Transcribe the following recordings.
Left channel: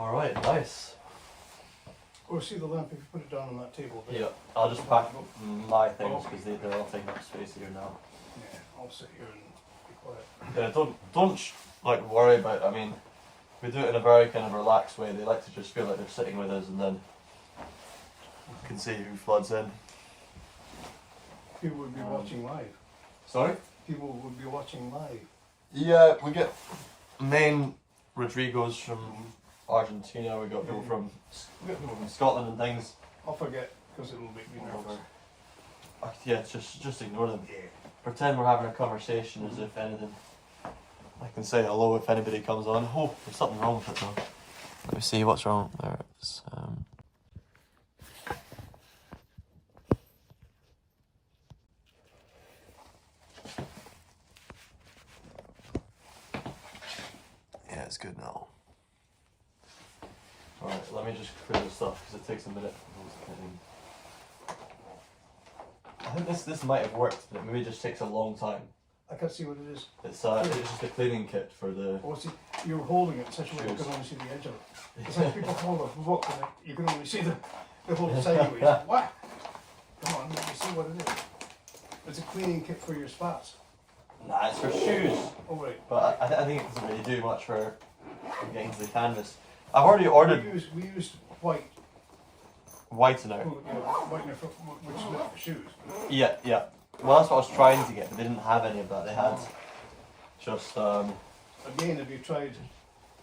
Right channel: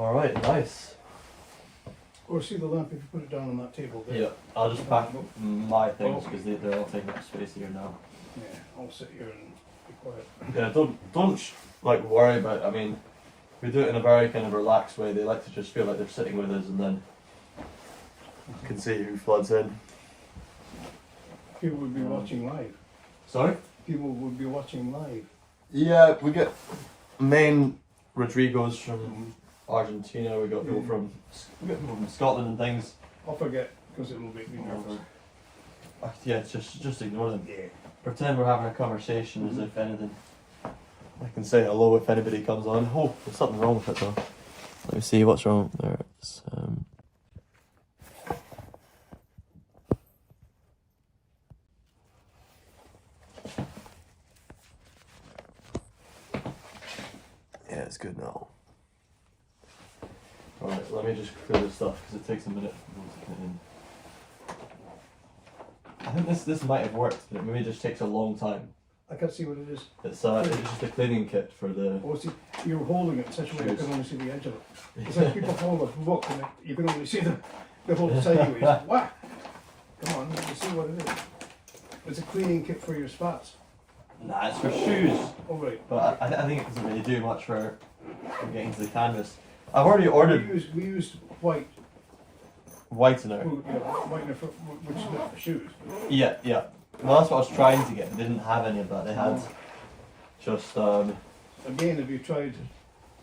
Alright, nice. Or see the lamp if you put it down on that table there. Yeah, I'll just pack my things because they're all taking up space here now. Yeah, I'll sit here and be quiet. Yeah, don't like worry about. I mean, we do it in a very kind of relaxed way. They like to just feel like they're sitting with us, and then you can see who floods in. People would be watching live. Sorry? People would be watching live. Yeah, we get main Rodrigos from Argentina. We got people from Scotland and things. I'll forget because it'll make me nervous. Yeah, just ignore them. Yeah. Pretend we're having a conversation as if anything. I can say hello if anybody comes on. Oh, there's something wrong with it though. Let me see what's wrong there. It's, yeah, it's good now. Alright, let me just clear this stuff because it takes a minute for those to put in. I think this might have worked, but it maybe just takes a long time. I can't see what it is. It's just a cleaning kit for the. Oh, see, you're holding it in such a way you can only see the edge of it. It's like people hold a book and you can only see the whole sideways. What? Come on, let me see what it is. It's a cleaning kit for your spats. Nah, it's for shoes. Oh, right. But I think it doesn't really do much for getting to the canvas. I've already ordered. We used white. Whitener. Whitener which is not for shoes. Yeah, yeah. Well, that's what I was trying to get. They didn't have any of that. They had just Again, have you tried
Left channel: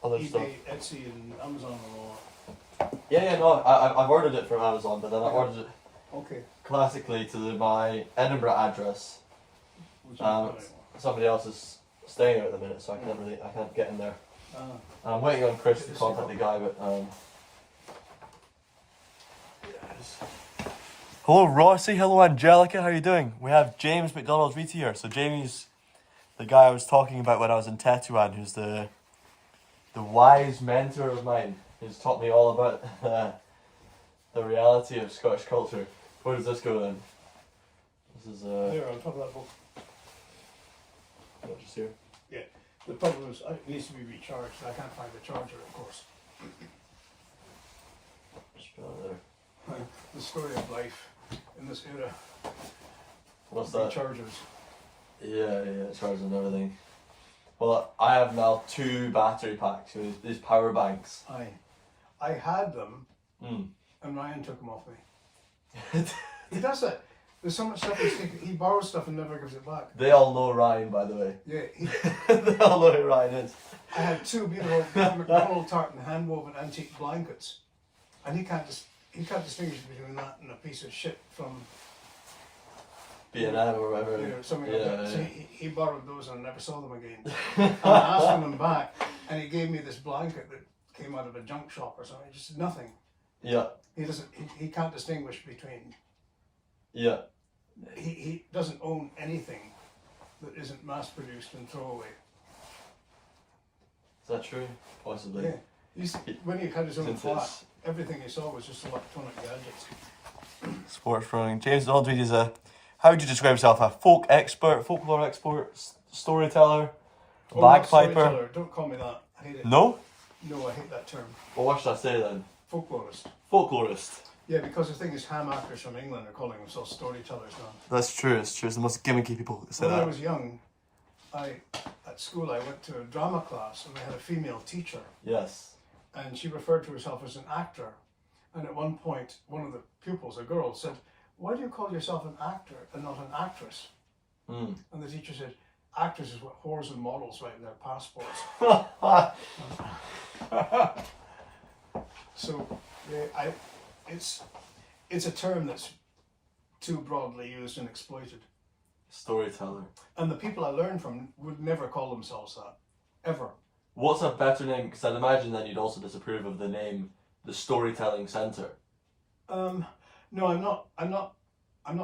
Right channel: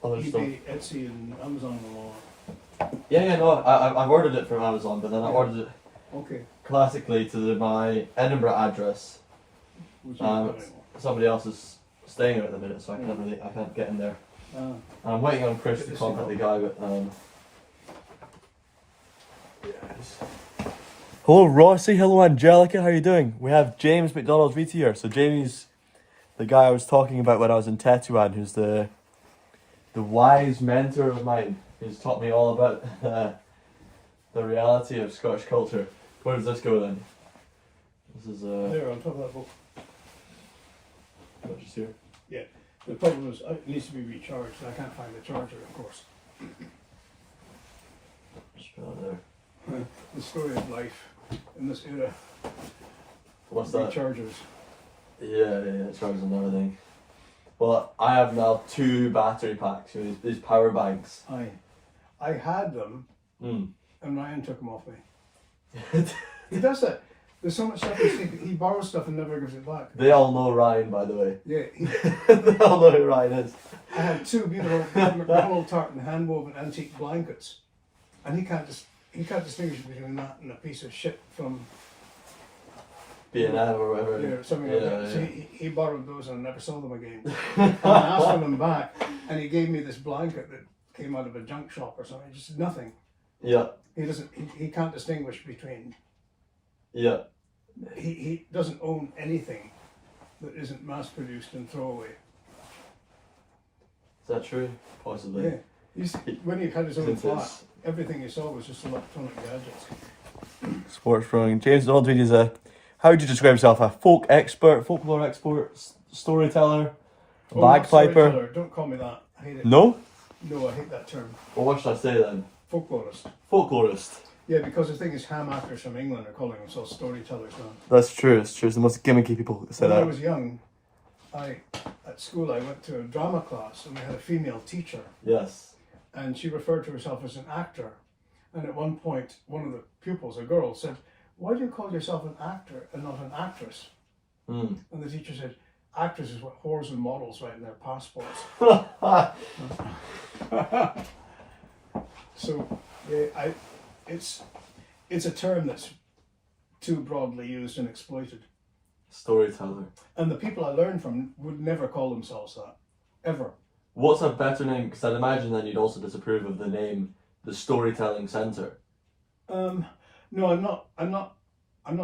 other eBay, stuff. Etsy, and Amazon and all? Yeah, no, I've ordered it from Amazon, but then I ordered it Okay. classically to my Edinburgh address. Which one? Somebody else is staying there at the minute, so I can't get in there. And I'm waiting on Chris to contact the guy, but yes. Hello Rossi, hello Angelica, how are you doing? We have James MacDonald Reid here. So Jamie's the guy I was talking about when I was in Tetuan, who's the wise mentor of mine. He's taught me all about the reality of Scottish culture. Where does this go then? This is there, on top of that book. Just here. Yeah. The problem is it needs to be recharged, and I can't find the charger, of course. Just put that there. The story of life in this era. What's that? Rechargers. Yeah, chargers and everything. Well, I have now 2 battery packs, these power banks. I had them, and Ryan took them off me. Mm. He does that. There's so much stuff he borrows stuff and never gives it back. They all know Ryan, by the way. Yeah. They all know who Ryan is. I had 2 beautiful MacDonald tartan hand-woven antique blankets, and he can't distinguish between that and a piece of shit from B&M or whatever. Yeah, something like that. So he borrowed those and I never saw them again. And I asked for them back, and he gave me this blanket that came out of a junk shop or something. Just nothing. Yeah. He can't distinguish between. Yeah. He doesn't own anything that isn't mass produced and throwaway. Is that true? Possibly. Yeah. When he had his own flat, everything he saw was just electronic gadgets. Sports throwing. James MacDonald Reid is how would you describe yourself? A folk expert, folklore expert, storyteller, bagpiper? Storyteller. Don't call me that. I hate it. No? No, I hate that term. Well, what should I say then? Folklorist. Folklorist. Yeah, because the thing is, ham actors from England are calling themselves storytellers now. That's true, it's true. It's the most gimmicky people that say When that. I was young, at school I went to a drama class and we had a female teacher. Yes. And she referred to herself as an actor. And at one point, one of the pupils, a girl, said, "Why do you call yourself an actor and not an actress?" And the teacher said, "Actors is what whores and models write in their passports." So, it's a term that's too broadly used and exploited. Storyteller. And the people I learned from would never call themselves that, ever. What's a better name? Because I'd imagine then you'd also disapprove of the name, the Storytelling Centre. No, I'm not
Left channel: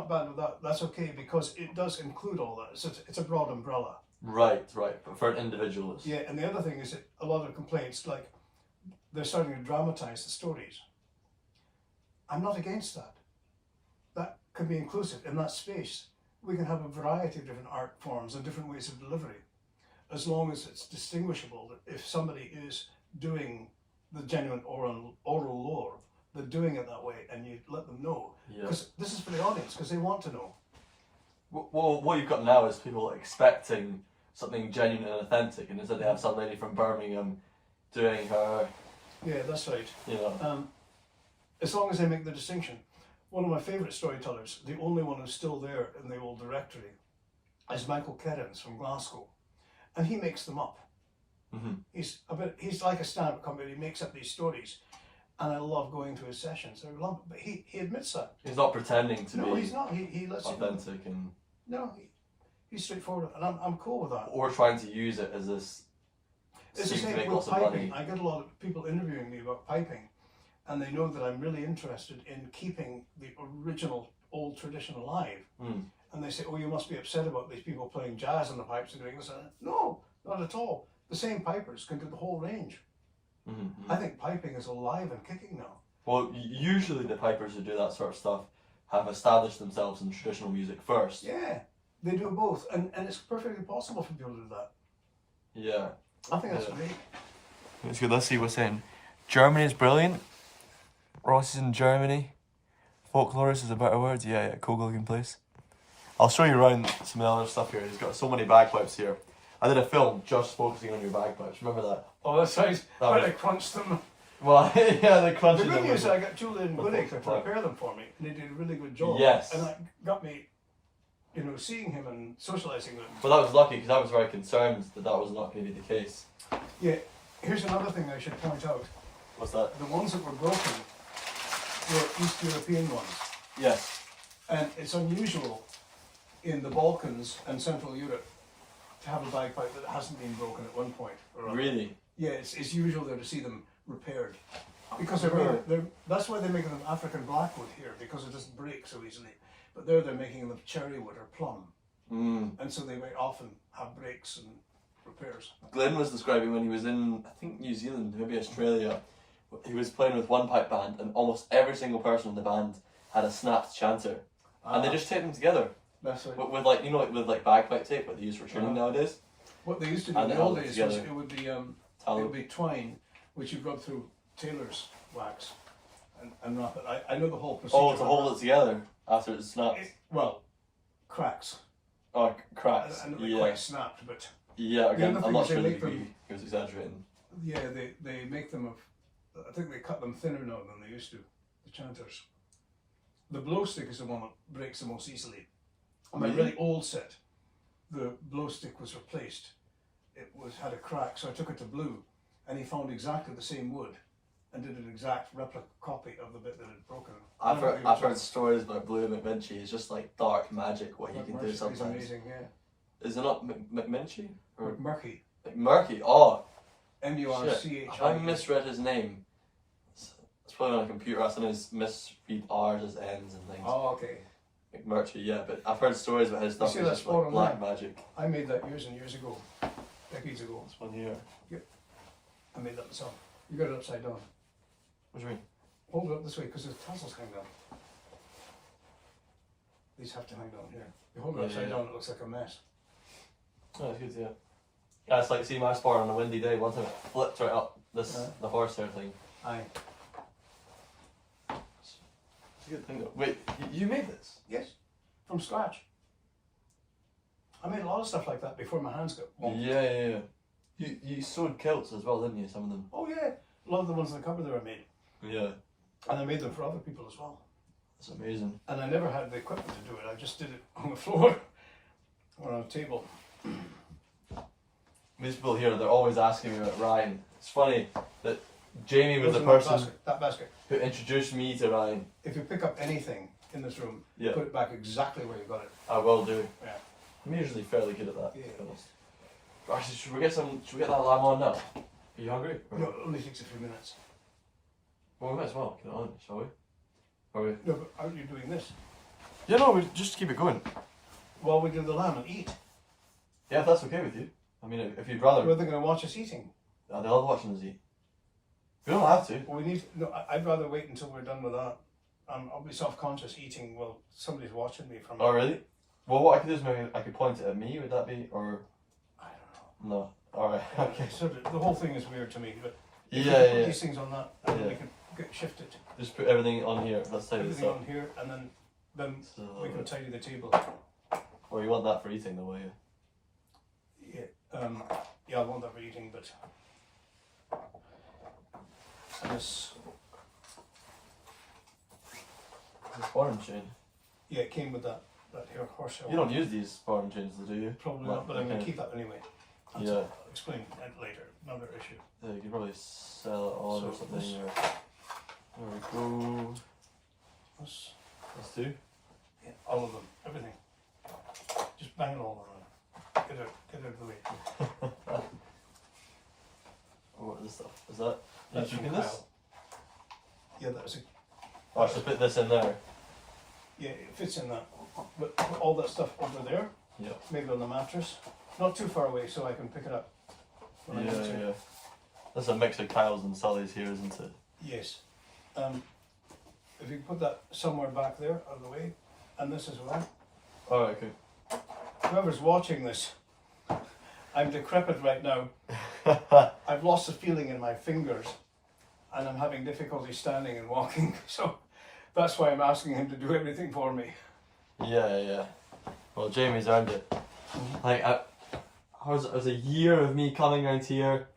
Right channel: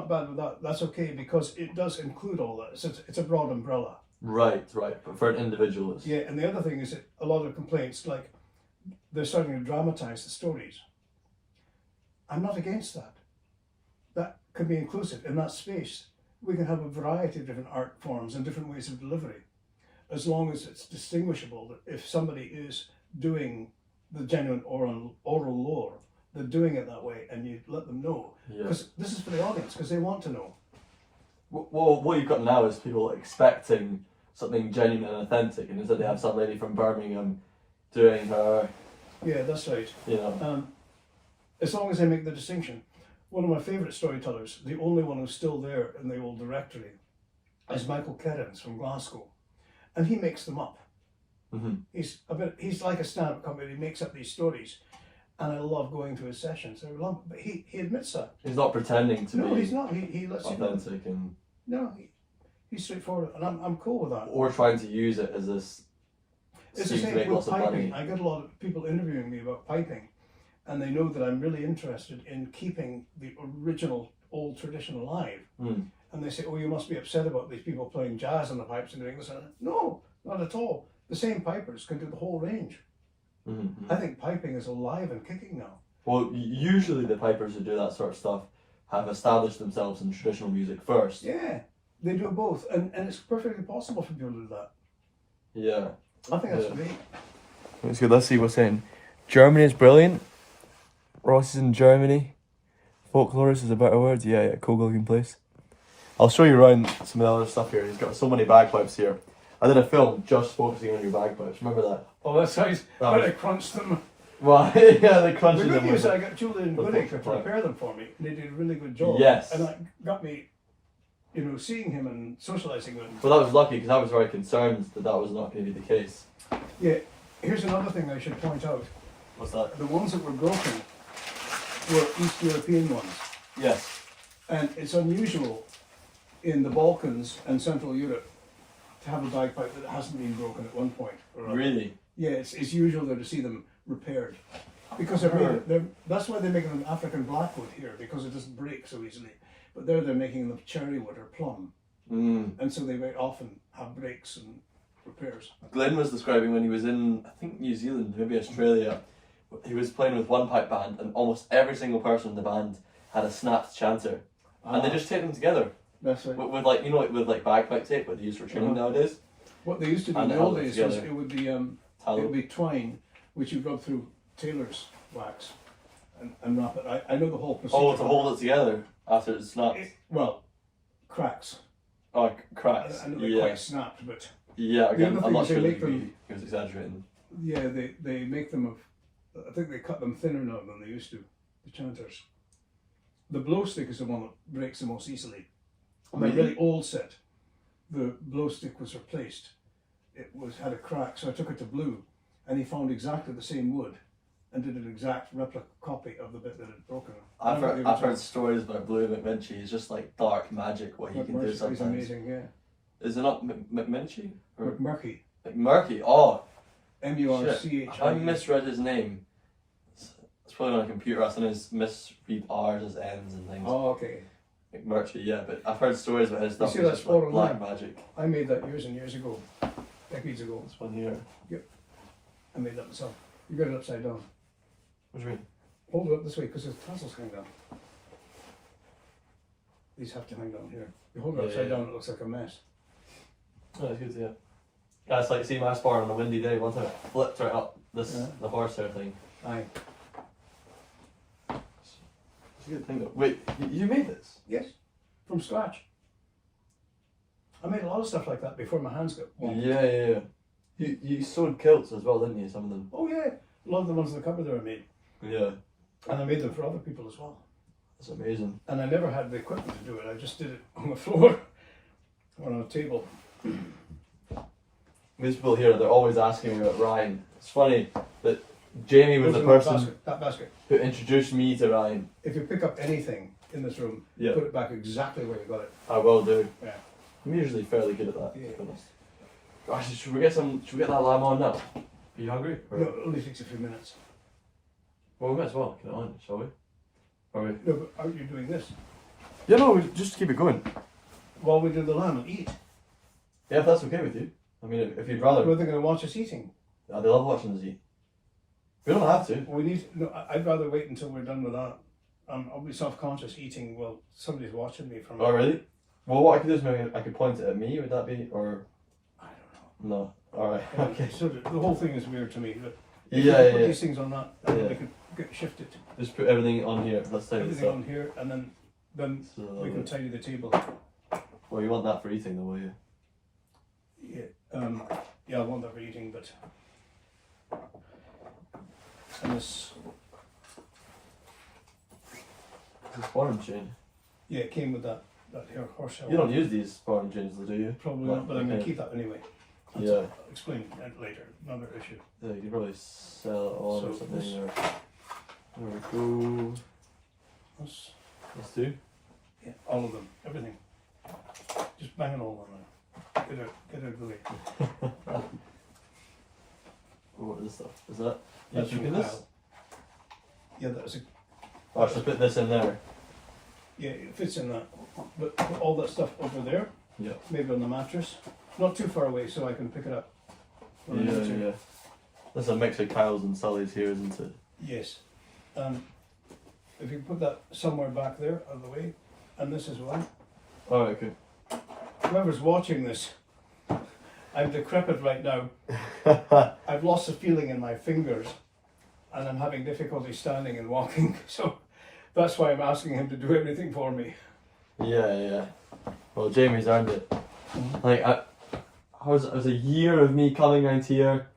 bad with that. That's okay because it does include all that. It's a broad umbrella. Right. But for an individual, it's... Yeah, and the other thing is that a lot of complaints, like they're starting to dramatise the stories. I'm not against that. That could be inclusive in that space. We can have a variety of different art forms and different ways of delivery, as long as it's distinguishable that if somebody is doing the genuine oral lore, they're doing it that way, and you let them know. Yeah. Because this is for the audience, because they want to know. Well, what you've got now is people expecting something genuine and authentic, and instead they have some lady from Birmingham doing her, Yeah, that's right. you know. As long as they make the distinction. One of my favourite storytellers, the only one who's still there in the old directory, is Michael Kerrins from Glasgow, and he makes them up. Mm-hmm. He's like a stand-up comedy. He makes up these stories, and I love going to his sessions. I love, but he admits that. He's not pretending to No, be he's not. He lets you know. authentic and No, he's straightforward, and I'm cool with that. or trying to use it as this It's the scheme to same make with lots of money. piping. I get a lot of people interviewing me about piping, and they know that I'm really interested in keeping the original old tradition alive. Mm. And they say, "Oh, you must be upset about these people playing jazz on the pipes and doing this." And no, not at all. The same pipers can do the whole range. Mm-hmm. I think piping is alive and kicking now. Well, usually the pipers who do that sort of stuff have established themselves in traditional music first. Yeah, they do both, and it's perfectly possible for people to do that. Yeah. I think that's Yeah. great. Let's go. Let's see what's in. Germany is brilliant. Ross is in Germany. Folklorist is a better word. Yeah, cool looking place. I'll show you around some of the other stuff here. He's got so many bagpipes here. I did a film just focusing on your bagpipes. Remember that? Oh, that's right. That was- I crunched them. Well, yeah, they The crunched good them. news, with- I got Julie and with Winnick to Volkswagen. prepare them for me. They did a really good job. Yes. And that got me, seeing him and socialising with him. But that was lucky because I was very concerned that that was not going to be the case. Yeah, here's another thing I should point out. What's that? The ones that were broken were East European ones. Yes. And it's unusual in the Balkans and Central Europe to have a bagpipe that hasn't been broken at one point or other. Really? Yeah, it's usual there to see them repaired. Because that's why they're making them African blackwood here, because it doesn't break so easily. But they're making them cherry wood or plum. Mm. And so they very often have breaks and repairs. Glenn was describing when he was in, I think, New Zealand, maybe Australia. He was playing with one pipe band, and almost every single person in the band had a snapped chanter, and they just taped them together That's right. with like with bagpipe tape, what they use for tuning nowadays. What they used to do And in the they old held it days was together. it would be twine, which you rub through tailor's wax and wrap it. I know the whole procedure. Oh, to hold it together after it's snapped. Well, cracks. Oh, cracks. I know they Yeah, quite snapped, but yeah. Again, other I'm not thing sure is they that make he was exaggerating. yeah, they make them of. I think they cut them thinner now than they used to. The chanters. The blow stick is the one that breaks the most easily. On my Really? really old set, the blow stick was replaced. It had a crack, so I took it to Blue, and he found exactly the same wood, and did an exact replica copy of the bit that had broken. I've heard stories about Blue McMinchie. It's just like dark magic what he can do He's sometimes. amazing, yeah. Is it not McMinchie or Murky. McMurky? Oh, M-U-R-C-H-I-E. I misread his name. It's probably on a computer. I sometimes misread R's as N's and things. Oh, okay. McMurchie, yeah, but I've heard stories about his stuff. see It's that just spot like on black there? magic. I made that years and years ago. Decades ago. This one here. I made that myself. You got it upside down. What do you mean? Hold it up this way because the tassels hang down. These have to hang down here. You hold it Yeah, upside yeah. down, it looks like a mess. Oh, that's good to hear. Yeah, it's like see my spar on a windy day. One time it flipped right up this Yeah. the horsehair thing. Aye. It's a good thing though. Wait, you made this? Yes. From scratch. I made a lot of stuff like that before my hands got warm. Yeah. You sewed kilts as well, didn't you? Some of them. Oh yeah. A lot of the ones in the cupboard there I made. Yeah, And I made them for other people as well. that's amazing. And I never had the equipment to do it. I just did it on the floor or on a table. These people here, they're always asking me about Ryan. It's funny that Jamie was the Those in person that basket. who introduced me to Ryan. If you pick up anything in this room, Yeah. put it back exactly where you got it. I will do. Yeah. I'm usually fairly good at that. Yeah. To be honest. Gosh, should we get that lamb on now? Are you hungry? Or- No, it only takes a few minutes. Well, we might as well get it on, shall we? Are we? No, but aren't you doing this? Yeah, no, we just keep it going. While we do the lamb and eat. Yeah, if that's okay with you. I mean, if you'd rather. Were they going to watch us eating? They love watching us eat. We don't have to. We need. No, I'd rather wait until we're done with that. I'll be self-conscious eating while somebody's watching me from. Oh, really? Well, what I could do is maybe I could point it at me. Would that be, or I don't know. no? All right. Okay. So the whole thing is weird to me, but If Yeah, you put yeah. these things on that, and Yeah. we can get shifted. Just put everything on here. Let's tidy this Everything up. on here, and then Just a little we can bit. tidy the table. Well, you want that for eating, though, will you? Yeah, I want that for eating, but and this, This foreign chain. yeah, it came with that hair horse hair. You don't use these foreign chains, though, do you? Probably Well, not, but I'm going to okay. keep that anyway. Yeah. I'll explain it later. Another issue. Yeah, you could probably sell it on or So something. this- Or... There we go. This, Let's do. yeah, all of them, everything. Just bang it all around. Get out of the way. Oh, what is this stuff? Is that? That's you from keeping this? Kyle. Yeah, that's a. Oh, I should put this in there. Yeah, it fits in that. But put all that stuff over there, Yeah. maybe on the mattress, not too far away, so I can pick it up. when I Yeah, need to. yeah. That's a mix of Kyle's and Sally's here, isn't it? Yes. If you put that somewhere back there, out of the way, and this as well. Oh, okay. Whoever's watching this, I'm decrepit right now. I've lost the feeling in my fingers, and I'm having difficulty standing and walking. So that's why I'm asking him to do everything for me. Yeah, yeah. Well, Jamie's earned it. Like, it was a year of me coming out here.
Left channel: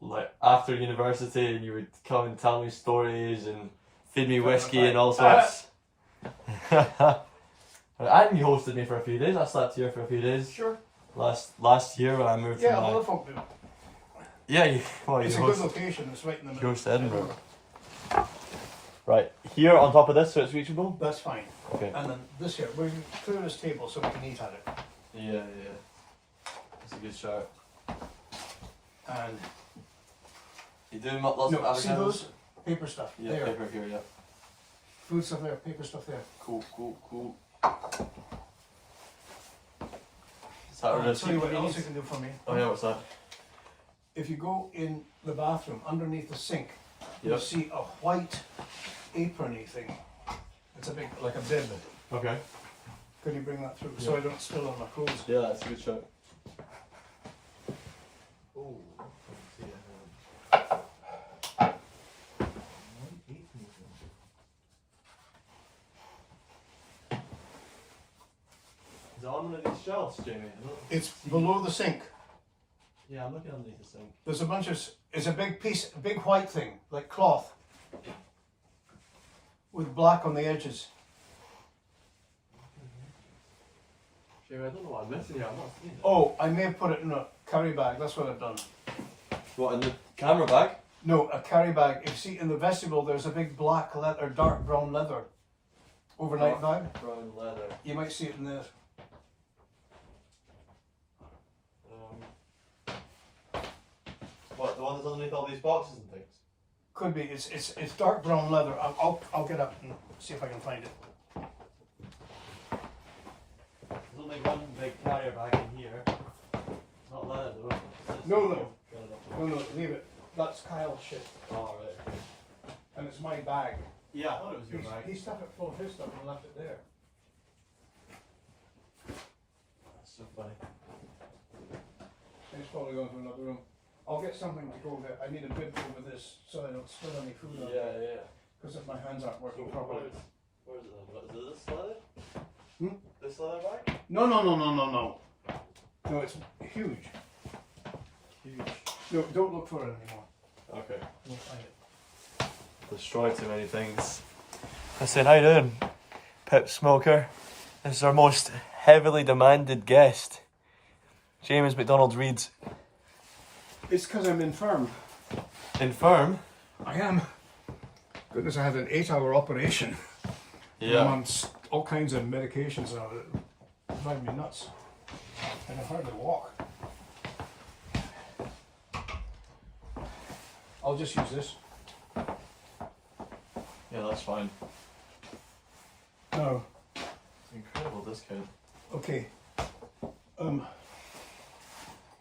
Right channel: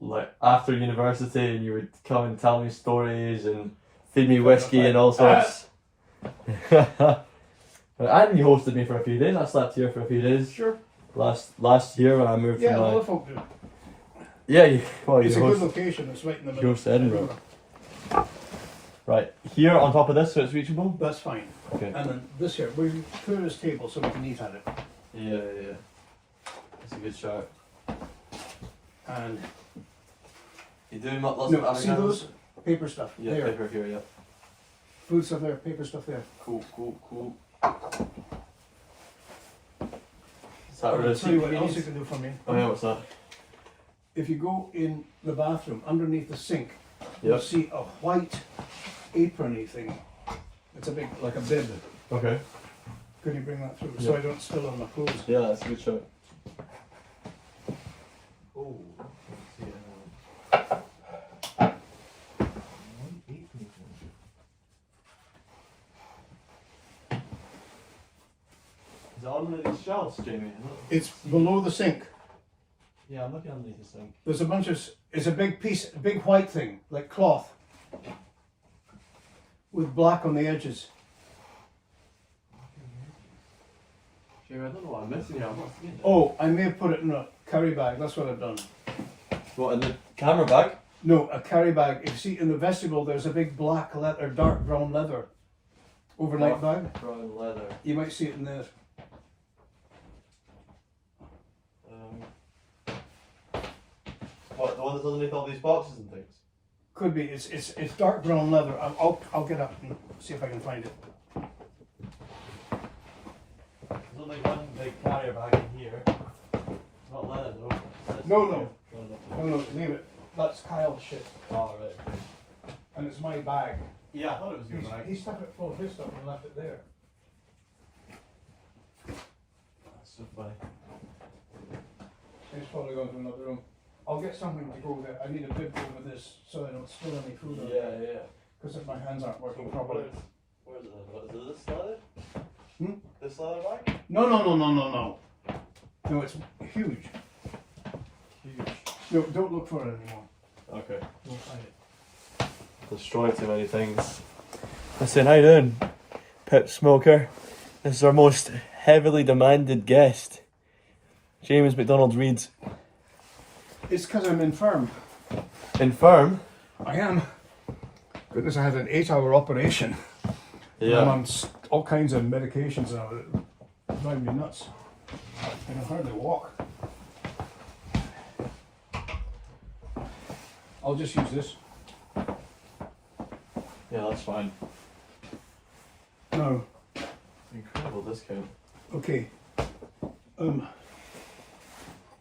Like after university, and you would come and tell me stories and feed me whiskey and all sorts. And you hosted me for a few days. I slept here for a few days. Sure. Last year when I moved Yeah, from a lot of folk do. yeah, you It's a good host location. It's right in the you middle. host Edinburgh. Right here on top of this, so it's reachable. That's fine. Okay. And then this here, we clear this table so we can eat at it. Yeah, yeah. That's a good shout. And You doing lots no, of see those paper stuff Yeah, there, paper here. Yeah. food stuff there, paper stuff there. Cool. Is that I'll a tell you what receipt? else you can do for me. Oh yeah, what's that? If you go in the bathroom, underneath the sink, you'll Yep. see a white aprony thing. It's a big, like a bib. Okay. Could you bring that through so Yeah. I don't spill it on my clothes? Yeah, that's a good shout. Oh. Is it on one of these shelves, Jamie? It's below the sink. Yeah, I'm looking underneath the sink. There's a bunch of, it's a big piece, a big white thing, like cloth, with black on the edges. Jamie, I don't know what I'm missing here. I'm not seeing it. Oh, I may have put it in a carry bag, that's what I've done. What, in the camera bag? No, a carry bag. If you see in the vestibule, there's a big black leather, dark brown leather overnight bag. Brown leather. You might see it in there. What, the one that's underneath all these boxes and things? Could be. It's dark brown leather. I'll get up and see if I can find it. There's only one big carrier bag in here. It's not leather though. No, no. No, leave it. That's Kyle's shit, Oh, right. and it's my bag. Yeah, I thought it was your bag. He stuck it full of his stuff and left it there. That's so funny. He's probably going to another room. I'll get something to go there. I need a bib over this so I don't spill any food on it. Yeah. Because if my hands aren't working Where properly. is it? What, is it this leather? Hmm? This leather bag? No. No, it's huge. Huge. No, don't look for it anymore. Okay. You'll find it. Destroy too many things. Listen, how you doing? Pip Smoker. This is our most heavily demanded guest. James MacDonald Reid. It's because I'm infirm. Infirm? I am. Goodness, I had an 8-hour operation. I'm Yeah. on all kinds of medications now that drive me nuts. And I hardly walk. I'll just use this. Yeah, that's fine. No. Incredible discount. Okay.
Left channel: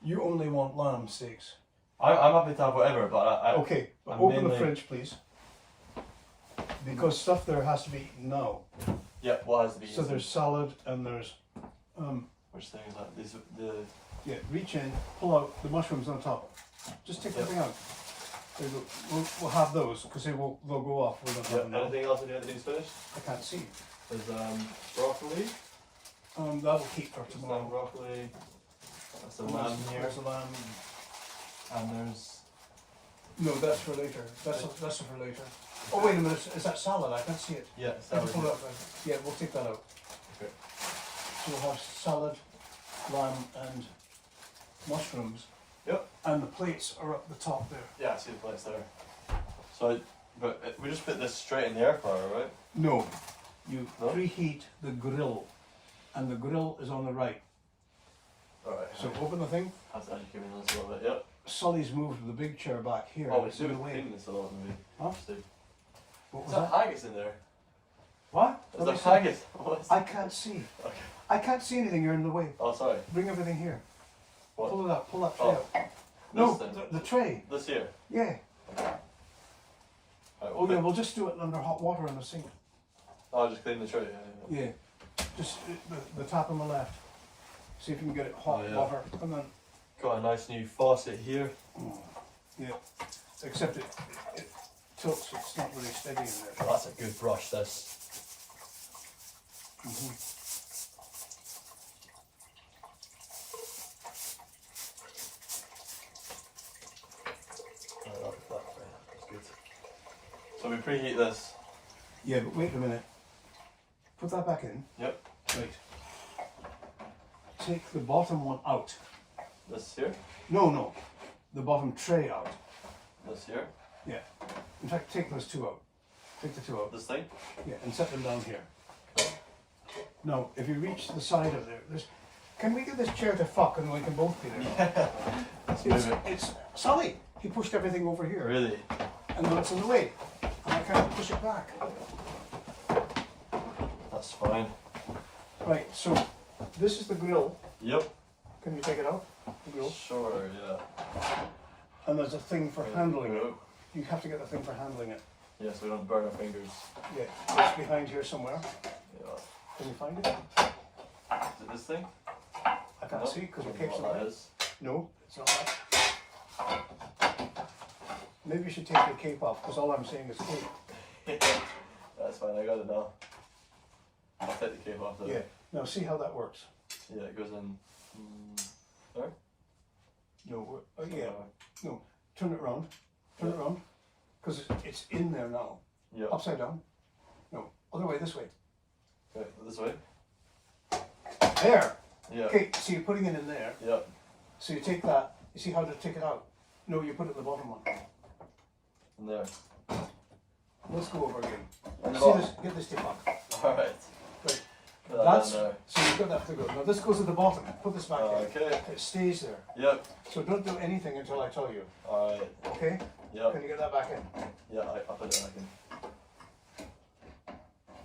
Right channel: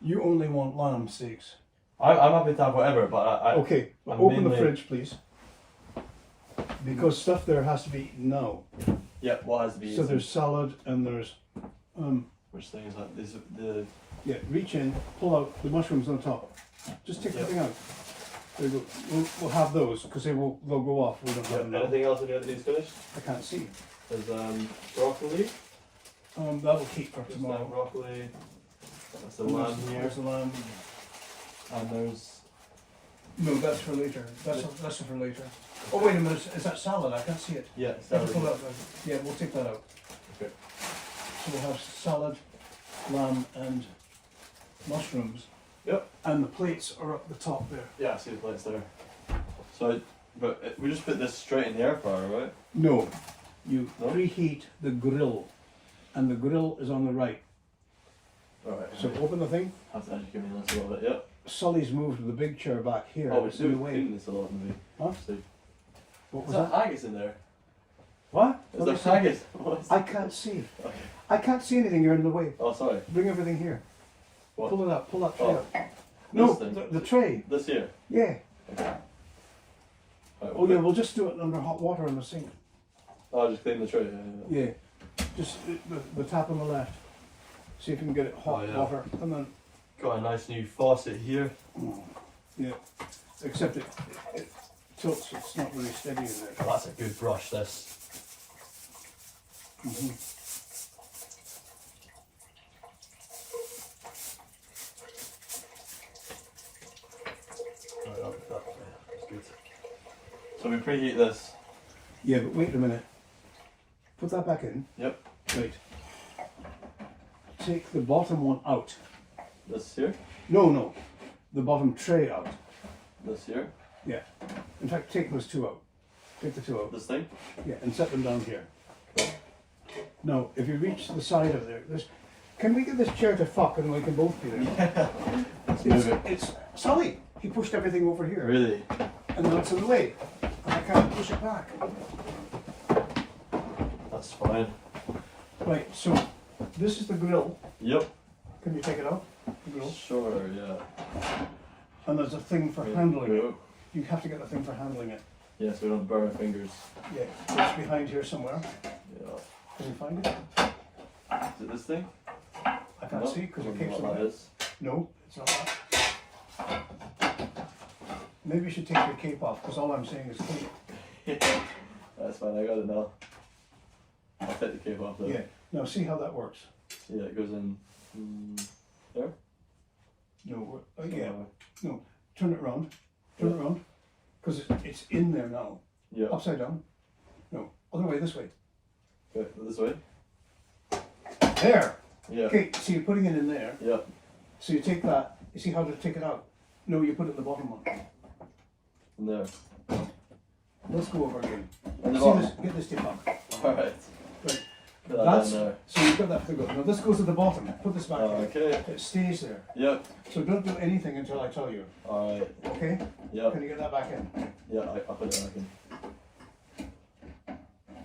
You only want lamb steaks. I'm happy to have whatever, but I Okay, I'm open the mainly- fridge, please. Because stuff there has to be eaten now. yeah, what has to be So eaten? there's salad and there's Which thing is that? Is it the Yeah, reach in, pull out the mushrooms on top. Just take the thing out. There you go. We'll have those because they'll go off. We don't have them now. Anything else in here that needs finished? I can't see. There's broccoli. That'll keep for There's tomorrow. broccoli. There's the lamb here. There's the lamb. And there's... No, that's for later. That's for later. Oh wait a minute, is that salad? I can't see it. Yeah, Let me salad. pull that one. Yeah, we'll take that out. Okay. So we'll have salad, lamb and mushrooms. Yep. And the plates are up the top there. Yeah, I see the plates there. So, we just put this straight in the air fryer, right? No, you No? preheat the grill, and the grill is on the right. Alright. So open the thing. Have to educate me on this a little bit, yep. Sully's moved the big chair back here. Oh, it's we're in the doing way. cleaning this a lot, maybe. Huh? So, What is was there that? haggis in there? What? Is Let there me see. haggis? What is I can't see. Okay. I can't see anything. You're in the way. Oh, sorry. Bring everything here. What? Pull it up. Pull that tray Oh. up. No, This thing? the tray. This here? Yeah. Okay. Right, Oh yeah, we'll just do it under hot water in the sink. Oh, just clean the tray, yeah. Yeah. Just the tap on the left. See if you can get it hot Oh, yeah. water, and then Got a nice new faucet here. yeah. Except it tilts. It's not really steady in there. That's a good brush, this. Mhm. Right, I'll put that there. That's good. So we preheat this. Yeah, but wait a minute. Put that back in. Yep. Right. Take the bottom one out. This here. No. The bottom tray out. This here. Yeah. In fact, take those two out. Take the two out. This thing. Yeah, and set them down here. Okay. Now, if you reach the side of there, can we get this chair to fuck and we can both be there? Let's move it. It's Sully. He pushed everything over here. Really? And then it's in the way. And I can't push it back. That's fine. Right, so this is the grill. Yep. Can you take it out? The grill. Sure, yeah. And there's a thing for There we handling it. go. You have to get the thing for handling it. Yeah, so we don't burn our fingers. Yeah, it's behind here somewhere. Yeah. Can you find it? Is it this thing? I can't No? see because your Don't know cape's what on that it. is. No, it's not that. Maybe you should take your cape off because all I'm saying is cape. That's fine, I got it now. I'll take the cape off though. Yeah. Now see how that works. Yeah, it goes in there. No, yeah. Uh, No, turn it around. Turn it around. Because it's in there now. yeah. Upside down. No, other way, this way. Okay, this way. There. Yeah. Okay, so you're putting it in there. Yeah. So you take that. You see how to take it out? No, you put it in the bottom one. And there. Let's go over again. And the See bottom. this? Get this tape up. Alright. Right. Put that That's down there. so you've got that figure. Now this goes at the bottom. Put this back in. Okay. It stays there. Yep. So don't do anything until I tell you. Alright. Okay? Yep. Can you get that back in? Yeah, I put it back in.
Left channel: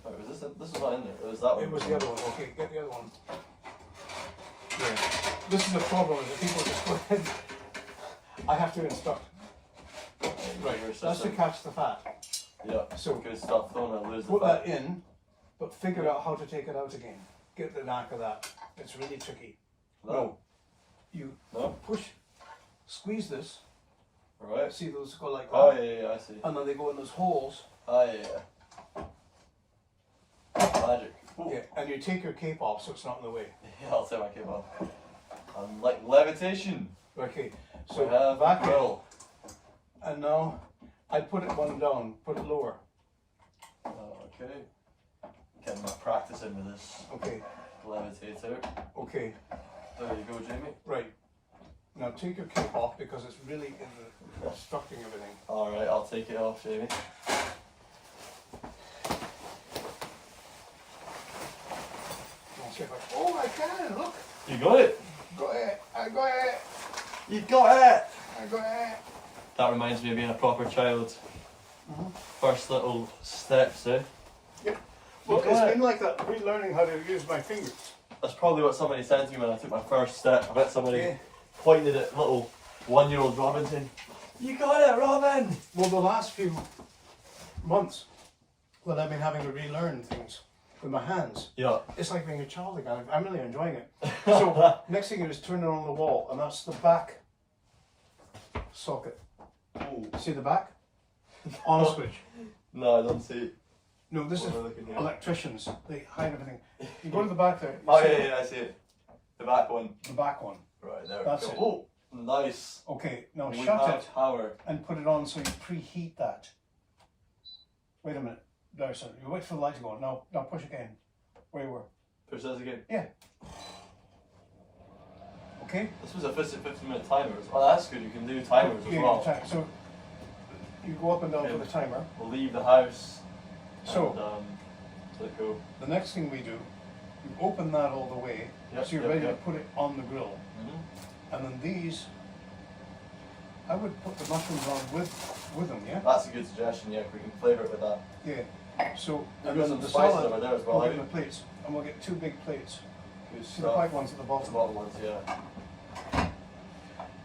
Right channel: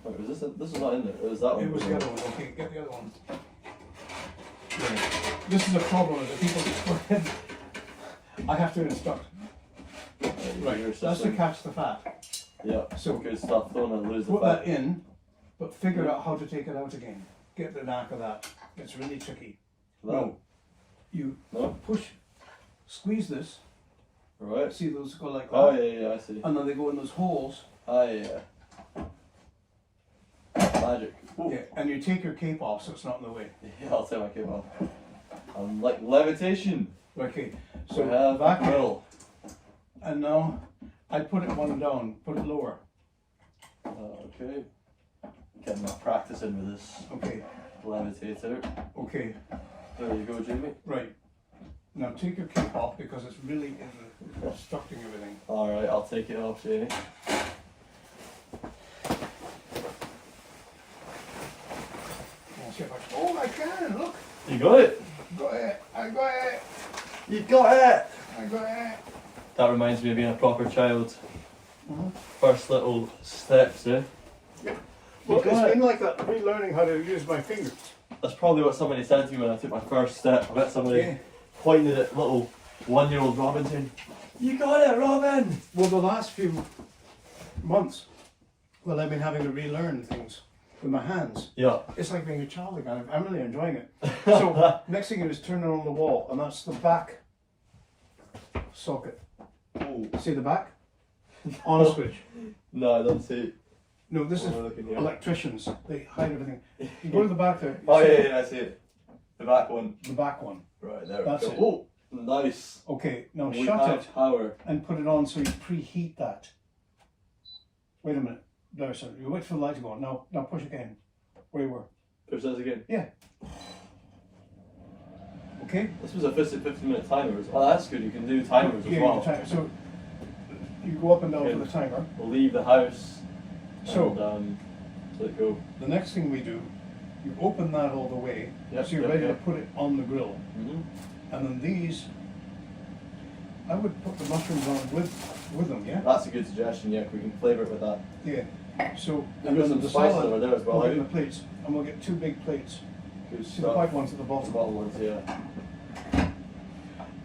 Wait, was this is not in there? Or was that one? It was the other one. Okay, get the other one. This is the problem is that people just go ahead. I have to instruct. Right, your That's to system. catch the fat. Yeah. So Good stuff. Don't want to lose the put fat. that in, but figure out how to take it out again. Get the knack of that. It's really tricky. No. You No? push, squeeze this. Alright. See those go like that? Oh yeah, I see. And then they go in those holes. Oh yeah. Magic. Ooh. Yeah, and you take your cape off so it's not in the way. Yeah, I'll take my cape off. I'm like levitation. Okay, So so we have back in. grill. And now I put it one down, put it lower. Okay. Getting my practice into this Okay, levitator. okay, There you go, Jamie. right. Now take your cape off because it's really obstructing everything. Alright, I'll take it off, Jamie. I'll see if I- Oh, I can, look. You got it? Got it, I got it, You got it! I got it. That reminds me of being a proper child. Mhm. First little steps, eh? Well, got it's it. been like that, relearning how to use my fingers. That's probably what somebody said to me when I took my first step. I bet somebody Yeah. pointed at little 1-year-old Robinson. You got it, Robin! Well, the last few months, well, I've been having to relearn things. with my hands. Yeah. It's like being a child again. I'm really enjoying it. So next thing you do is turn it on the wall, and that's the back socket. Ooh. See the back? On switch. No, I don't see it. No, this is Oh, look in here. electricians. They hide everything. You go to the back there. Oh, see yeah, I see it. The back one. The back one. Right, there That's we it. go. Oh, nice. Okay, now We shut have it power. and put it on so you preheat that. Wait a minute. There, sir. You wait for the light to go on. Now push again. Where you were. Push that again. Yeah. Okay? This was a 15-minute timer. Oh, that's good. You can do timers as Yeah, well. so you go up and down Okay. for the timer. We'll leave the house. So And, let it go. the next thing we do, you open that all the way, Yep, so you're yep, ready yep. to put it on the grill. Mm-hmm. And then these, I would put the mushrooms on with them, yeah? That's a good suggestion. Yeah, we can flavour it with that. Yeah. So, We've got some the spices salad, over there as well. we'll eh? get the plates, and we'll get 2 big plates. Good See the stuff. white ones at the The bottom. bottom ones, yeah.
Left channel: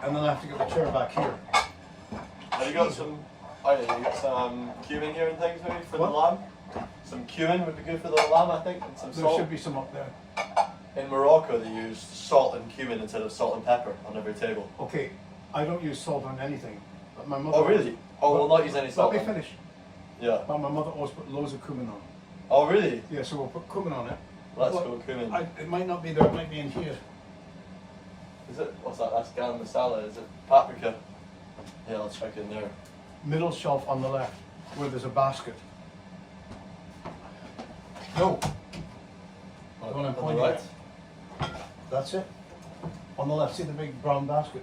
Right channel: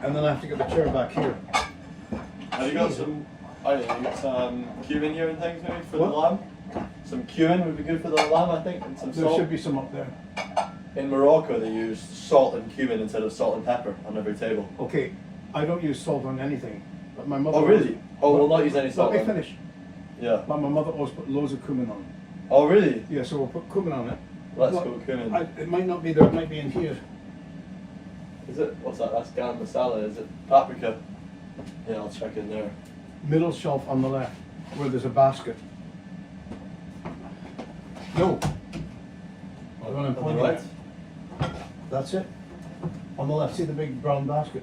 And then I have to get the chair back here. Have you got some? Oh yeah, you got some cumin here and things maybe for What? the lamb. Some cumin would be good for the lamb, I think, and some There salt. should be some up there. In Morocco, they use salt and cumin instead of salt and pepper on every table. Okay, I don't use salt on anything, but my mother. Oh really? Oh, we'll not use any salt. Let me on it. finish. Yeah. But my mother always put loads of cumin on. Oh really? Yeah, so we'll put cumin on it. Let's Well, go cumin. It might not be there, it might be in here. Is it? What's that? That's garam masala. Is it paprika? Yeah, I'll check in there. Middle shelf on the left, where there's a basket. No. The one I'm On the pointing right. at. That's it. On the left, see the big brown basket?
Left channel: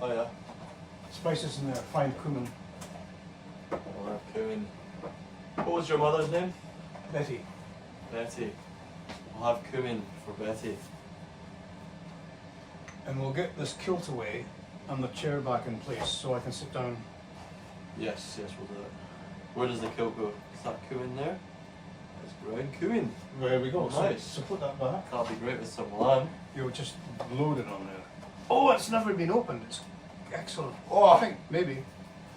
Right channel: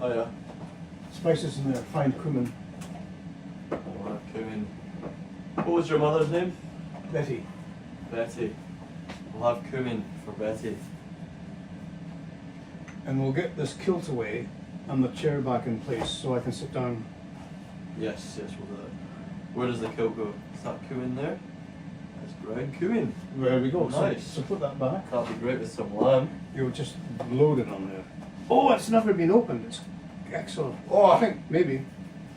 Oh yeah. Spices in there, fine cumin. We'll have cumin. What was your mother's name? Betty. Betty. We'll have cumin for Betty. And we'll get this kilt away and the chair back in place so I can sit down. Yes, yes, we'll do it. Where does the kill go? Is that cumin there? There's ground cumin. There we go. Nice. So put that back. That'll be great with some lamb. You would just load it on there. Oh, it's never been opened. It's excellent. Oh. I think maybe.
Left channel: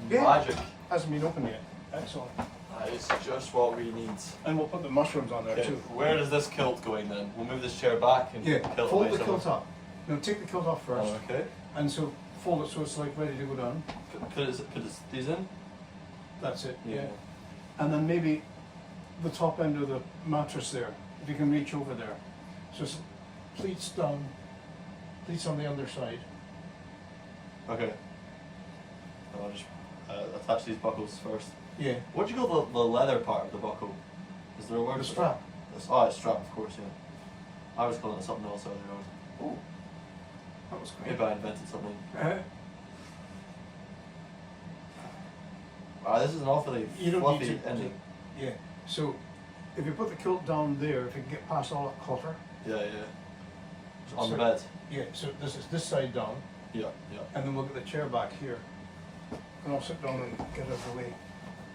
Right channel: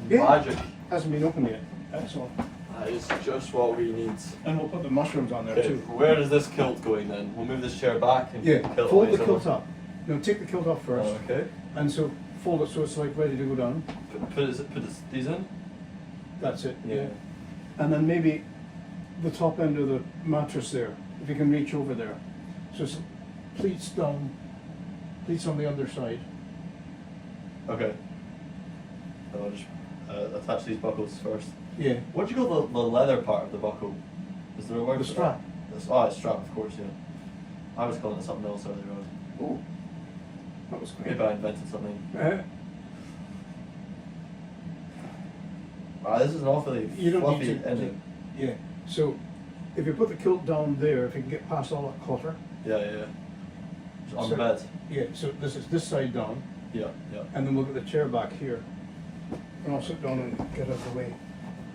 Yeah. Magic. Hasn't been opened yet. Excellent. That is just what we need. And we'll put the mushrooms on there Okay, too. where is this kilt going then? We'll move this chair back and Yeah, kilt fold away the somewhere. kilt up. No, take the kilt off first. Oh, okay. And so fold it so it's like ready to go down. Put these in? That's it. Yeah. And then maybe the top end of the mattress there, if you can reach over there. So it's pleats down, pleats on the underside. Okay. So I'll just attach these buckles first. Yeah. What do you call the leather part of the buckle? Is there a word The for strap. that? Oh, it's strap, of course, yeah. I was calling it something else earlier on. Oh, that was quick. Maybe I invented something. Wow, this is an awfully You don't fluffy need to. ending. Yeah. So if you put the kilt down there, if you can get past all that clutter. Yeah, yeah. Just on So- the bed. Yeah. So this is this side down, Yeah, yeah. and then we'll get the chair back here, and I'll sit down and get out of the way.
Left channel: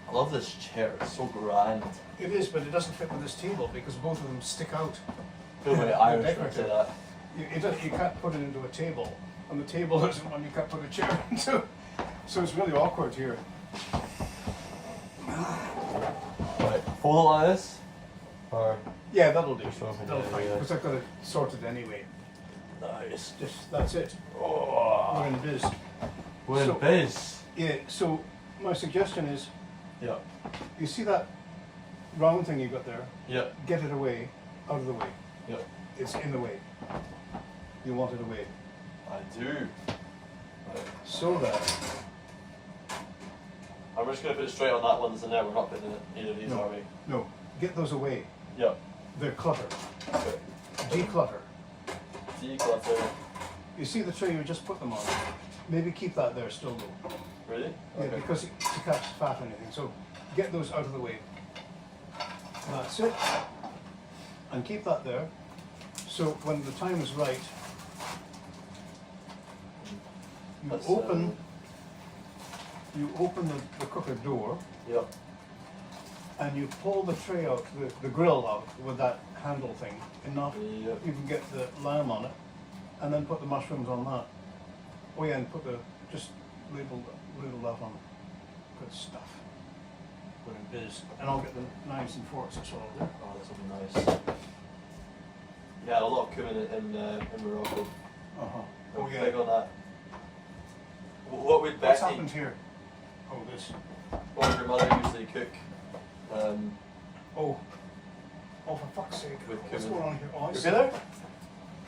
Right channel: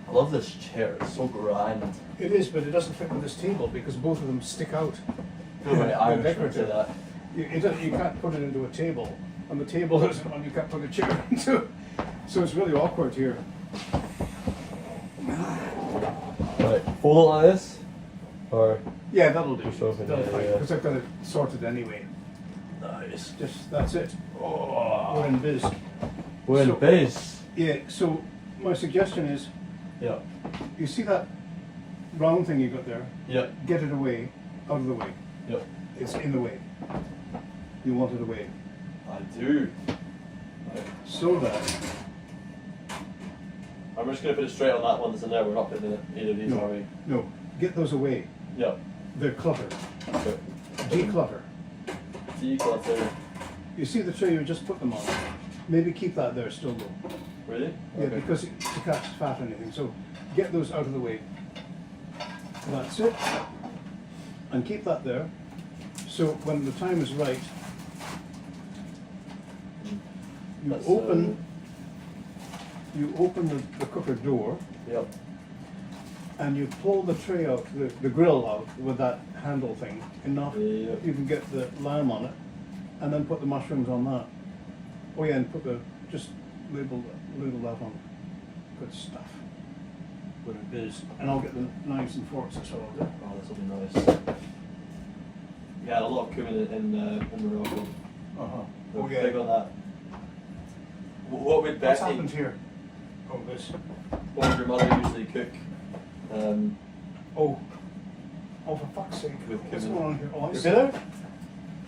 I love this chair, it's so grand. It is, but it doesn't fit with this table because both of them stick out. I feel very They're Irish when I say decorative. that. You can't put it into a table, and the table isn't one you can't put a chair into. So it's really awkward here. Right, fold it like this? Or? Yeah, that'll do. Just open, That'll yeah, fine, yeah. because I've got it sorted anyway. Nice. Just that's it. We're in biz. We're in So- base. Yeah. So my suggestion is, Yeah. you see that round thing you got there? Yeah. Get it away, out of the way. Yeah. It's in the way. You want it away, I do. so that I'm just going to put it straight on that one that's in there. We're not putting it in either of these, No. are we? no, get those away. Yeah. They're cluttered. Okay. Declutter. Declutter. You see the tray you just put them on? Maybe keep that there still though. Really? Yeah, because it to catch fat or anything. So get those out of the way. That's it. And keep that there. So when the time is right, you That's, open the cooker door Yeah. and you pull the tray out, the grill out with that handle thing enough. Yeah. You can get the lamb on it and then put the mushrooms on that. Oh yeah, and put just ladle that on. Good stuff. when it is, and I'll get the knives and forks as well. Oh, this will be nice. Yeah, a lot of cumin in Morocco. Oh yeah. Big on that. What would What's Becky? happened here? Oh, this. What would your mother usually cook? Oh, for fuck's sake! With What's cumin. going on here? Oh, I Is see. it there?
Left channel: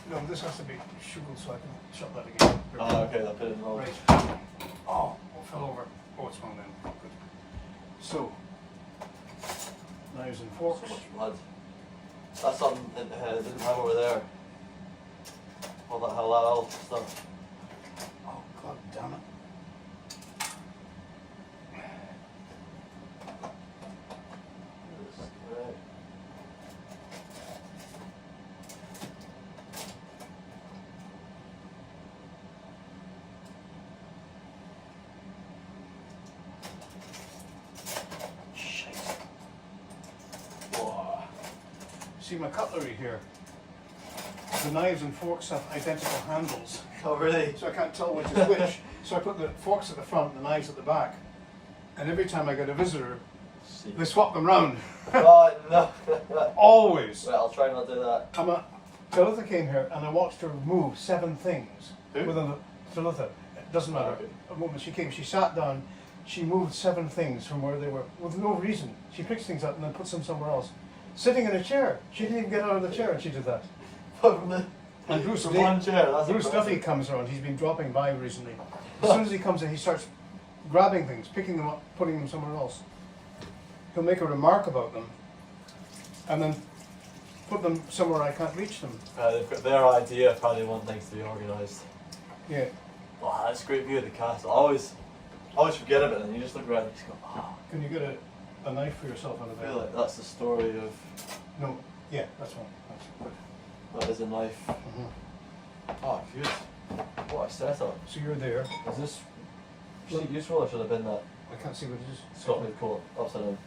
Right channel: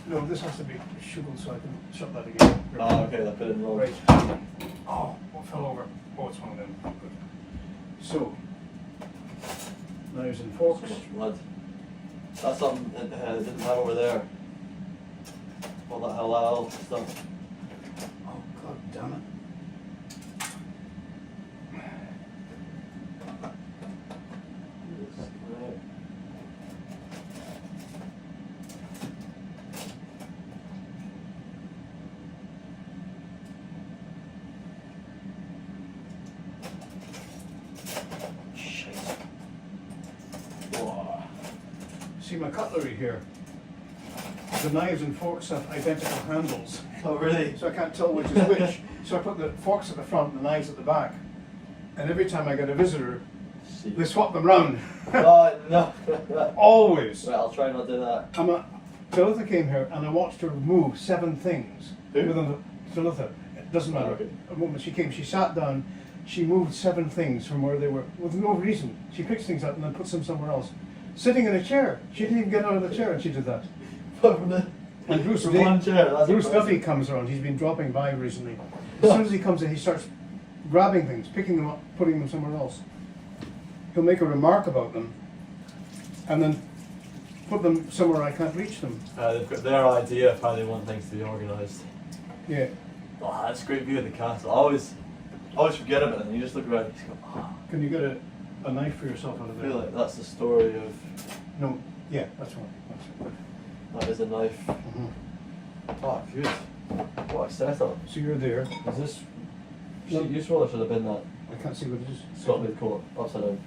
No, this has to be sugared so I can shut that again. Ah, okay, I put it in wrong. Right. Oh, what fell over? Oh, it's one of them. Good. So, knives and forks. So much blood. That's something that I didn't have over there. All that halal stuff. Oh, god damn it. See my cutlery here. The knives and forks have identical handles, Oh, really? so I can't tell which is which. So I put the forks at the front and the knives at the back. And every time I get a visitor, they swap them round. Oh, no. Always. Right, I'll try not to do that. Talitha came here and I watched her move 7 things. Who? Within the Talitha. It doesn't matter. Okay. The moment she came, she sat down, she moved 7 things from where they were with no reason. She picks things up and then puts them somewhere else. Sitting in a chair. She didn't even get out of the chair and she did that. And Bruce, From one chair, that's Bruce impressive. Duffy comes around. He's been dropping by recently. As soon as he comes in, he starts grabbing things, picking them up, putting them somewhere else. He'll make a remark about them, and then put them somewhere I can't reach them. They've got their idea of how they want things to be organised. Yeah. Oh, that's a great view of the castle. I always forget about it, and you just look around and you just go, oh. Can you get a knife for yourself out of I there? feel like that's the story of. No. Yeah, that's one. That's it. That is a knife. Oh, good. What a setup. So you're there. Is this Look. useful or should have been that I can't see what it is. Scotland coat upside down?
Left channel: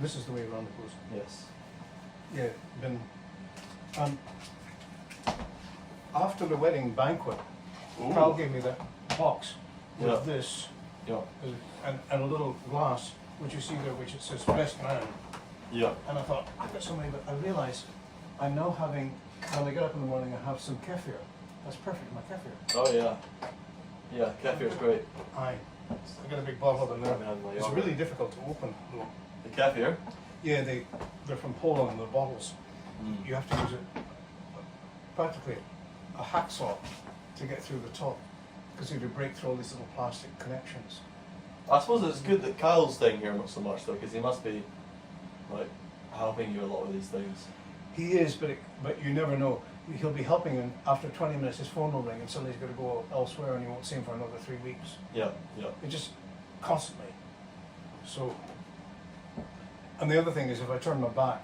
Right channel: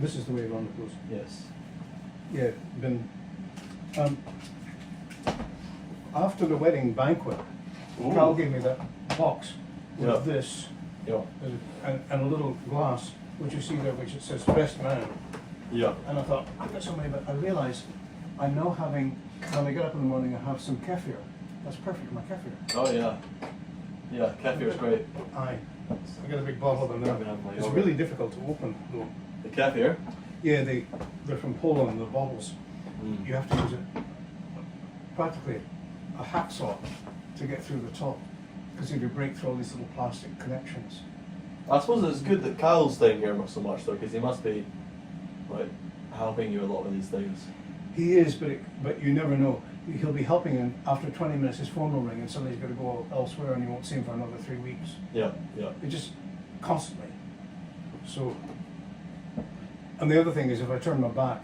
This is the way around it goes. Yes. Yeah, been. After the wedding banquet, Carl gave me that box with Yeah. this Yeah. and a little glass, which you see there, which it says best man. Yeah. And I thought, I've got so many, but I realised I'm now having, when I get up in the morning, I have some kefir. That's perfect for my kefir. Oh yeah. Yeah, kefir's great. I got a big bottle of them there. It's Yogurt. really difficult to open though. The kefir. Yeah, they're from Poland, the bottles. Mm. You have to use practically a hacksaw to get through the top, because you have to break through all these little plastic connections. I suppose it's good that Kyle's staying here not so much though, because he must be like helping you a lot with these things. He is, but you never know. He'll be helping, and after 20 minutes his phone will ring and suddenly he's got to go elsewhere and you won't see him for another 3 weeks. Yeah, yeah. It just constantly. So, and the other thing is if I turn my back,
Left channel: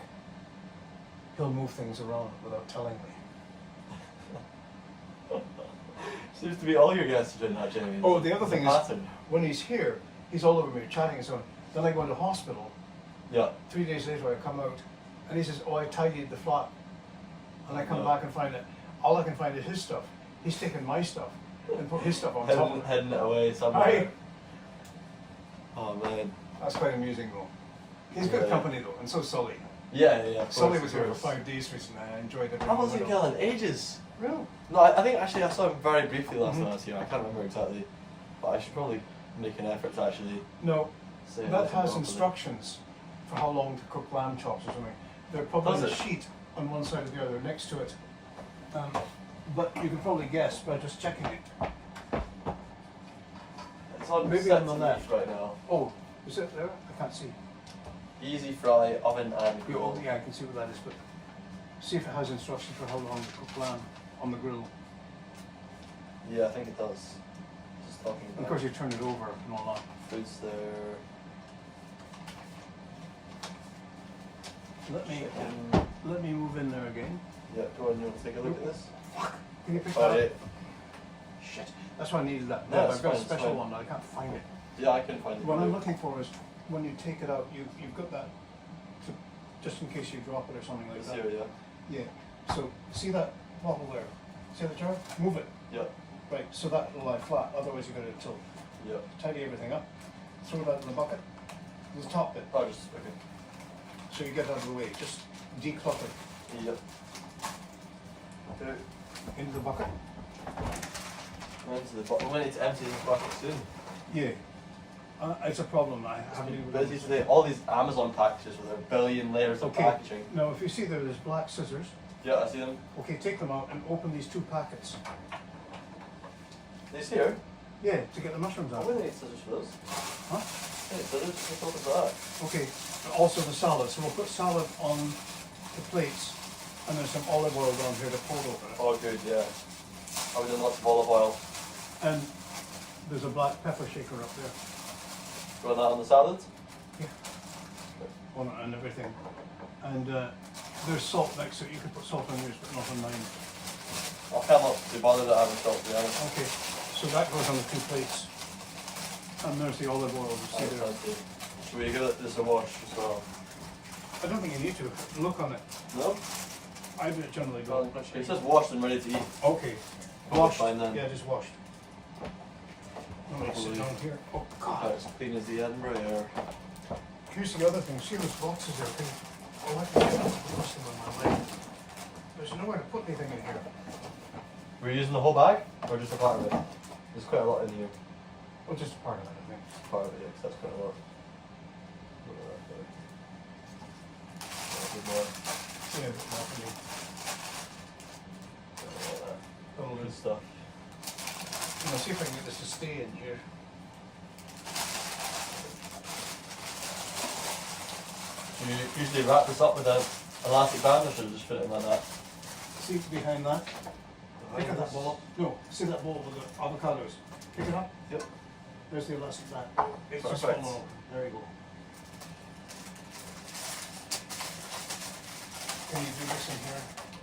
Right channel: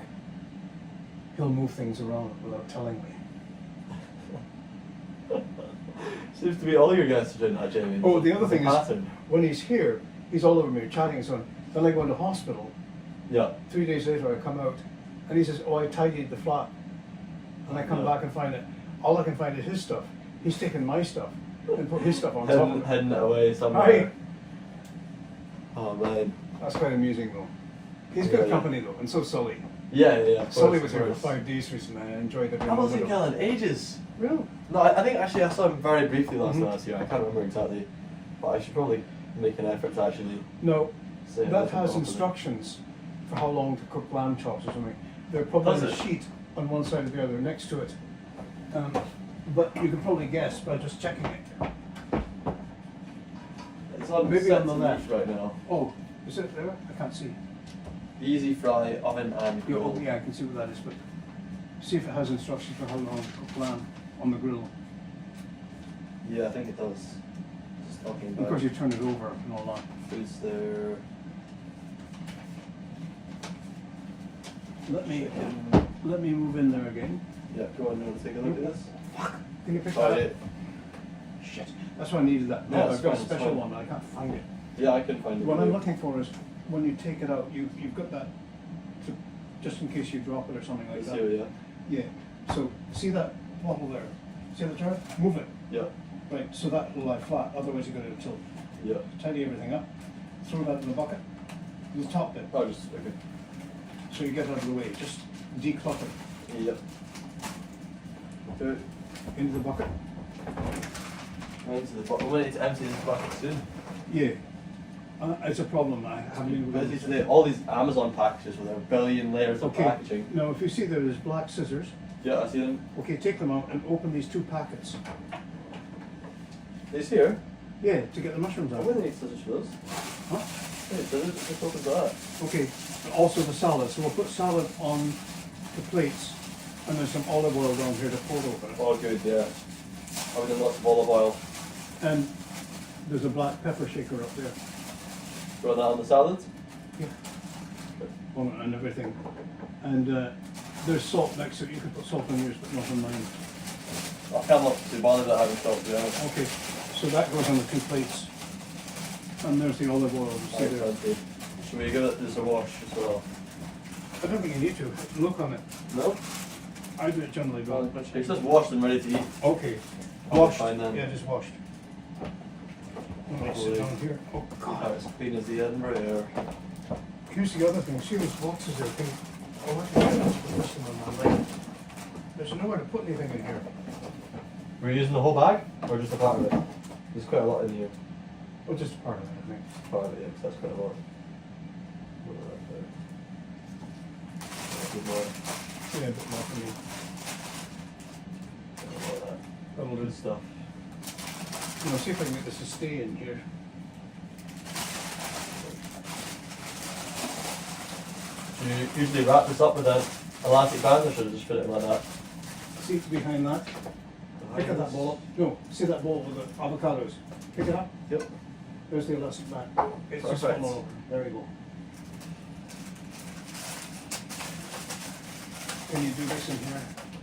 he'll move things around without telling me. Seems to be all your guests are doing that, Jamie. Oh, the other It's a thing is, pattern. when he's here, he's all over me chatting and so on. Then I go into hospital. Yeah. 3 days later I come out and he says, oh, I tidied the flat. And I come Yeah. back and find it. All I can find is his stuff. He's taken my stuff and put his stuff on top of it. Hidden it away somewhere. Right. Oh man. That's quite amusing though. He's Yeah, good yeah. company though, and so Sully. Yeah, yeah. Of Sully course, was of here for course. 5 days recently and I enjoyed every I moment wasn't of it. Gallon ages. Real? No, I think actually I saw him very briefly last Mhm. time I was here. I can't remember exactly, but I should probably make an effort to actually No, say that hello has to him. instructions for how long to cook lamb chops or something. They're probably Does on a it? sheet on one side or the other next to it. But you can probably guess by just checking it. It's on Maybe set on the to left. right now. Oh, is it there? I can't see. Easy fry, oven and Yeah, grill. oh, yeah, I can see what that is, but see if it has instructions for how long to cook lamb on the grill. Yeah, I think it does. Just talking about Because you turn it over and all that. foods there. Let me move in there again. Yeah, go on and take a look at this. Can you pick Oh, that yeah. up? Shit. That's why I needed that. No, No, it's I've got a fine, it's special fine. one, but I can't find it. Yeah, I can find it. What I'm looking for is when you take it out, you've got that to, just in case you drop it or something like It's that. here, yeah. Yeah. So see that bottle there? See the jar? Move it. Yeah, Right. So that will lie flat. Otherwise you're going to tilt. yeah. Tidy everything up. Throw that in the bucket. the top bit. Oh, just okay. So you get out of the way. Just declutter. Yep. Okay. Into the bucket. Into the bucket. We need to empty this bucket soon. Yeah. It's a problem. I haven't even Busy today. All these Amazon packages with a billion layers of packaging. Now, if you see there's black scissors. Yeah, I see them. Okay, take them out and open these 2 packets. These here? Yeah, to get the mushrooms I out. wouldn't need scissors for this. Huh? Hey, scissors, just open that. Okay, also the salad. So we'll put salad on the plates, and there's some olive oil down here to pour over it. Oh, good, yeah. I've done lots of olive oil. And there's a black pepper shaker up there. Throw that on the salad? Yeah. On it and everything. And there's salt next to it. You can put salt on yours, but not on mine. I can't not be bothered at having salt, to be honest. Okay, so that goes on the 2 plates. And there's the olive oil. You see there. Should we give it this a wash as well? I don't think you need to. Look on it. No? I do it generally, but It's just washed and ready to eat. okay. Oh, Washed. fine then. Yeah, just washed. When I sit down here. Oh God. It's clean as the Edinburgh air. Here's the other thing. See those boxes there? Oh, I can get them to push them on my leg. There's nowhere to put anything in here. We're using the whole bag or just a part of it? There's quite a lot in here. Oh, just part of it, I think. Part of it, yeah, 'cause that's quite a lot. Yeah, a bit more for you. All good stuff. I'm gonna see if I can get this to stay in here. Do you usually wrap this up with an elastic band or should I just fit it like that? See it's behind that? Pick up that bowl up. No, see that bowl with the avocados? Pick it up. Yep. There's the elastic band. It's just Perfect. fallen open. There we go. Can you do this in here?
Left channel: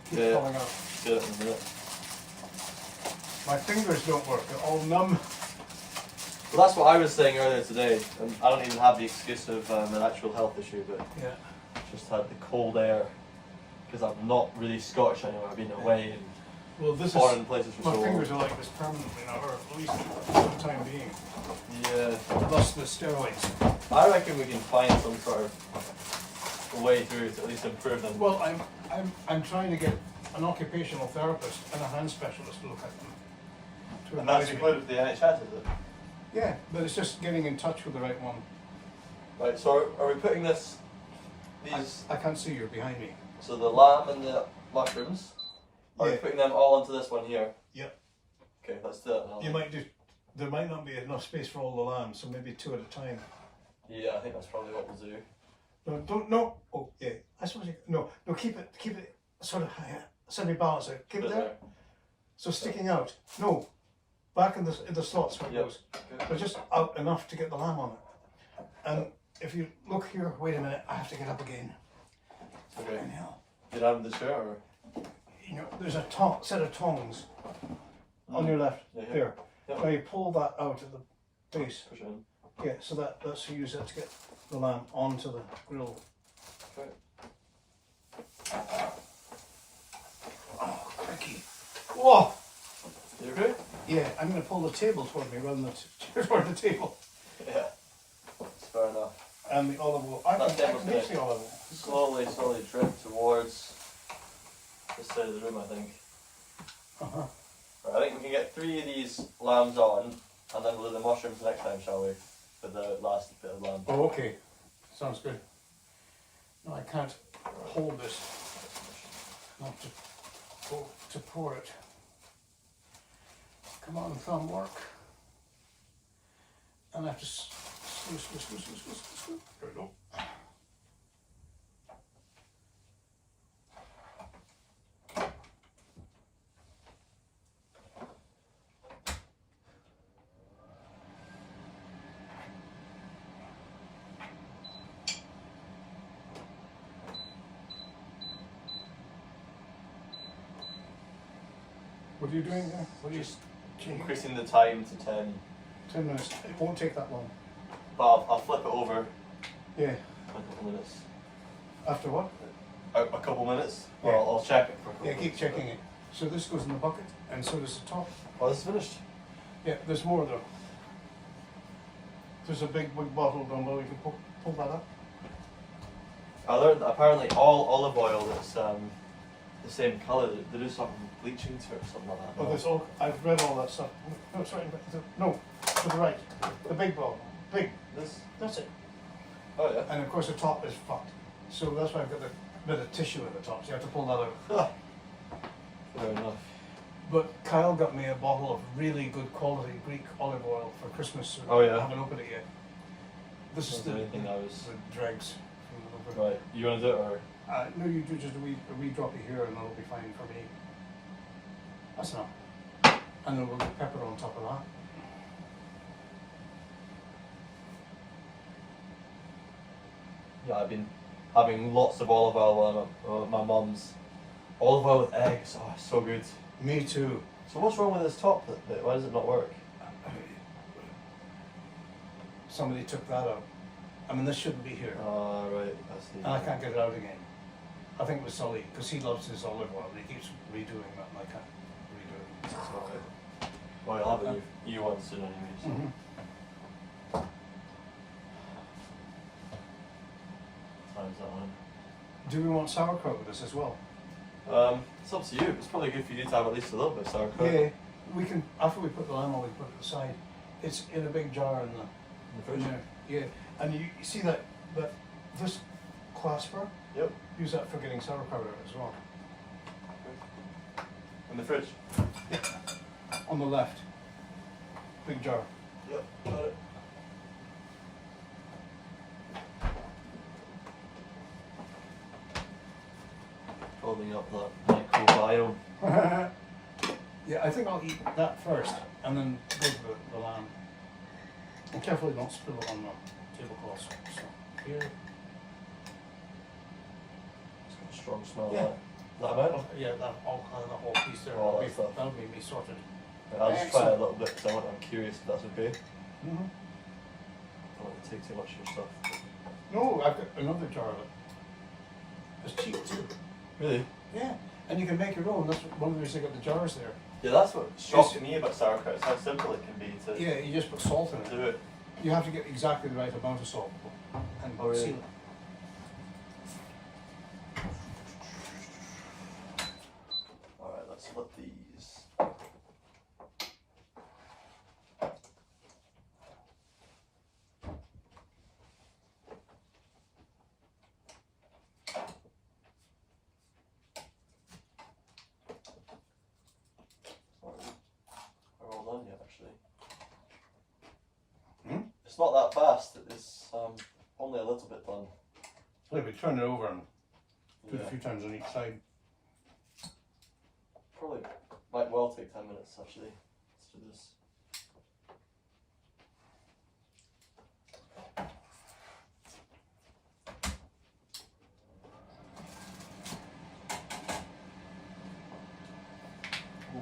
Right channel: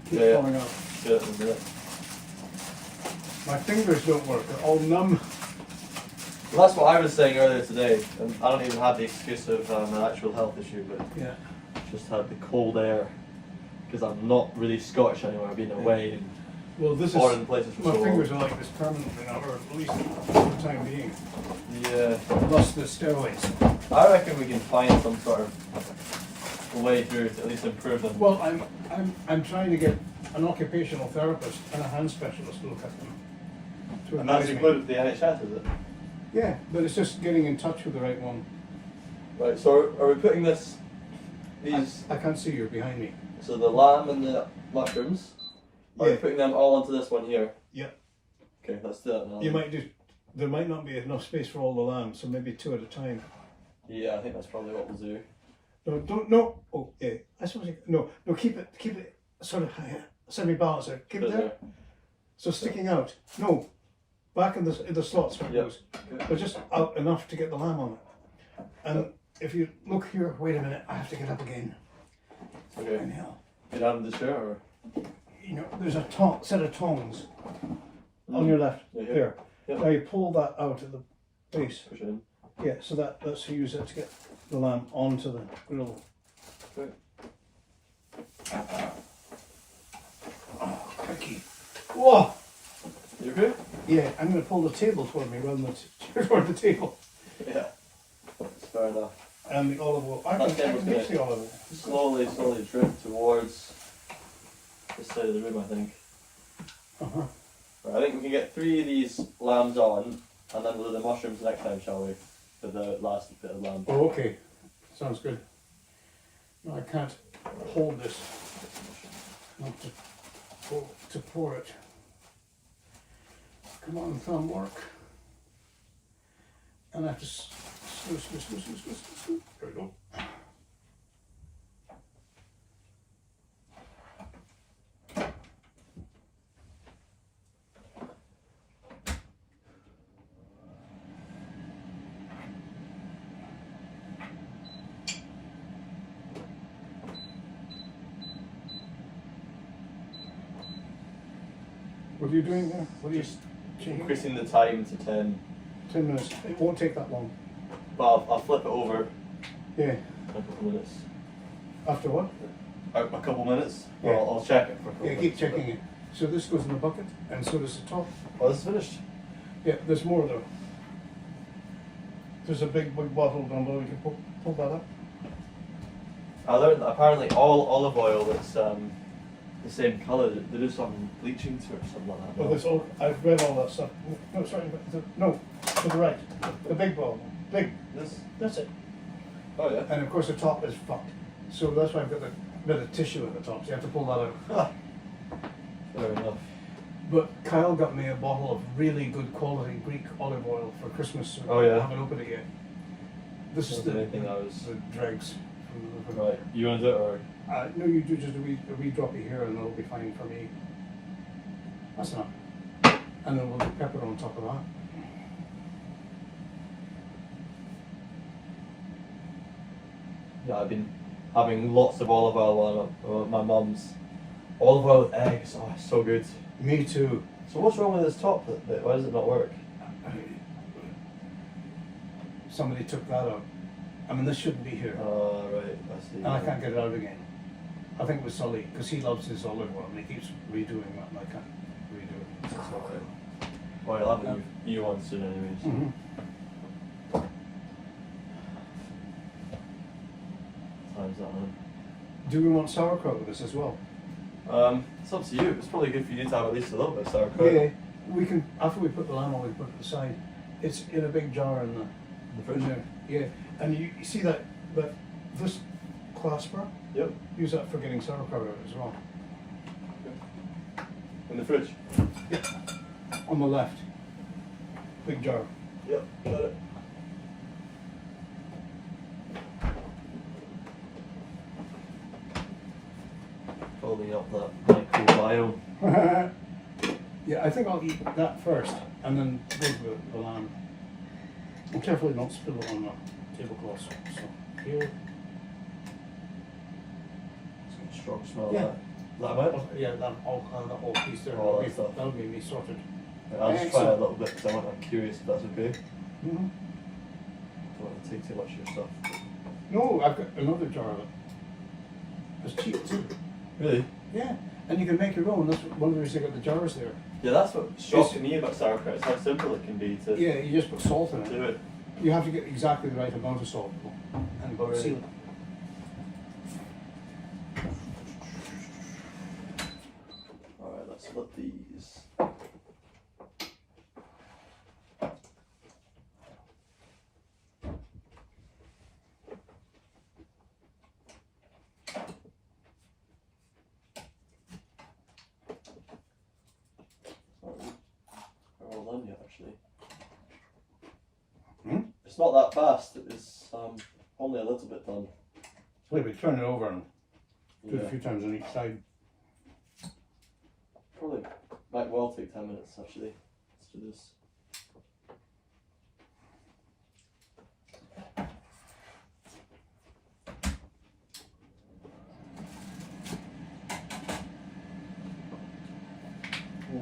Keep Yeah. falling out. Get it in there. My fingers don't work. They're all numb. Well, that's what I was saying earlier today, and I don't even have the excuse of an actual health issue, but Yeah. just had the cold air because I'm not really Scottish anymore. I've been away in Well, this foreign is. places for My so long. fingers are like this permanently now, or at least for the time being. Yeah, Plus the steroids. I reckon we can find some sort of way through to at least improve them. Well, I'm trying to get an occupational therapist and a hand specialist to look at them. To And that's advise me. included with the NHS, is it? Yeah, but it's just getting in touch with the right one. Right. So are we putting these? I can't see you're behind me. So the lamb and the mushrooms. Are we Yeah. putting them all into this one here? Yep. Okay, let's do that now. You might do. There might not be enough space for all the lambs, so maybe 2 at a time. Yeah, I think that's probably what we'll do. No, don't. No. Oh, yeah. I suppose. No. Keep it sort of semi-balanced there. Keep it there. So sticking out. No. Back in the slots where it Yep. goes. Okay. But just out enough to get the lamb on it. And if you look here, wait a minute. I have to get up again. Okay. Inhale. You have the chair or? You know, there's a set of tongs on your left. Yeah, yeah. There. Yep. Now you pull that out of the base. Push it in. Yeah, so that's to use it to get the lamb onto the grill. Okay. Oh, tricky. Whoa! You okay? Yeah, I'm going to pull the table toward me rather than toward the table. Yeah. That's fair enough. And the olive oil. I That can table's mix gonna the olive oil. slowly drift towards this side of the room, I think. Uh-huh. Right, I think we can get 3 of these lambs on, and then we'll do the mushrooms next time, shall we? For the last bit of lamb. Oh, okay. Sounds good. No, I can't hold this. I have to pour it. Come on, thumb, work. And I have to squish. There we go. What are you doing there? What are you changing? Increasing the time to 10, 10 minutes. It won't take that long. but I'll flip it over Yeah. in a couple of minutes. After what? A couple minutes? Yeah. Or I'll check it for a couple Yeah, keep minutes. checking it. So this goes in the bucket, and so does the top. Oh, this is finished? Yeah, there's more though. There's a big bottle down below you can put. Pull that up. I learned that apparently all olive oil that's the same colour, they do some bleaching to it or something like that. Oh, this all, I've read all that stuff. No, sorry, no, to the right. The big ball. Big. This? That's it. Oh yeah. And of course the top is fucked. So that's why I've got the bit of tissue at the top, so you have to pull that out. Fair enough. But Kyle got me a bottle of really good quality Greek olive oil for Christmas. So Oh, yeah? I haven't opened it yet. This is That's the the main thing I was- the dregs from the Right. You want to do it or? no, you do just a wee droppy here and it'll be fine for me. That's enough. And then we'll do pepper on top of that. Yeah, I've been having lots of olive oil on my mum's. Olive oil with eggs, oh, it's so good. Me too. So what's wrong with this top bit? Why does it not work? Somebody took that out. I mean, this shouldn't be here. Oh, right, I see. And I can't get it out again. I think it was Sully, because he loves his olive oil and he keeps redoing that and I can't redo it. That's okay. Well, you'll have a new one soon anyways. Mm-hmm. Time's that on. Do we want sauerkraut with this as well? It's up to you. It's probably good for you to have at least a little bit of sauerkraut. Yeah, we can, after we put the lamb on, we put it aside. It's in a big jar in In the fridge? there. Yeah, and you see that this clasper? Yep. Use that for getting sauerkraut out as well. In the fridge? On the left. Big jar. Yep, got it. Holding up that microbiome. Yeah, I think I'll eat that first and then go to the lamb. And carefully not spill it on the tablecloth. So here. It's got a strong smell Yeah. of that about? Yeah, that whole piece there. All that stuff. That'll be me sorted. I'll just try a little bit because I'm curious if that's okay. Mm-hmm. Don't want to take too much of your stuff. No, I've got another jar of it. It's cheap too. Really? Yeah, and you can make your own. That's one of the reasons I got the jars there. Yeah, that's what shocks me about sauerkraut, is how simple it can be to Yeah, you just put salt in it. do it. You have to get exactly the right amount of salt and Oh, really? seal it. Alright, let's flip these. Are all done yet, actually? Hmm? It's not that fast, it's only a little bit done. So we turn it over and do it Yeah. a few times on each side. Probably might well take 10 minutes actually. Let's do this. Oh,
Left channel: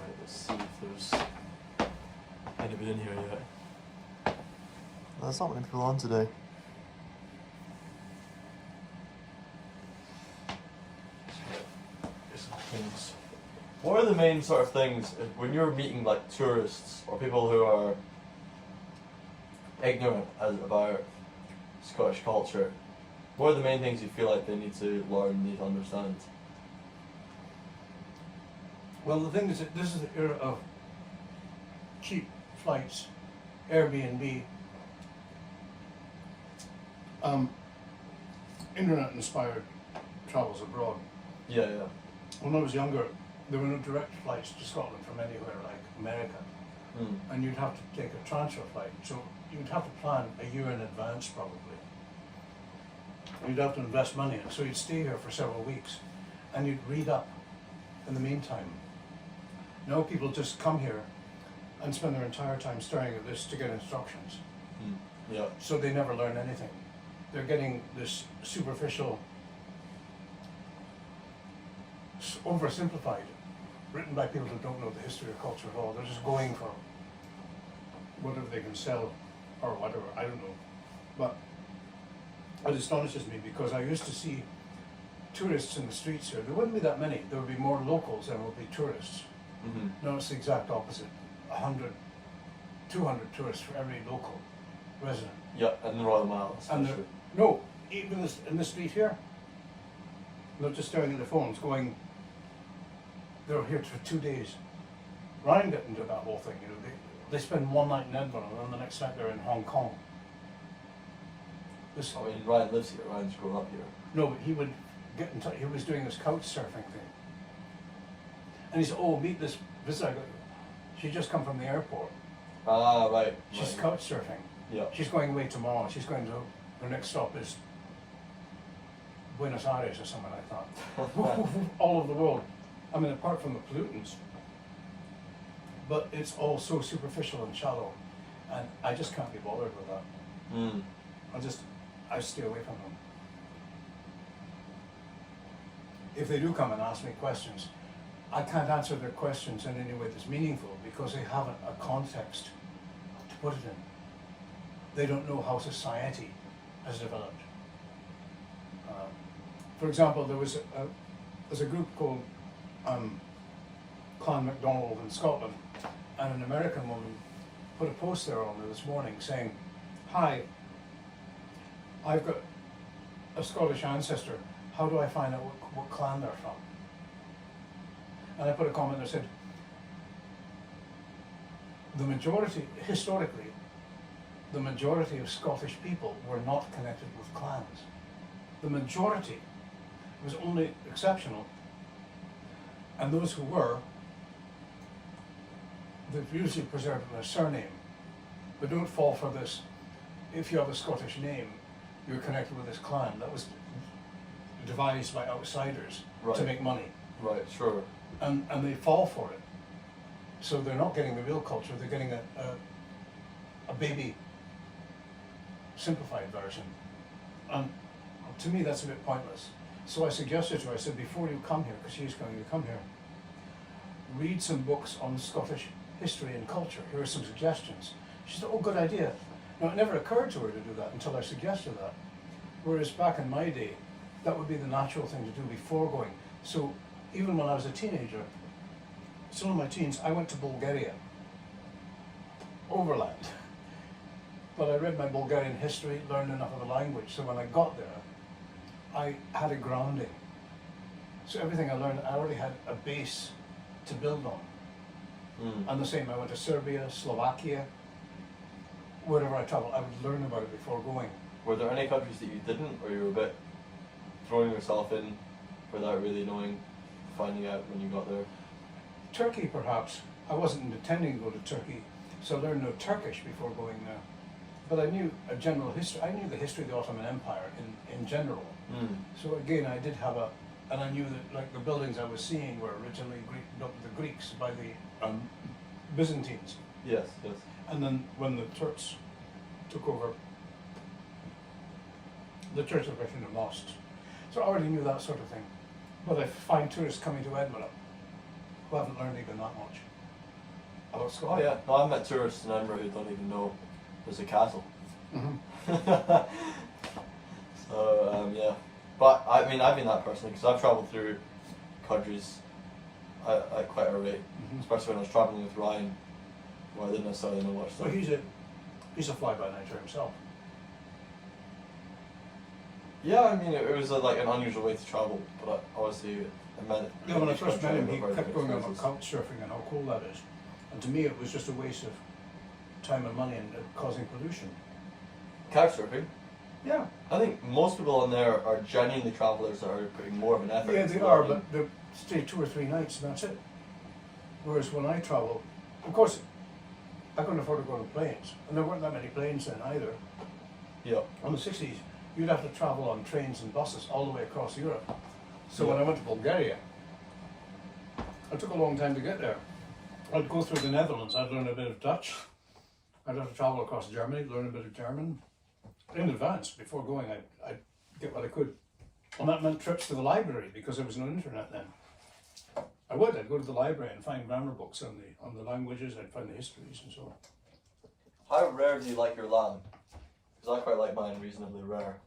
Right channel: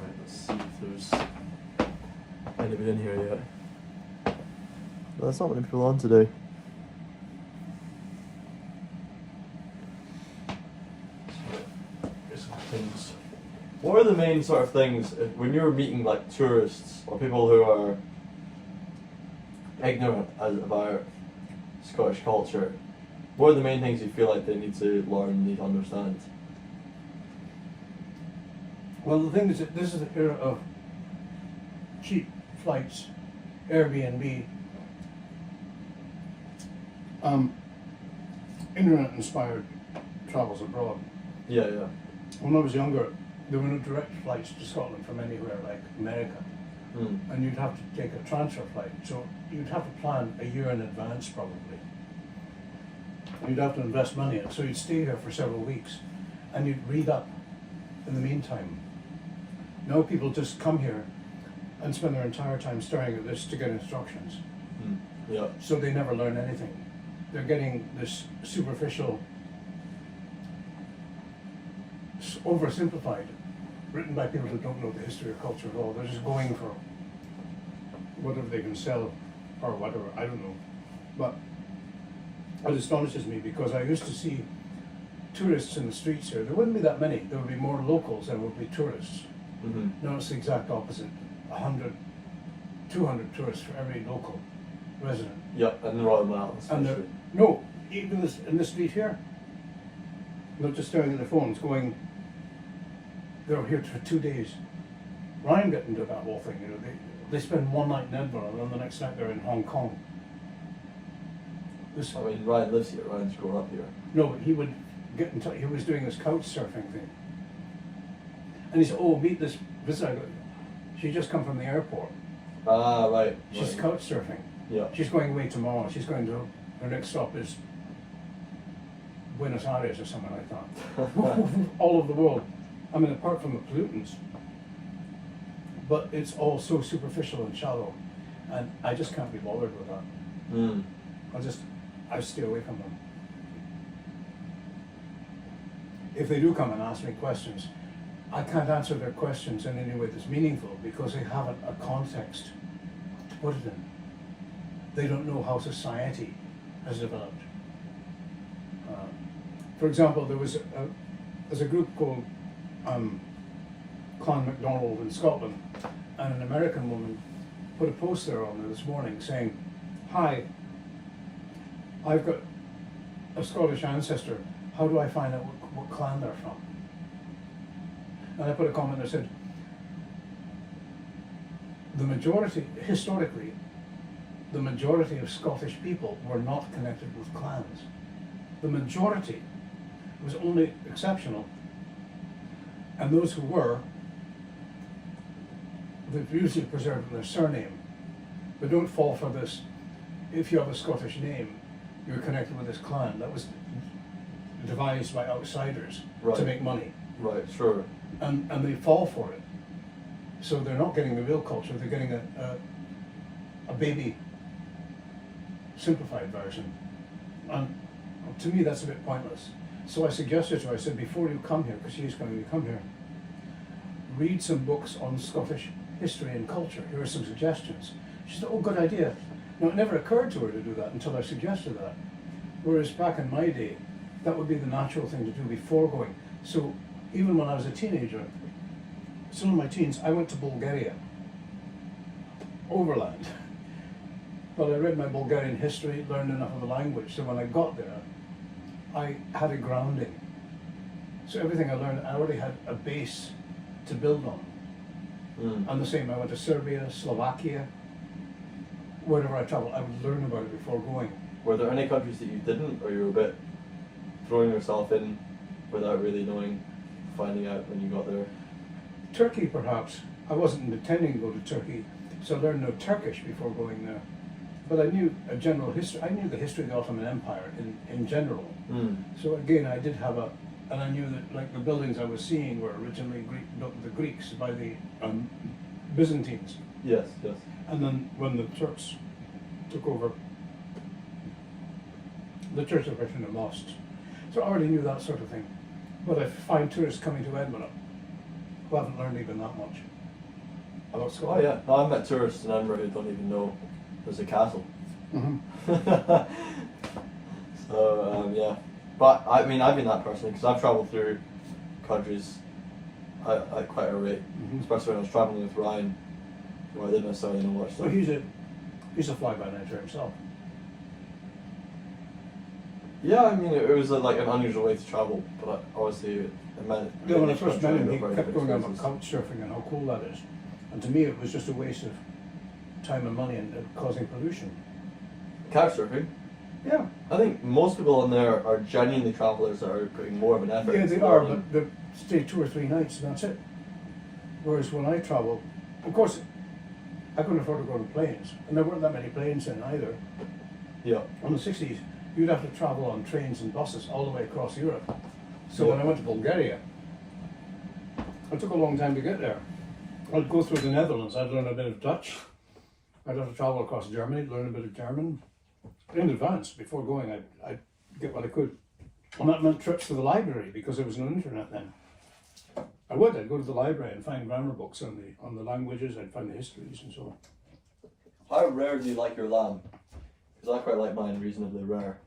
right, let's see if there's anybody in here yet. There's not many people on today. Things. What are the main sort of things when you're meeting like tourists or people who are ignorant about Scottish culture? What are the main things you feel like they need to learn, need to understand? Well, the thing is that this is the era of cheap flights, Airbnb, internet-inspired travels abroad. Yeah, yeah. When I was younger, there were no direct flights to Scotland from anywhere like America. Mm. And you'd have to take a transfer flight. So you'd have to plan a year in advance probably. You'd have to invest money in it. So you'd stay here for several weeks and you'd read up in the meantime. Now people just come here and spend their entire time staring at this to get instructions. Mm. Yeah. So they never learn anything. They're getting this superficial, oversimplified, written by people who don't know the history of culture at all. They're just going for whatever they can sell or whatever, I don't know. But it astonishes me because I used to see tourists in the streets here. There wouldn't be that many. There would be more locals than would be tourists. Mm-hmm. Now it's the exact opposite. 100, 200 tourists for every local resident. Yep, and Royal Miles. And they're, no, even this in this street here, they're just staring at their phones, going. They were here for 2 days. Ryan got into that whole thing. You know, they spend one night in Edinburgh, and then the next night they're in Hong Kong. I mean, Ryan lives here. Ryan's grown up here. No, but he would get in touch. He was doing this couch surfing thing, and he said, "Oh, meet this visitor. She just come from the airport. Ah, right. She's right. couch surfing. Yeah. She's going away tomorrow. She's going to her next stop is Buenos Aires or something like that. All over the world. I mean, apart from the pollutants, but it's all so superficial and shallow, and I just can't be bothered with that. Mm. I stay away from them. If they do come and ask me questions, I can't answer their questions in any way that's meaningful because they haven't a context to put it in. They don't know how society has developed. For example, there's a group called Clan MacDonald in Scotland, and an American woman put a post there on there this morning saying, "Hi, I've got a Scottish ancestor. How do I find out what clan they're from?" And I put a comment that said, historically, the majority of Scottish people were not connected with clans. The majority was only exceptional. And those who were, they've usually preserved their surname. But don't fall for this, if you have a Scottish name, you're connected with this clan. That was devised by outsiders to make money. Right, sure. And they fall for it. So they're not getting the real culture, they're getting a baby simplified version. And to me that's a bit pointless. So I suggested to her, I said, before you come here, because she's going to come here, read some books on Scottish history and culture. Here are some suggestions. She said, oh, good idea. Now, it never occurred to her to do that until I suggested that. Whereas back in my day, that would be the natural thing to do before going. So even when I was a teenager, still in my teens, I went to Bulgaria, overland. But I read my Bulgarian history, learned enough of the language, so when I got there, I had a grounding. So everything I learned, I already had a base to build on. Mm. And the same, I went to Serbia, Slovakia, wherever I traveled, I would learn about it before going. Were there any countries that you didn't, or you were a bit throwing yourself in without really knowing, finding out when you got there? Turkey, perhaps. I wasn't intending to go to Turkey, so I learned no Turkish before going there. But I knew a general history. I knew the history of the Ottoman Empire in general. Mm. So again, I did have and I knew that like the buildings I was seeing were originally built by the Greeks by the Byzantines. Yes, yes. And then when the Turks took over, the Turks are virtually lost. So I already knew that sort of thing. But I find tourists coming to Edinburgh who haven't learned even that much about Scotland. Oh yeah, no, I met tourists in Edinburgh who don't even know there's a castle. Mm-hmm. So yeah, but I mean I've been that person because I've travelled through countries at quite a rate, especially when I was travelling with Ryan, where I didn't necessarily know much. Well, he's a fly-by-nighter himself. Yeah, I mean it was like an unusual way to travel, but obviously it meant. Yeah, when I first met him, he kept going on about couch surfing and how cool that is, and to me it was just a waste of time and money and causing pollution. Couch surfing? Yeah. I think most people on there are genuinely travellers that are putting more of an effort. Yeah, they are, but they stay 2 or 3 nights and that's it. Whereas when I travel, of course, I couldn't afford to go on planes, and there weren't that many planes then either. Yeah. In the 60s, you'd have to travel on trains and buses all the way across Europe. So when I went to Bulgaria, it took a long time to get there. I'd go through the Netherlands, I'd learn a bit of Dutch. I'd have to travel across Germany, learn a bit of German. In advance, before going, I'd get what I could. And that meant trips to the library, because there was no internet then. I'd go to the library and find grammar books on the languages, I'd find the histories and so on. How rare do you like your lamb? Because I quite like mine reasonably rare.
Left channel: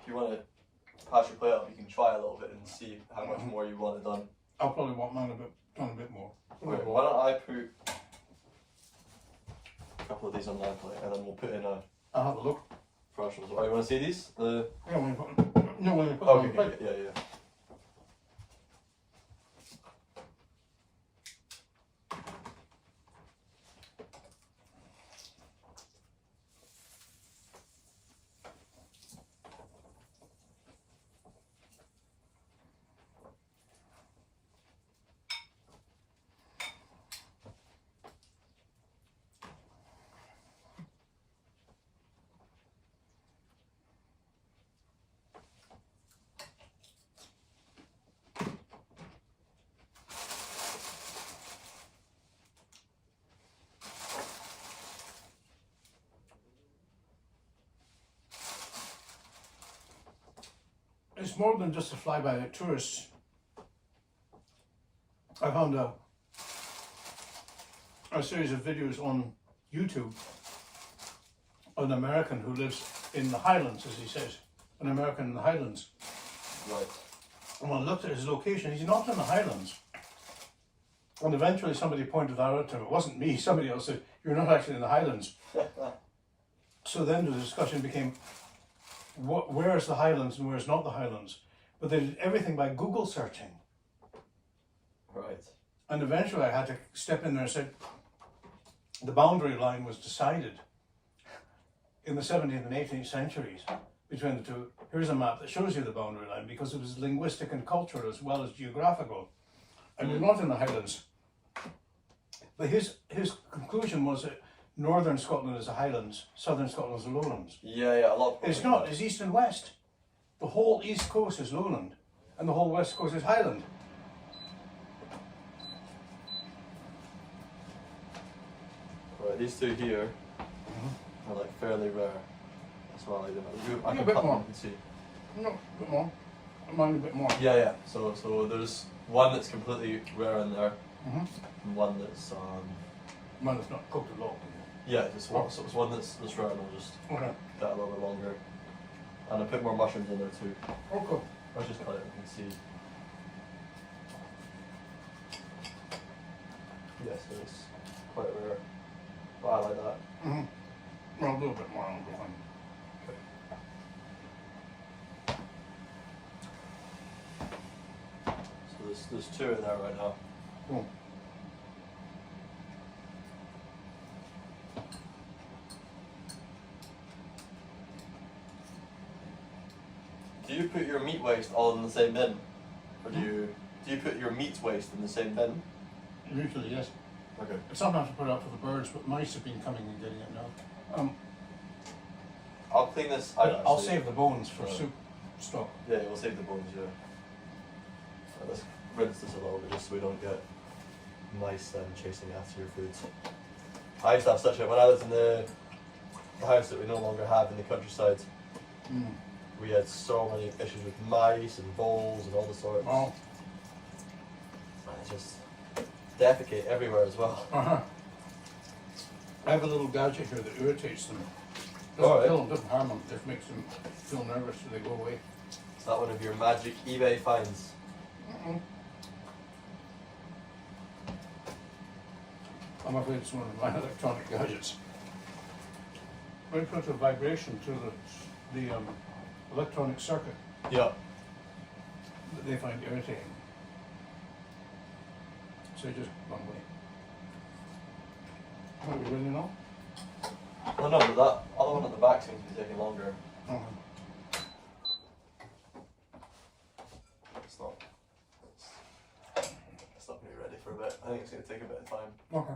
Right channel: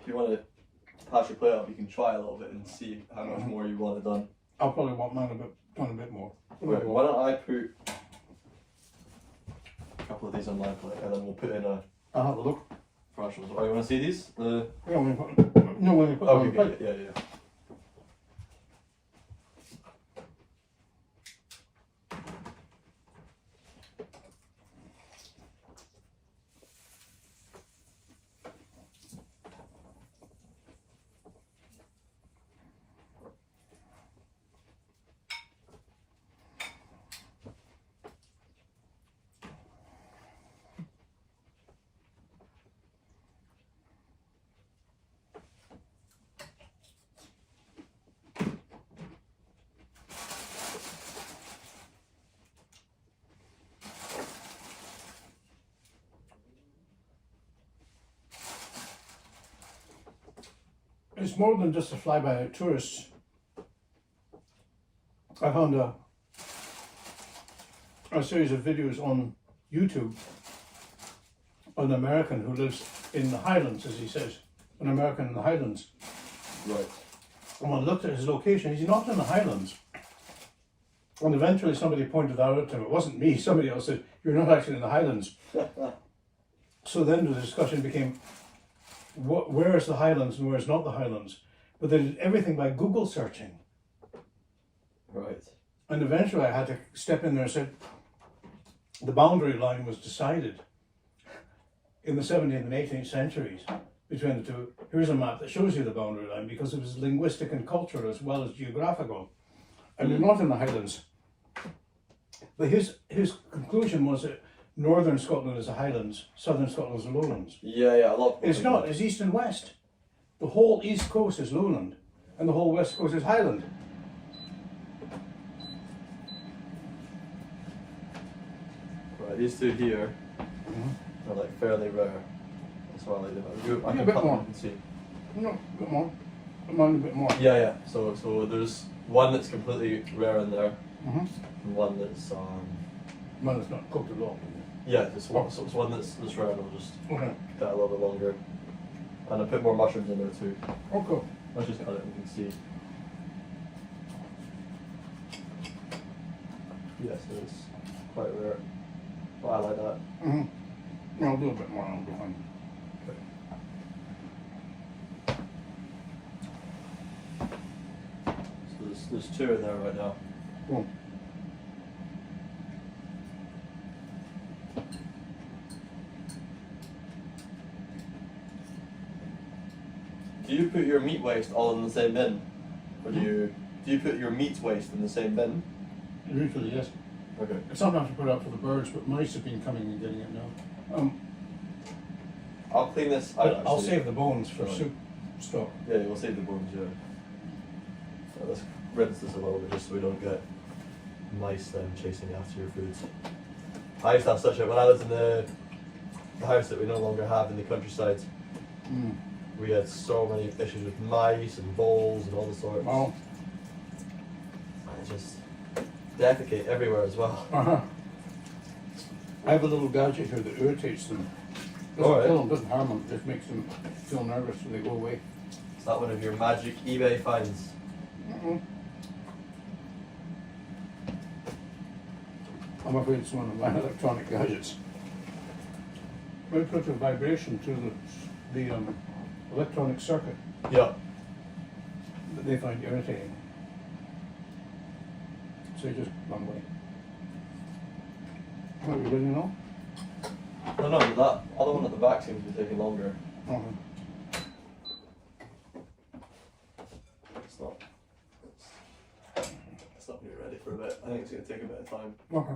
If you want to pass your plate up, you can try a little bit and see how much more you want it done. I'll probably want mine done a bit more. Right, why don't I put a couple of these on my plate and then we'll put in a I'll have a look. Fresh ones. Oh, you want to see these? The Yeah, when we put them on okay, the plate. yeah. It's more than just a fly-by-night tourist. I found a series of videos on YouTube of an American who lives in the Highlands, as he says, an American in the Highlands. Right. And I looked at his location, he's not in the Highlands. And eventually somebody pointed out to him, it wasn't me, somebody else said, you're not actually in the Highlands. So then the discussion became, where is the Highlands and where is not the Highlands? But they did everything by Google searching. Right. And eventually I had to step in there and say, the boundary line was decided in the 17th and 18th centuries between the two. Here's a map that shows you the boundary line because it was linguistic and cultural as well as geographical. And we're not in the Highlands. But his conclusion was that northern Scotland is the Highlands, southern Scotland is the lowlands. Yeah, a lot. It's not, it's east and west. The whole east coast is lowland and the whole west coast is highland. Right, these two here are like fairly rare. That's why I like them. I Yeah, can a bit cut them, more. you can see. No, a bit more. Mine a bit more. Yeah. So there's one that's completely rare in there, Mm-hmm. and one that's Mine is not cooked at all. yeah, this one. So it's one that's rare, and I'll just Okay. cut it a little bit longer, and I'll put more mushrooms in there too. Oh, cool. Let's just cut it. You can see. Yes, it's quite rare, but I like that. Mm-hmm. I'll do a bit more. I'll go on. So there's two in there right now. Cool. Do you put your meat waste all in the same bin, or do you put your meat waste in the same bin? Usually, yes. Okay. Sometimes I put it out for the birds, but mice have been coming and getting it now. I'll clean this. I'll save the bones for Right. soup stock. Yeah, you'll save the bones. Yeah. So let's rinse this a little bit just so we don't get mice then chasing after your foods. I used to have such a when I lived in the house that we no longer have in the countryside. We had so many issues with mice and voles and all the sorts. Wow. And it just defecate everywhere as well. Uh-huh. I have a little gadget here that irritates them. Doesn't Alright. kill them, doesn't harm them, just makes them feel nervous so they go away. Is that one of your magic eBay finds? I'm afraid it's one of my electronic gadgets. When you put a vibration to the electronic circuit Yeah. that they find irritating, so you just run away. What, you ready now? Oh no, that other one at the back seems to be taking longer. It's not. It's not really ready for a bit. I think it's going to take a bit of time. Okay.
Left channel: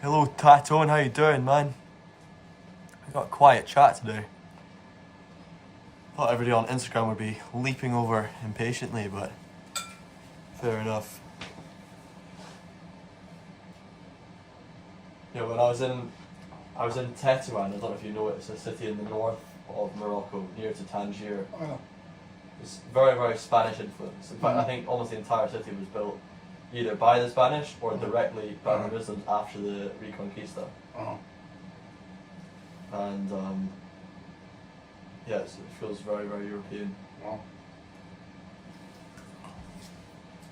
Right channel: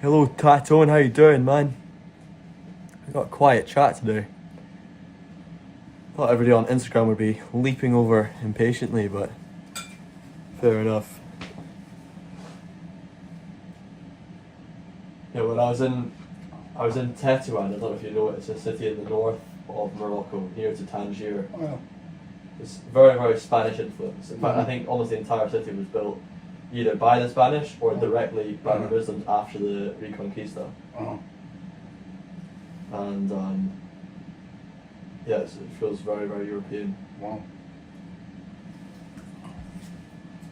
Hello Tatone, how you doing, man? I got a quiet chat today. Thought everybody on Instagram would be leaping over impatiently, but fair enough. Yeah, when I was in Tetuan, I don't know if you know it, it's a city in the north of Morocco, near to Tangier. Well, It's very, very Spanish influence. In fact, I think almost the entire city was built either by the Spanish or directly by the Muslims after the Reconquista. And Yeah, it feels very, very European. Wow.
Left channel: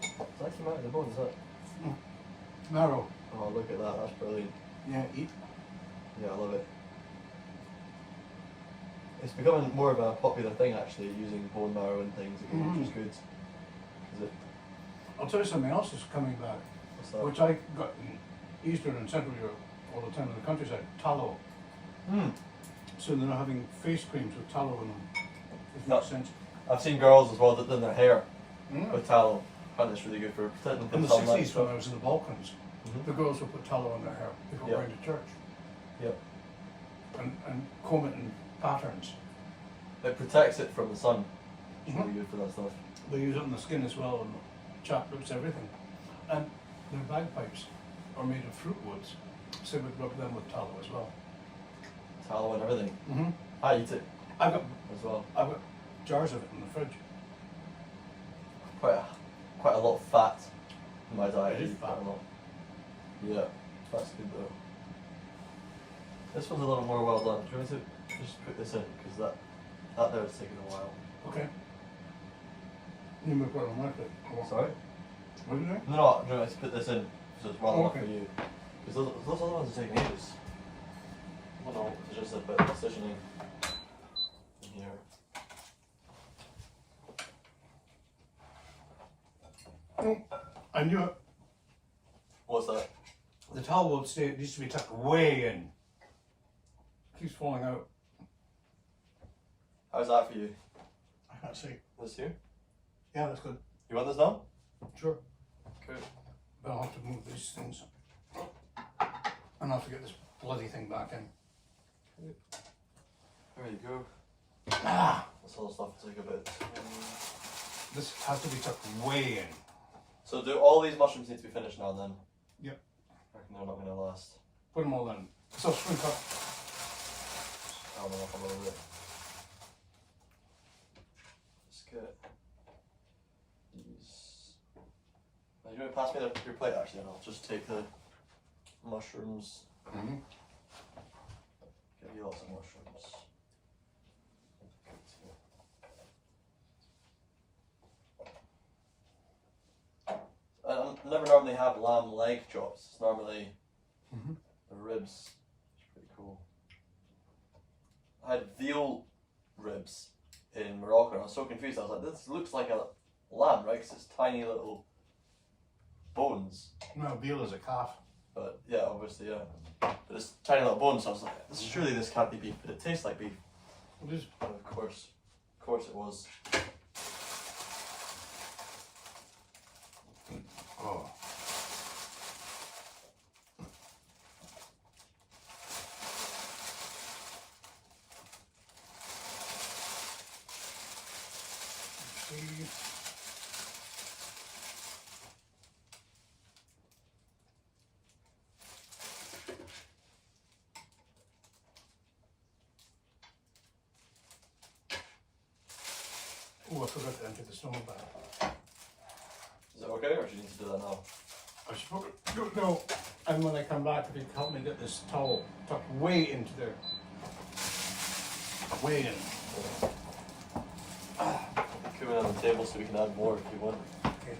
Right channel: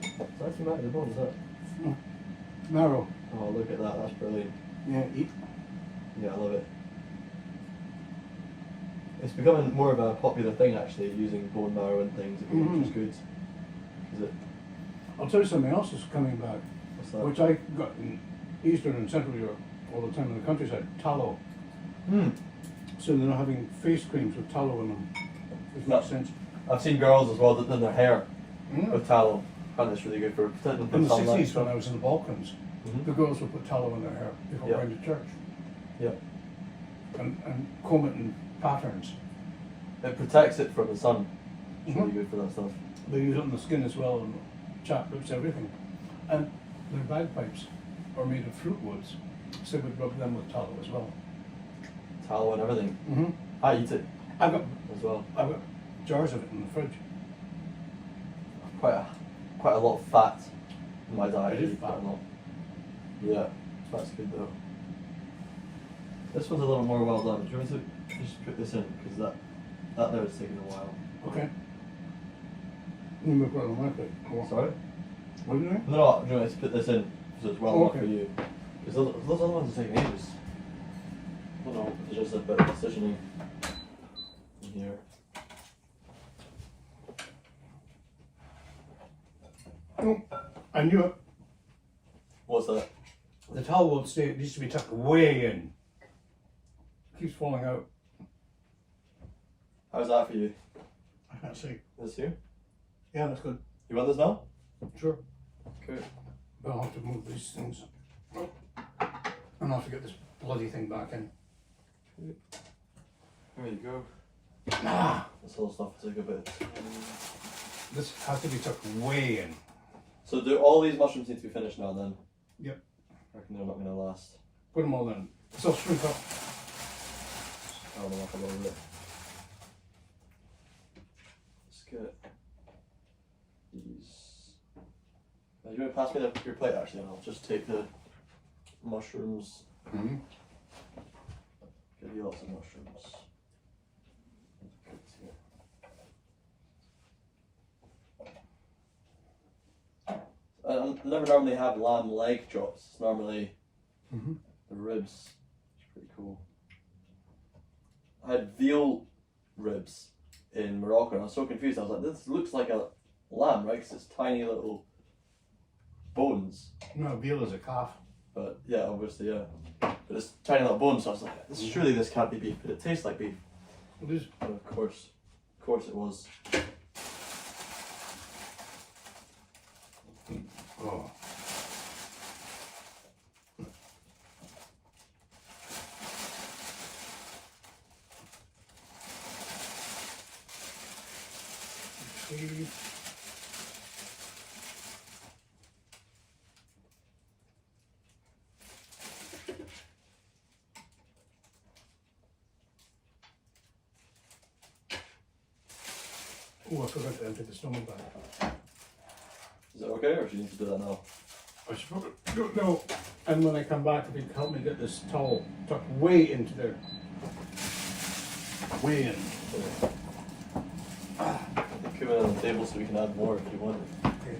It's actually out of the bone, is it? Narrow. Oh, look at that, that's brilliant. Yeah, eat. Yeah, I love it. It's becoming more of a popular thing actually, using bone marrow and things again, which is good. Is it? I'll tell you something else is coming back, What's that? which I got in Eastern and Central Europe all the time in the countryside. Tallow. Hmm. So they're not having face creams with tallow in them. Does No. make sense. I've seen girls as well that do their hair Mm. with tallow. I find it's really good for protecting In the from sunlight. 60s, when I was in the Balkans, Mhm. the girls would put tallow in their hair before Yeah. going to church Yeah. and comb it in patterns. It protects it from the sun. It's really Mhm. good for that stuff. They use it on the skin as well, and chap lips, everything. And their bagpipes are made of fruit woods, so we'd rub them with tallow as well. Tallow and everything. Mm-hmm. I eat it I've got as well. jars of it in the fridge. Quite a lot of fat in my diet. It is I eat quite fat. a lot. Yeah, that's good though. This one's a little more well done. Do you want me to just put this in? Because that there is taking a while. Okay. You make one with it. Sorry? Wouldn't you? No, do you want me to put this in? So it's well enough Okay. for you. Because those other ones are taking ages. I don't know, there's just a bit of decisioning in here. Oh, I knew it. What's that? The towel will stay. It needs to be tucked way in. Keeps falling out. How's that for you? I can't see. This here? Yeah, that's good. You want this now? Sure. Okay. But I'll have to move these things. And I'll have to get this bloody thing back in. There you go. Ah! This all stuff will take a bit. This has to be tucked way in. So do all these mushrooms need to be finished now then? Yep. I reckon they're not going to last. Put them all in. So shrink up. I'll them up a little bit. Let's get these. Now, you want to pass me your plate actually, and I'll just take the mushrooms. Mm-hmm. Give you lots of mushrooms. I never normally have lamb leg chops. It's normally Mm-hmm. the ribs. It's pretty cool. I had veal ribs in Morocco and I was so confused. I was like, this looks like a lamb, right? Because it's tiny little bones. No, veal is a calf. But yeah, obviously, yeah. But it's tiny little bones, so I was like, surely this can't be beef, but it tastes like beef. It is. And of course it was. Oh. See. Oh, I forgot to empty the snowball bag. Is it okay, or do you need to do that now? I suppose, don't know. And when I come back, if you can help me get this towel tucked way into there. Way in. Yeah. Come in on the table so we can add more if you want. Okay.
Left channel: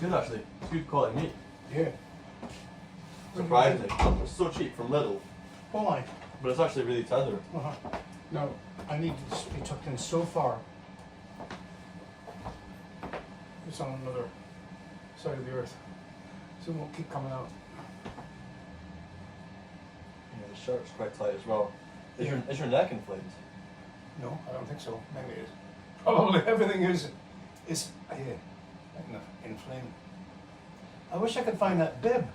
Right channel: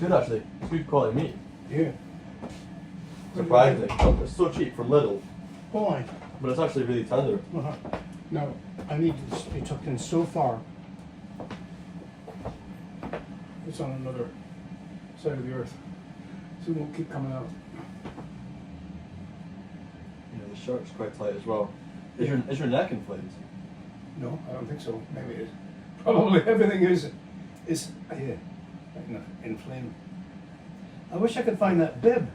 good actually. It's good quality meat. Yeah. Surprising. It's so cheap from Lidl, Why? but it's actually really tender. Uh-huh. Now, I need this to be tucked in so far. It's on another side of the earth. So it won't keep coming out. Yeah, the shirt's quite tight as well. Is your neck inflated? No, I don't think so. Maybe it is. Probably everything is inflamed. I wish I could find that bib.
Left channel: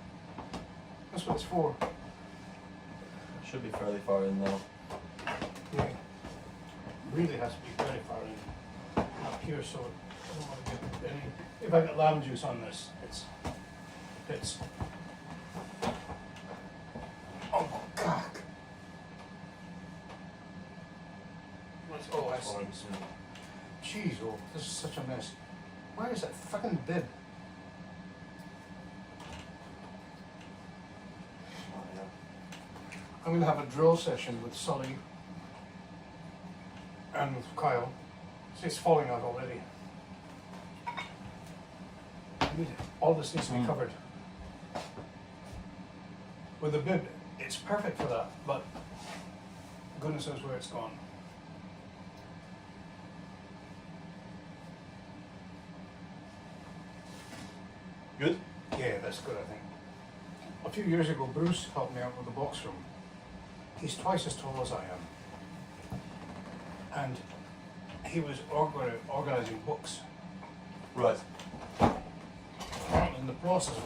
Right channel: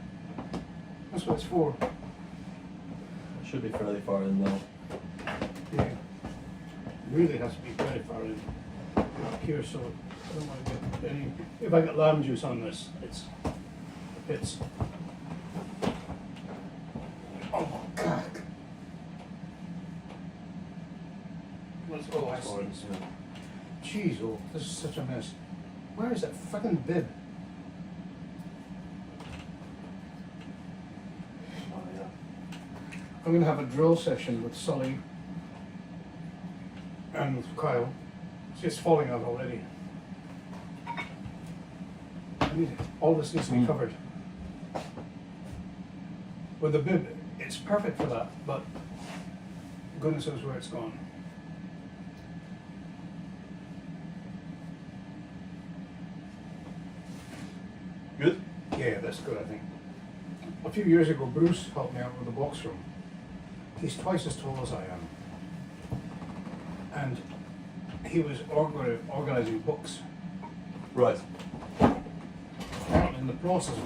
That's what it's for. It should be fairly far in now. Yeah. It really has to be very far in up here, so I don't want to get any. If I get lamb juice on this, it fits. Oh God. Oh, I see. Jeez, oh, this is such a mess. Where is that fucking bib? Oh, yeah. I'm going to have a drill session with Sully and with Kyle. It's falling out already. I mean, all this needs to be covered. With the bib, it's perfect for that, but goodness knows where it's gone. Good? Yeah, that's good, I think. A few years ago, Bruce helped me out with the box room. He's twice as tall as I am. And he was organizing books. Right. In the process,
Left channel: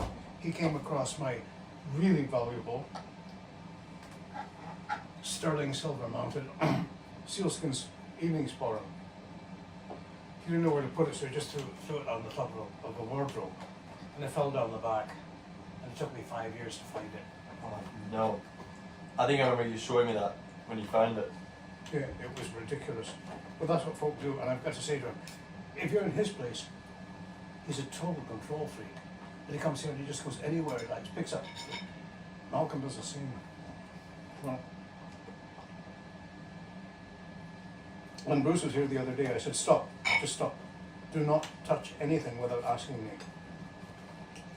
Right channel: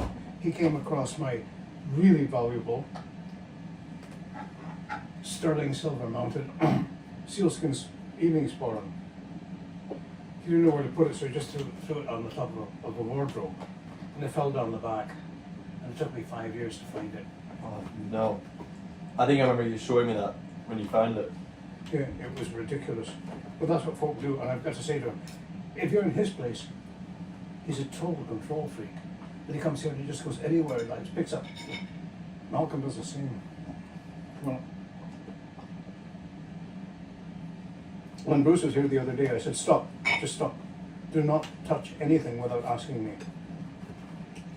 he came across my really valuable sterling silver mounted sealskin's evening sporran. He didn't know where to put it, so he just threw it on the top of a wardrobe. And it fell down the back. And it took me 5 years to find it. Oh, no. I think I remember you showing me that when you found it. Yeah, it was ridiculous. But that's what folk do, and I've got to say to him, if you're in his place, he's a total control freak. And he comes here and he just goes anywhere he likes, picks up. Malcolm does the same. Well, when Bruce was here the other day, I said, stop, just stop. Do not touch anything without asking me.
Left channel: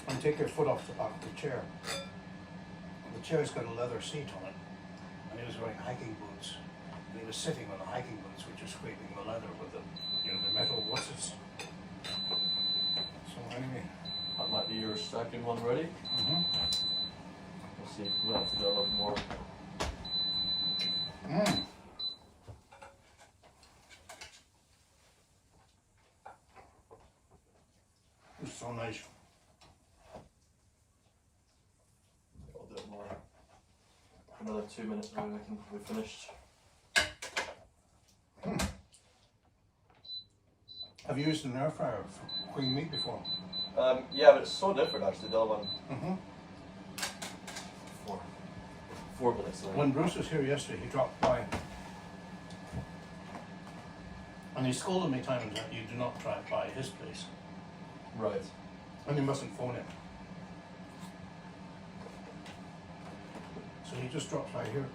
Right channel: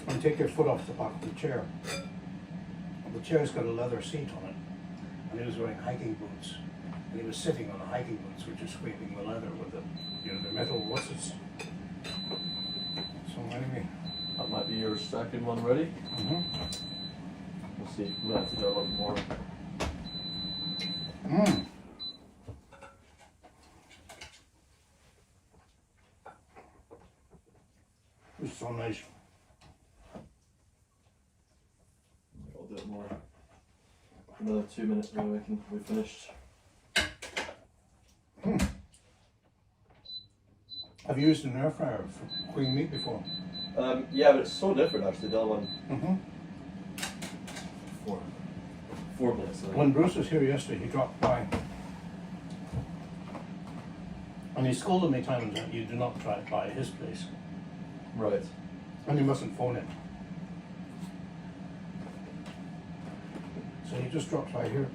And take your foot off the back of the chair. The chair's got a leather seat on it. And he was wearing hiking boots. And he was sitting on the hiking boots, which are scraping the leather with the metal, what's it? So anyway. That might be your second one ready. Mm-hmm. We'll see. We'll have to do a little more. Mm. It's so nice. I'll do it more. Another 2 minutes and I reckon we're finished. Have you used an air fryer for cooking meat before? Yeah, but it's so different actually. The other one. Mm-hmm. 4 minutes. Sorry. When Bruce was here yesterday, he dropped by. And he scolded me times that you do not drive by his place. Right. And you mustn't phone it. So he just dropped by here.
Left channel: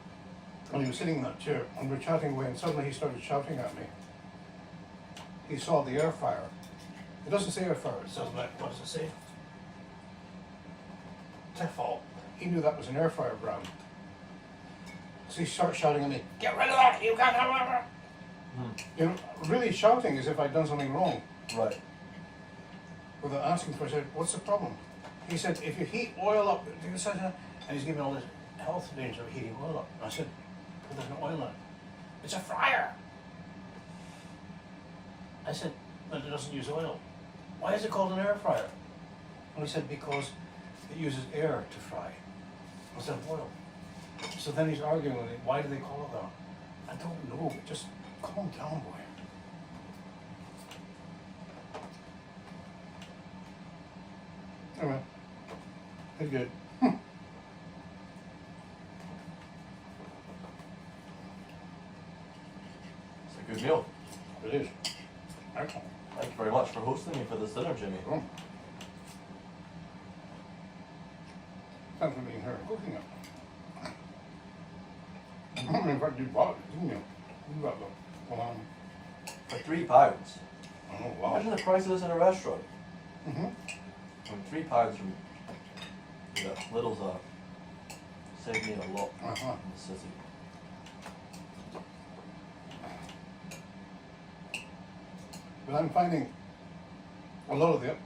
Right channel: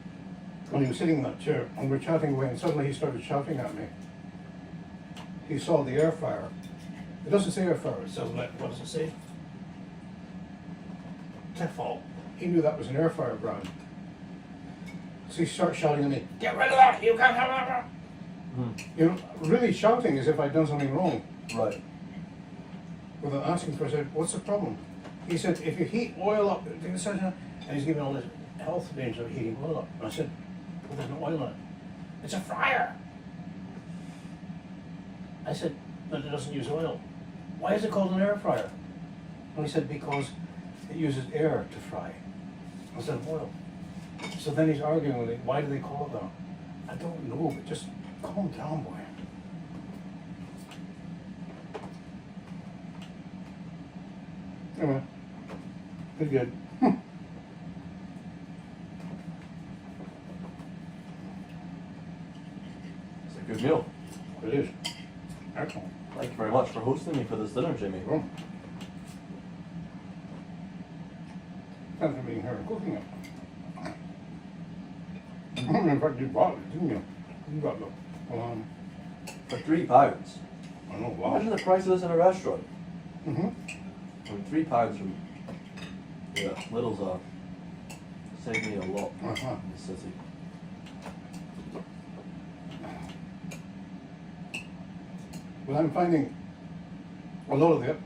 And he was sitting in that chair, and we're chatting away, and suddenly he started shouting at me. He saw the air fryer. It doesn't say air fryer, it says, what does it say? Tefal. He knew that was an air fryer brand. So he starts shouting at me, get rid of that, you can't have that. You know, really shouting as if I'd done something wrong. Right. Without asking for it, I said, what's the problem? He said, if you heat oil up, and he's giving all this health danger of heating oil up. And I said, well, there's no oil in it. It's a fryer. I said, but it doesn't use oil. Why is it called an air fryer? And he said, because it uses air to fry instead of oil. So then he's arguing with me, why do they call it that? I don't know, but just calm down, boy. Anyway, they're good. It's a good meal. It is. Excellent. Thank you very much for hosting me for this dinner, Jimmy. Cool. Thanks for being here and cooking it. In fact, you bought it, didn't you? You got the For £3. I know, wow. Imagine the price of this in a restaurant. Mm-hmm. £3 from Lidl's saved me a lot in the city. But I'm finding a lot of the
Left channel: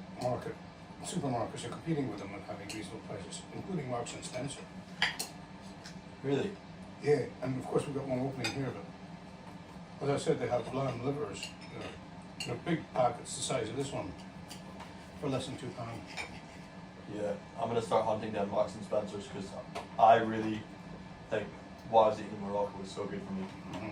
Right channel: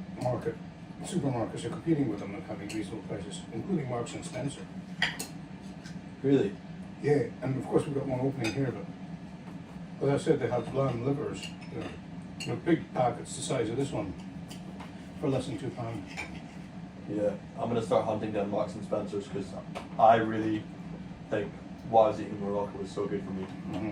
supermarkets are competing with them and having reasonable prices, including Marks and Spencer. Really? Yeah, and of course we've got one opening here, but as I said, they have lamb livers, big packets the size of this one, for less than £2. Yeah, I'm gonna start hunting down Marks and Spencers because I really think what I was eating in Morocco was so good for me. Mm-hmm.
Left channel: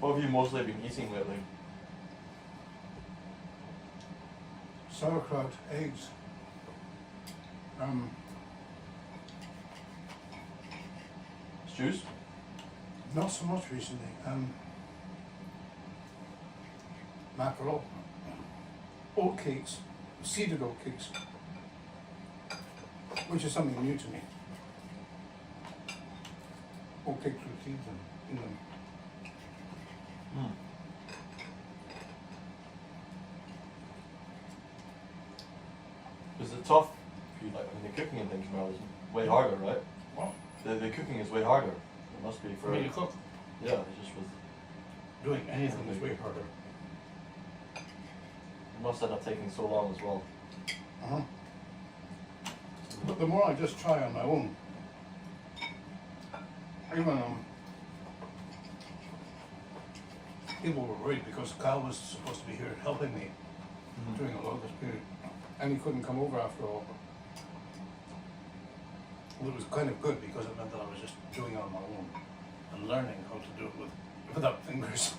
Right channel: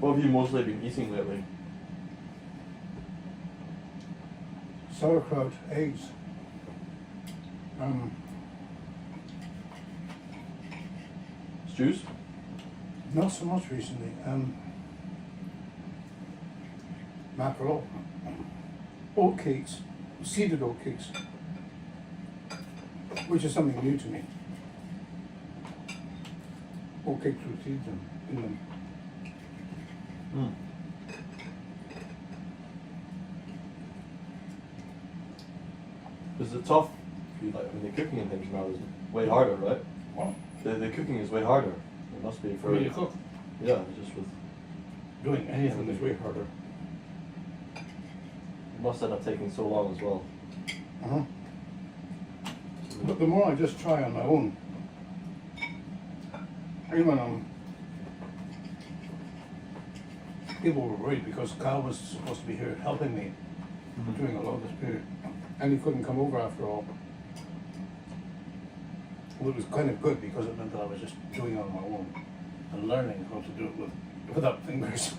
What have you mostly been eating lately? Sauerkraut, eggs. Stews? Not so much recently. Mackerel, oat cakes, seeded oat cakes, which is something new to me. Oat cakes with seeds in them. Mm. Is it tough? The cooking and things now is way harder, right? What? The cooking is way harder. It must be for. For me to cook? Yeah, it's just with. Doing anything is way harder. It must end up taking so long as well. Uh-huh. But the more I just try on my own, even people were worried because Kyle was supposed to be here helping me doing a lot of this period, and he couldn't come over after all. Well, it was kind of good because it meant that I was just doing it on my own and learning how to do it without fingers.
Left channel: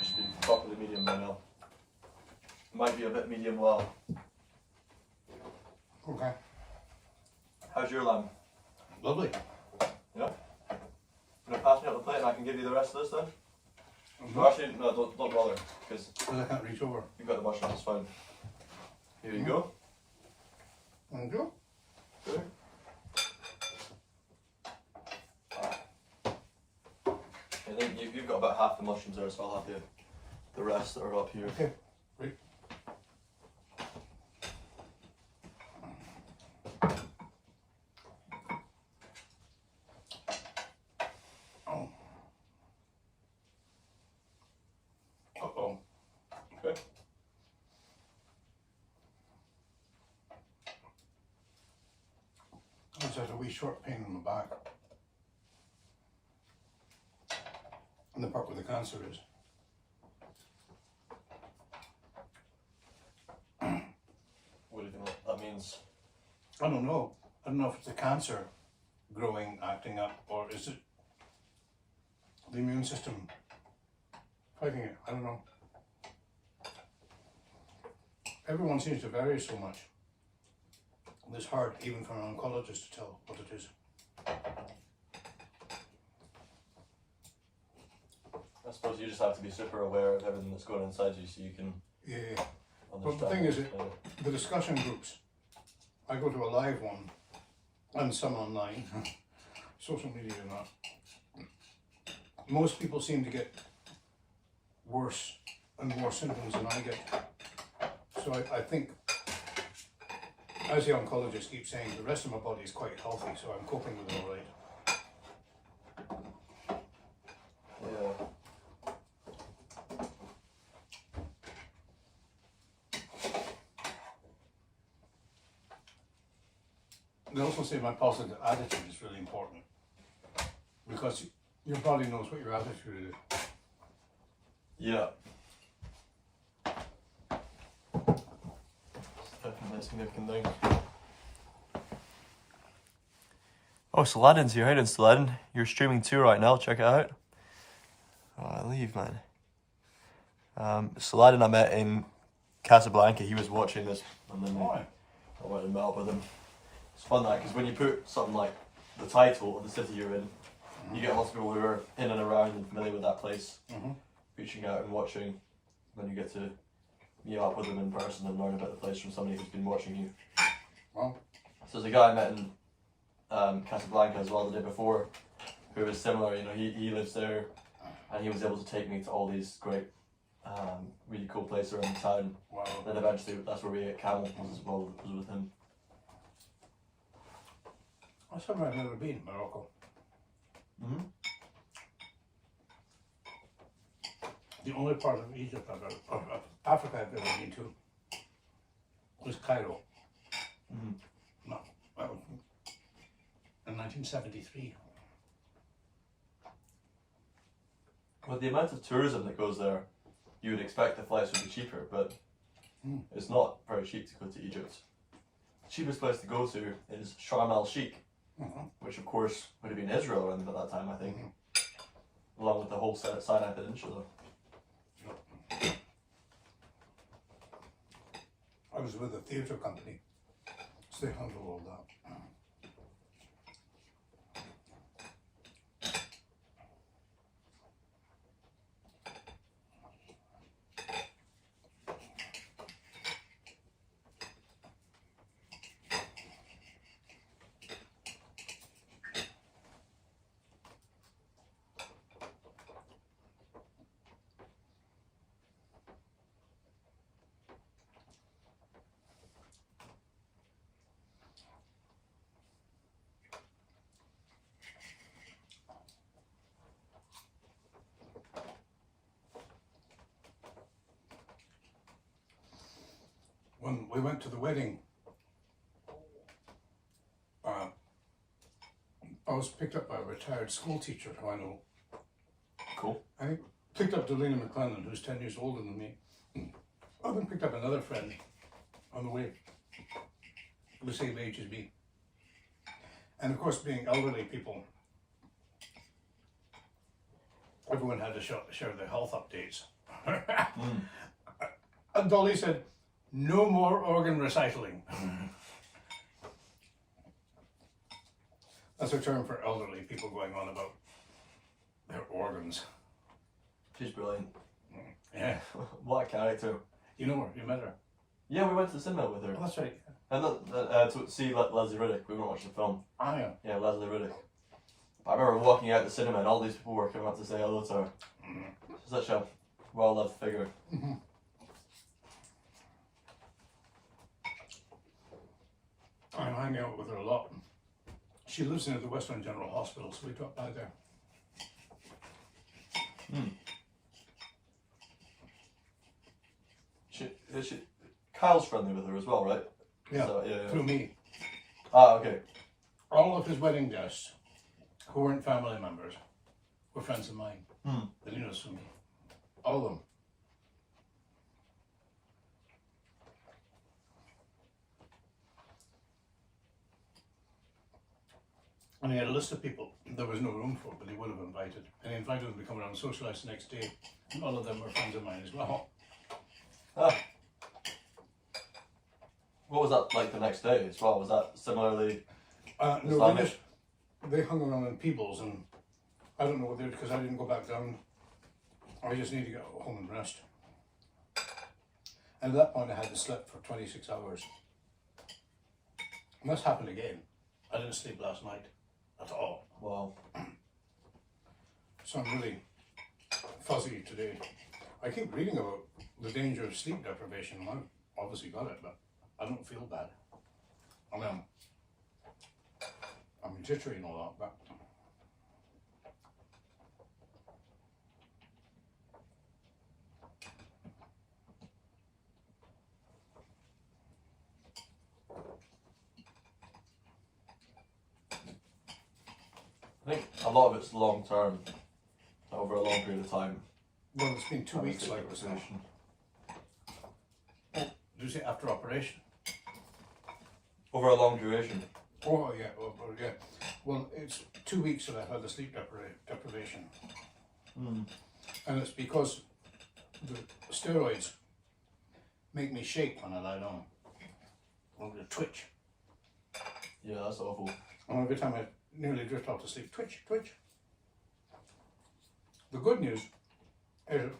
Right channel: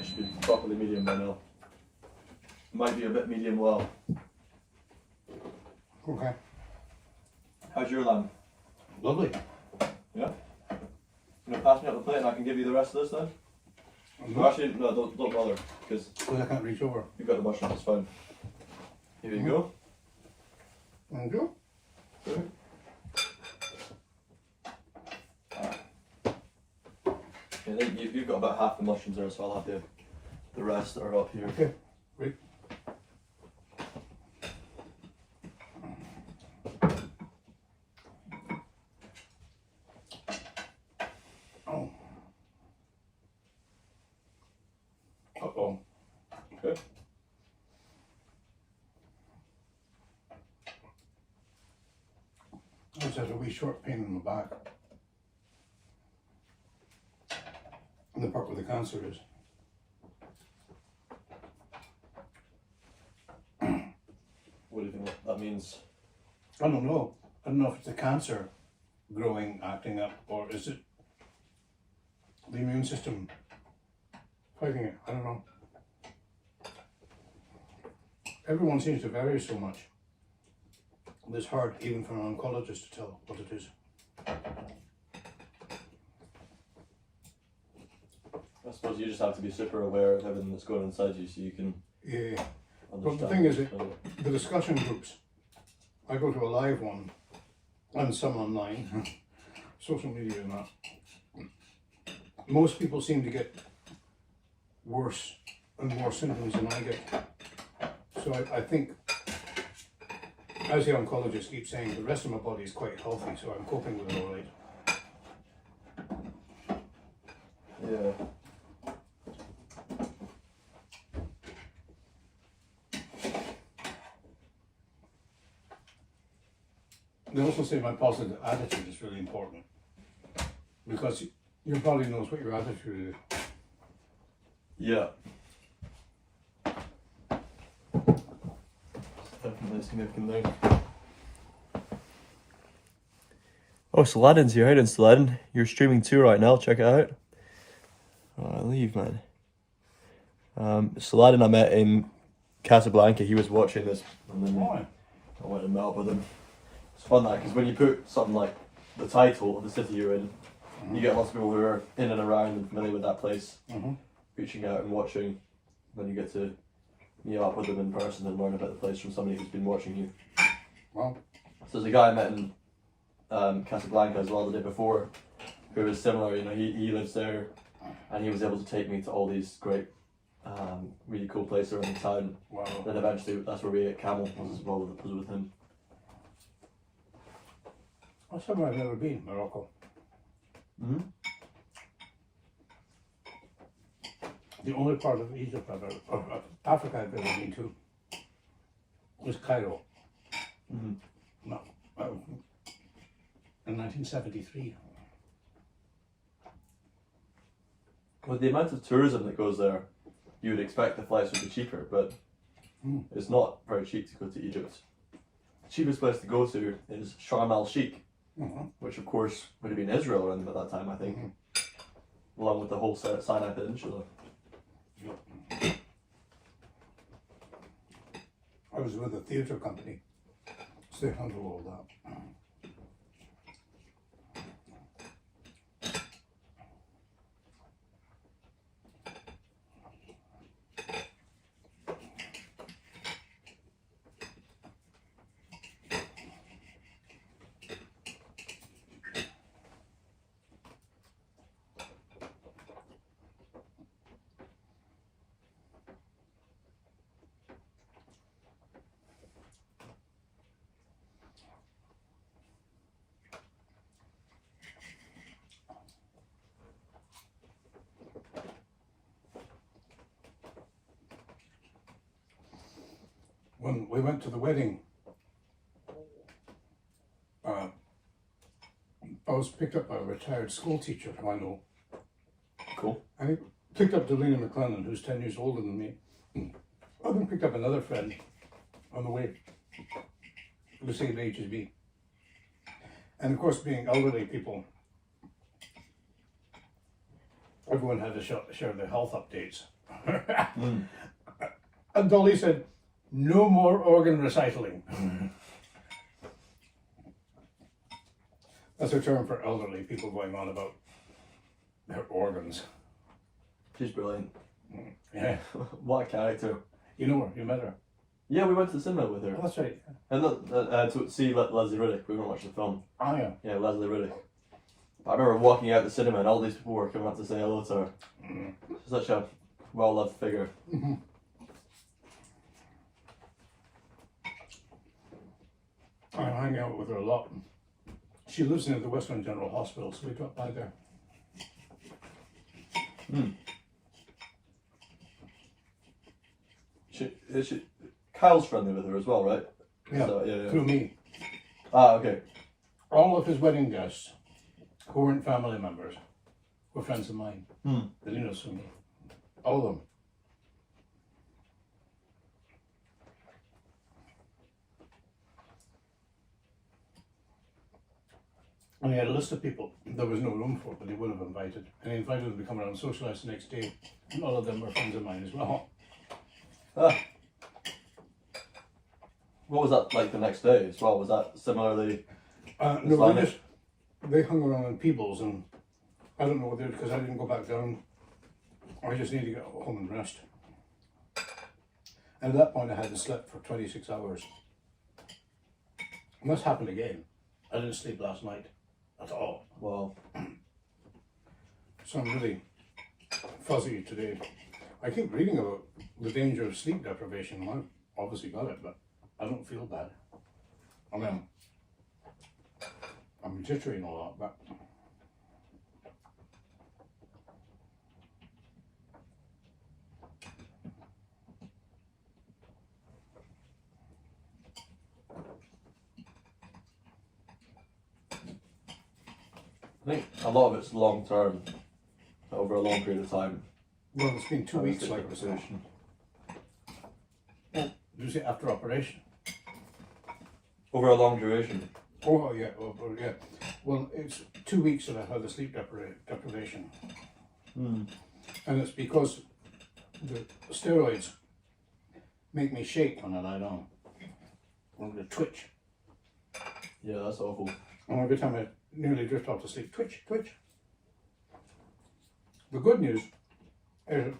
It should be properly medium by now. Might be a bit medium well. Okay. How's your lamb? Lovely. Yeah? You gonna pass me out the plate and I can give you the rest of this then? Well, actually, no, don't bother, because I can't reach over. you've got the mushrooms, it's fine. Here you go. Thank you. Good. I think you've got about half the mushrooms there, so I'll have the rest that are up here. Okay, great. Oh. Uh-oh. Okay. I just had a wee short pain in the back. The part where the cancer is. What do you think that means? I don't know. I don't know if it's the cancer growing, acting up, or is it the immune system fighting it? I don't know. Everyone seems to vary so much. It's hard even for an oncologist to tell what it is. I suppose you just have to be super aware of everything that's going inside you so you can Yeah. understand. But the thing is, it better. the discussion groups, I go to a live one and some online, social media and that. Most people seem to get worse and more symptoms than I get. So I think, as the oncologist keeps saying, the rest of my body is quite healthy, so I'm coping with it all right. Yeah. They also say my positive attitude is really important, because your body knows what your attitude is. Yeah. Definitely a significant thing. Oh, Saladin's here. How you doing, Saladin? You're streaming too right now. Check it out. Oh, leave, man. Saladin I met in Casablanca. He was watching this, and then Why? I went and met up with him. It's fun that because when you put something like the title of the city you're in, you get lots of people who are in and around and familiar with that place, reaching out and watching. Then you get to meet up with them in person and learn about the place from somebody who's been watching you. Wow. So there's a guy I met in Casablanca as well the day before, who was similar. You know, he lives there, and he was able to take me to all these great, really cool places around the town. Wow. Then eventually, that's where we ate camel. Was with him. That's somewhere I've never been, Morocco. Mm-hmm. The only part of Egypt of Africa I've ever been to was Cairo. Mm-hmm. No, in 1973. With the amount of tourism that goes there, you would expect the flights would be cheaper, but it's not very cheap to go to Egypt. The cheapest place to go to is Sharm el Sheikh, which of course would have been Israel around at that time, I think, along with the whole Sinai Peninsula. I was with a theatre company, so they handle all that. When we went to the wedding, I was picked up by a retired school teacher who I know. Cool. And he picked up Delina McClellan, who's 10 years older than me. I then picked up another friend on the way, the same age as me. And of course, being elderly people, everyone had to share their health updates. And Dolly said, "No more organ recycling." That's a term for elderly people going on about their organs. She's brilliant. Yeah. What a character. You know her, you met her. Yeah, we went to the cinema with her. Oh, that's right. And to see Leslie Riddick. We went to watch the film. Ah, yeah. Yeah, Leslie Riddick. I remember walking out the cinema and all these people were coming up to say hello to her. She's such a well-loved figure. I hang out with her a lot. She lives in the Western General Hospital, so we dropped by there. Kyle's friendly with her as well, right? Yeah, So, yeah. through me. Ah, okay. All of his wedding guests, who weren't family members, were friends of mine. They knew us from me. All of them. And he had a list of people there was no room for, but he would have invited. And he invited them to come around and socialise the next day. And all of them were friends of mine as well. Ah. What was that like the next day as well? Was that similarly? No, they hung around in Peebles, and I don't know whether because I didn't go back down. I just need to get home and rest. And at that point, I hadn't slept for 26 hours. And this happened again. I didn't sleep last night at all. Well, So I'm really fuzzy today. I keep reading about the danger of sleep deprivation. I've obviously got it, but I don't feel bad. I mean, I'm jittery and all that, but I think a lot of it's long term, over a long period of time. well, it's been 2 weeks like this. conversation. Did you say after operation? Over a long duration. Oh yeah, yeah. Well, it's 2 weeks that I've had the sleep deprivation, and it's because the steroids make me shake when I lie down. I'm going to twitch. Yeah, that's awful. And every time I nearly drift off to sleep, twitch, twitch. The good news is,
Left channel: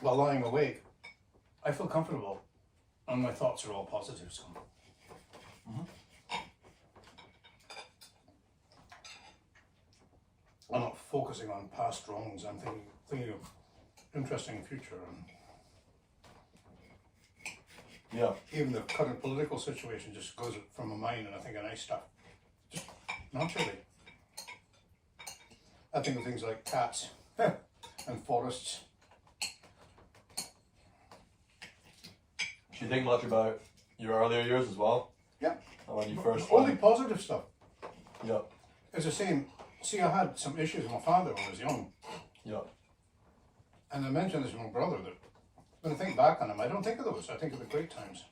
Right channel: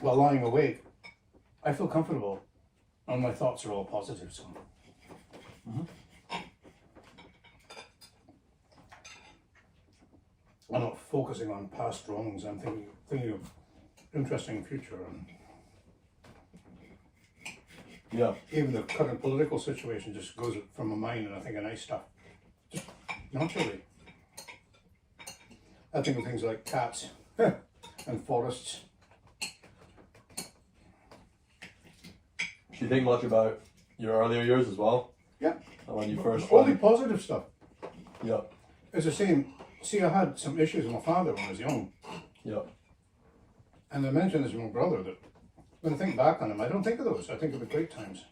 while lying awake, I feel comfortable and my thoughts are all positive. So. I'm not focusing on past wrongs, I'm thinking of interesting future. And Yeah. even the current political situation just goes from my mind, and I think of nice stuff. Just naturally. I think of things like cats and forests. Do you think much about your earlier years as well? Yeah. And when you first Only went? positive stuff. Yeah. It's the same. See, I had some issues with my father when I was young. Yeah. And I mentioned this to my brother that when I think back on him, I don't think of those. I think of the great times.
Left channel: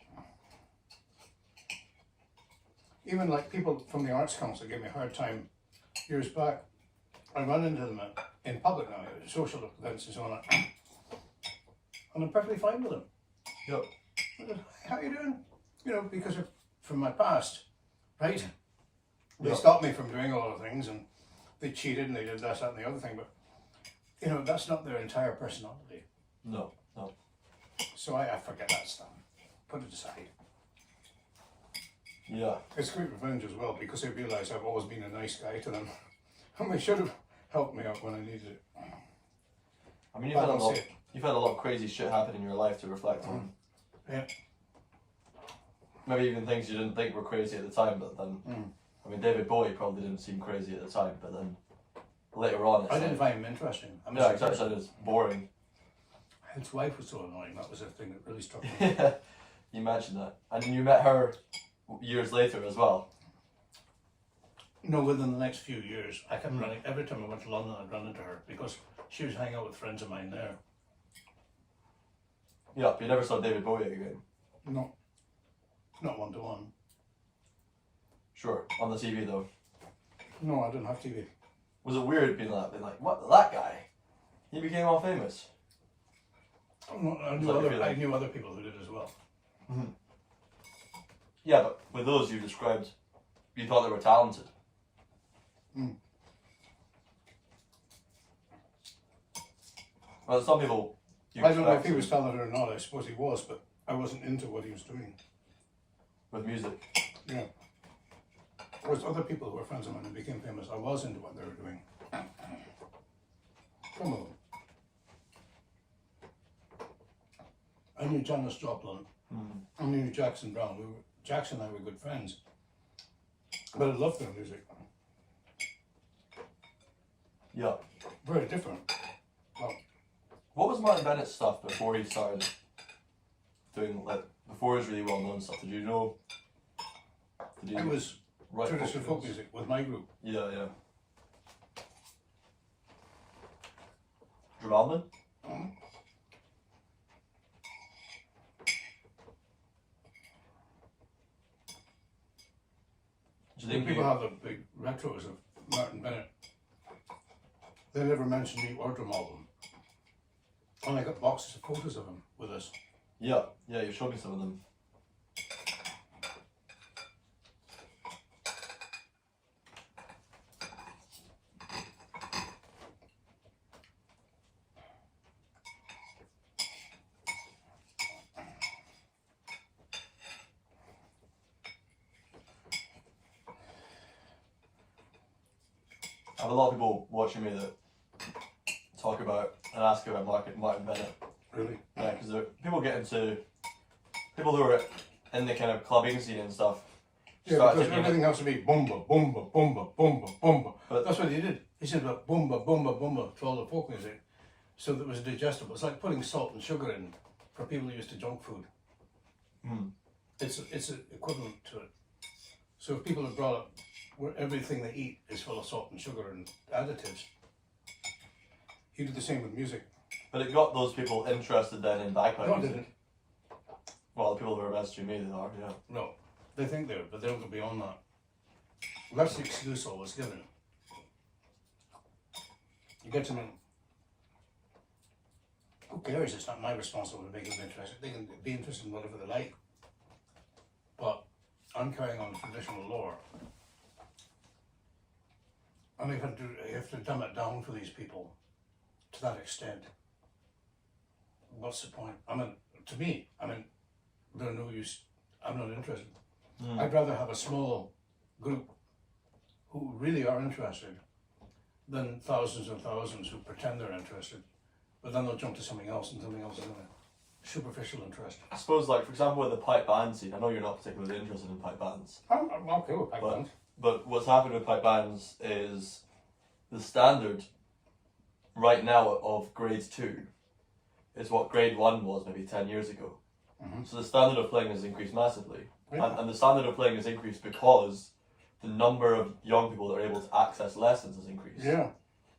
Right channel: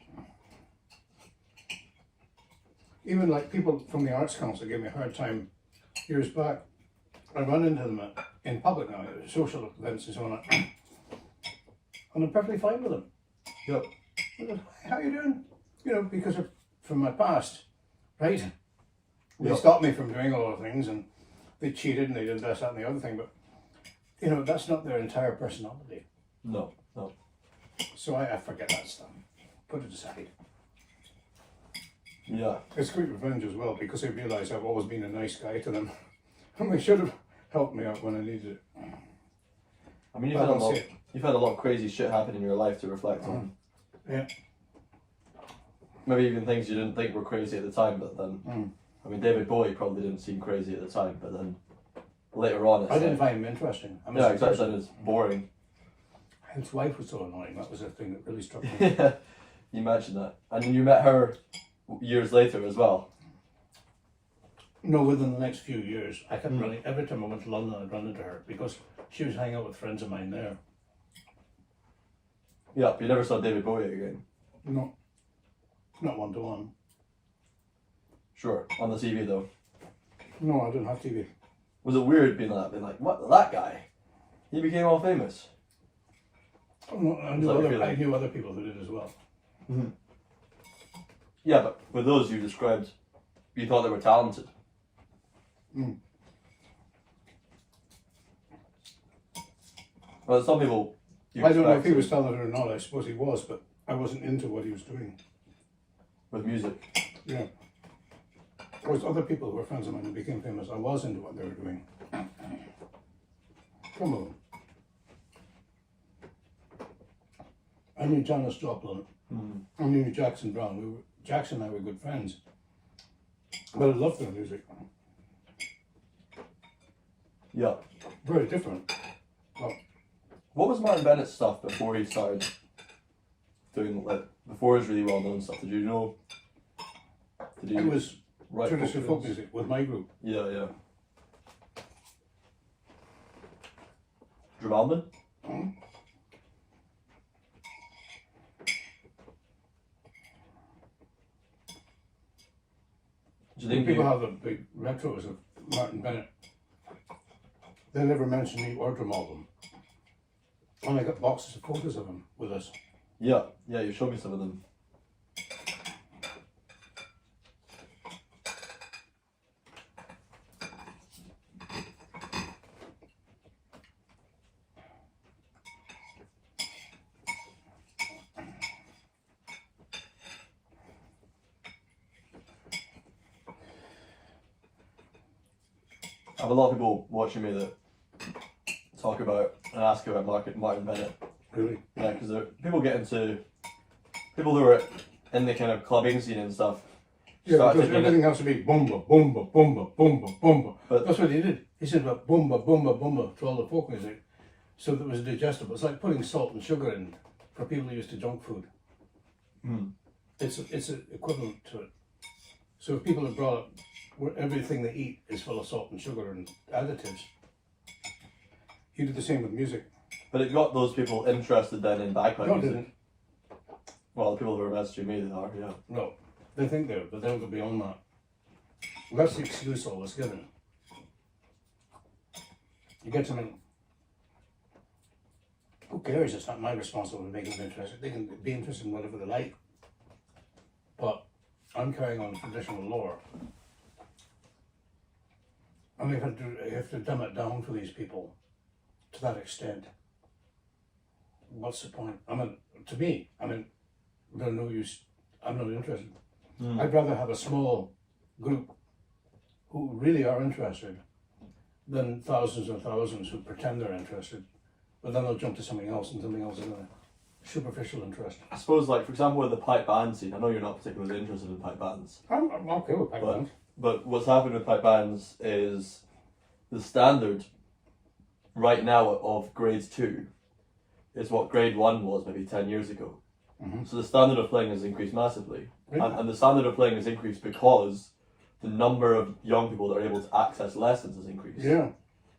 Even like people from the Arts Council gave me a hard time years back. I run into them in public now, at social events and so on. And I'm perfectly fine with them. Yep. How you doing? You know, because of, from my past, right? They Yep. stopped me from doing a lot of things, and they cheated and they did this, that and the other thing, but you know, that's not their entire personality. No. No. So I forget that stuff. Put it aside. Yeah. It's great revenge as well, because they realise I've always been a nice guy to them. And they should have helped me out when I needed it. I mean, I don't see it. you've had a lot of crazy shit happen in your life to reflect on. Yeah. Maybe even things you didn't think were crazy at the time, but then, I mean, David Bowie probably didn't seem crazy at the time, but then later on, it's I didn't like, find him interesting. I yeah, exactly. It was boring. His wife was so annoying. That was the thing that really struck me. Yeah, you mentioned that, and then you met her years later as well. No, within the next few years, I kept running. Every time I went to London, I'd run into her because she was hanging out with friends of mine there. Yeah, but you never saw David Bowie again. No, not one to one. Sure, on the TV though. No, I didn't have TV. Was it weird being like, what, that guy? He became all famous. No, I knew, Like a other, feeling. I knew other people who did as well. Yeah, but with those you described, you thought they were talented. Mm. Well, some people. You I don't know if expect he was talented or not. I suppose he was, but I wasn't into what he was doing. with music. Yeah. Whereas other people who were friends of mine who became famous, I was into what they were doing. Come on. I knew Janis Joplin. I knew Jackson Brown. Jackson and I were good friends. But I loved their music. Yeah. Very different. But What was Martin Bennett's stuff before he started doing, like, before his really well known stuff? Did you know? Did he it was write traditional folk tunes? music with my group. Yeah, yeah. Drumaldin? Do you When think people you, have the big retros of Martin Bennett, they never mention me or Drumaldin. And I got boxes of photos of him with us. yeah, you showed me some of them. I have a lot of people watching me that talk about and ask about Martin Bennett. Really? Yeah, because people get into people who are in the kind of clubbing scene and stuff. Yeah, start because thinking everything has to be boomba, boomba, boomba, boomba, boomba. But- That's what he did. He said about boomba, boomba, boomba to all the folk music, so that it was digestible. It's like putting salt and sugar in for people who used to junk food. It's an equivalent to it. So if people are brought up where everything they eat is full of salt and sugar and additives, he did the same with music. But it got those people interested then in bagpipe No, it music. didn't. Well, the people who are messaging me, they are, yeah. No, they think they are, but they don't go beyond that. That's the excuse I was given. You get something. Who cares? It's not my responsibility to make them interested. They can be interested in whatever they like. but I'm carrying on the traditional lore. I mean, you have to dumb it down for these people to that extent. What's the point? I mean, to me, they're no use. I'm not interested. I'd rather have a small group who really are interested than thousands and thousands who pretend they're interested, but then they'll jump to something else and something else anyway. Superficial interest. I suppose, like, for example, with the pipe band scene, I know you're not particularly interested in pipe bands. I'm okay with pipe bands. But what's happened with pipe bands is the standard right now of grade 2 is what grade 1 was maybe 10 years ago. Mm-hmm. So the standard of playing has increased massively. Really? And the standard of playing has increased because the number of young people that are able to access lessons has increased. Yeah.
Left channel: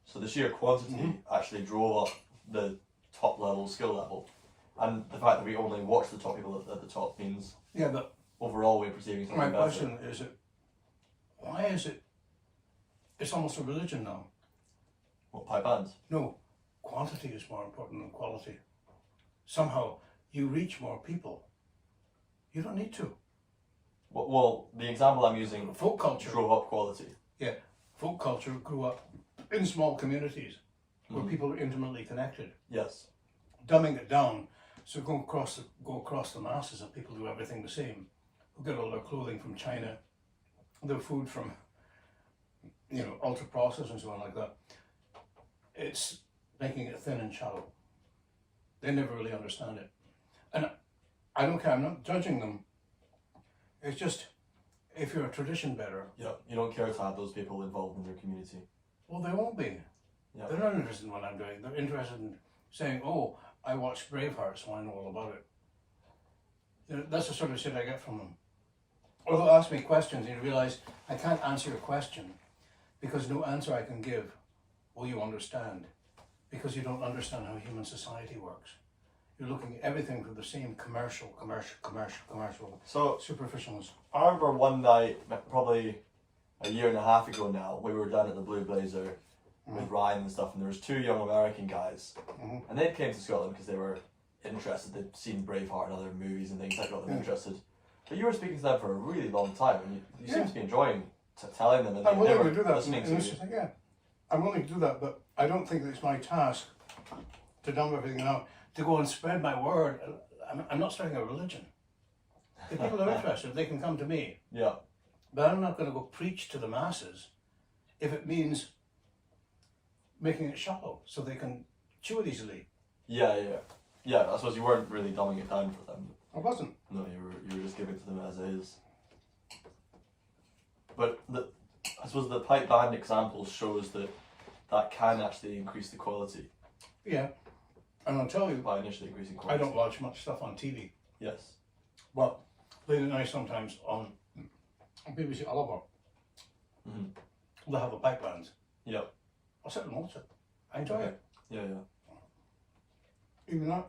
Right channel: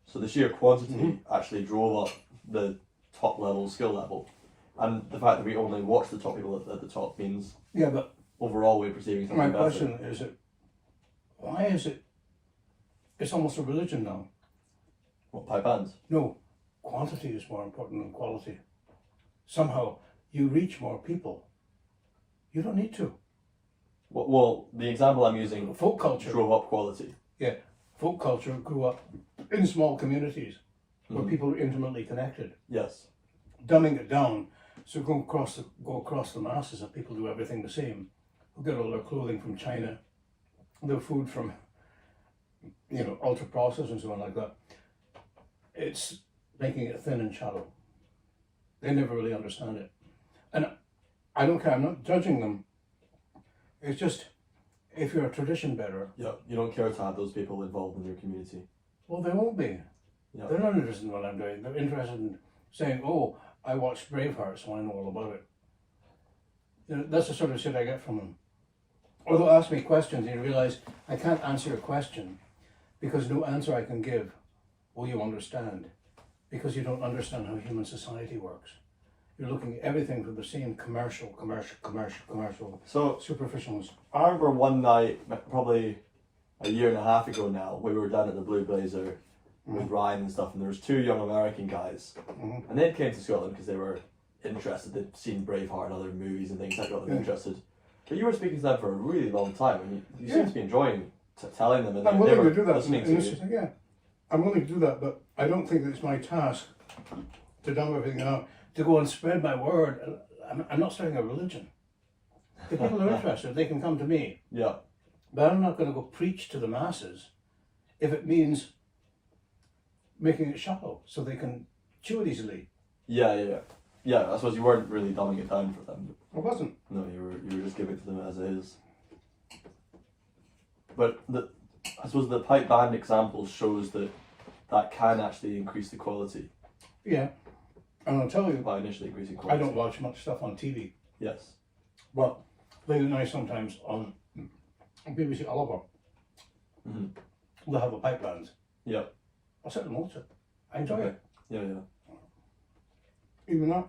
So the sheer quantity actually drove up the top level skill level. And the fact that we only watch the top people at the top means Yeah, but overall we're perceiving something my better. question is why is it, it's almost a religion now. What, pipe bands? No, quantity is more important than quality. Somehow you reach more people. You don't need to. Well, the example I'm using Folk culture. drove up quality. Yeah, folk culture grew up in small communities where people are intimately connected. Yes. Dumbing it down, so go across the masses of people do everything the same. Who get all their clothing from China, their food from, ultra processed and so on like that. It's making it thin and shallow. They never really understand it, and I don't care. I'm not judging them. It's just, if you're a tradition bearer, Yeah, you don't care to have those people involved in your community. well, they won't be. Yeah. They're not interested in what I'm doing. They're interested in saying, "Oh, I watched Braveheart, so I know all about it." That's the sort of shit I get from them. Or they'll ask me questions and you realise I can't answer your question because no answer I can give will you understand, because you don't understand how human society works. You're looking at everything through the same commercial So superficialness. I remember one night, probably a year and a half ago now, we were down at the Blue Blazer with Ryan and stuff, and there was 2 young American guys, and they came to Scotland because they were interested. They'd seen Braveheart and other movies and things that got them interested. But you were speaking to them for a really long time, and you seem to be enjoying telling them, and I'm they willing were to do that. listening to you. Yeah, I'm willing to do that, but I don't think that it's my task to dumb everything down, to go and spread my word. I'm not starting a religion. If people are interested, they can come to me. Yeah. But I'm not going to go preach to the masses if it means making it shallow so they can chew it easily. Yeah. I suppose you weren't really dumbing it down for them. I wasn't. No, you were just giving it to them as it is. But I suppose the pipe band example shows that can actually increase the quality Yeah. And I'll tell you, by initially increasing I quality. don't watch much stuff on TV. Yes. Well, late at night sometimes on BBC Oliver, they'll have a pipe band. Yeah. I'll sit and watch it. I enjoy it. Yeah. Even that.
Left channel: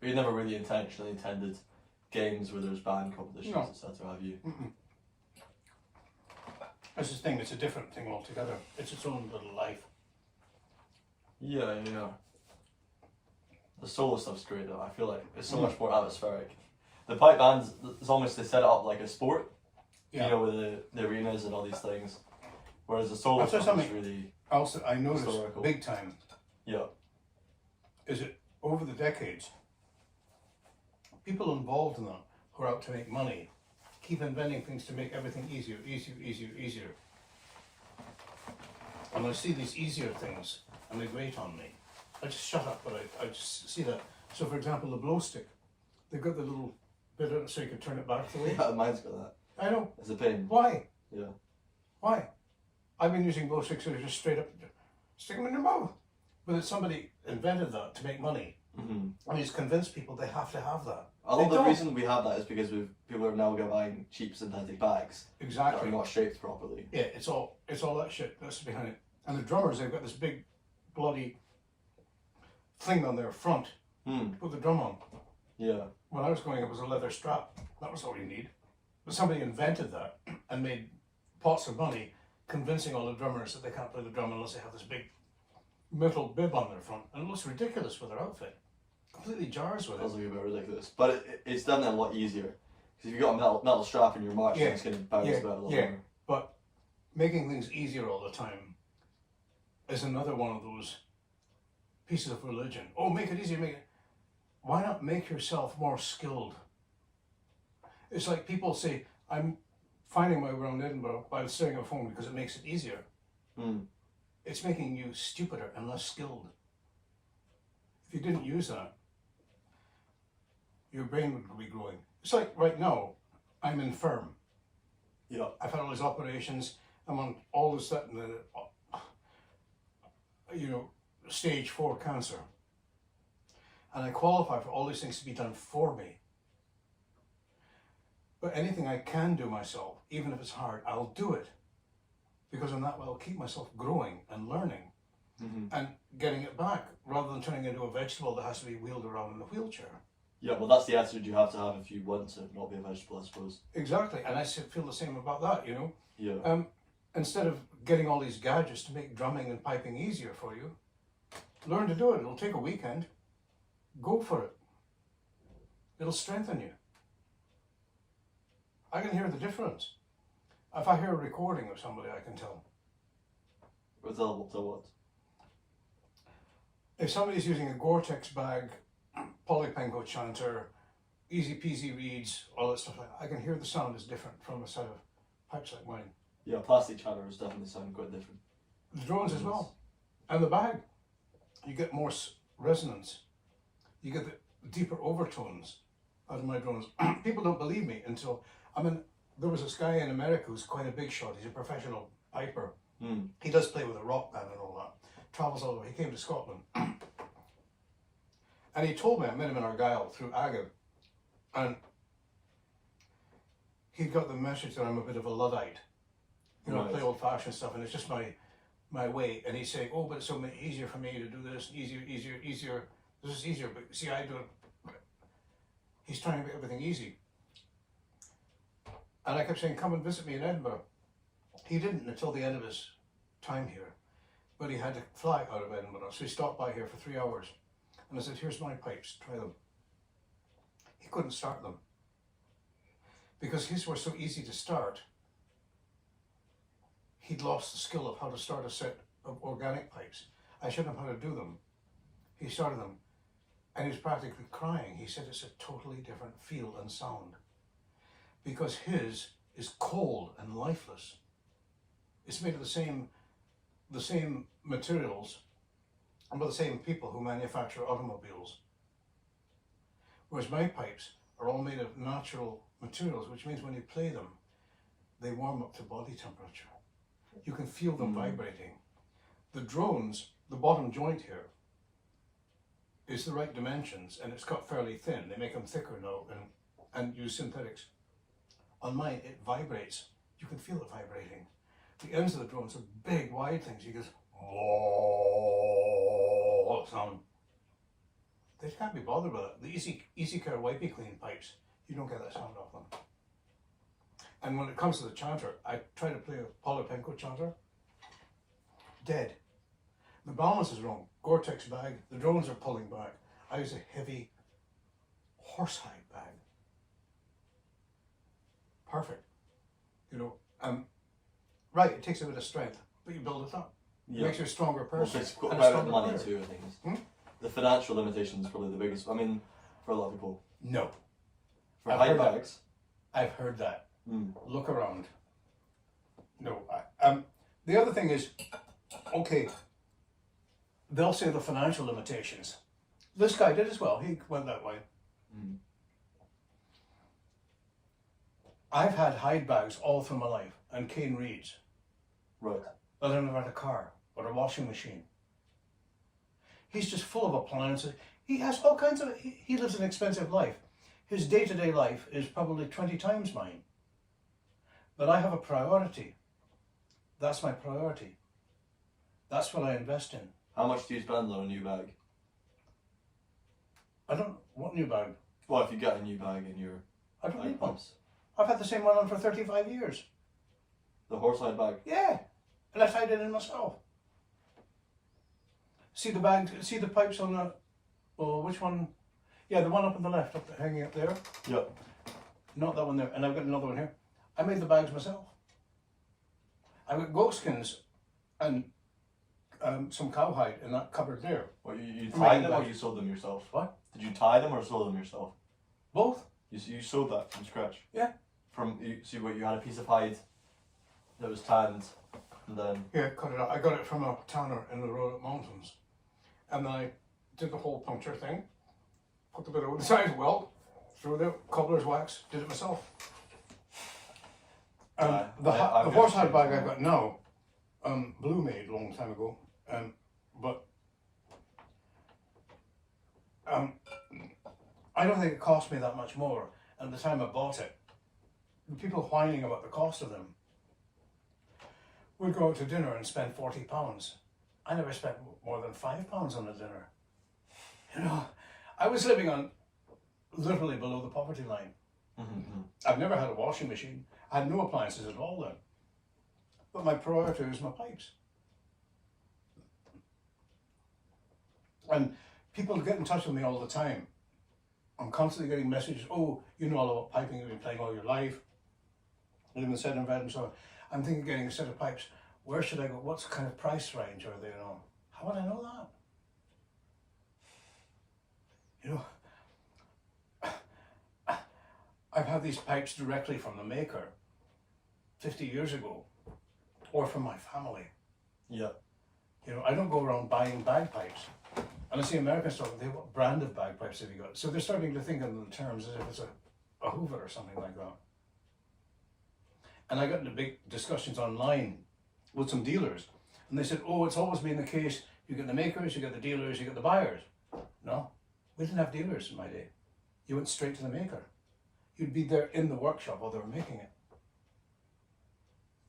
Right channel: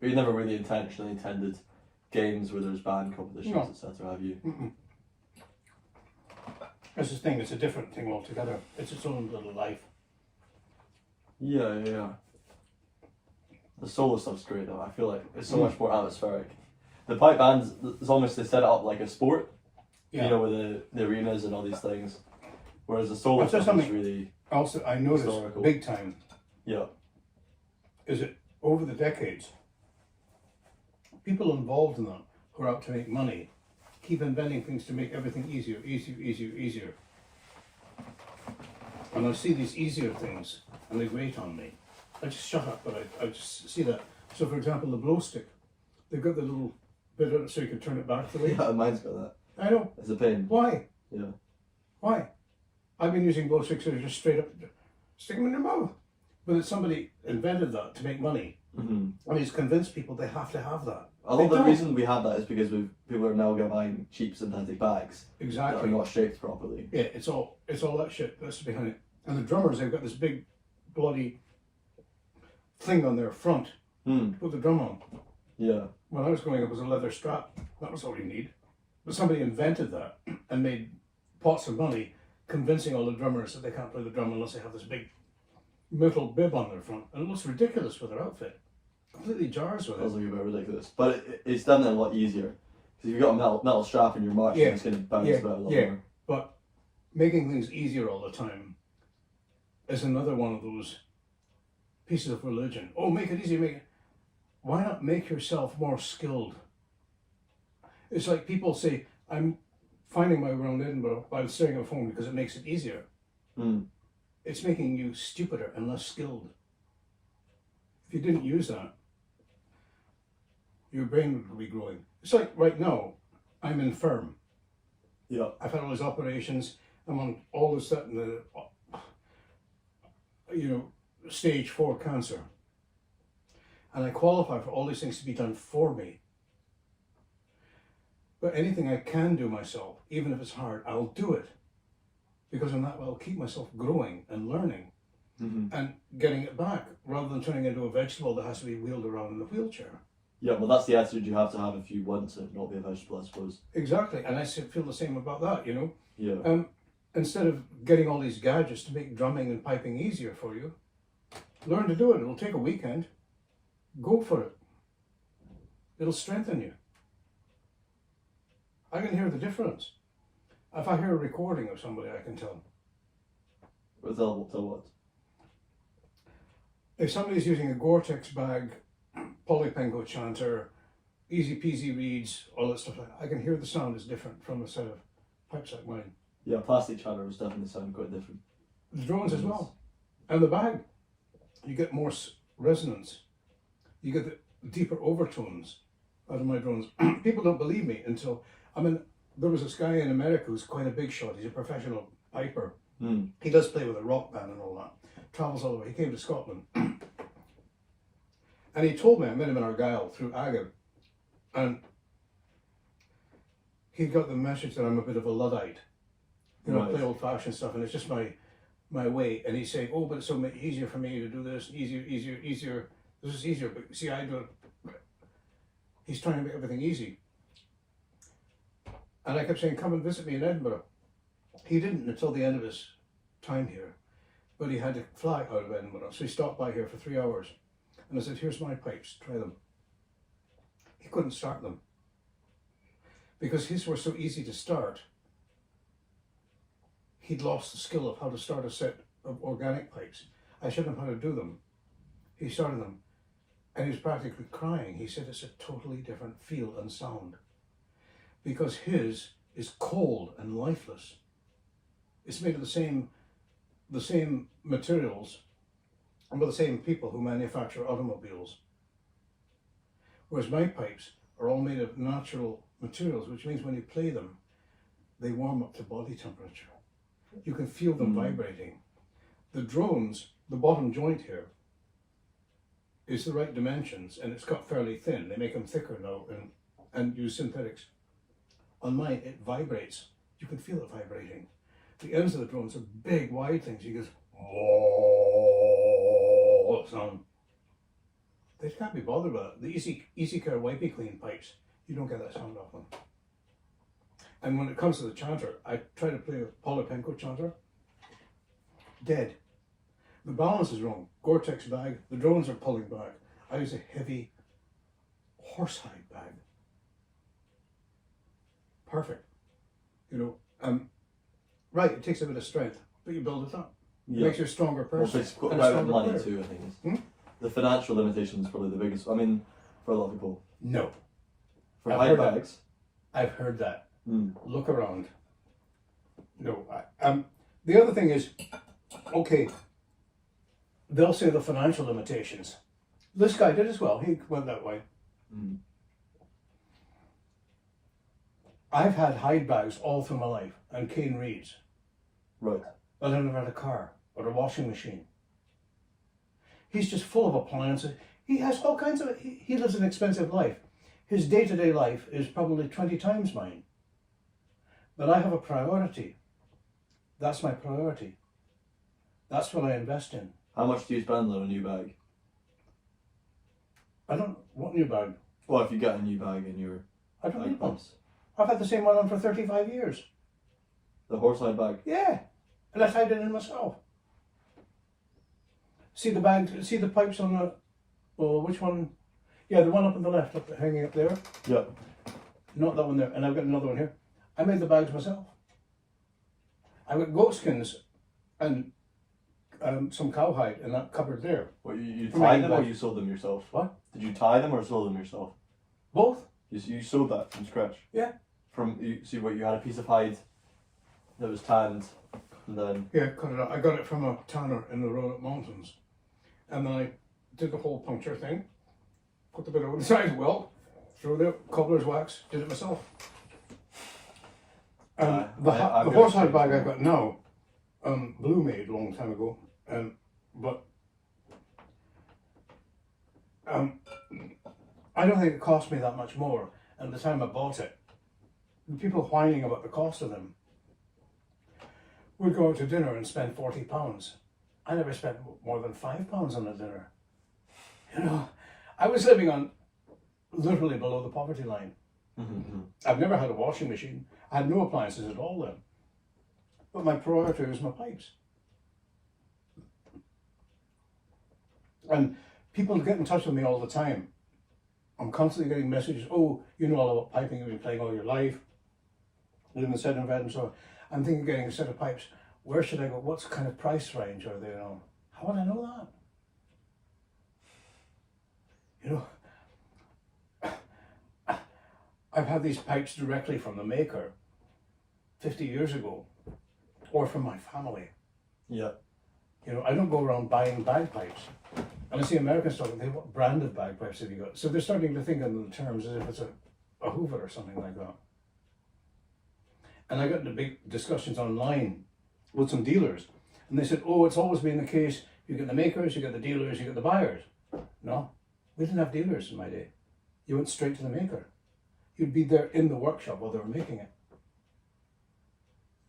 But you never really intentionally intended games where there's band competitions, No. etc. Have you? It's this thing, it's a different thing altogether. It's its own little life. Yeah. The solo stuff's great though. I feel like it's so much more atmospheric. The pipe bands, it's almost, they set it up like a sport. Yeah. You know, with the arenas and all these things. Whereas the solo I'll say stuff is something. really, Also, I noticed Historical. big time yeah. is that over the decades, people involved in that who are out to make money keep inventing things to make everything easier. And I see these easier things and they grate on me. I just shut up, but I just see that. So, for example, the glow stick, they've got the little bit of it so you can turn it back to the way. Yeah, mine's got that. I know. It's a pain. Why? Yeah. Why? I've been using glow sticks that are just straight up, stick them in your mouth. But somebody invented that to make money. And he's convinced people they have to have that. A lot of the reason we have that is because people are now buying cheap synthetic bags that Exactly. are not shaped properly. Yeah, it's all that shit that's behind it. And the drummers, they've got this big bloody thing on their front to put the drum on. Yeah. When I was growing up, it was a leather strap. That was all you need. But somebody invented that and made pots of money convincing all the drummers that they can't play the drum unless they have this big metal bib on their front. And it looks ridiculous with their outfit. Completely jars with It does it. look a bit ridiculous. But it's done it a lot easier. Because you've got a metal strap in your march, Yeah, and it's going to bounce yeah, about a lot yeah. more. But making things easier all the time is another one of those pieces of religion. Oh, make it easy, make it. Why not make yourself more skilled? It's like people say, I'm finding my way around Edinburgh by staring at a phone because it makes it easier. Mm. It's making you stupider and less skilled. If you didn't use that, your brain would be growing. It's like right now, I'm infirm. Yeah. I've had all these operations. I'm on all this, that, and the, stage 4 cancer. And I qualify for all these things to be done for me. But anything I can do myself, even if it's hard, I'll do it. Because in that way, I'll keep myself growing and learning and getting it back, rather than turning into a vegetable that has to be wheeled around in a wheelchair. Yeah, well, that's the attitude you have to have if you want to not be a vegetable, I suppose. Exactly, and I feel the same about that, Yeah. Instead of getting all these gadgets to make drumming and piping easier for you, learn to do it. It'll take a weekend. Go for it. It'll strengthen you. I can hear the difference. If I hear a recording of somebody, I can tell. Tell what? If somebody's using a Gore-Tex bag, polypenco chanter, easy peasy reeds, all that stuff, I can hear the sound is different from a set of pipes like mine. Yeah, plastic channels definitely sound quite different. The drones as well. And the bag, you get more resonance. You get the deeper overtones out of my drones. People don't believe me until, there was this guy in America who's quite a big shot. He's a professional piper. He does play with a rock band and all that. Travels all the way. He came to Scotland. And he told me, I met him in Argyll through Agate. And he got the message that I'm a bit of a Luddite. Right. Play old-fashioned stuff, and it's just my way. And he's saying, oh, but it's so much easier for me to do this, easier. This is easier, but see, I do it. He's trying to make everything easy. And I kept saying, come and visit me in Edinburgh. He didn't until the end of his time here, but he had to fly out of Edinburgh. So he stopped by here for 3 hours. And I said, here's my pipes, try them. He couldn't start them because his were so easy to start. He'd lost the skill of how to start a set of organic pipes. I showed him how to do them. He started them and he was practically crying. He said it's a totally different feel and sound because his is cold and lifeless. It's made of the same materials and by the same people who manufacture automobiles. Whereas my pipes are all made of natural materials, which means when you play them, they warm up to body temperature. You can feel them vibrating. The drones, the bottom joint here, is the right dimensions and it's got fairly thin. They make them thicker now and use synthetics. On mine, it vibrates. You can feel it vibrating. The ends of the drones are big, wide things. You go, oh, sound. They can't be bothered with it. The Easy Care Wipey Clean pipes, you don't get that sound off them. And when it comes to the chanter, I try to play a polypenco chanter. Dead. The balance is wrong. Gore-Tex bag, the drones are pulling back. I use a heavy horsehide bag. Perfect. Right, it takes a bit of strength, but you build it up. It makes you a stronger person. It's quite and a about stronger money player. too, I think. The financial limitation is probably the biggest. I mean, for a lot of people. No. For I've high heard that. bags. I've heard that. Mm. Look around. No. The other thing is, okay, They'll say the financial limitations. This guy did as well. He went that way. Mm. I've had hide bags all through my life and cane reeds. Right. But I never had a car or a washing machine. He's just full of appliances. He has all kinds of, he lives an expensive life. His day-to-day life is probably 20 times mine. But I have a priority. That's my priority. That's what I invest in. How much do you spend on a new bag? I don't, what new bag? Well, if you get a new bag in your I don't bag need one. pumps. I've had the same one on for 35 years. The horsehide bag. Yeah, and I tied it in myself. See the bag, see the pipes on the, oh, which one? Yeah, the one up on the left, hanging up there. Yep. not that one there, and I've got another one here. I made the bags myself. I got goat skins and some cowhide in that cupboard there. What, you For tied making them or bags. you sewed them yourself? What? Did you tie them or sew them yourself? Both? You sewed that from scratch? Yeah. See what, you had a piece of hide that was tanned, and then... Yeah, cut it out. I got it from a tanner in the Roanoke Mountains. And then I did the hole puncture thing, put the bit over the side well, threw the cobbler's wax, did it myself. I've The got horsehide a bag I bag. got now, Blue made a long time ago, but I don't think it cost me that much more. And at the time I bought it, the people whining about the cost of them would go out to dinner and spend £40. I never spent more than £5 on a dinner. You know, I was living on literally below the poverty line. Mm-hmm. I've never had a washing machine. I had no appliances at all then. But my priority was my pipes. And people get in touch with me all the time. I'm constantly getting messages, oh, you know all about piping, you've been playing all your life, living in Seddon bed and so on. I'm thinking of getting a set of pipes. Where should I go? What kind of price range are they on? How would I know that? You know, I've had these pipes directly from the maker 50 years ago, or from my family. Yeah. You know, I don't go around buying bagpipes. And I see Americans talking, what brand of bagpipes have you got? So they're starting to think in the terms as if it's a Hoover or something like that. And I got into big discussions online with some dealers. And they said, oh, it's always been the case. You get the makers, you get the dealers, you get the buyers. No, we didn't have dealers in my day. You went straight to the maker. You'd be there in the workshop while they were making it.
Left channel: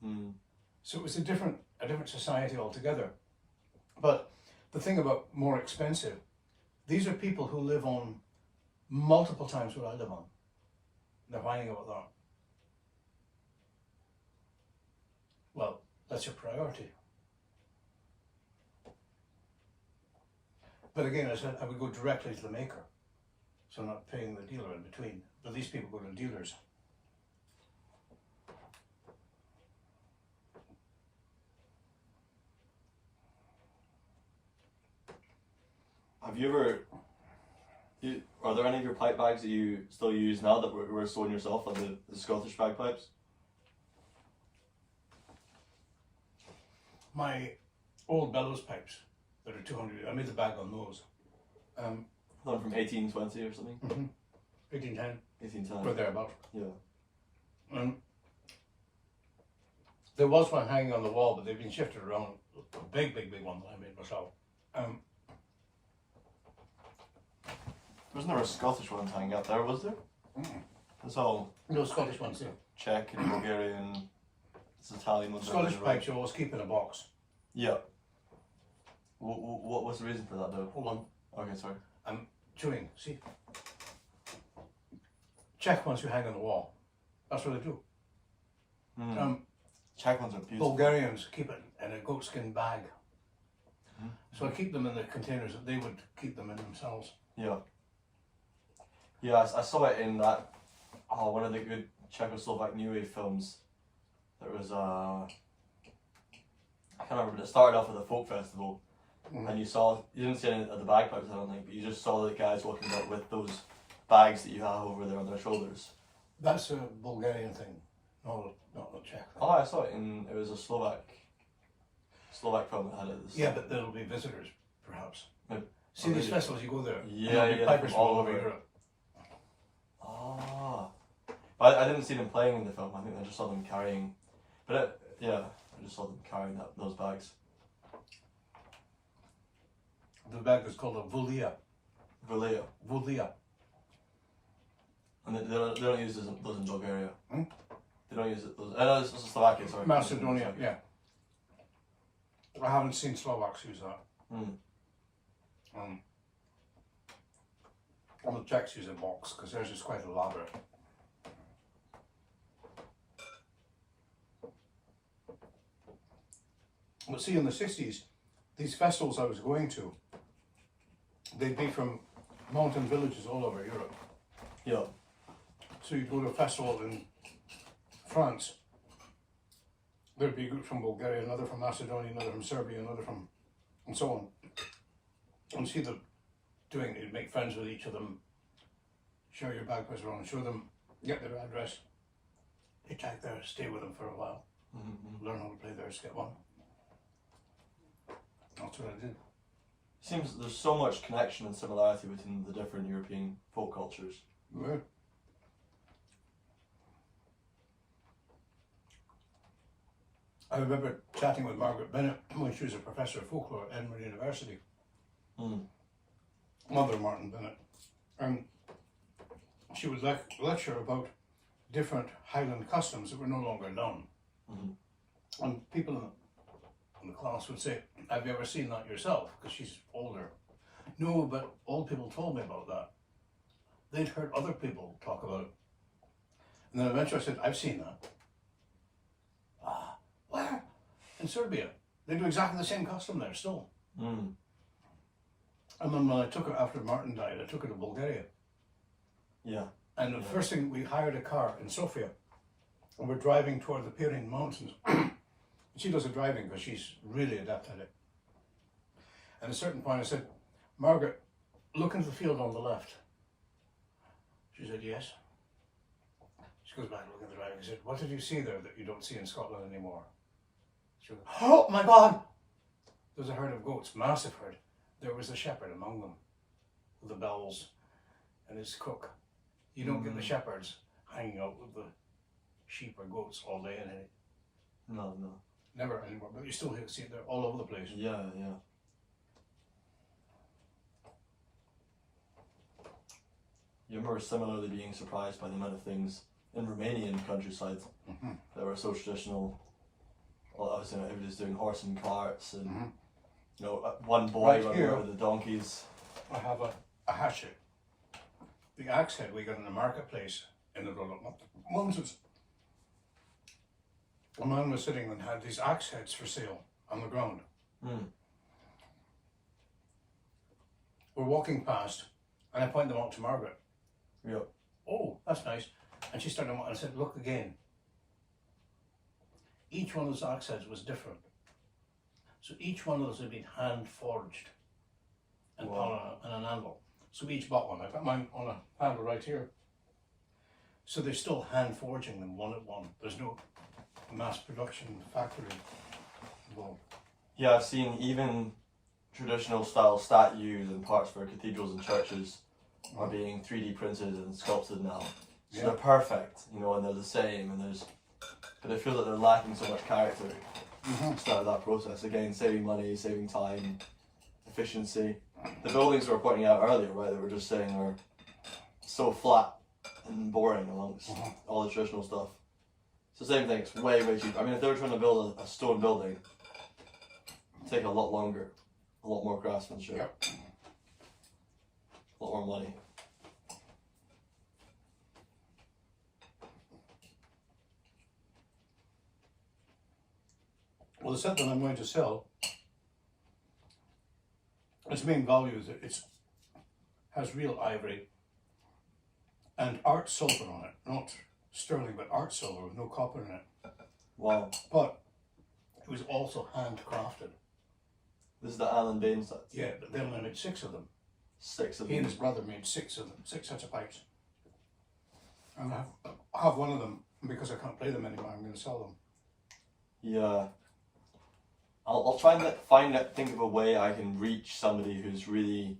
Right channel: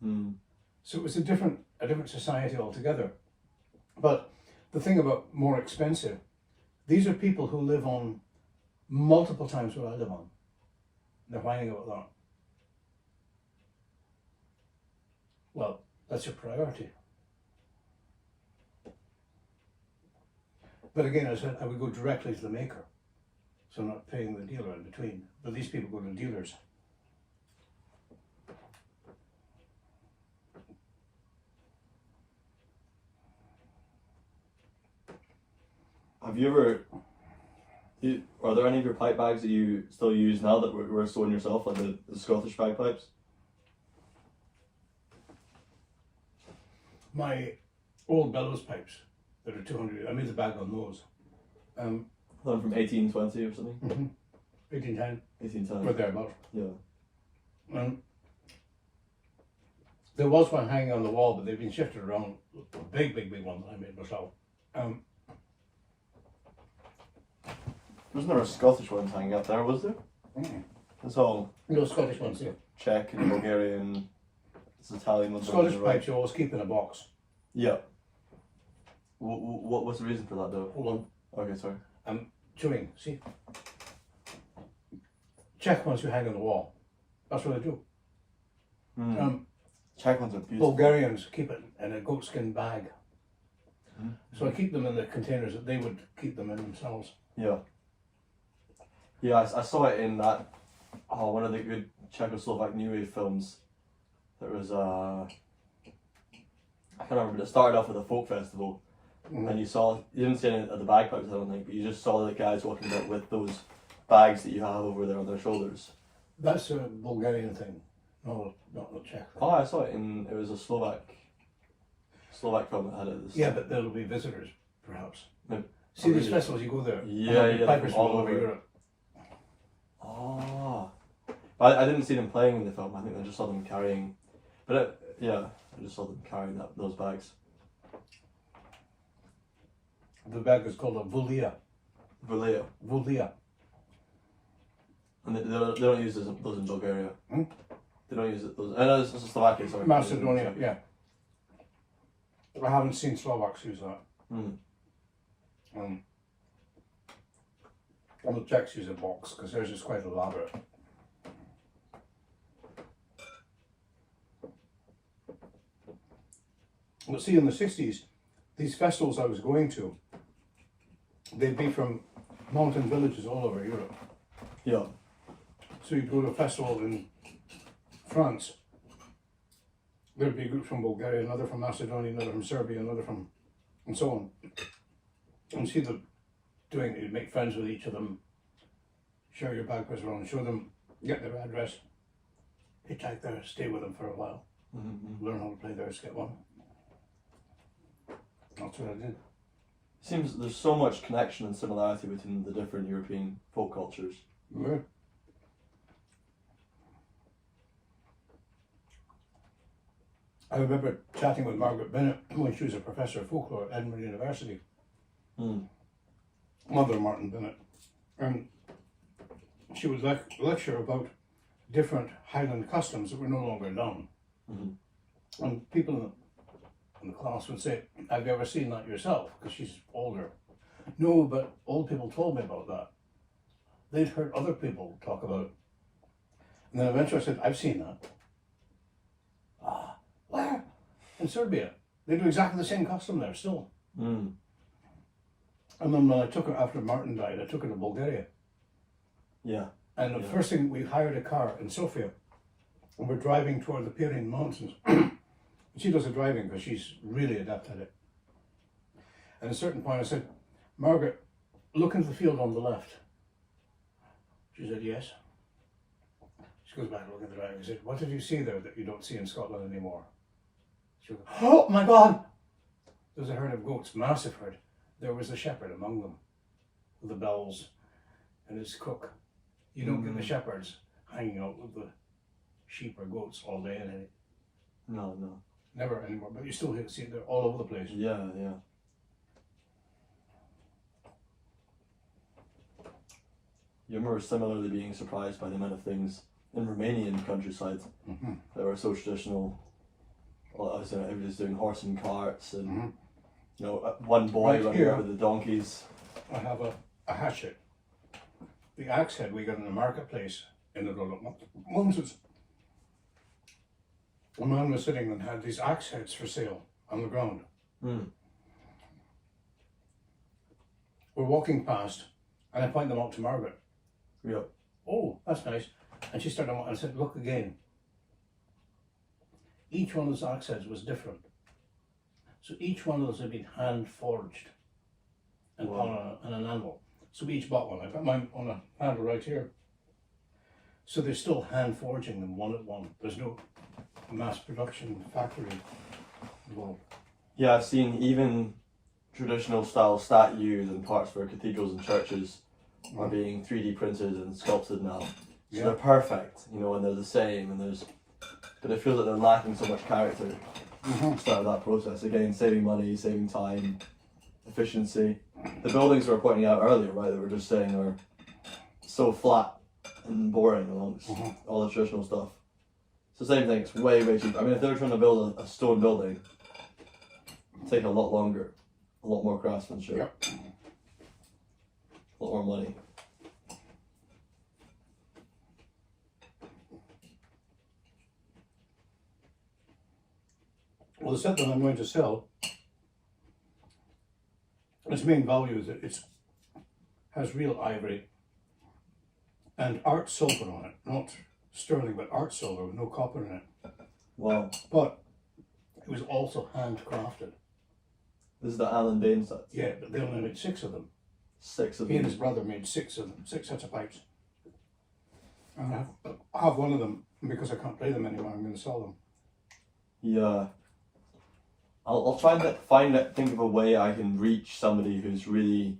Mm. So it was a different society altogether. But the thing about more expensive, these are people who live on multiple times what I live on. They're whining about that. Well, that's your priority. But again, I said I would go directly to the maker. So I'm not paying the dealer in between. But these people go to dealers. Have you ever... Are there any of your pipe bags that you still use now that were sewing yourself, like the Scottish bagpipes? My old bellows pipes that are 200, I made the bag on those. One from 1820 or something? 1810, 1810. or thereabouts. Yeah. There was one hanging on the wall, but they've been shifted around. A big one that I made myself. Wasn't there a Scottish one hanging out there, was there? It's all No Scottish ones, yeah. Czech and Bulgarian, it's Italian ones. Scottish right? pipes you always keep in a box. Yeah. What's the reason for that though? Hold on, Okay, sorry. I'm chewing, see? Czech ones you hang on the wall. That's what I do. Czech ones are beautiful. Bulgarians keep it in a goatskin bag. So I keep them in the containers that they would keep them in themselves. Yeah. Yeah, I saw it in that, one of the good Czechoslovak New Wave films. There was I can't remember, but it started off with a folk festival. And you didn't see any of the bagpipes, I don't think, but you just saw the guys walking about with those bags that you have over there on their shoulders. That's a Bulgarian thing, no, not the Czech. Oh, I saw it it was a Slovak film that had it. Yeah, but there'll be visitors, perhaps. Maybe. See these festivals, you go there. Yeah, and yeah, pipers from all all over over. Europe. Oh. But I didn't see them playing in the film, I think I just saw them carrying, I just saw them carrying those bags. The bag is called a vulia. Valea. Vulia. And they don't use those in Bulgaria. They don't use those. I know it's Slovakia, sorry. Macedonia, yeah. I haven't seen Slovaks use that. And the Czechs use a box because theirs is quite elaborate. But see, in the 60s, these festivals I was going to, they'd be from mountain villages all over Europe. Yeah. So So you'd go to a festival in France, there'd be a group from Bulgaria, another from Macedonia, another from Serbia, another from, and so on. And see them doing it, you'd make friends with each of them, share your bagpipes around, show them, get their address, hitchhike there, stay with them for a while, learn how to play their skit one. That's what I did. Seems there's so much connection and similarity between the different European folk cultures. Yeah. I remember chatting with Margaret Bennett when she was a professor of folklore at Edinburgh University. Mother Martin Bennett. And she would lecture about different Highland customs that were no longer done. And people in the class would say, have you ever seen that yourself? Because she's older. No, but old people told me about that. They'd heard other people talk about it. And then eventually I said, I've seen that. Ah, where? In Serbia. They do exactly the same custom there still. And then when I took her, after Martin died, I took her to Bulgaria. Yeah. And the first thing, we hired a car in Sofia. And we're driving toward the Pyrenean Mountains. She does the driving because she's really adept at it. And at a certain point I said, Margaret, look into the field on the left. She said, yes. She goes back to look at the driving. I said, what did you see there that you don't see in Scotland anymore? She goes, oh my God! There's a herd of goats, massive herd. There was a shepherd among them, with the bells and his cook. You don't get the shepherds hanging out with the sheep or goats all day and any. No. Never anymore, but you still see it there all over the place. Yeah. You remember similarly being surprised by the amount of things in Romanian countryside that were so traditional. Well, obviously everybody's doing horse and carts, and you know, one boy Right running here. around with the donkeys. I have a hatchet. The axe head we got in the marketplace in the Moses. A man was sitting and had these axe heads for sale on the ground. We're walking past, and I point them out to Margaret. Yeah. Oh, that's nice. And she started, and I said, look again. Each one of those axe heads was different. So each one of those had been hand forged and put on an anvil. So we each bought one. I've got mine on a handle right here. So they're still hand forging them one at one. There's no mass production factory involved. Yeah, I've seen even traditional style statues and parts for cathedrals and churches are being 3D printed and sculpted now. So they're perfect, you know, and they're the same, and but I feel that they're lacking so much character at the start of that process. Again, saving money, saving time, efficiency. The buildings we were pointing out earlier, right, that we're just saying are so flat and boring amongst all the traditional stuff. It's the same thing, it's way cheaper. I mean, if they were trying to build a stone building, it'd take a lot longer, a lot more craftsmanship, a lot more money. Well, the set that I'm going to sell, its main value is that it has real ivory and art silver on it. Not sterling, but art silver with no copper in it. Wow. But it was also handcrafted. This is the Alan Bain set. Yeah, but they only made 6 of them. 6 of He and them. his brother made 6 of them, 6 sets of pipes. And I have one of them, because I can't play them anymore, I'm going to sell them. Yeah. I'll try and think of a way I can reach somebody who's really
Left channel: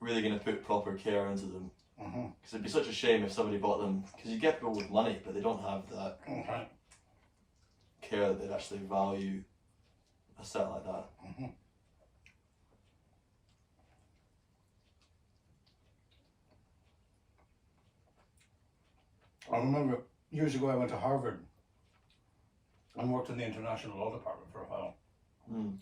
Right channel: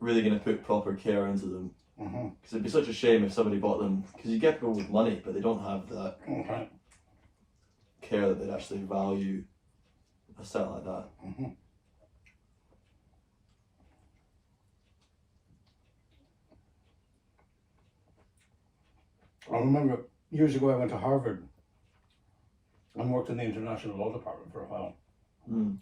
going to put proper care into them. Because it'd be such a shame if somebody bought them, because you get people with money, but they don't have that care that they'd actually value a set like that. I remember years ago I went to Harvard and worked in the international law department for a while. And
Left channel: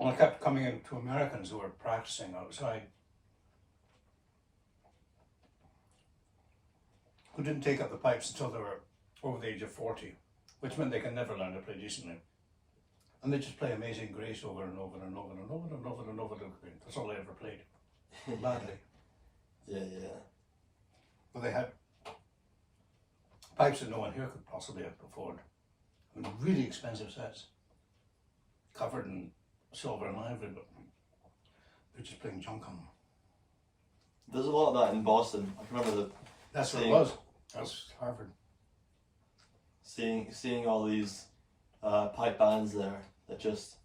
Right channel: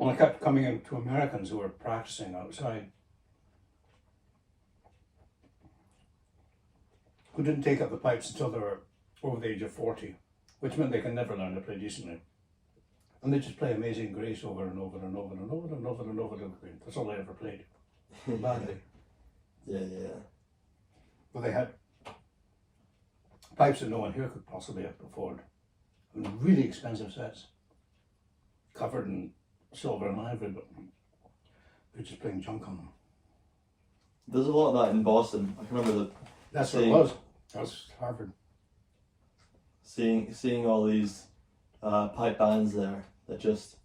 I kept coming in to Americans who were practicing outside, who didn't take up the pipes until they were over the age of 40, which meant they can never learn to play decently. And they just play Amazing Grace over and over and over and over and over and over again. That's all I ever played. Badly. Yeah, yeah. Well, they had pipes that no one here could possibly have afford. And really expensive sets, covered in silver and ivory, but they're just playing junk on them. There's a lot of that in Boston. I can remember That's what it was. That was Harvard. seeing all these pipe bands there that just,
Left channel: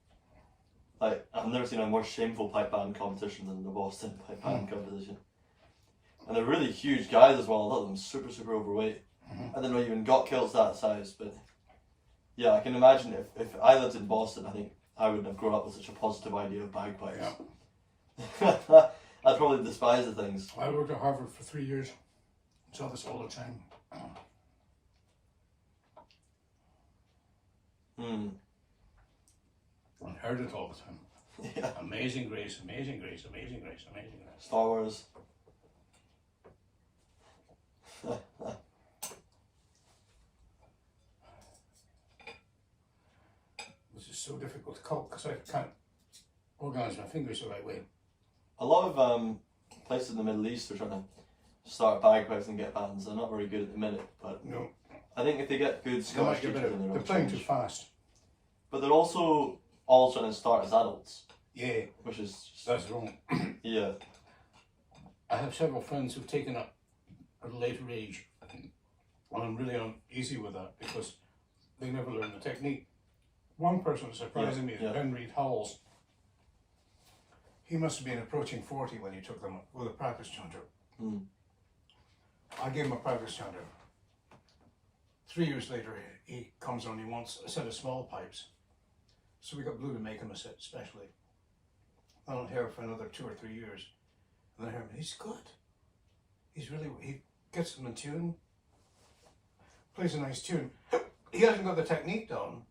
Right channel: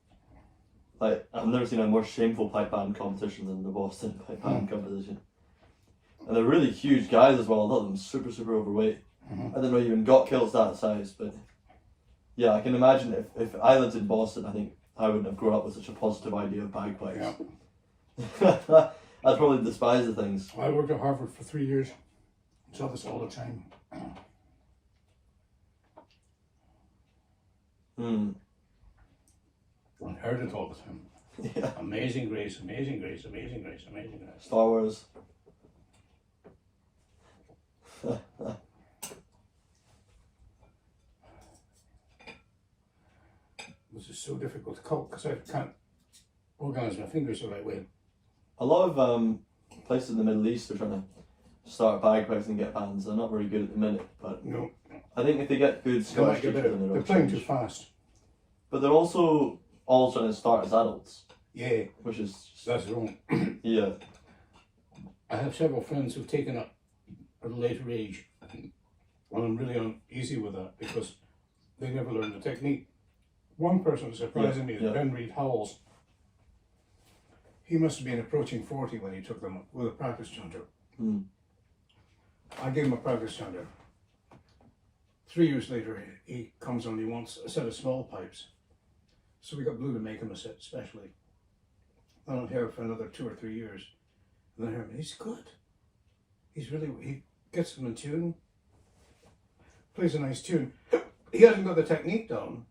like, I've never seen a more shameful pipe band competition than the Boston pipe band competition. And they're really huge guys as well. A lot of them super, super overweight. I didn't know you even got kilts that size, but yeah, I can imagine if I lived in Boston, I think I wouldn't have grown up with such a positive idea of bagpipes. Yeah. I'd probably despise the things. I worked at Harvard for 3 years. Saw this all the time. Mm. And heard it all the time. Yeah. Amazing grace, amazing grace, amazing grace, amazing grace. Star Wars. This is so difficult to cut because I can't organize my fingers the right way. A lot of places in the Middle East are trying to start bagpipes and get bands. They're not very good at the minute, but No, I think if they get good they might Scottish get teachers, better. then They're they'll playing too change. fast. But they're also all trying to start as adults, Yeah, which is that's wrong. yeah. I have several friends who've taken up at a later age, and I'm really uneasy with that because they never learned the technique. One person surprising me is Yeah. Ben Reed Howells. He must have been approaching 40 when he took them up with a practice chanter. Mm. I gave him a practice chanter. 3 years later, he comes on, he wants a set of small pipes. So we got Blue to make him a set specially. I don't hear it for another 2 or 3 years. And then I hear him, he's good. He gets them in tune, plays a nice tune. He hasn't got the technique down,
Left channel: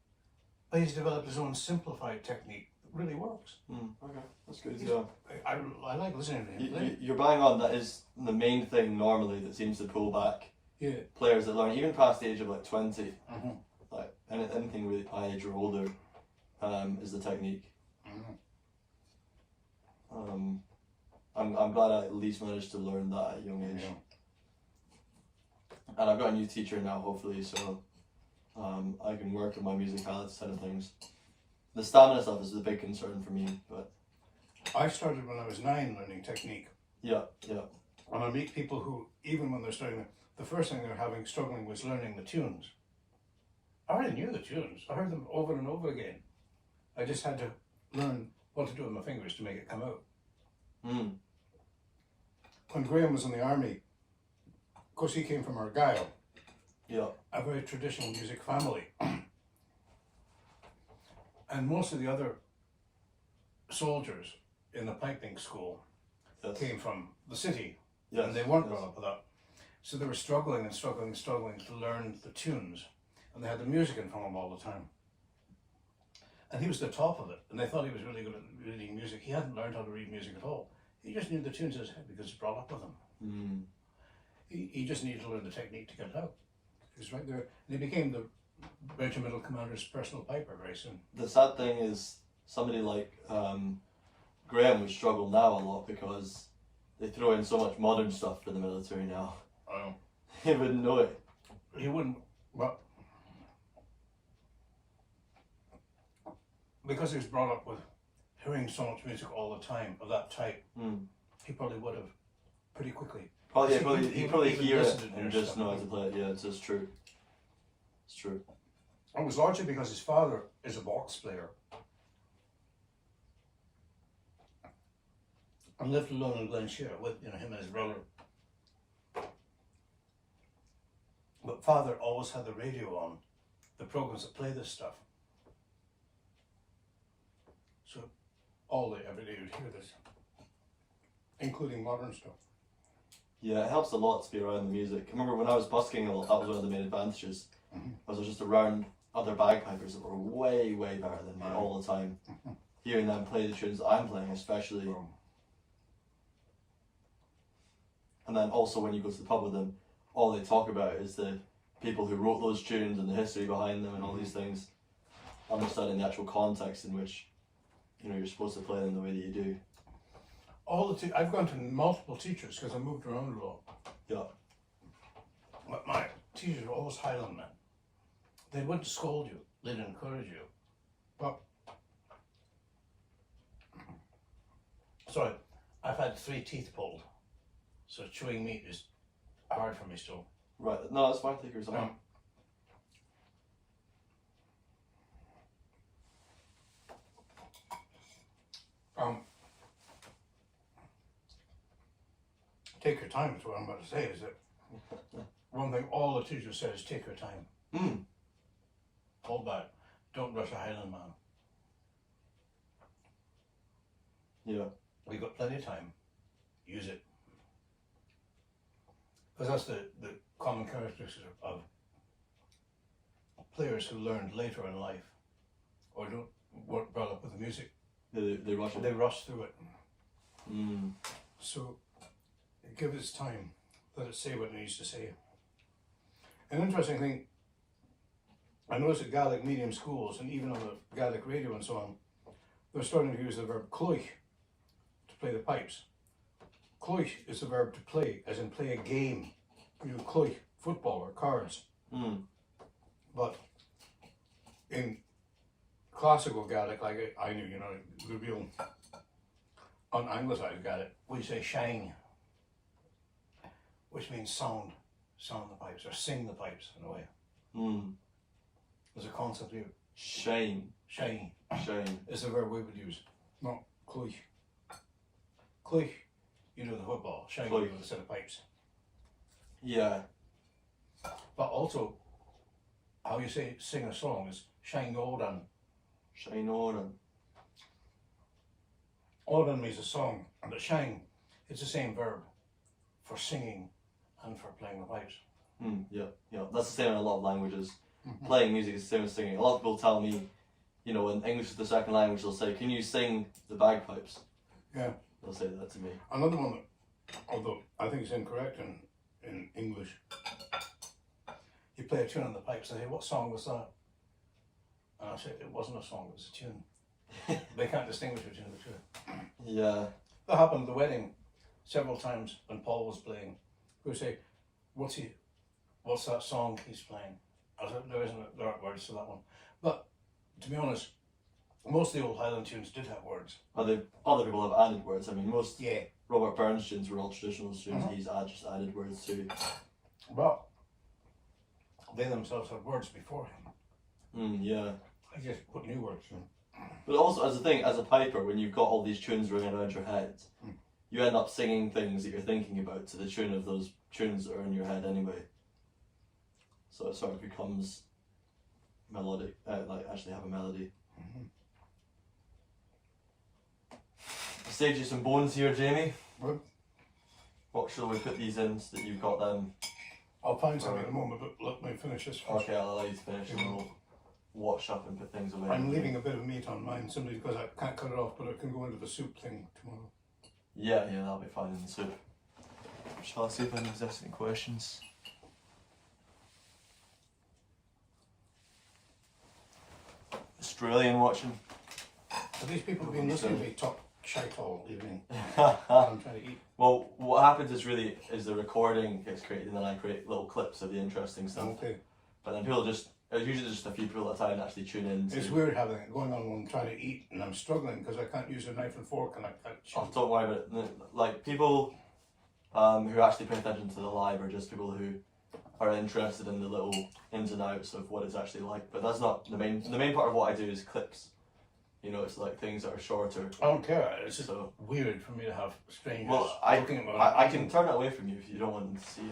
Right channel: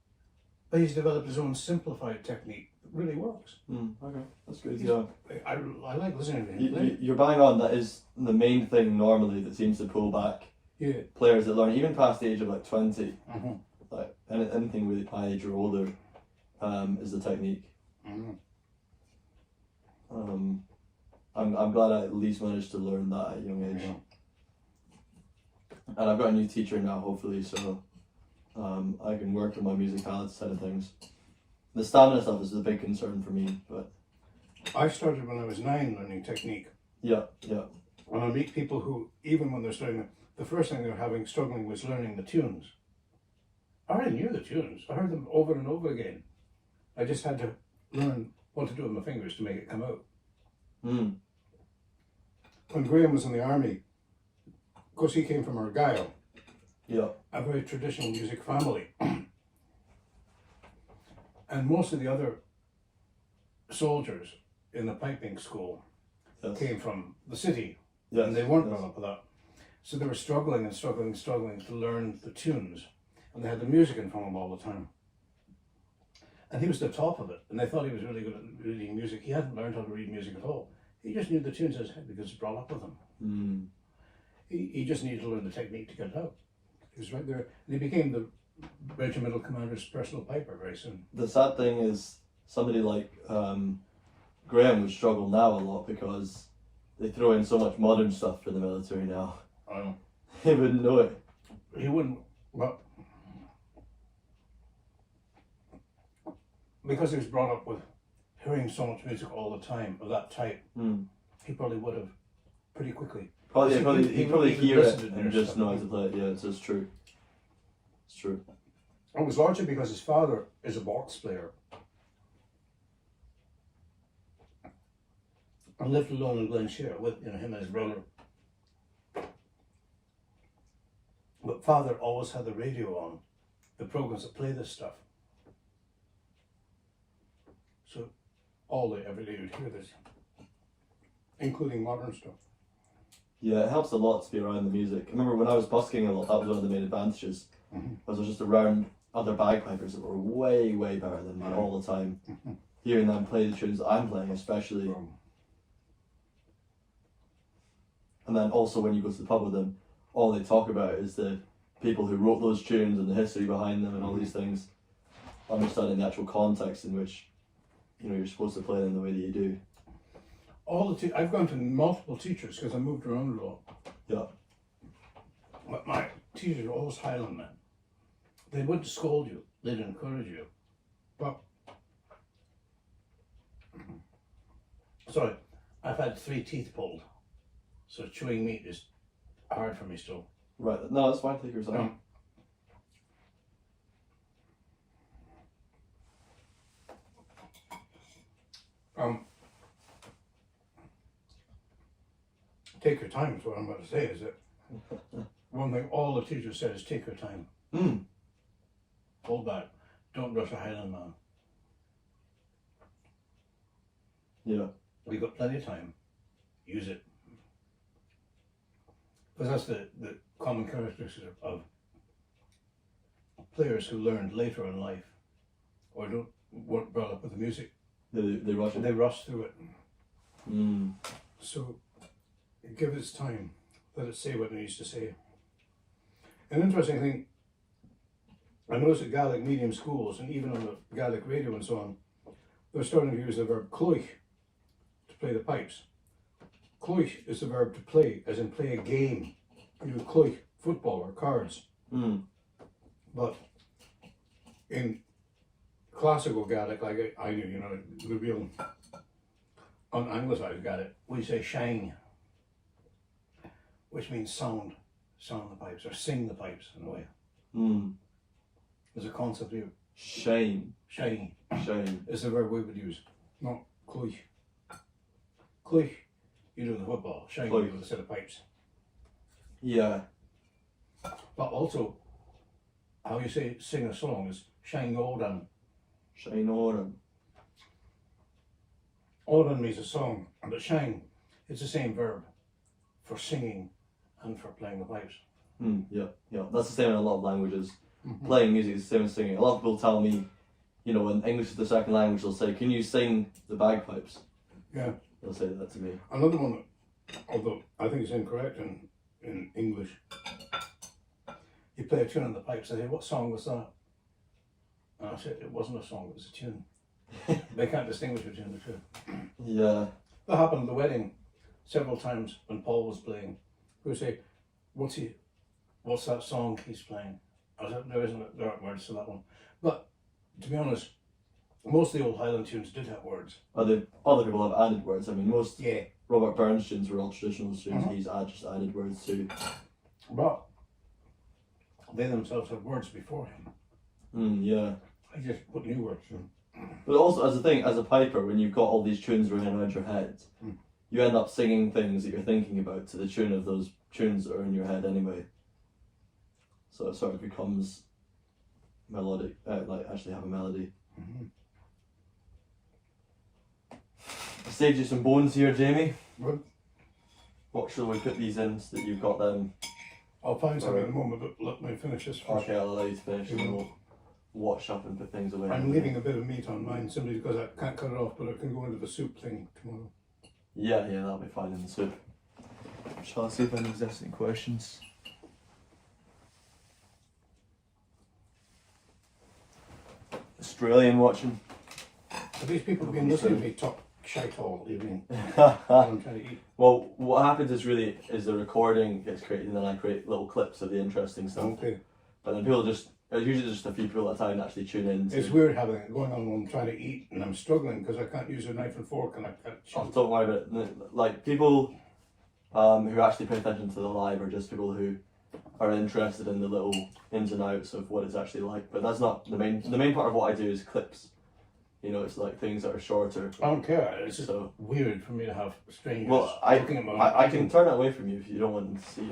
but he's developed his own simplified technique that really works. Mm, okay, that's good. Yeah. I like listening to him play. You're bang on. That is the main thing normally that seems to pull back Yeah. players that learn even past the age of like 20, Mm-hmm. like anything really my age or older, is the technique. Mm-hmm. I'm glad I at least managed to learn that at a young age. Yeah. And I've got a new teacher now, hopefully, so I can work on my musicality side of things. The stamina stuff is a big concern for me, but I started when I was 9 learning technique. yeah. When I meet people who, even when they're starting, the first thing they're struggling was learning the tunes. I already knew the tunes. I heard them over and over again. I just had to learn what to do with my fingers to make it come out. Mm. When Graham was in the army, of course he came from Argyll, Yeah. a very traditional music family. And most of the other soldiers in the piping school Yes. came from the city. Yes. And they weren't yes. brought up with that. So they were struggling to learn the tunes. And they had the music in front of them all the time. And he was the top of it. And they thought he was really good at reading music. He hadn't learned how to read music at all. He just knew the tunes in his head because it's brought up with him. Mm. He just needed to learn the technique to get it out. He was right there. And he became the regimental commander's personal piper very soon. The sad thing is somebody like Graham would struggle now a lot because they throw in so much modern stuff for the military now. I know. He wouldn't know it. He wouldn't, well, because he was brought up with hearing so much music all the time of that type, Mm. he probably would have pretty quickly. Probably, He- probably, he he would probably even hear it listen to and their just stuff. know how to play it. Yeah, it's true. It's true. It was largely because his father is a box player and lived alone in Glenshire with him and his brother. But father always had the radio on, the programs that play this stuff. So all day, every day you'd hear this, including modern stuff. Yeah, it helps a lot to be around the music. I remember when I was busking a lot, that was one of the main advantages. Mhm. I was just around other bagpipers that were way, way better than me all the time. Hearing them play the tunes I'm playing, especially. And then also when you go to the pub with them, all they talk about is the people who wrote those tunes and the history behind them and all these things. Understanding the actual context in which, you're supposed to play them the way that you do. I've gone to multiple teachers because I moved around a lot. Yeah. But my teachers were always Highland men. They wouldn't scold you, they'd encourage you. But, sorry, I've had 3 teeth pulled, so chewing meat is hard for me still. Right. No, that's fine. Take your time. Take your time is what I'm going to say, is that one thing all the teachers said is take your time. Hold back. Don't rush a Highland man. Yeah. We've got plenty of time. Use it. Because that's the common characteristic of players who learned later in life or weren't brought up with the music. They rush it. They rush through it. Mm. So give it time. Let it say what it needs to say. An interesting thing, I noticed at Gaelic medium schools and even on the Gaelic radio and so on, they're starting to use the verb cloich to play the pipes. Cloich is the verb to play, as in play a game. You do cloich, football or cards. But in classical Gaelic, like I knew, the real un-Anglicized Gaelic, we say shine, which means sound the pipes, or sing the pipes in a way. There's a concept here. Shine. Shine. Shine. Is the verb we would use, not cloich. Cloich, you do the football. Shine, you do the set of pipes. Yeah. But also, how you say sing a song is shine oran. Shine oran. Oran means a song, but shine is the same verb for singing and for playing the pipes. Yeah. That's the same in a lot of languages. Playing music is the same as singing. A lot of people tell me, when English is the second language, they'll say, "Can you sing the bagpipes?" Yeah. They'll say that to me. Another one that, although I think it's incorrect in English, you play a tune on the pipes and they say, "What song was that?" And I said, "It wasn't a song, it was a tune." They can't distinguish between the two. Yeah. That happened at the wedding several times when Paul was playing. We would say, what's that song he's playing? I said, there aren't words to that one. But to be honest, most of the old Highland tunes did have words. Other people have added words. I mean, most Robert Burns tunes were all traditional tunes. He's just added words too. But they themselves have words before him. Yeah. I just put new words in. But also, as a piper, when you've got all these tunes ringing around your head, you end up singing things that you're thinking about to the tune of those tunes that are in your head anyway. So it sort of becomes melodic, actually have a melody. I saved you some bones here, Jamie. Good. What shall we put these in so that you've got them? I'll find something in a moment, but let me finish this first. Okay, I'll allow you to finish and then we'll wash up and put things away. I'm leaving a bit of meat on mine simply because I can't cut it off, but it can go into the soup thing tomorrow. Yeah, that'll be fine in the soup. Shall I see if anyone's asking any questions? Australian watching. But these people have been listening to me talk shite all evening. I'm trying to eat. Well, what happens is the recording gets created and then I create little clips of the interesting stuff. Okay. But then there's usually just a few people at a time actually tune in. It's weird having it going on when I'm trying to eat and I'm struggling because I can't use a knife and fork and I can't chew. Oh, don't worry about it. Like people who actually pay attention to the live are just people who are interested in the little ins and outs of what it's actually like. But that's not the main. The main part of what I do is clips. It's like things that are shorter. I don't care. It's just weird for me to have strangers looking at my I can turn it away from you if you don't want them to see it.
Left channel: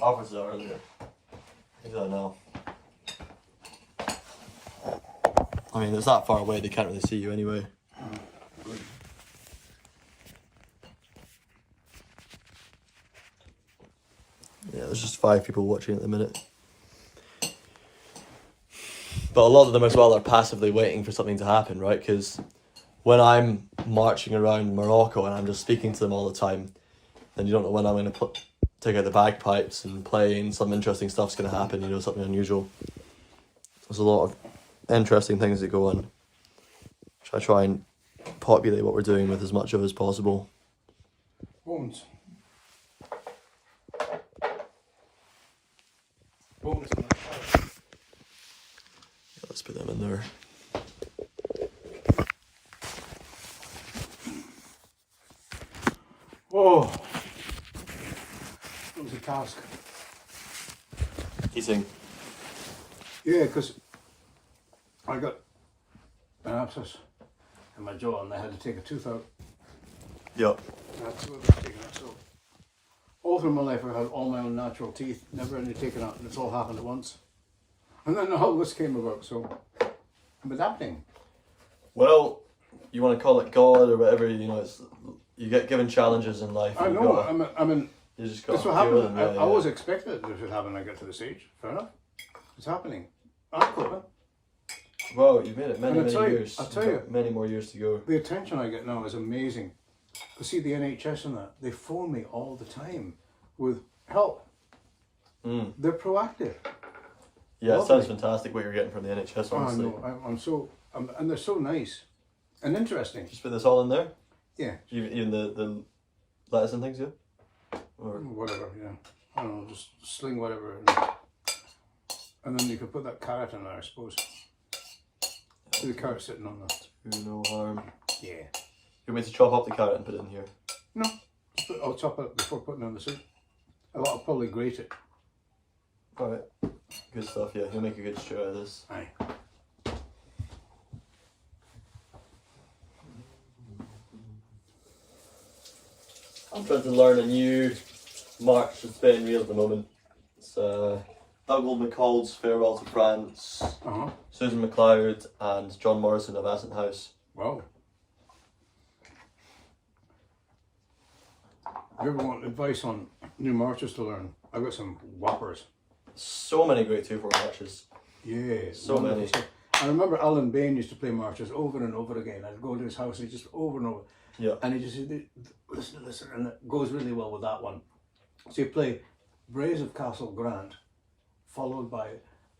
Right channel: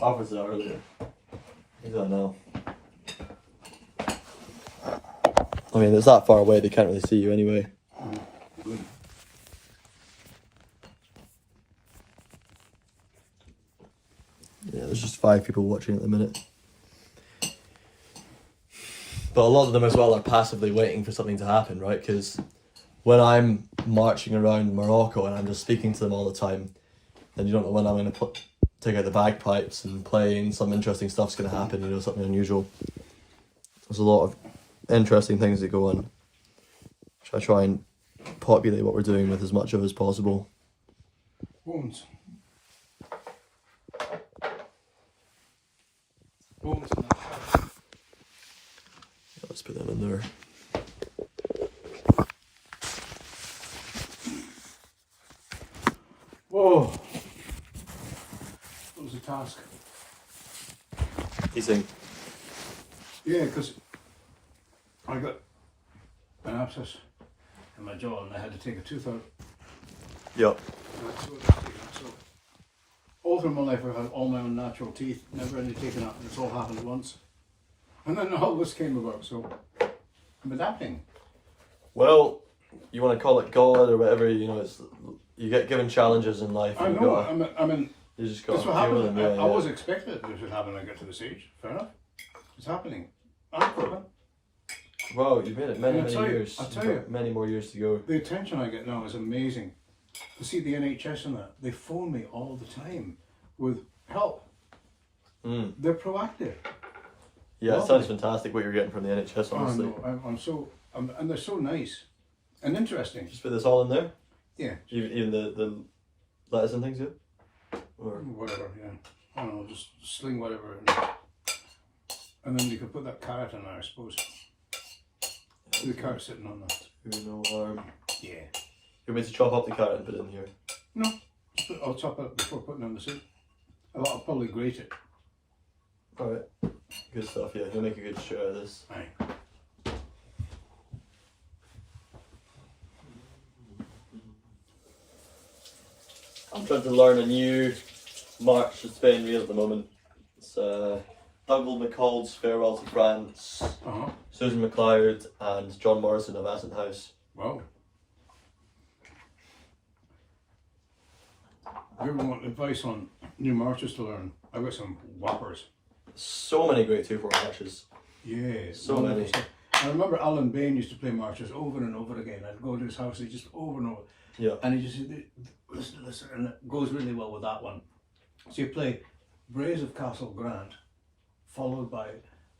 I offered it earlier. I don't know. I mean, it's that far away, they can't really see you anyway. Yeah, there's just 5 people watching at the minute. But a lot of them as well are passively waiting for something to happen, right? Because when I'm marching around Morocco and I'm just speaking to them all the time, then you don't know when I'm going to take out the bagpipes and play and some interesting stuff's going to happen, something unusual. There's a lot of interesting things that go on. Which I try and populate what we're doing with as much of as possible. Bones. Bones in that side. Yeah, let's put them in there. Whoa. It was a task. Eating. Yeah, because I got an abscess in my jaw and I had to take a tooth out. Yep. So all through my life I had all my own natural teeth, never any taken out, and it's all happened at once. And then all this came about, so I'm adapting. Well, you want to call it God or whatever, you know, it's you get given challenges in life. I And know, you just got that's to what deal with happened. them. Yeah, I yeah. was expecting it to happen when I get to this age. Fair enough. It's happening. I'm clever. Wow, you've made it many, And I'll many tell you- years. I'll tell You've got you. many more years to go. The attention I get now is amazing. To see the NHS and that, they phone me all the time with help. Mm. They're proactive. Yeah, it Lovely. sounds fantastic what you're getting from the NHS, honestly. And they're so nice and interesting. Just put this all in there? Yeah, Even the lettuce and things, yeah? Or whatever. Yeah, I don't know. Just sling whatever, and then you can put that carrot in there, I suppose. The carrot sitting on that. do no harm. Yeah. You want me to chop up the carrot and put it in here? No, I'll chop it before putting it on the soup. I'll probably grate it. Alright. Good stuff, yeah. You'll make a good stew out of this. Aye. I'm trying to learn a new march to Spain reel at the moment. It's Douglas MacDonald's Farewell to France, Uh-huh. Susan MacLeod and John Morrison of Aston House. Wow. You ever want advice on new marches to learn? I've got some whoppers. So many great 2/4 marches. Yeah. So many. I remember Alan Bain used to play marches over and over again. I'd go to his house and he just over and over. Yeah. And he just said, listen to this, and it goes really well with that one. So you play Braes of Castle Grant, followed by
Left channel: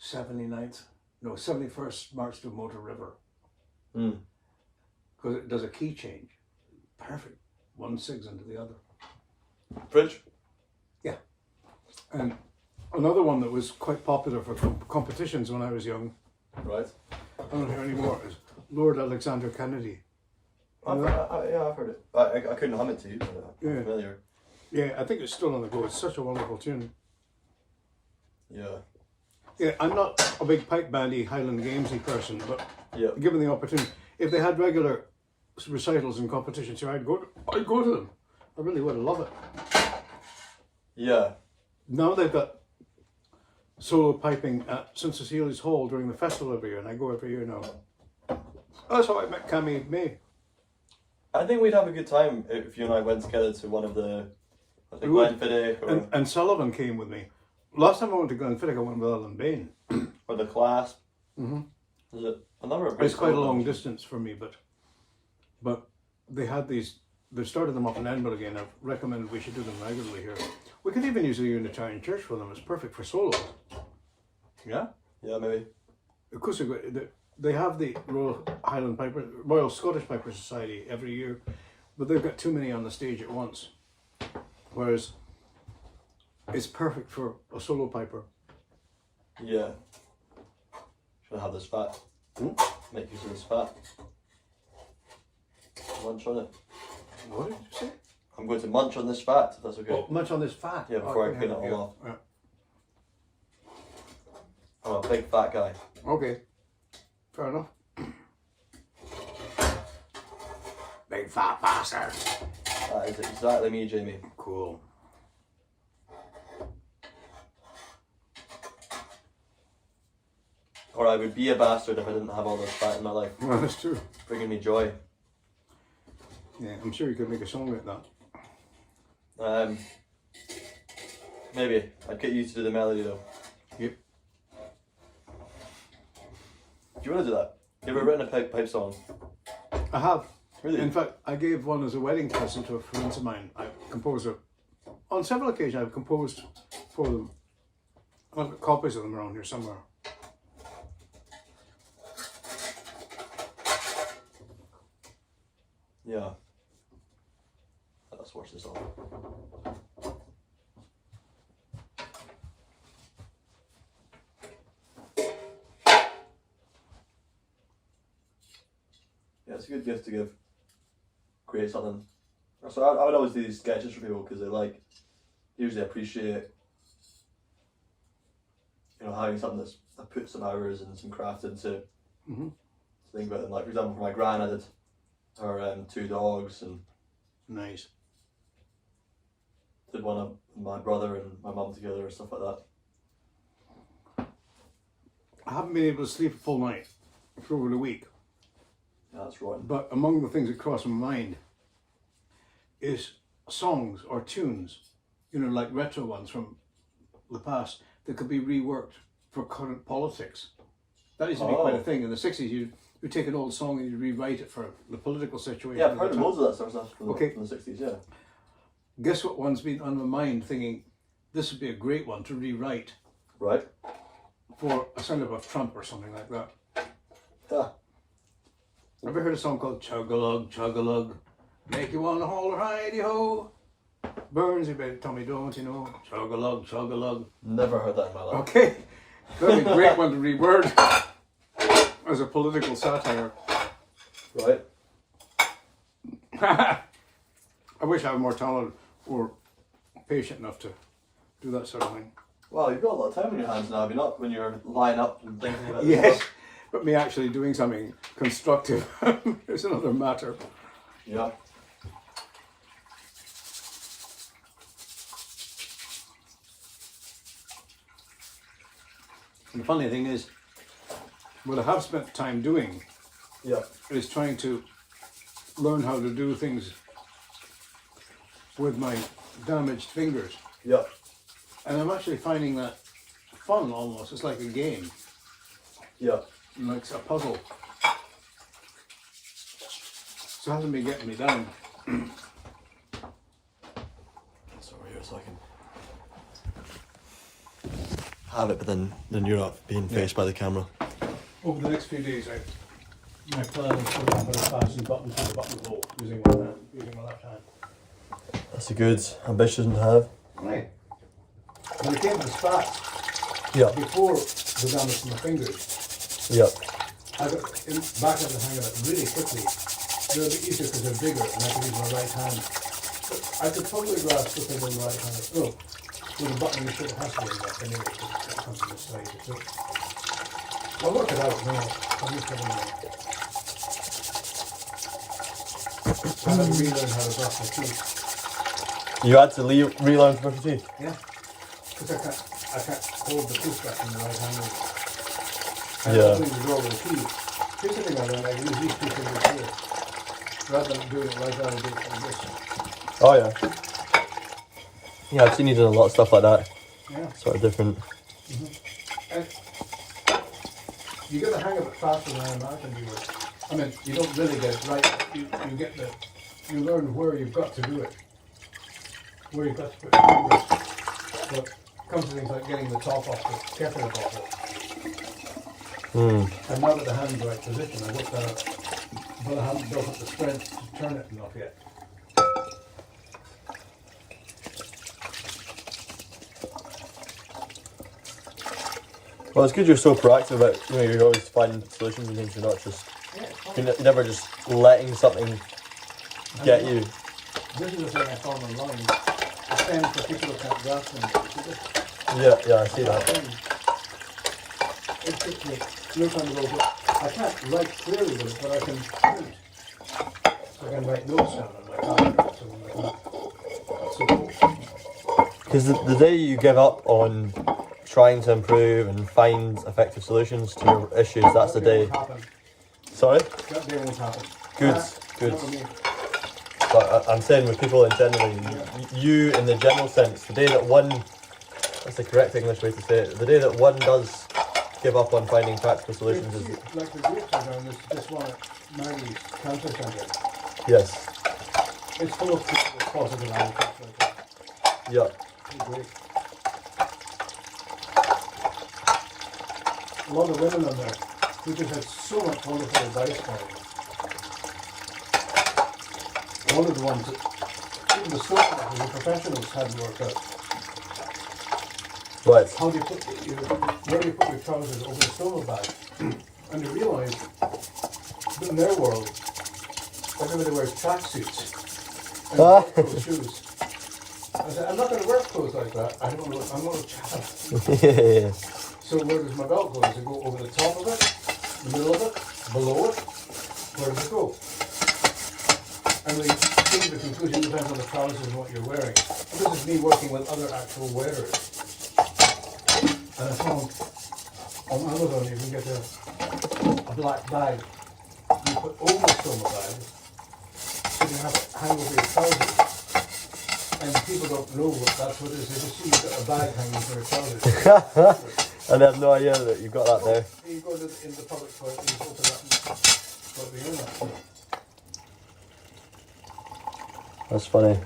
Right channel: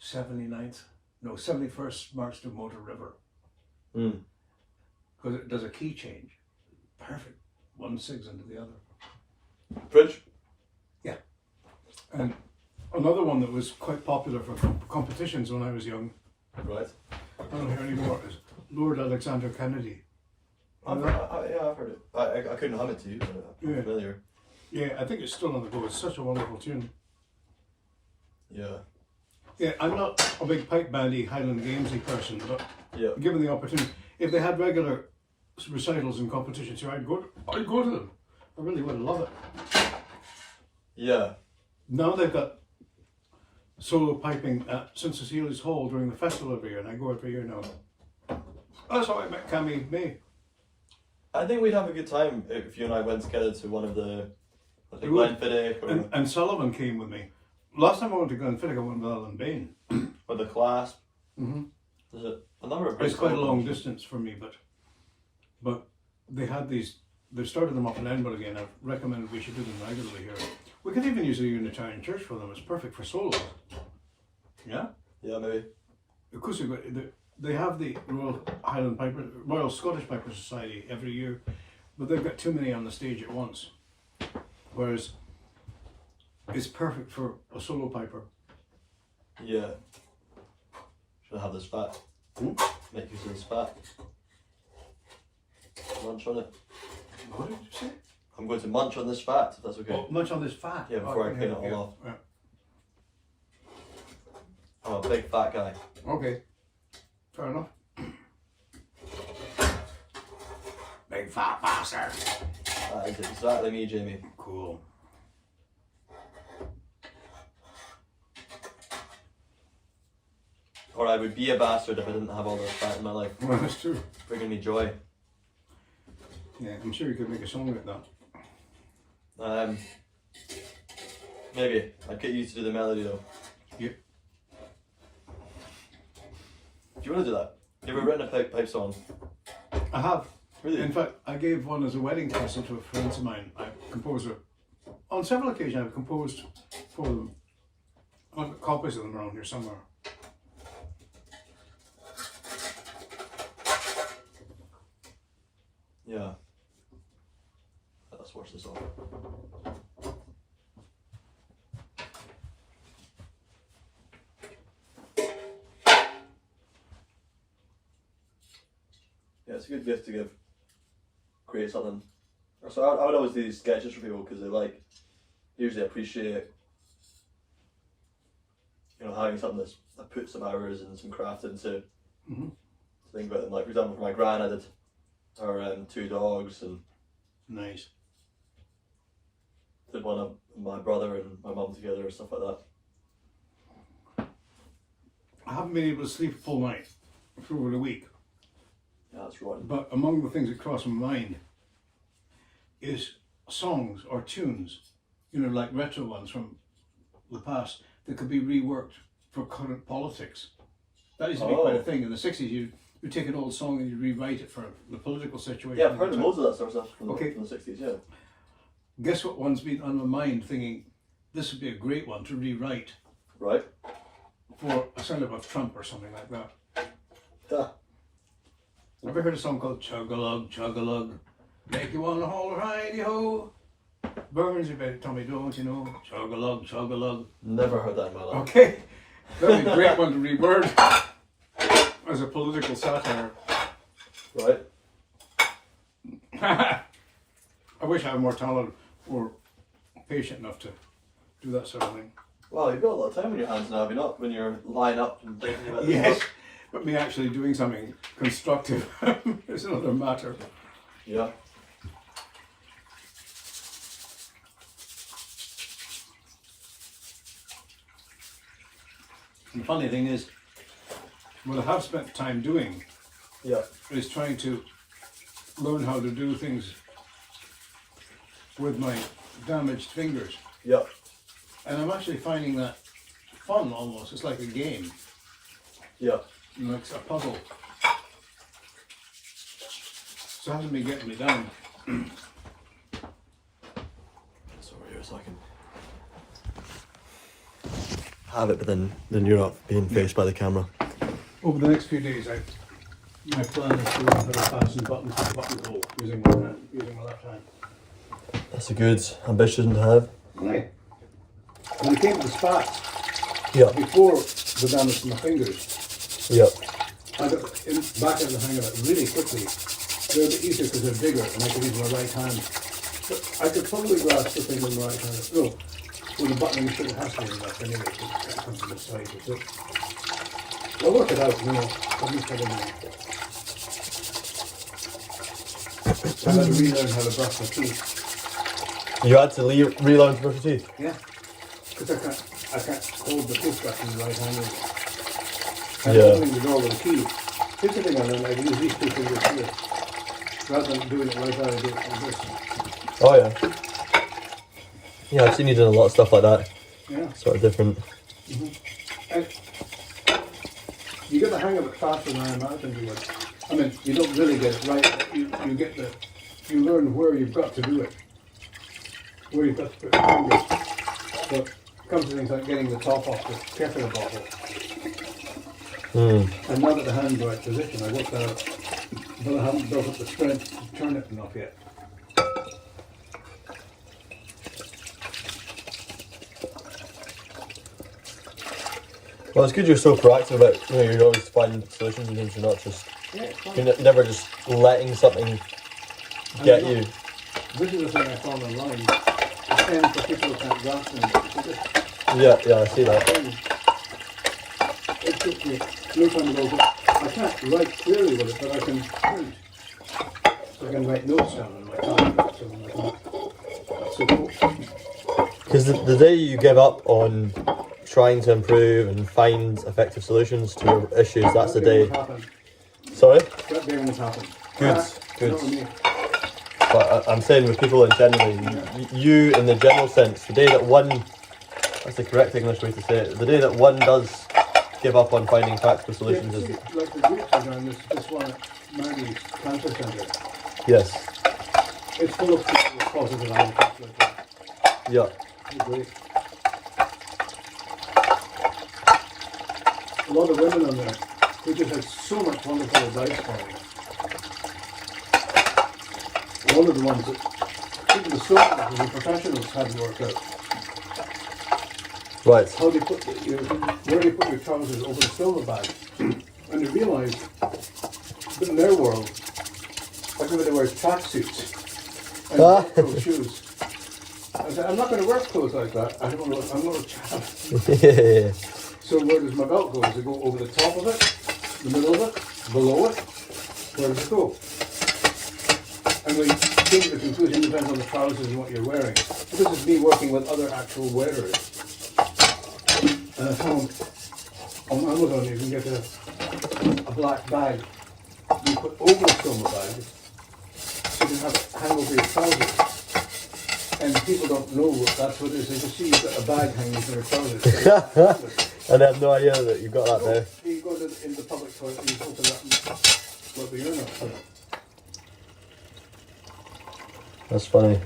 71st March to Motor River. Mm. Because it does a key change. Perfect. One sigs into the other. Bridge? Yeah. And another one that was quite popular for competitions when I was young, Right. I don't hear anymore, is Lord Alexander Kennedy. I've heard it. I couldn't hum it to you, but I'm Yeah. familiar. Yeah, I think it's still on the go. It's such a wonderful tune. Yeah. Yeah, I'm not a big pipe bandy Highland Gamesy person, but Yeah. given the opportunity, if they had regular recitals and competitions here, I'd go to them. I really would love it. Yeah. Now they've got solo piping at St Cecilia's Hall during the festival every year, and I go every year now. That's how I met Cammy May. I think we'd have a good time if you and I went together to one of the, I think, We would. Glenfiddich or, And Sullivan came with me. Last time I went to Glenfiddich, I went with Alan Bain. or the Clasp. Mm-hmm. There's a number of It's quite a solo long marches. distance for me, but they had these. They've started them up in Edinburgh again. I've recommended we should do them regularly here. We could even use a Unitarian church for them. It's perfect for solos. Yeah. Yeah, maybe. Of course, they have the Royal Scottish Piper Society every year, but they've got too many on the stage at once. Whereas it's perfect for a solo piper. Yeah. Should I have this fat? Make use of this fat. Munch on it. What did you say? I'm going to munch on this fat, if that's okay. Oh, much on this fat. Yeah, before I clean it all yeah, off. yeah. I'm a big fat guy. Okay, fair enough. Big fat bastard. That is exactly me, Jamie. Cool. Or I would be a bastard if I didn't have all this fat in my life. Well, that's true. Bringing me joy. Yeah, I'm sure you could make a song like that. Maybe. I'd get you to do the melody though. Yep. Do you want to do that? You ever written a pipe song? I have. Really? In fact, I gave one as a wedding present to a friend of mine, a composer. On several occasions, I've composed for them. I've got copies of them around here somewhere. Yeah. Let's wash this off. Yeah, it's a good gift to give. Create something. So I would always do these sketches for people because they like usually appreciate, you know, having something that's I put some hours and some craft into. Mm-hmm. To think about them. Like for example, for my gran, I did her 2 dogs, and Nice. did one of my brother and my mum together and stuff like that. I haven't been able to sleep a full night for over a week. Yeah, that's rotten. But among the things that cross my mind is songs or tunes, you know, like retro ones from the past that could be reworked for current politics. That used to be quite a thing. In the 60s, you'd take an old song and you'd rewrite it for the political situation. Yeah, I've heard of loads of that sort of stuff from, Okay. from the 60s, yeah. Guess what one's been on my mind thinking, this would be a great one to rewrite Right? for a send-up of Trump or something like that. Yeah. Have you heard a song called Chug-a-Lug, Chug-a-Lug, make you wanna haul ridey-ho? Burns, you better tell me, don't you know? Chug-a-lug, Chug-a-lug. Never heard that in my life. Okay, that'd be a great one to reword as a political satire. Right? I wish I had more talent or patient enough to do that sort of thing. Well, you've got a lot of time on your hands now, have you not? When you're lying up and thinking about this Yes, stuff. but me actually doing something constructive is another matter. Yeah. And the funny thing is, what I have spent time doing Yeah. is trying to learn how to do things with my damaged fingers. Yeah. And I'm actually finding that fun almost. It's like a game, Yeah. like a puzzle. So it hasn't been getting me down. It's over here so I can have it, but then you're not being faced by the camera. Over the next few days, my plan is to learn how to fasten buttons to the buttonhole using my hand, using my left hand. That's a good ambition to have. Right. When it came to the spats, Yeah. before the damage to my fingers, Yeah. I got back in the hang of it really quickly. They're a bit easier because they're bigger and I could use my right hand. But I could probably grasp the thing with my right hand. Oh, well, the button should have has to be left anyway, because it comes to this side. So I'll work it out, you know. I'll just have a minute. So I had to relearn how to brush my teeth. You had to relearn to brush your teeth? Yeah. Because I can't hold the toothbrush in the right hand. And Yeah. opening the door with a key. Here's the thing I learned, I can use these two fingers here. Rather than doing it like that, I do it like this. Oh yeah. Yeah, I've seen you doing a lot of stuff like that. Yeah. Sort of different. And you get the hang of it faster than I imagined you would. I mean, you don't really get it right. You learn where you've got to do it. Where you've got to put your fingers. So it comes to things like getting the top off the kettle bottle. And now that the hand's the right position, I worked out, but I haven't built up the strength to turn it enough yet. Well, it's good you're so proactive about, you know, you're always finding solutions and things, you're not just, Yeah, it's fun. you're never just letting something get you. This is the thing I found online. The same for people who can't grasp things. Yeah, I see that. It took me no time to go, but I can't write clearly with it, but I can print. So I can write notes down on my calendar or something like that. That's so cool. Because the day you give up on trying to improve and find effective solutions to your issues, that's the That day. won't happen. Sorry? That day won't happen. Good, good. Not with me. But I'm saying with people in general, you in the general sense, the day that one, that's the correct English way to say it, the day that one does give up on finding practical solutions is, Like the groups are doing this one at Maggie's Cancer Centre. yes, It's full of people with positive attitudes like that. yeah, They're great. A lot of women on there who just had so much wonderful advice for me. one of the ones that even the professionals hadn't worked out. Right. How they put where they put your trousers over the silver bag. And they realised that in their world, everybody wears tracksuits and velcro shoes. I said, I'm not going to wear clothes like that. I'm not a child. Yeah. So where does my belt go? Does it go over the top of it, the middle of it, below it? Where does it go? And we came to the conclusion it depends on the trousers and what you're wearing. This is me working with other actual wearers. And I found on Amazon you can get a black bag you put over a silver bag so you can have it hang over your trousers. And people don't know that's what it is. They just see you've got a bag hanging from your trousers. And I have no idea that you've got that there. You go in the public toilet and you open that and go to the urinal. That's funny.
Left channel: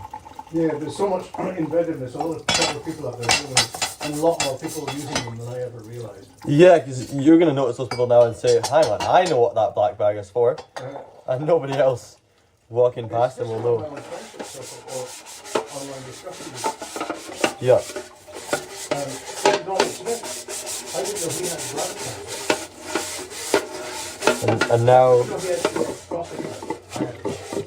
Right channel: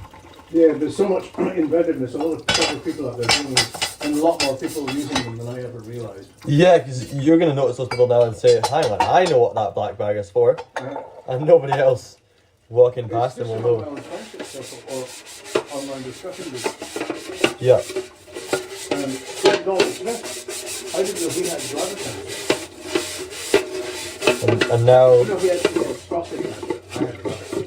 Yeah, there's so much inventiveness. A lot of clever people out there doing this, and a lot more people using them than I ever realised. Yeah, because you're going to notice those people now and say, hang on, I know what that black bag is for. And nobody else walking past them will know. On a friendship circle or online discussion group. Yeah. And Donald Smith, I didn't know he had bladder cancer. And now... I know he had prostate cancer. I had bladder cancer.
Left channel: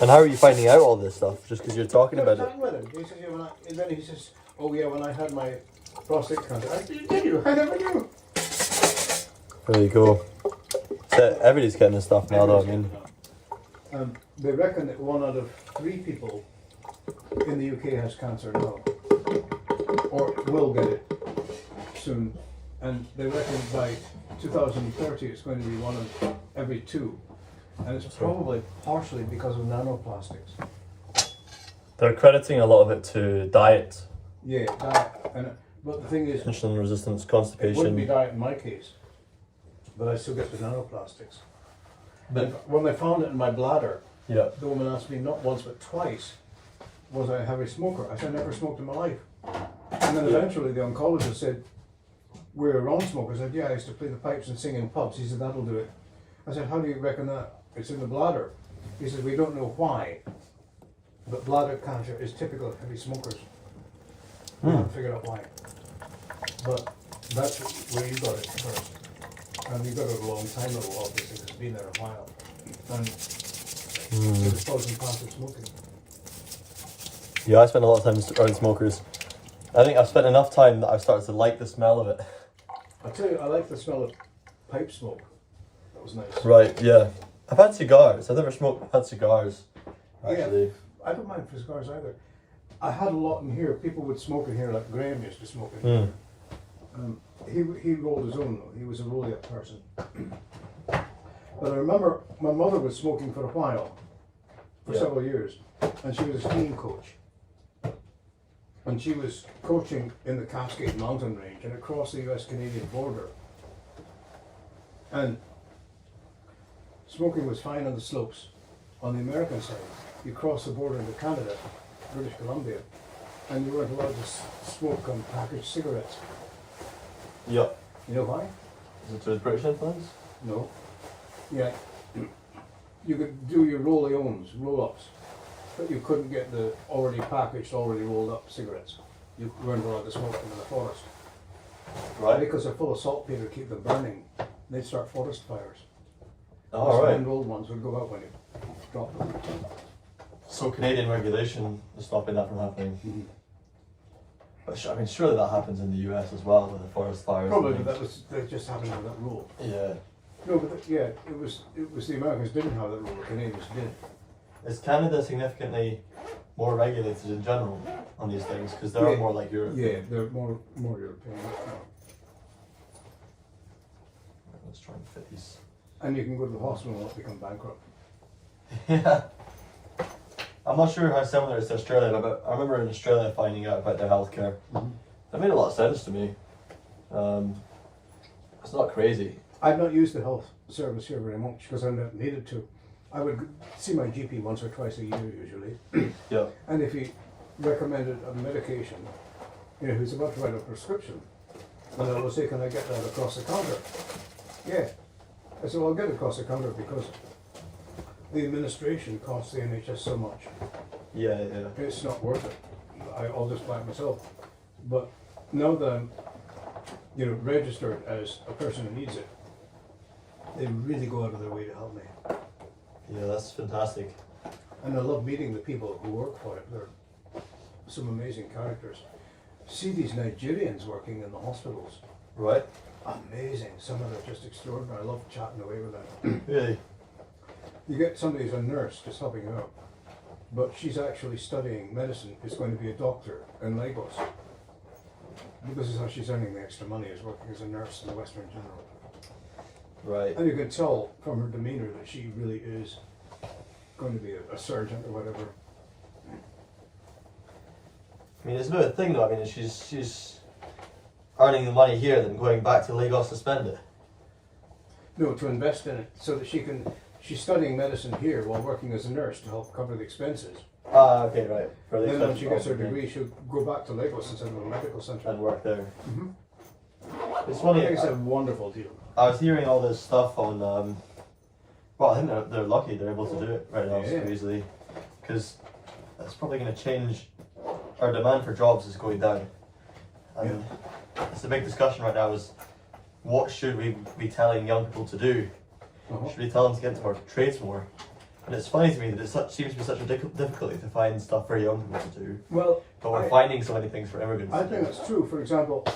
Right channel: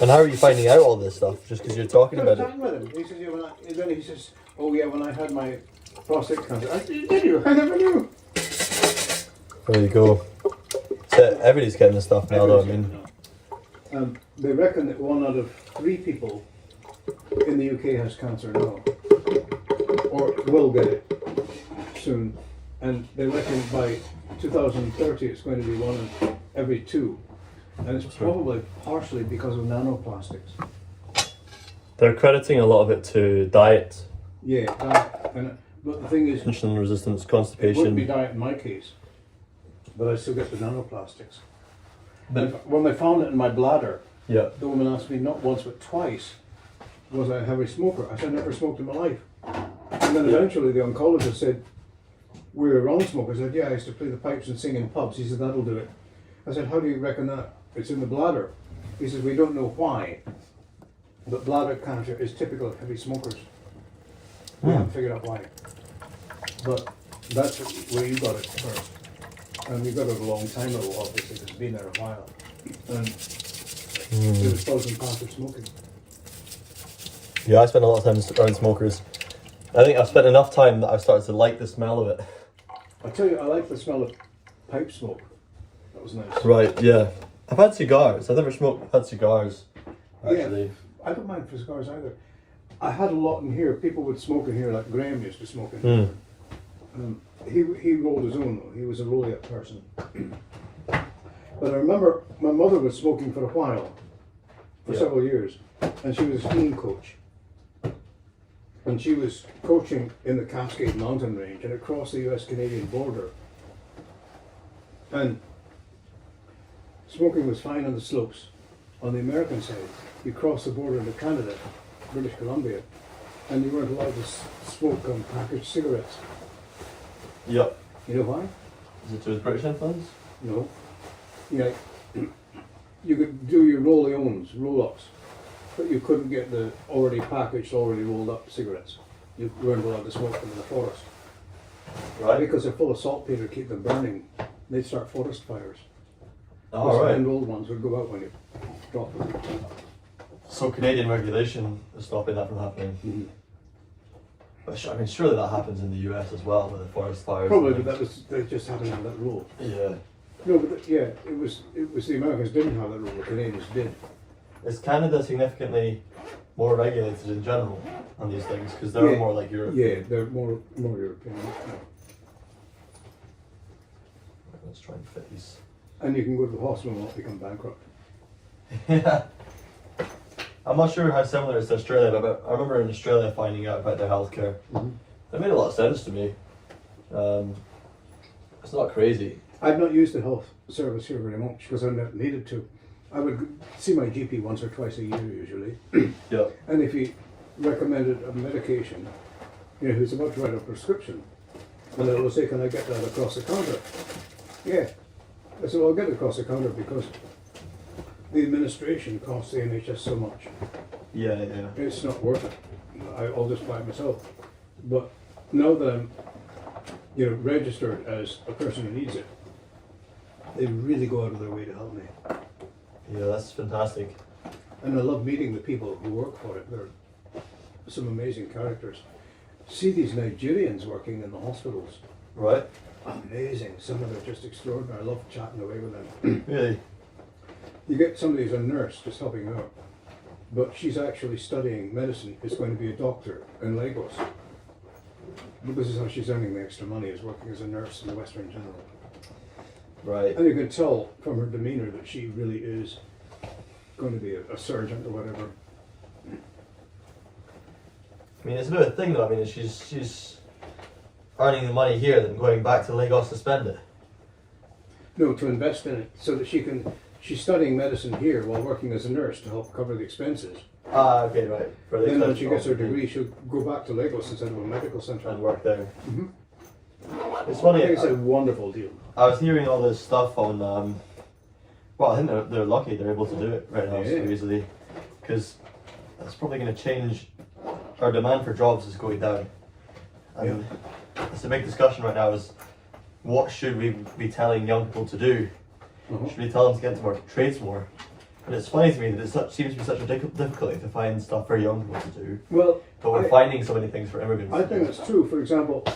And how are you finding out all this stuff? Just because you're talking I was about it? talking with him. He says, yeah, and then he says, oh yeah, when I had my prostate cancer. I said, did you? I never knew. There you go. So everybody's getting this stuff now, though. I mean, they reckon that 1 out of 3 people in the UK has cancer now, or will get it soon. And they reckon by 2030 it's going to be 1 in every 2. And it's probably partially because of nanoplastics. they're crediting a lot of it to diet. Yeah, that, but the thing is, Insulin resistance, it wouldn't be constipation. diet in my case, but I still get the nanoplastics. But, When they found it in my bladder, yeah. the woman asked me not once but twice, was I a heavy smoker? I said, I never smoked in my life. And then eventually the oncologist said, we're wrong smokers. I said, yeah, I used to play the pipes and sing in pubs. He said, that'll do it. I said, how do you reckon that? It's in the bladder. He says, we don't know why, but bladder cancer is typical of heavy smokers. We haven't figured out why. But that's where you got it first. And you got it a long time ago, obviously, because it's been there a while. And it was causing passive smoking. Yeah, I spend a lot of time around smokers. I think I've spent enough time that I've started to like the smell of it. I tell you, I like the smell of pipe smoke. That was nice. Right, yeah. I've had cigars. I've never smoked. I've had cigars. Actually. Yeah, I don't mind for cigars either. I had a lot in here. People would smoke in here, like Graham used to smoke in here. He rolled his own though. He was a roll-up person. But I remember my mother was smoking for a while, for several years, and she was a skiing coach. And she was coaching in the Cascade Mountain Range and across the US-Canadian border. And smoking was fine on the slopes. On the American side, you cross the border into Canada, British Columbia, and you weren't allowed to smoke on packaged cigarettes. Yep. You know why? Is it to the British influence? No. Yeah, you could do your roll-ons, roll-ups, but you couldn't get the already packaged, already rolled up cigarettes. You weren't allowed to smoke them in the forest. Right. Because they're full of saltpeter to keep them burning, they'd start forest fires. Oh, The right. hand-rolled ones would go out when you drop them. So Canadian regulation is stopping that from happening. But I mean, surely that happens in the US as well with the forest fires. Probably, but they just hadn't had that rule. Yeah. No, but it was the Americans didn't have that rule, the Canadians did. Is Canada significantly more regulated in general on these things? Because they're more like Europe. Yeah, they're more European. Let's try and fit these. And you can go to the hospital and not become bankrupt. Yeah. I'm not sure how similar it is to Australia, but I remember in Australia finding out about their healthcare. That made a lot of sense to me. It's not crazy. I've not used the health service here very much because I've not needed to. I would see my GP once or twice a year usually. Yeah. And if he recommended a medication, who's about to write a prescription, and they'll say, can I get that across the counter? Yeah. I said, well, I'll get it across the counter because the administration costs the NHS so much. Yeah, yeah. It's not worth it. I'll just buy it myself. But now that I'm, registered as a person who needs it, they really go out of their way to help me. Yeah, that's fantastic. And I love meeting the people who work for it. They're some amazing characters. See these Nigerians working in the hospitals. Right? Amazing. Some of them are just extraordinary. I love chatting away with them. Really? You get somebody who's a nurse just helping out, but she's actually studying medicine, is going to be a doctor in Lagos. But this is how she's earning the extra money, is working as a nurse in the Western General. Right. And you can tell from her demeanour that she really is going to be a surgeon or whatever. I mean, it's a bit of a thing though. I mean, she's earning the money here, then going back to Lagos to spend it. No, to invest in it so that she's studying medicine here while working as a nurse to help cover the expenses. Ah, okay, right. For the Then when expenses she gets her also, degree, she'll go back to Lagos instead of a medical centre. and work there. Mm-hmm. It's I funny. think it's a wonderful deal. I was hearing all this stuff on. Well, I think they're lucky they're able to do it right now so Yeah. easily, because it's probably going to change. Our demand for jobs is going down. And it's a big discussion right now is what should we be telling young people to do? Uh-huh. Should we tell them to get into our trades more? And it's funny to me that it seems to be such a difficulty to find stuff for young people to do, Well, but we're finding so many things for immigrants. I to think do. that's true. For example,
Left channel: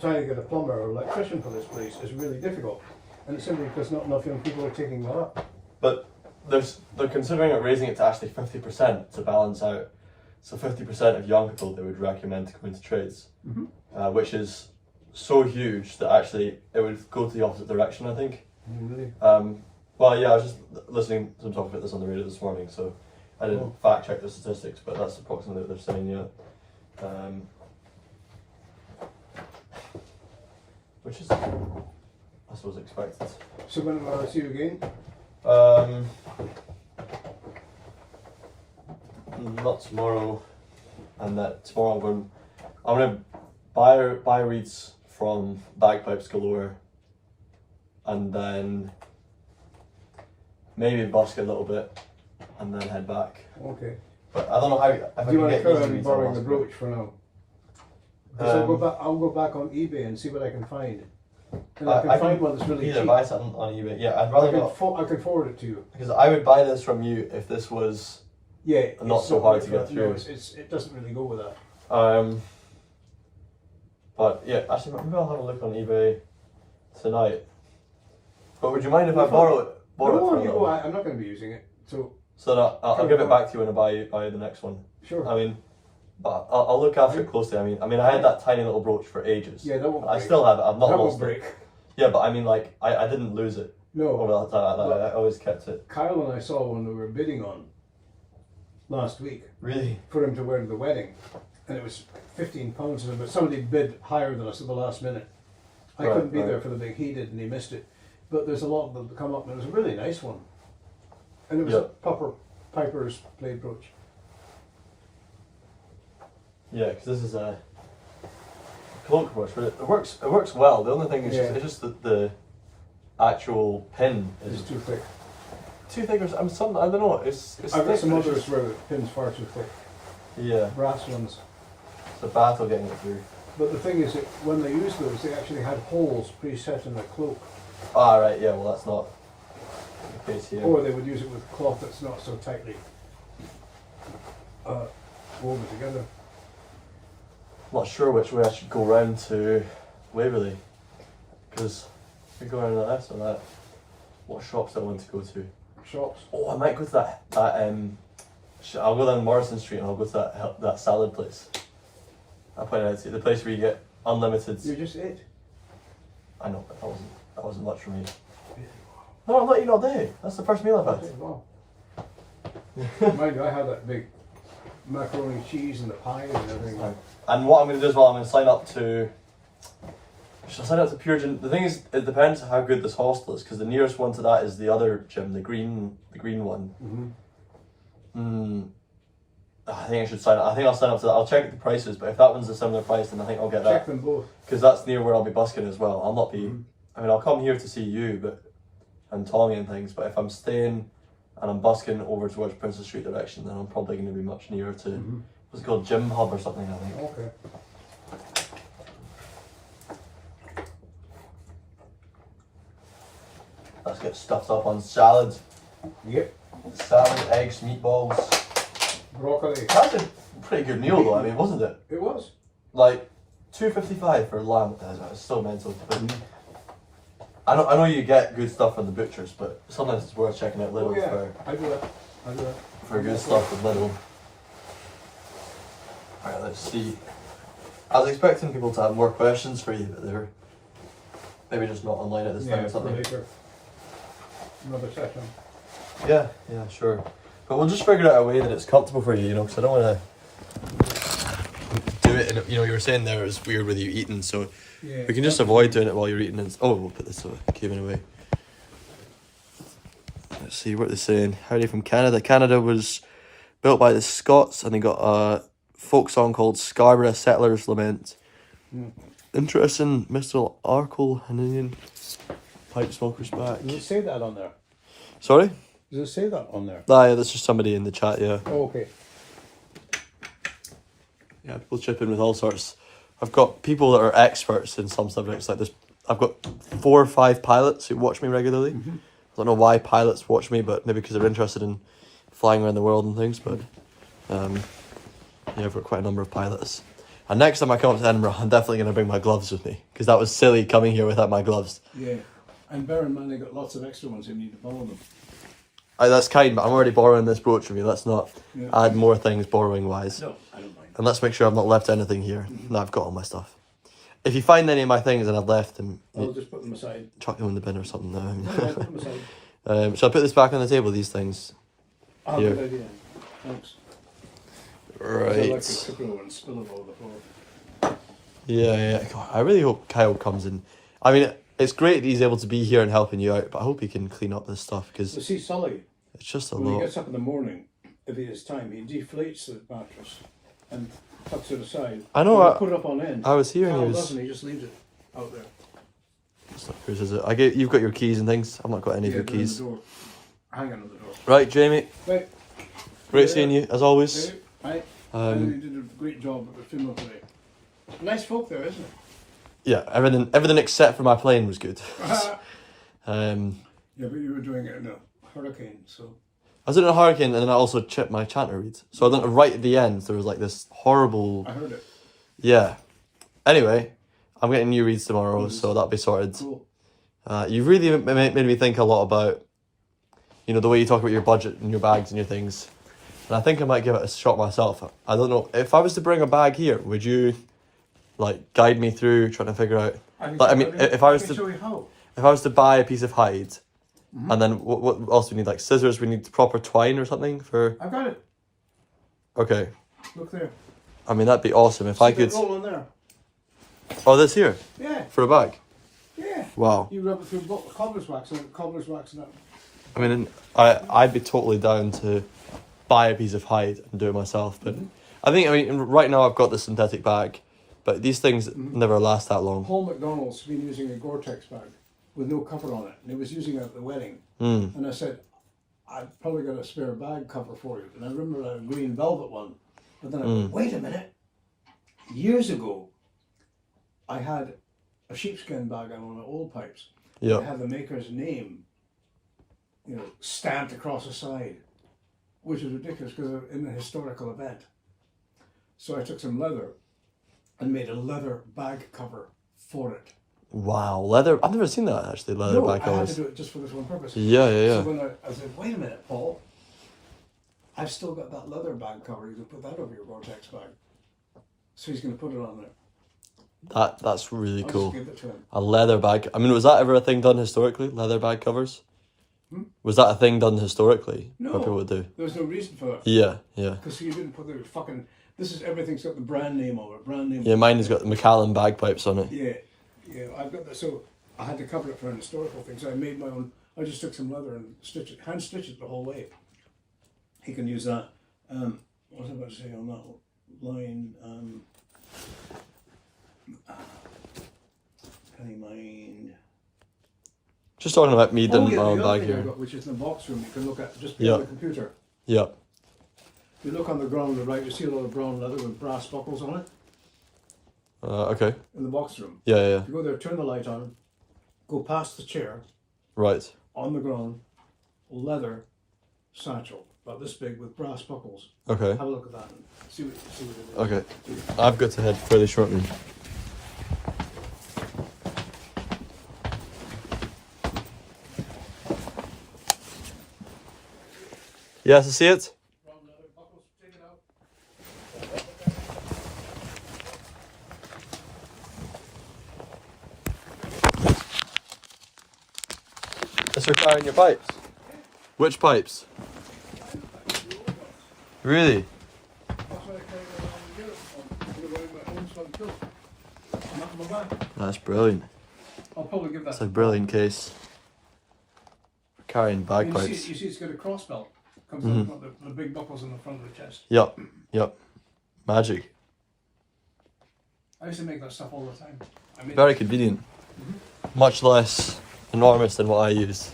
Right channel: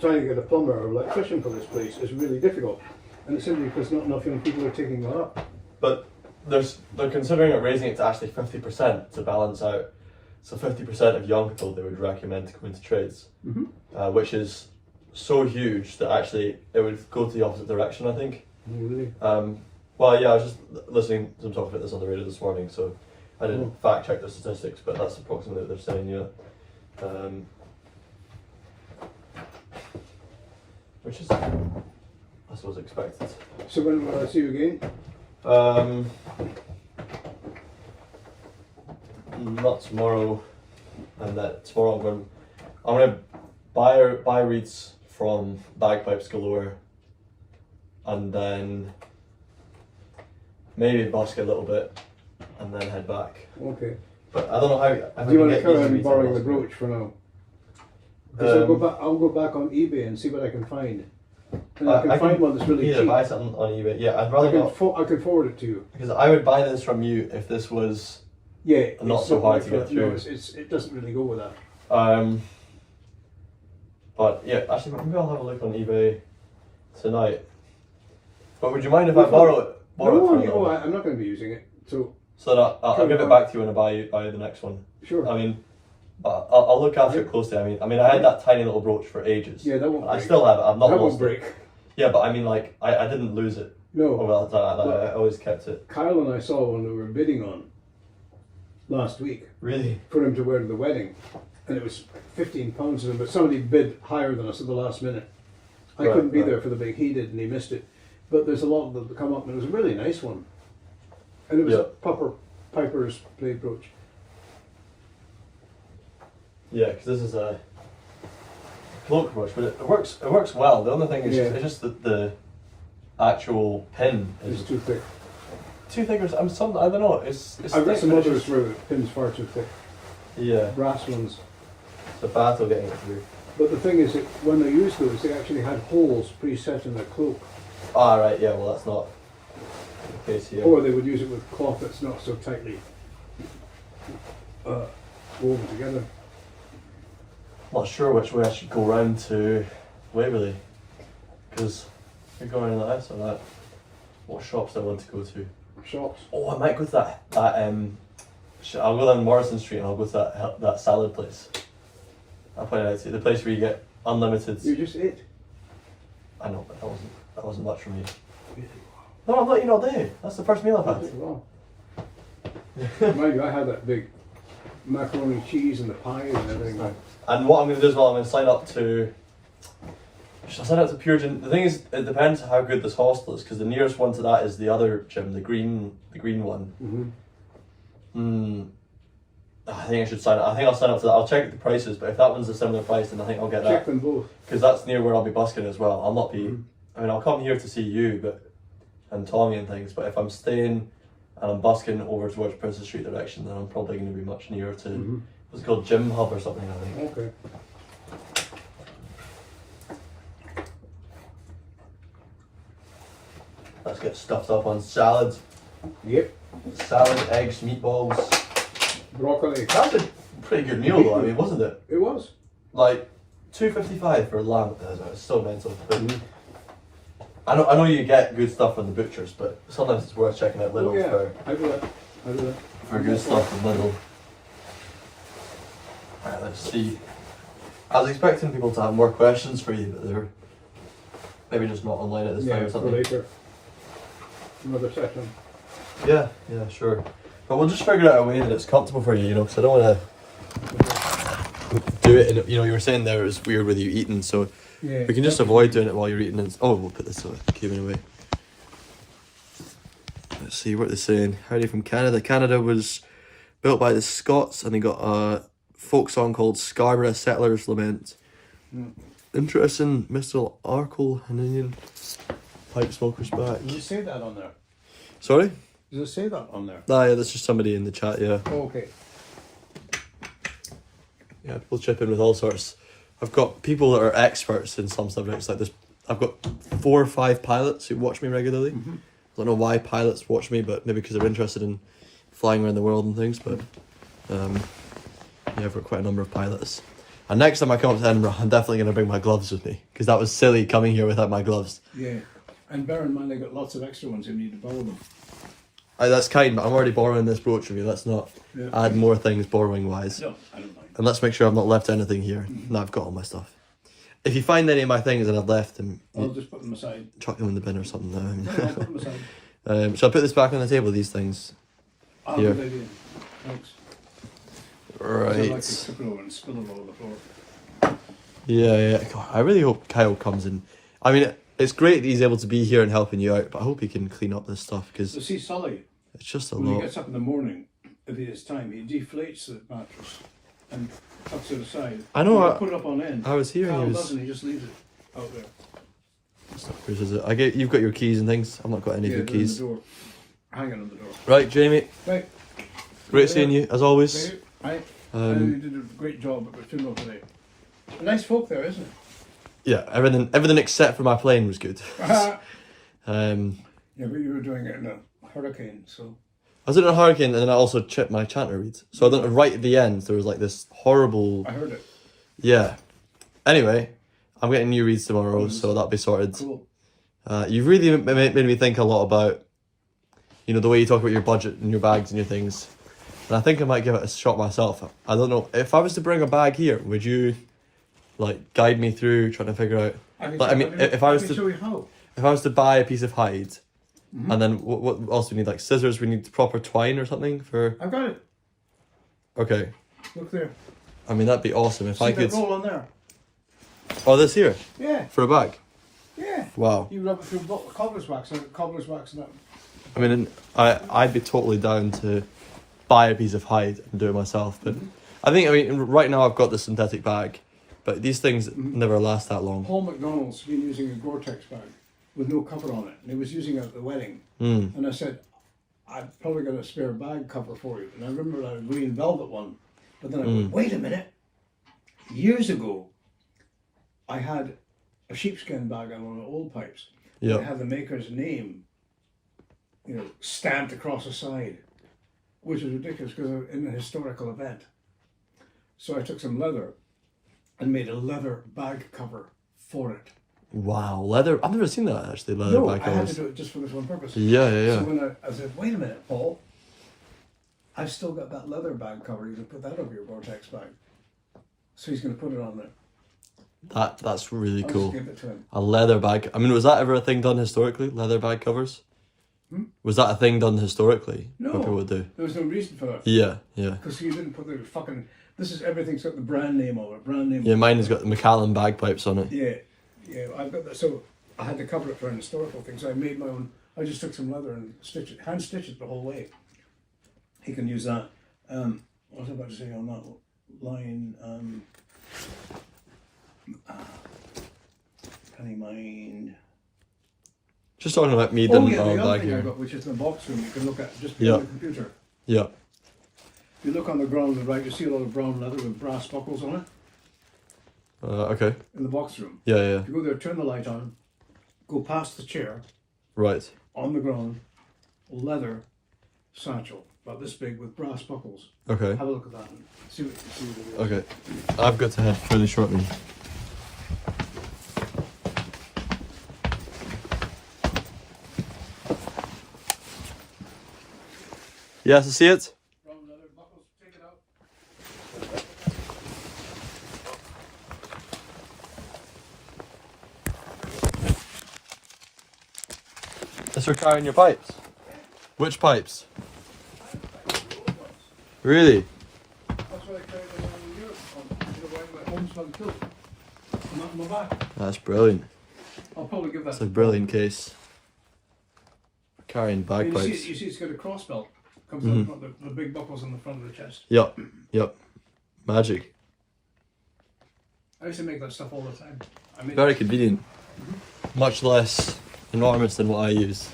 trying to get a plumber or electrician for this place is really difficult. And it's simply because not enough young people are taking that up. But they're considering raising it to actually 50% to balance out. So 50% of young people they would recommend to come into trades, which is so huge that actually it would go to the opposite direction, I think. Really? Well, yeah, I was just listening to them talk about this on the radio this morning, so I didn't fact check the statistics, but that's approximately what they're saying, yeah. Which is, I suppose, expected. So when will I see you again? Not tomorrow, and that tomorrow I'm gonna buy reeds from Bagpipes Galore, and then maybe busk a little bit, and then head back. Okay. But I don't know how. If I Do you can want to get carry these on reeds, borrowing the I'll brooch for now? 'Cause I'll go back on eBay and see what I can find. And I can find one that's really either cheap. buy something on eBay. Yeah, I'd I rather can, not, I can forward it to you. because I would buy this from you if this was. Yeah. Not it's so hard like to get that. No, through. it doesn't really go with that. But yeah, actually, maybe I'll have a look on eBay tonight. But would you mind if No, I borrow it No, from you you? go. I'm not going to be using it. So, So that I'll give it back to you when I buy the next one. sure. I mean, but I'll look after it closely. I mean, I had that tiny little brooch for ages. Yeah, that won't I break. still have it. I've not That lost won't it. break. Yeah, but I mean, like, I didn't lose it No. over that time. I always kept it. Kyle and I saw one we were bidding on last week Really? for him to wear to the wedding, and it was £15 of him, but somebody bid higher than us at the last minute. I Right, couldn't be right. there for the big, he did, and he missed it. But there's a lot of them that come up, and it was a really nice one. And it was Yeah. a proper Piper's blade brooch. Yeah, because this is a cloak brush, but it works. It works well. The only thing is, Yeah. it's just that the actual pin It's is too thick. too thick. I don't know. It's I've got thick, some but it's others just- where the pin's far too thick. Yeah, Brass ones. it's a battle getting it through. But the thing is that when they used those, they actually had holes preset in their cloak. Ah, right. Yeah. Well, that's not the case here. Or they would use it with cloth that's not so tightly woven together. Not sure which way I should go round to Waverley, because if we go around like this or that, what shops do I want to go to? Shops. Oh, I might go to that I'll go down Morrison Street and I'll go to that salad place. I pointed out to you, the place where you get unlimited. You just ate. I know, but that wasn't much for me. No, I'm letting you not do. That's the first meal I've had. Wow. Mind you, I had that big macaroni cheese and the pie and everything. And what I'm going to do as well, I'm going to sign up to. Should I sign up to Pure Gym? The thing is, it depends how good this hostel is, because the nearest one to that is the other gym, the green one. Mm-hmm. I think I should sign up. I think I'll sign up to that. I'll check the prices, but if that one's a similar price, then I think I'll get Check that, them both. because that's near where I'll be busking as well. I'll not be. Mhm. I mean, I'll come here to see you, and Tommy and things. But if I'm staying and I'm busking over towards Princess Street direction, then I'm probably going to be much nearer to, what's it called, Gym Hub or something, I think. Okay. Let's get stuffed up on salad. Yep. Salad, eggs, meatballs. Broccoli. That was a pretty good meal though, I mean, wasn't it? It was. Like, $2.55 for lamb, it's still mental. But I know you get good stuff from the butchers, but sometimes it's worth checking out Lidl I do that. for good stuff from Lidl. Alright, let's see. I was expecting people to have more questions for you, but they're maybe just not online at this time or something. Later. Another session. Yeah, sure. But we'll just figure out a way that it's comfortable for you, because I don't want to do it. And you were saying there it was weird with you eating, so Yeah. we can just avoid doing it while you're eating. We'll put this away, giving away. Let's see what they're saying. Howdy from Canada. Canada was built by the Scots, and they got a folk song called Scarborough Settlers Lament. Interesting, Mr. Arkle, an Indian pipe smoker's back. Does it say that on there? Sorry? Does it say that on there? Yeah, that's just somebody in the chat, yeah. Oh, okay. Yeah, people chip in with all sorts. I've got people that are experts in some subjects like this. I've got 4 or 5 pilots who watch me regularly. I don't know why pilots watch me, but maybe because they're interested in flying around the world and things, but yeah, I've got quite a number of pilots. And next time I come up to Edinburgh, I'm definitely going to bring my gloves with me, because that was silly coming here without my gloves. Yeah. And bear in mind, they got lots of extra ones. You need to borrow them. That's kind, but I'm already borrowing this brooch from you. Let's not add more things borrowing wise. No, I don't mind. And let's make sure I've not left anything here. No, I've got all my stuff. If you find any of my things and I've left them, I'll just put them aside. chuck them in the bin or something. Put them aside. So I put this back on the table, these things. Here. Good idea. Thanks. Right. I like to flip it over and spill it all over the floor. Yeah. God, I really hope Kyle comes in. I mean, it's great that he's able to be here and helping you out, but I hope he can clean up this stuff, because You see, Sully, it's just a when he lot. gets up in the morning, if he has time, he deflates the mattress and tucks it aside. I know, He'll put it up on end. I was hearing Carl his... doesn't, he just leaves it out there. Yours, is it? You've got your keys and things. I've not got any of your they're in keys. the door. Hanging on the door. Right, Jamie. Right. Great seeing you, as always. Right. You did a great job at the funeral today. Nice folk there, isn't it? Yeah, everything except for my plane was good. Yeah, but you were doing it in a hurricane, so... I was in a hurricane, and then I also chipped my chanter reed. So I don't, right at the end, there was like this horrible... I heard it. Yeah. Anyway, I'm getting new reeds tomorrow, so that'll be sorted. Cool. You really made me think a lot about, the way you talk about your budget and your bags and your things. And I think I might give it a shot myself. I don't know. If I was to bring a bag here, would you, guide me through trying to figure out... if I was to buy a piece of hide, and then what else do we need? Scissors, we need proper twine or something for... I've got it. Okay. Look there. I mean, that'd be awesome if I could... roll on there. Oh, this here? Yeah. For a bag? Yeah. Wow. You rub it through cobbler's wax and that. I mean, I'd be totally down to buy a piece of hide and do it myself, but right now I've got the synthetic bag, but these things never last that long. Paul MacDonald's been using a Gore-Tex bag with no cover on it, and he was using it at the wedding. And I said, I've probably got a spare bag cover for you. And I remember a green velvet one, but then I went, wait a minute. Years ago, I had a sheepskin bag on one of the old pipes. Yeah. It had the maker's name, stamped across the side, which is ridiculous because I'm in a historical event. So I took some leather and made a leather bag cover for it. Wow, leather. I've never seen that actually, leather bag I had covers. to do it just for this one purpose. Yeah. So when I said, wait a minute, Paul, I've still got that leather bag cover. You can put that over your Gore-Tex bag. So he's going to put it on there. That's really I'll cool. just give it to him. A leather bag. I mean, was that ever a thing done historically? Leather bag covers? Was that a thing done historically? No. What people would do? There was no reason for that. Yeah. Because he didn't put the fucking... This is everything's got the brand name on it. Yeah, mine has got the Macallan bagpipes on it. Yeah, I've got that. So I had to cover it for an historical thing. So I made my own. I just took some leather and hand stitched it the whole way. He can use that. What was I about to say on that line? Can you mind? Just talking about me Oh doing yeah, my the own other bag thing I here. got, which is in the box room, you can look at just Yeah. on the computer. Yeah. You look on the ground on the right, you see a lot of brown leather with brass buckles on it Okay. in the box room. Yeah, yeah, yeah. You go there, turn the light on, go past the chair, Right. on the ground, leather satchel, about this big with brass buckles. Okay. Have a look at that and see what it is. Okay. I've got to head fairly shortly. Yes, I see it. Brown leather buckles, take it out. Is there fire in your pipes? Which pipes? Really? That's what I carried in the Europe my homespun kilt. Not in my back. That's brilliant. I'll probably give that. It's a brilliant case. Carrying You bagpipes. see, it's got a cross belt. Comes Mm-hmm. out front, the big buckles on the front of the chest. Yep. Yep. Magic. I used to make that stuff all the time. I mean, Very convenient. Much less enormous than what I use.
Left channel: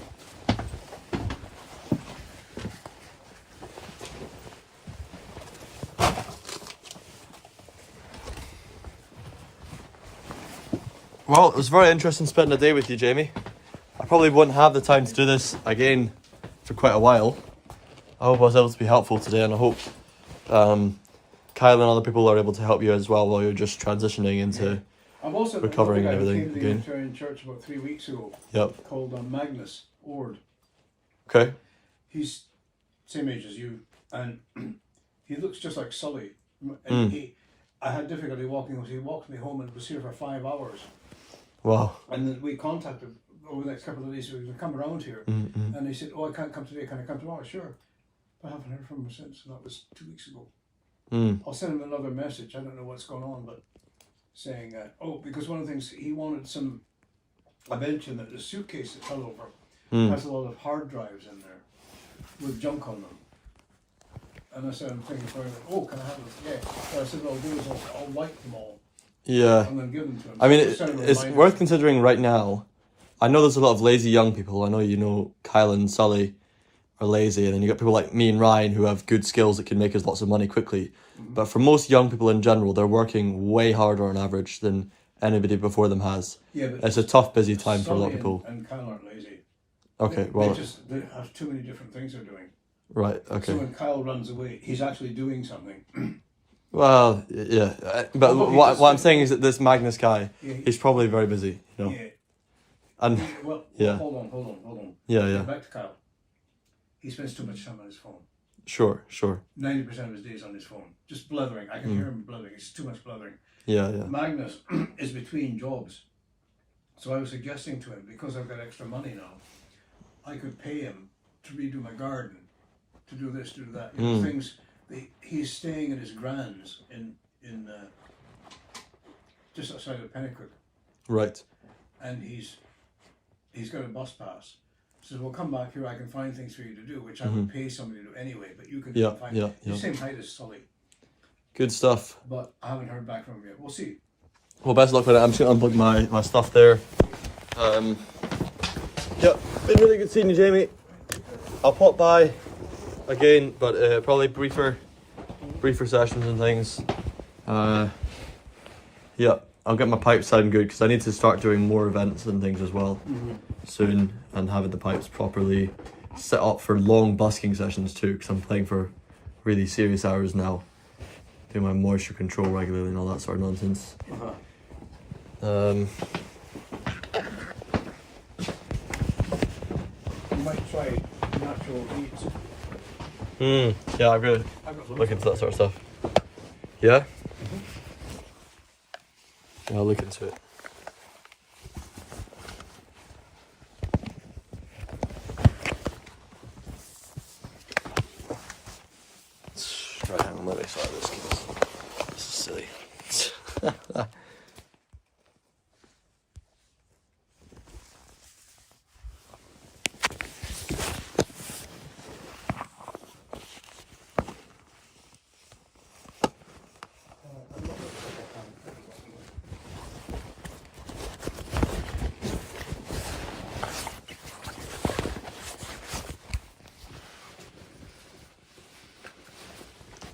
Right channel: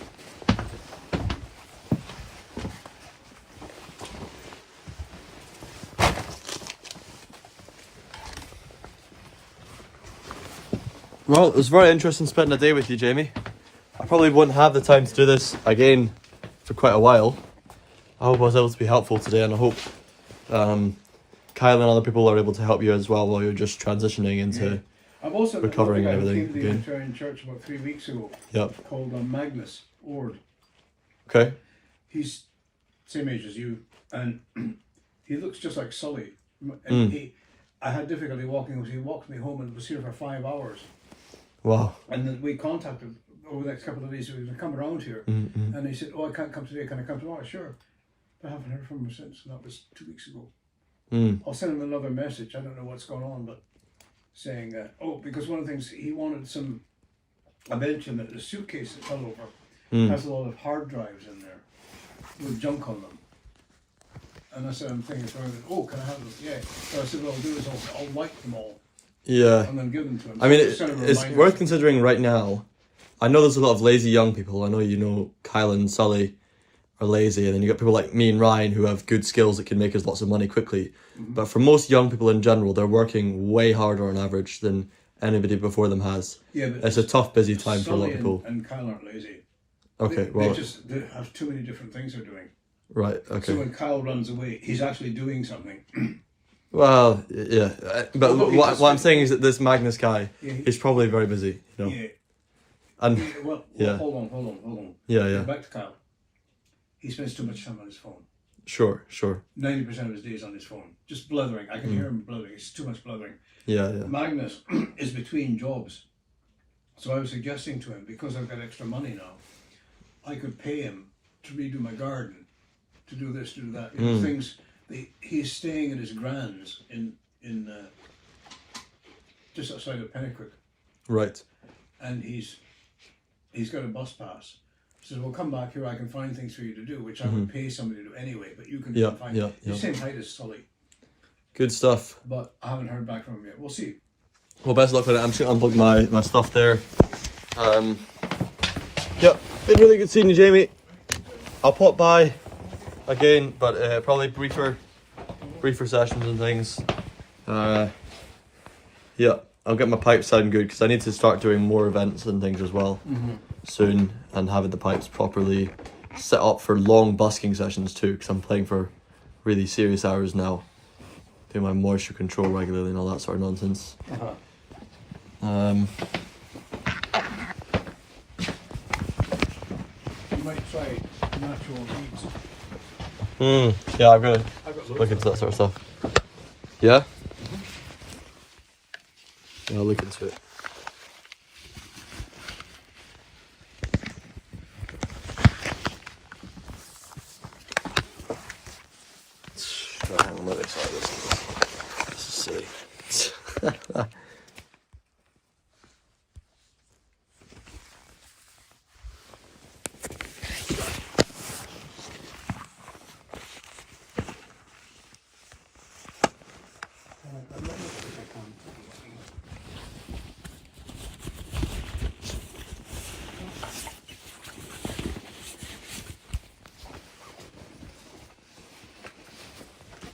Well, it was very interesting spending a day with you, Jamie. I probably wouldn't have the time to do this again for quite a while. I hope I was able to be helpful today, and I hope Kyle and other people are able to help you as well while you're just transitioning into. I've also recovering and everything Came to the again. Unitarian Church about 3 weeks ago. Yep. Called Magnus Ord. Okay. He's same age as you, and he looks just like Sully. And Mm. I had difficulty walking because he walked me home and was here for 5 hours. Wow. And then we contacted over the next couple of days. So we would come around here, Mm-hmm. and he said, "Oh, I can't come today. Can I come tomorrow?" Sure. But I haven't heard from him since. And that was 2 weeks ago. Mm. I'll send him another message. I don't know what's going on, but saying, because one of the things he wanted I mentioned that the suitcase that fell over has a lot of hard drives in there with junk on them. And I said, I'm thinking for him, can I have them? Yeah. So I said, what I'll do is I'll write them all Yeah. and then give them to him. I mean, So I'll send him a it's reminder. worth considering right now. I know there's a lot of lazy young people. I know Kyle and Sully are lazy, and then you got people like me and Ryan who have good skills that can make us lots of money quickly. But for most young people in general, they're working way harder on average than anybody before them has. Yeah, but It's a tough, busy time for a lot of Sully people. And Kyle aren't lazy. Okay, They well, they have too many different things they're doing. right, So okay. when Kyle runs away, he's actually doing something. Well, yeah. But Although he what just- I'm saying is that this Magnus guy, Yeah, he's probably very busy, Yeah. And Well, Yeah. hold on. yeah, yeah. Back to Kyle. He spends too much time on his phone. Sure. 90% of his days on his phone. Just blethering. I can hear him blethering. It's too much blethering. Yeah. Magnus is between jobs. So I was suggesting to him, because I've got extra money now, I could pay him to redo my garden, to do this, to do that. Things. He's staying at his grand's in just outside of Pennycook, Right. and he's got a bus pass. So we'll come back here. I can find things for you to do, which I would pay somebody to do anyway. But you can find. Yeah. He's the same height as Sully, Good stuff. but I haven't heard back from him yet. We'll see. Well, best of luck with it. I'm just going to unplug my stuff there. Yeah, been really good seeing you, Jamie. I'll pop by again, but probably briefer sessions and things. Yeah, I'll get my pipes sound good because I need to start doing more events and things as well soon, and having the pipes properly set up for long busking sessions too, because I'm playing for really serious hours now, doing my moisture control regularly and all that sort of nonsense. You might try natural reeds. Yeah, I'm gonna I've got look into that sort of stuff. Yeah? Yeah, I'll look into it. Right, hang on, let me try this. This is silly.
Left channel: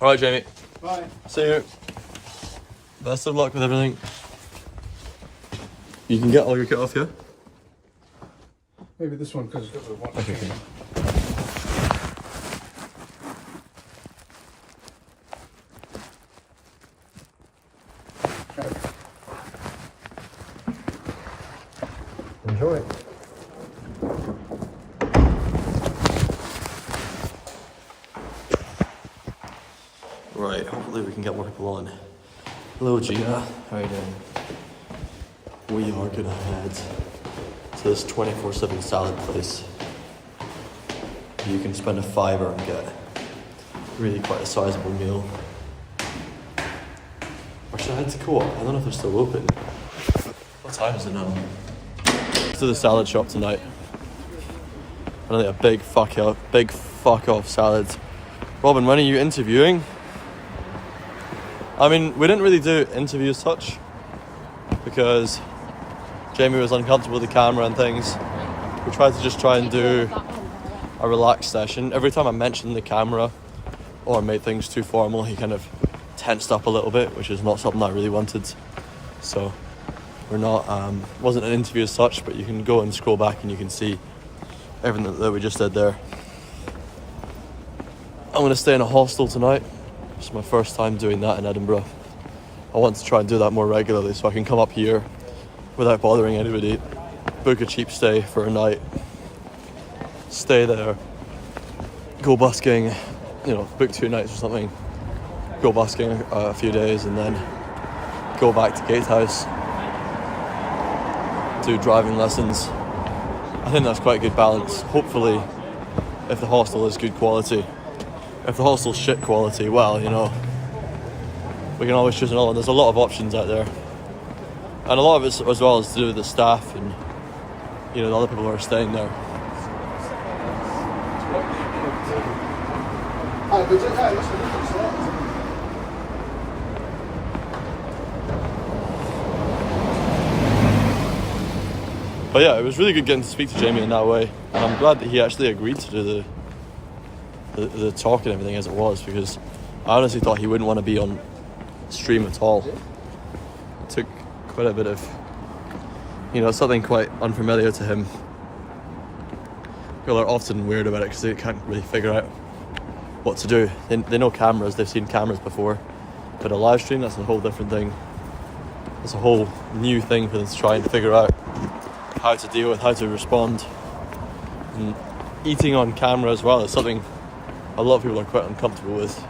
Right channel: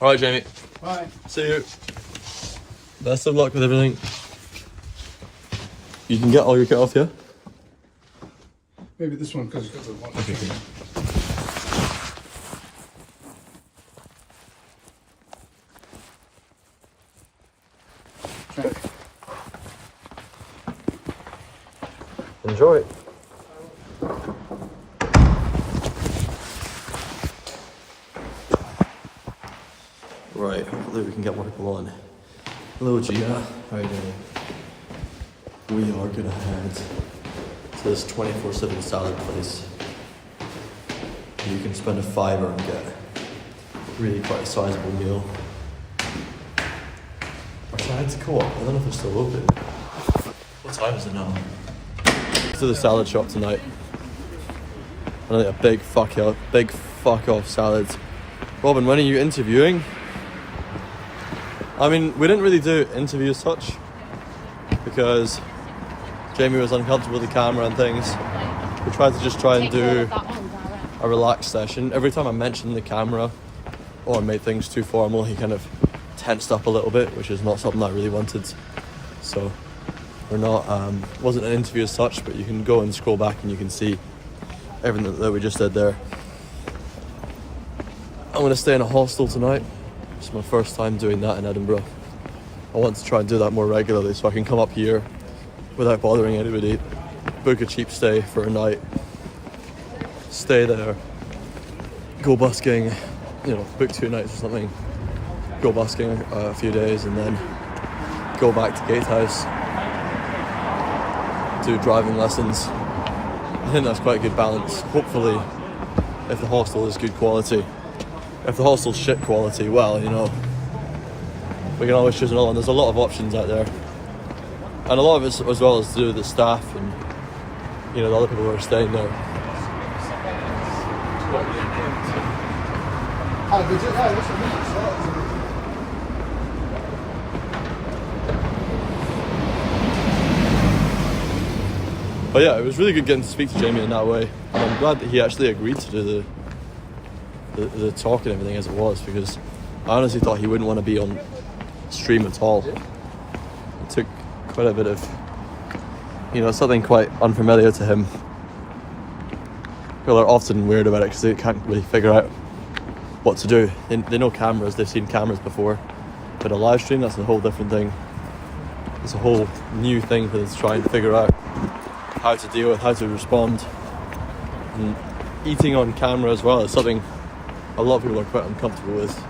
All right, Jamie. Bye. See you. Best of luck with everything. You can get all your kit off here. Maybe this one because it was one. Okay. Enjoy. Right, hopefully we can get more people on. Hello Gia, how are you doing? We are gonna head to this 24/7 salad place. You can spend a $5 and get really quite a sizable meal. Or should I head to Co-op? I don't know if they're still open. What time is it now? To the salad shop tonight. I think a big fuck off salad. Robin, when are you interviewing? I mean, we didn't really do interviews such because Jamie was uncomfortable with the camera and things. We tried to just try and do a relaxed session. Every time I mentioned the camera or made things too formal, he kind of tensed up a little bit, which is not something I really wanted. So we're not, wasn't an interview as such, but you can go and scroll back and you can see everything that we just did there. I'm gonna stay in a hostel tonight. It's my first time doing that in Edinburgh. I want to try and do that more regularly so I can come up here without bothering anybody, book a cheap stay for a night, stay there, go busking, you know, book 2 nights or something, go busking a few days and then go back to Gatehouse, do driving lessons. I think that's quite a good balance. Hopefully, if the hostel is good quality. If the hostel's shit quality, well, you know, we can always choose another one. There's a lot of options out there. And a lot of it as well is to do with the staff and, you know, the other people who are staying there. But yeah, it was really good getting to speak to Jamie in that way. And I'm glad that he actually agreed to do the talk and everything as it was, because I honestly thought he wouldn't want to be on stream at all. It took quite a bit of, you know, something quite unfamiliar to him. People are often weird about it because they can't really figure out what to do. They know cameras, they've seen cameras before, but a live stream, that's a whole different thing. It's a whole new thing for them to try and figure out how to deal with, how to respond. And eating on camera as well is something a lot of people are quite uncomfortable with.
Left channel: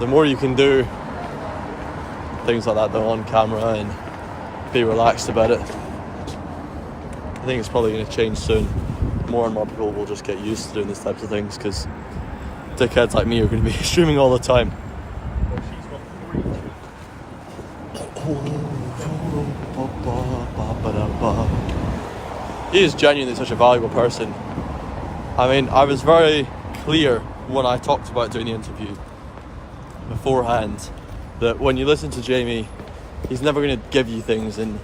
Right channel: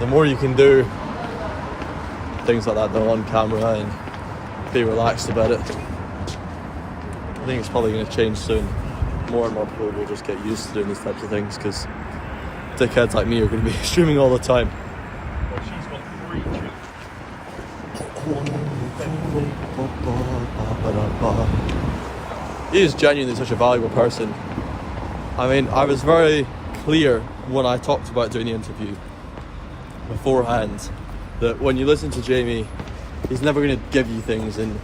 The more you can do things like that though on camera and be relaxed about it, I think it's probably going to change soon. More and more people will just get used to doing these types of things because dickheads like me are going to be streaming all the time. He is genuinely such a valuable person. I mean, I was very clear when I talked about doing the interview beforehand that when you listen to Jamie, he's never going to give you things in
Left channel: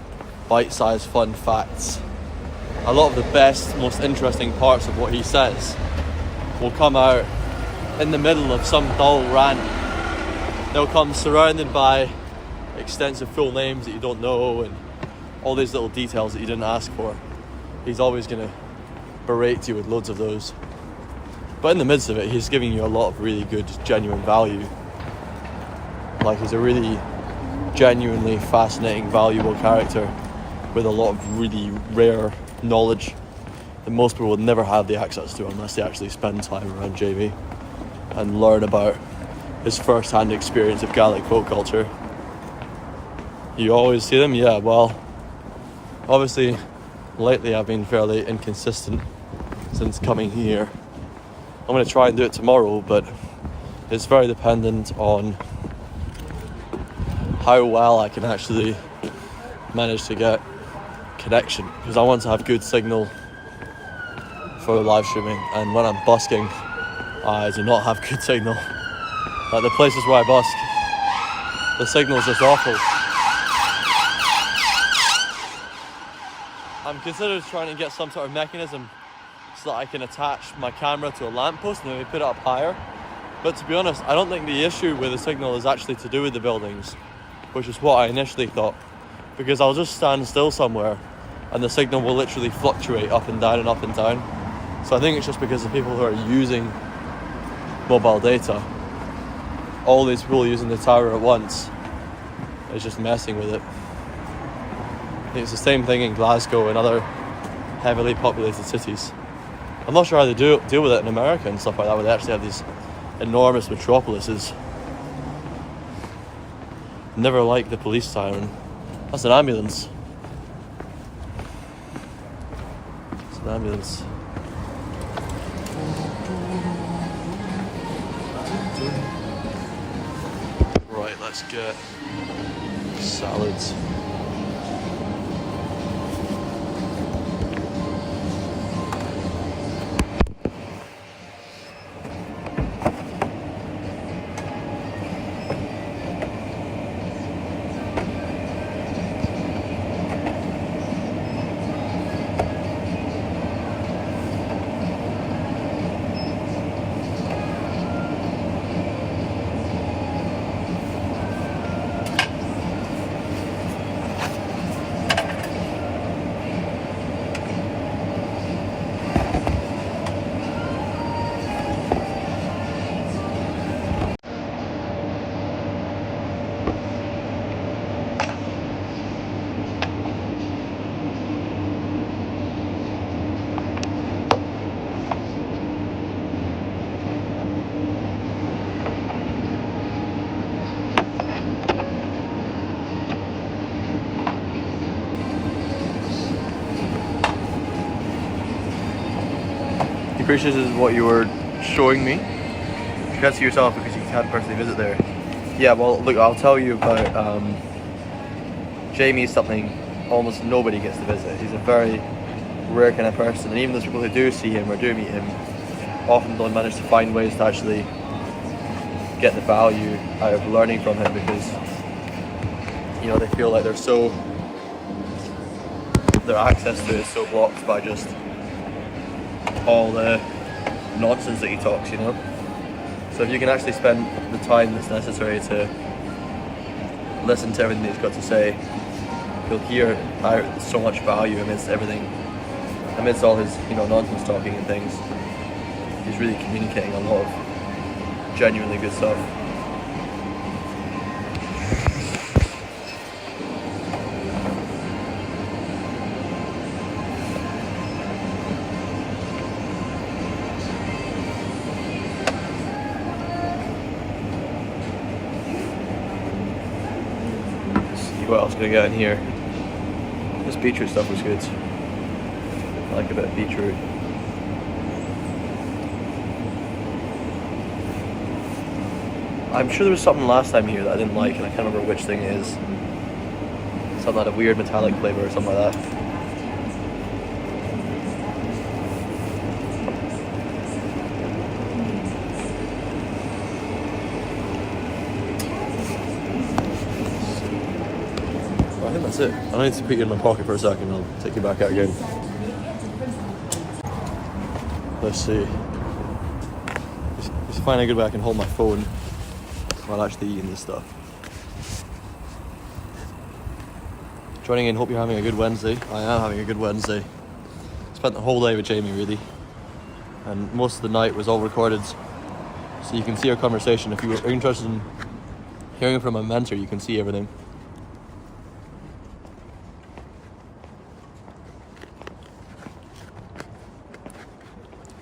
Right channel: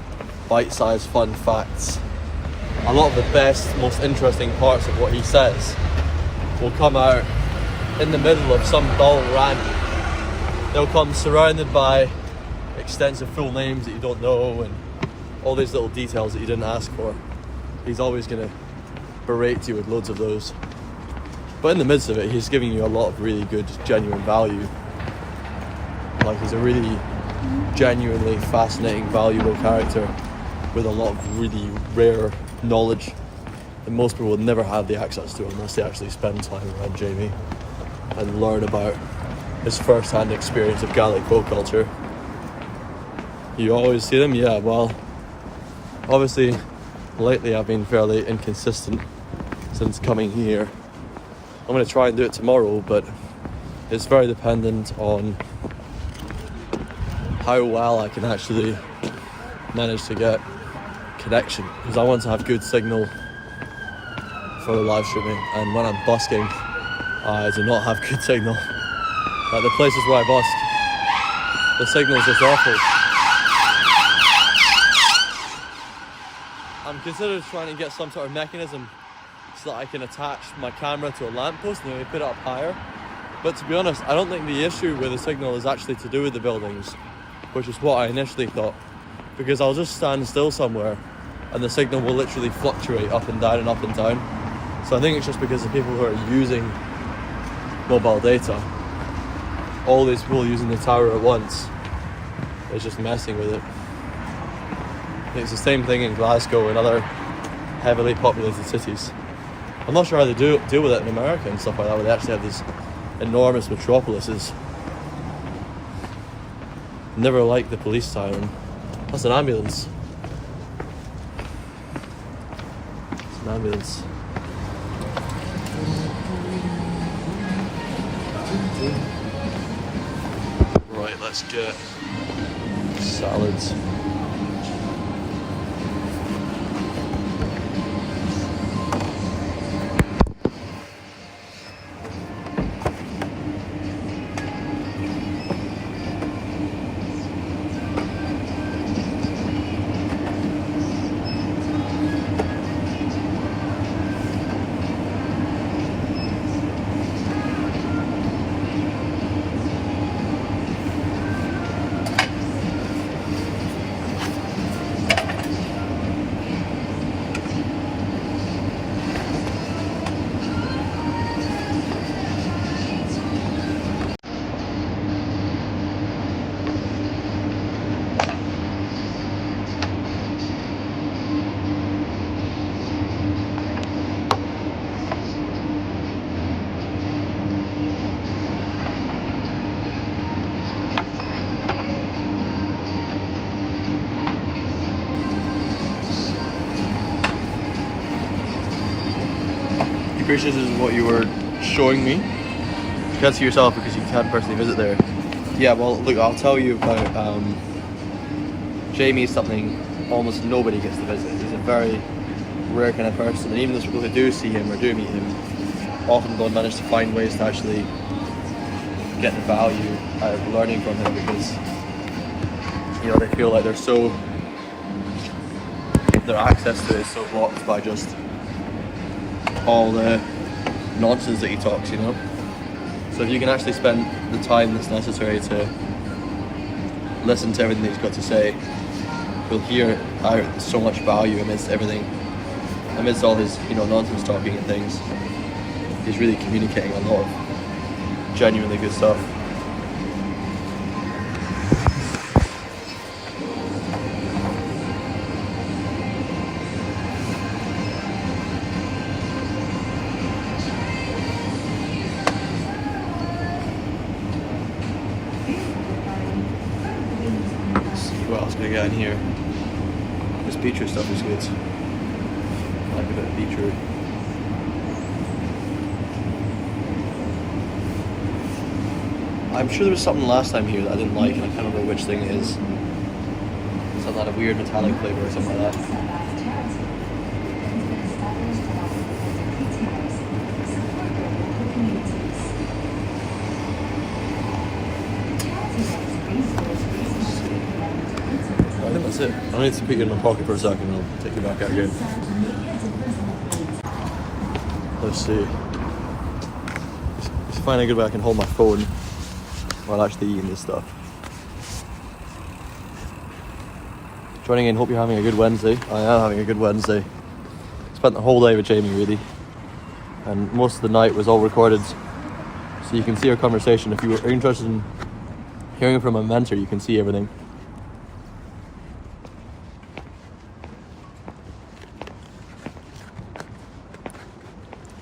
bite-sized fun facts. A lot of the best, most interesting parts of what he says will come out in the middle of some dull rant. They'll come surrounded by extensive full names that you don't know and all these little details that you didn't ask for. He's always going to berate you with loads of those. But in the midst of it, he's giving you a lot of really good, genuine value. Like, he's a really genuinely fascinating, valuable character with a lot of really rare knowledge that most people would never have the access to unless they actually spend time around Jamie and learn about his first-hand experience of Gaelic folk culture. You always see them? Yeah, well, obviously lately I've been fairly inconsistent since coming here. I'm going to try and do it tomorrow, but it's very dependent on how well I can actually manage to get connection, because I want to have good signal for the live streaming, and when I'm busking I do not have good signal. Like the places where I busk, the signal is just awful. I'm considering trying to get some sort of mechanism so that I can attach my camera to a lamppost and then they put it up higher. But to be honest, I don't think the issue with the signal is actually to do with the buildings, which is what I initially thought. Because I'll just stand still somewhere and the signal will literally fluctuate up and down and up and down. So I think it's just because the people who are using mobile data, all these people using the tower at once, is just messing with it. I think it's the same thing in Glasgow and other heavily populated cities. I'm not sure how they deal with it in America and stuff like that, where they actually have these enormous metropolises. Never liked the police siren. That's an ambulance. It's an ambulance. Right, let's get salads. This is what you were showing me. You can't see yourself because you can't personally visit there. Yeah, well, look, I'll tell you about Jamie's something almost nobody gets to visit. He's a very rare kind of person, and even those people who do see him or do meet him often don't manage to find ways to actually get the value out of learning from him, because, you know, they feel like their access to it is so blocked by just all the nonsense that he talks, you know. So if you can actually spend the time that's necessary to listen to everything that he's got to say, you'll hear out so much value amidst everything, amidst all his, you know, nonsense talking and things. He's really communicating a lot of genuinely good stuff. What else can we get in here? This beetroot stuff is good. I like a bit of beetroot. I'm sure there was something last time here that I didn't like, and I can't remember which thing it is. Something had a weird metallic flavour or something like that. I think that's it. I need to put you in my pocket for a second, I'll take you back out again. Let's see. Just find a good way I can hold my phone while actually eating this stuff. Joining in, hope you're having a good Wednesday. I am having a good Wednesday. Spent the whole day with Jamie, really. And most of the night was all recorded, so you can see our conversation. If you were interested in hearing from a mentor, you can see everything.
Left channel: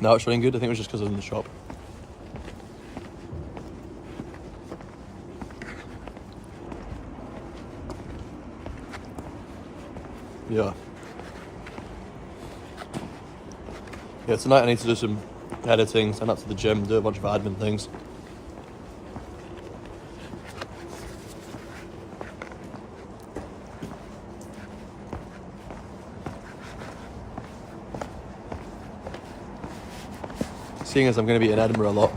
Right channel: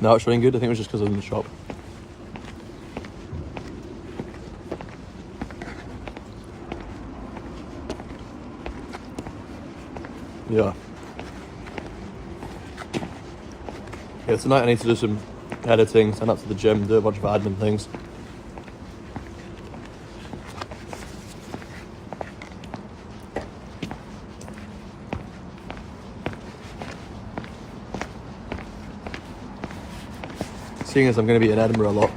Now it's running good. I think it was just because I was in the shop. Yeah. Yeah, tonight I need to do some editing, send up to the gym, do a bunch of admin things. Seeing as I'm going to be in Edinburgh a lot.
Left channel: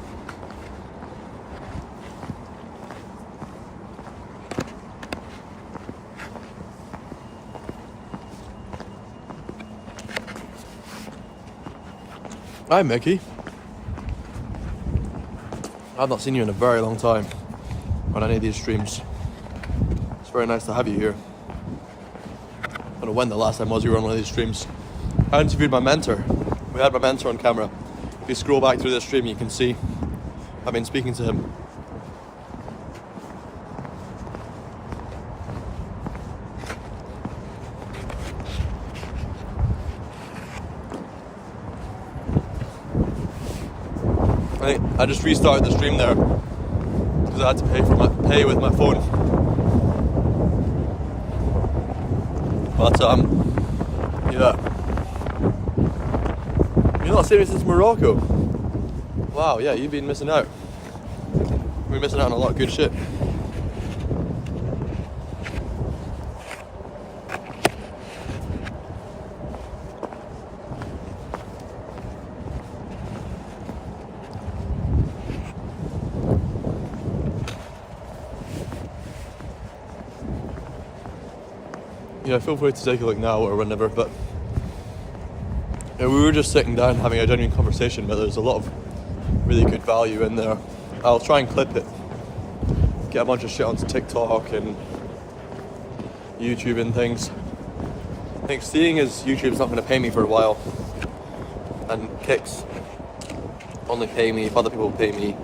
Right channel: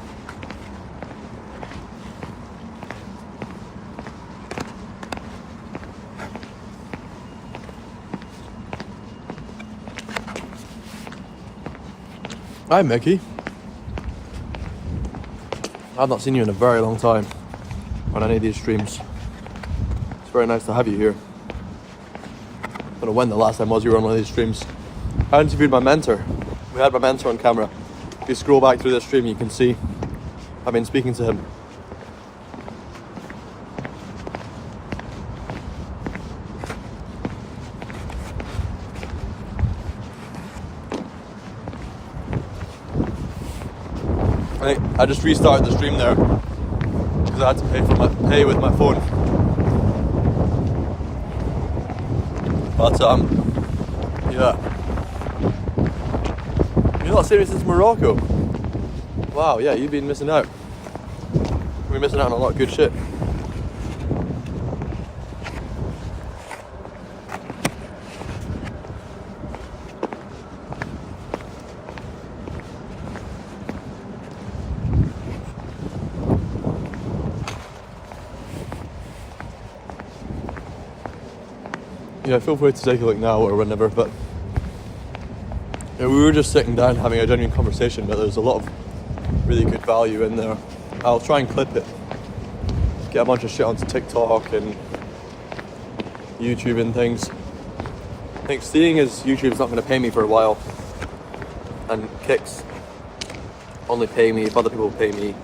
Hi, Mickey. I've not seen you in a very long time on any of these streams. It's very nice to have you here. I don't know when the last time was you were on one of these streams. I interviewed my mentor. We had my mentor on camera. If you scroll back through this stream, you can see I've been speaking to him. I just restarted the stream there because I had to pay with my phone. But yeah. You're not seeing me since Morocco. Wow, yeah, you've been missing out. We're missing out on a lot of good shit. Yeah, feel free to take a look now or whenever, but we were just sitting down having a genuine conversation, but there's a lot of really good value in there. I'll try and clip it, get a bunch of shit onto TikTok and YouTube and things. I think seeing as YouTube's not going to pay me for a while, and Kicks only pay me if other people pay me.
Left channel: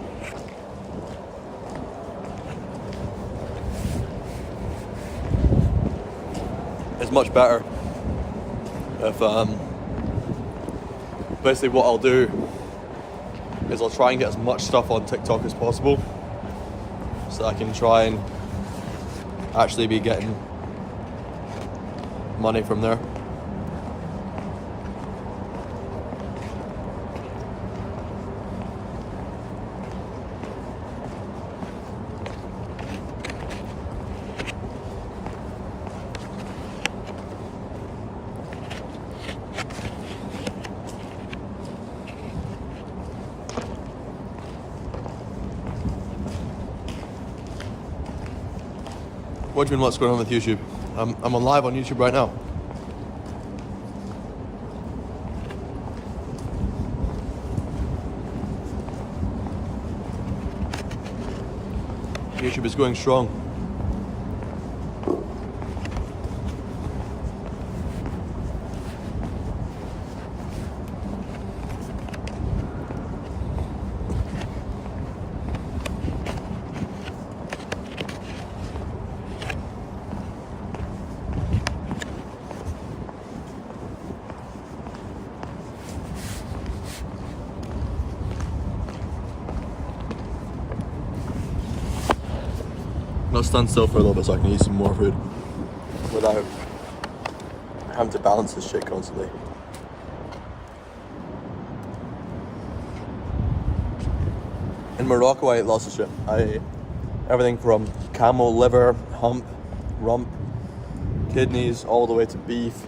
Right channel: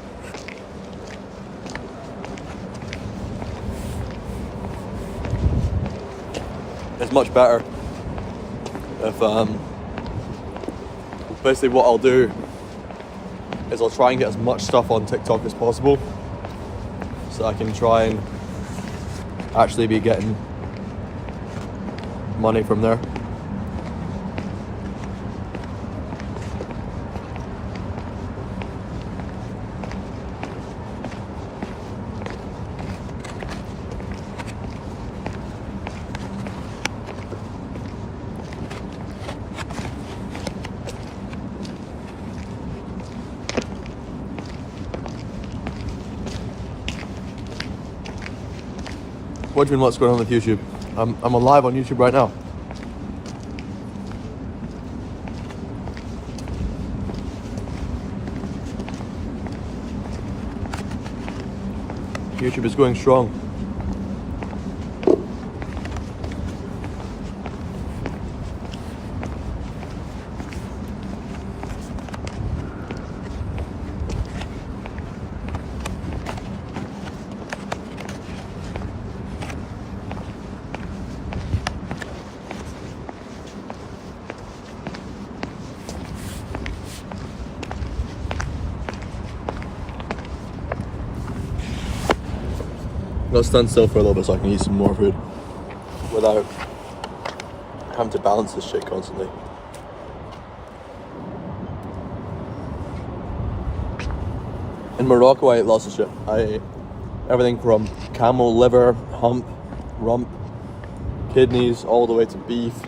It's much better if basically what I'll do is I'll try and get as much stuff on TikTok as possible so I can try and actually be getting money from there. What do you mean what's going on with YouTube? I'm on live on YouTube right now. YouTube is going strong. Let's stand still for a little bit so I can eat some more food without having to balance this shit constantly. In Morocco I ate lots of shit. I ate everything from camel liver, hump, rump, kidneys, all the way to beef,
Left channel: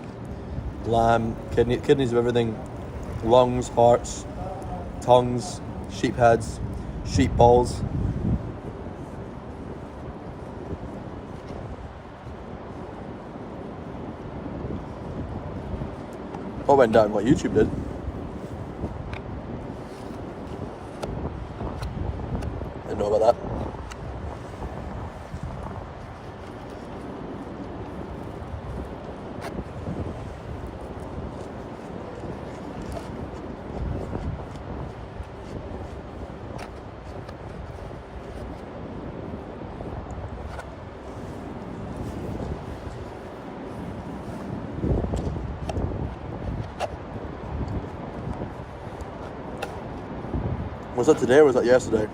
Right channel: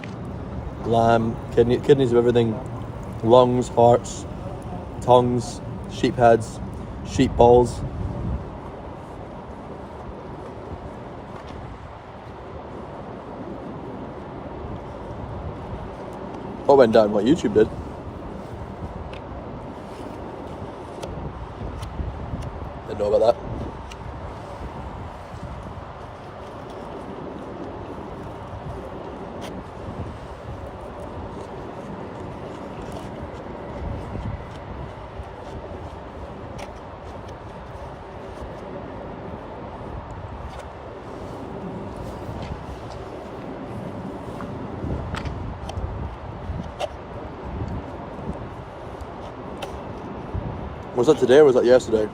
lamb, kidneys of everything, lungs, hearts, tongues, sheep heads, sheep balls. What went down? What YouTube did? Didn't know about that. Was that today or was that yesterday?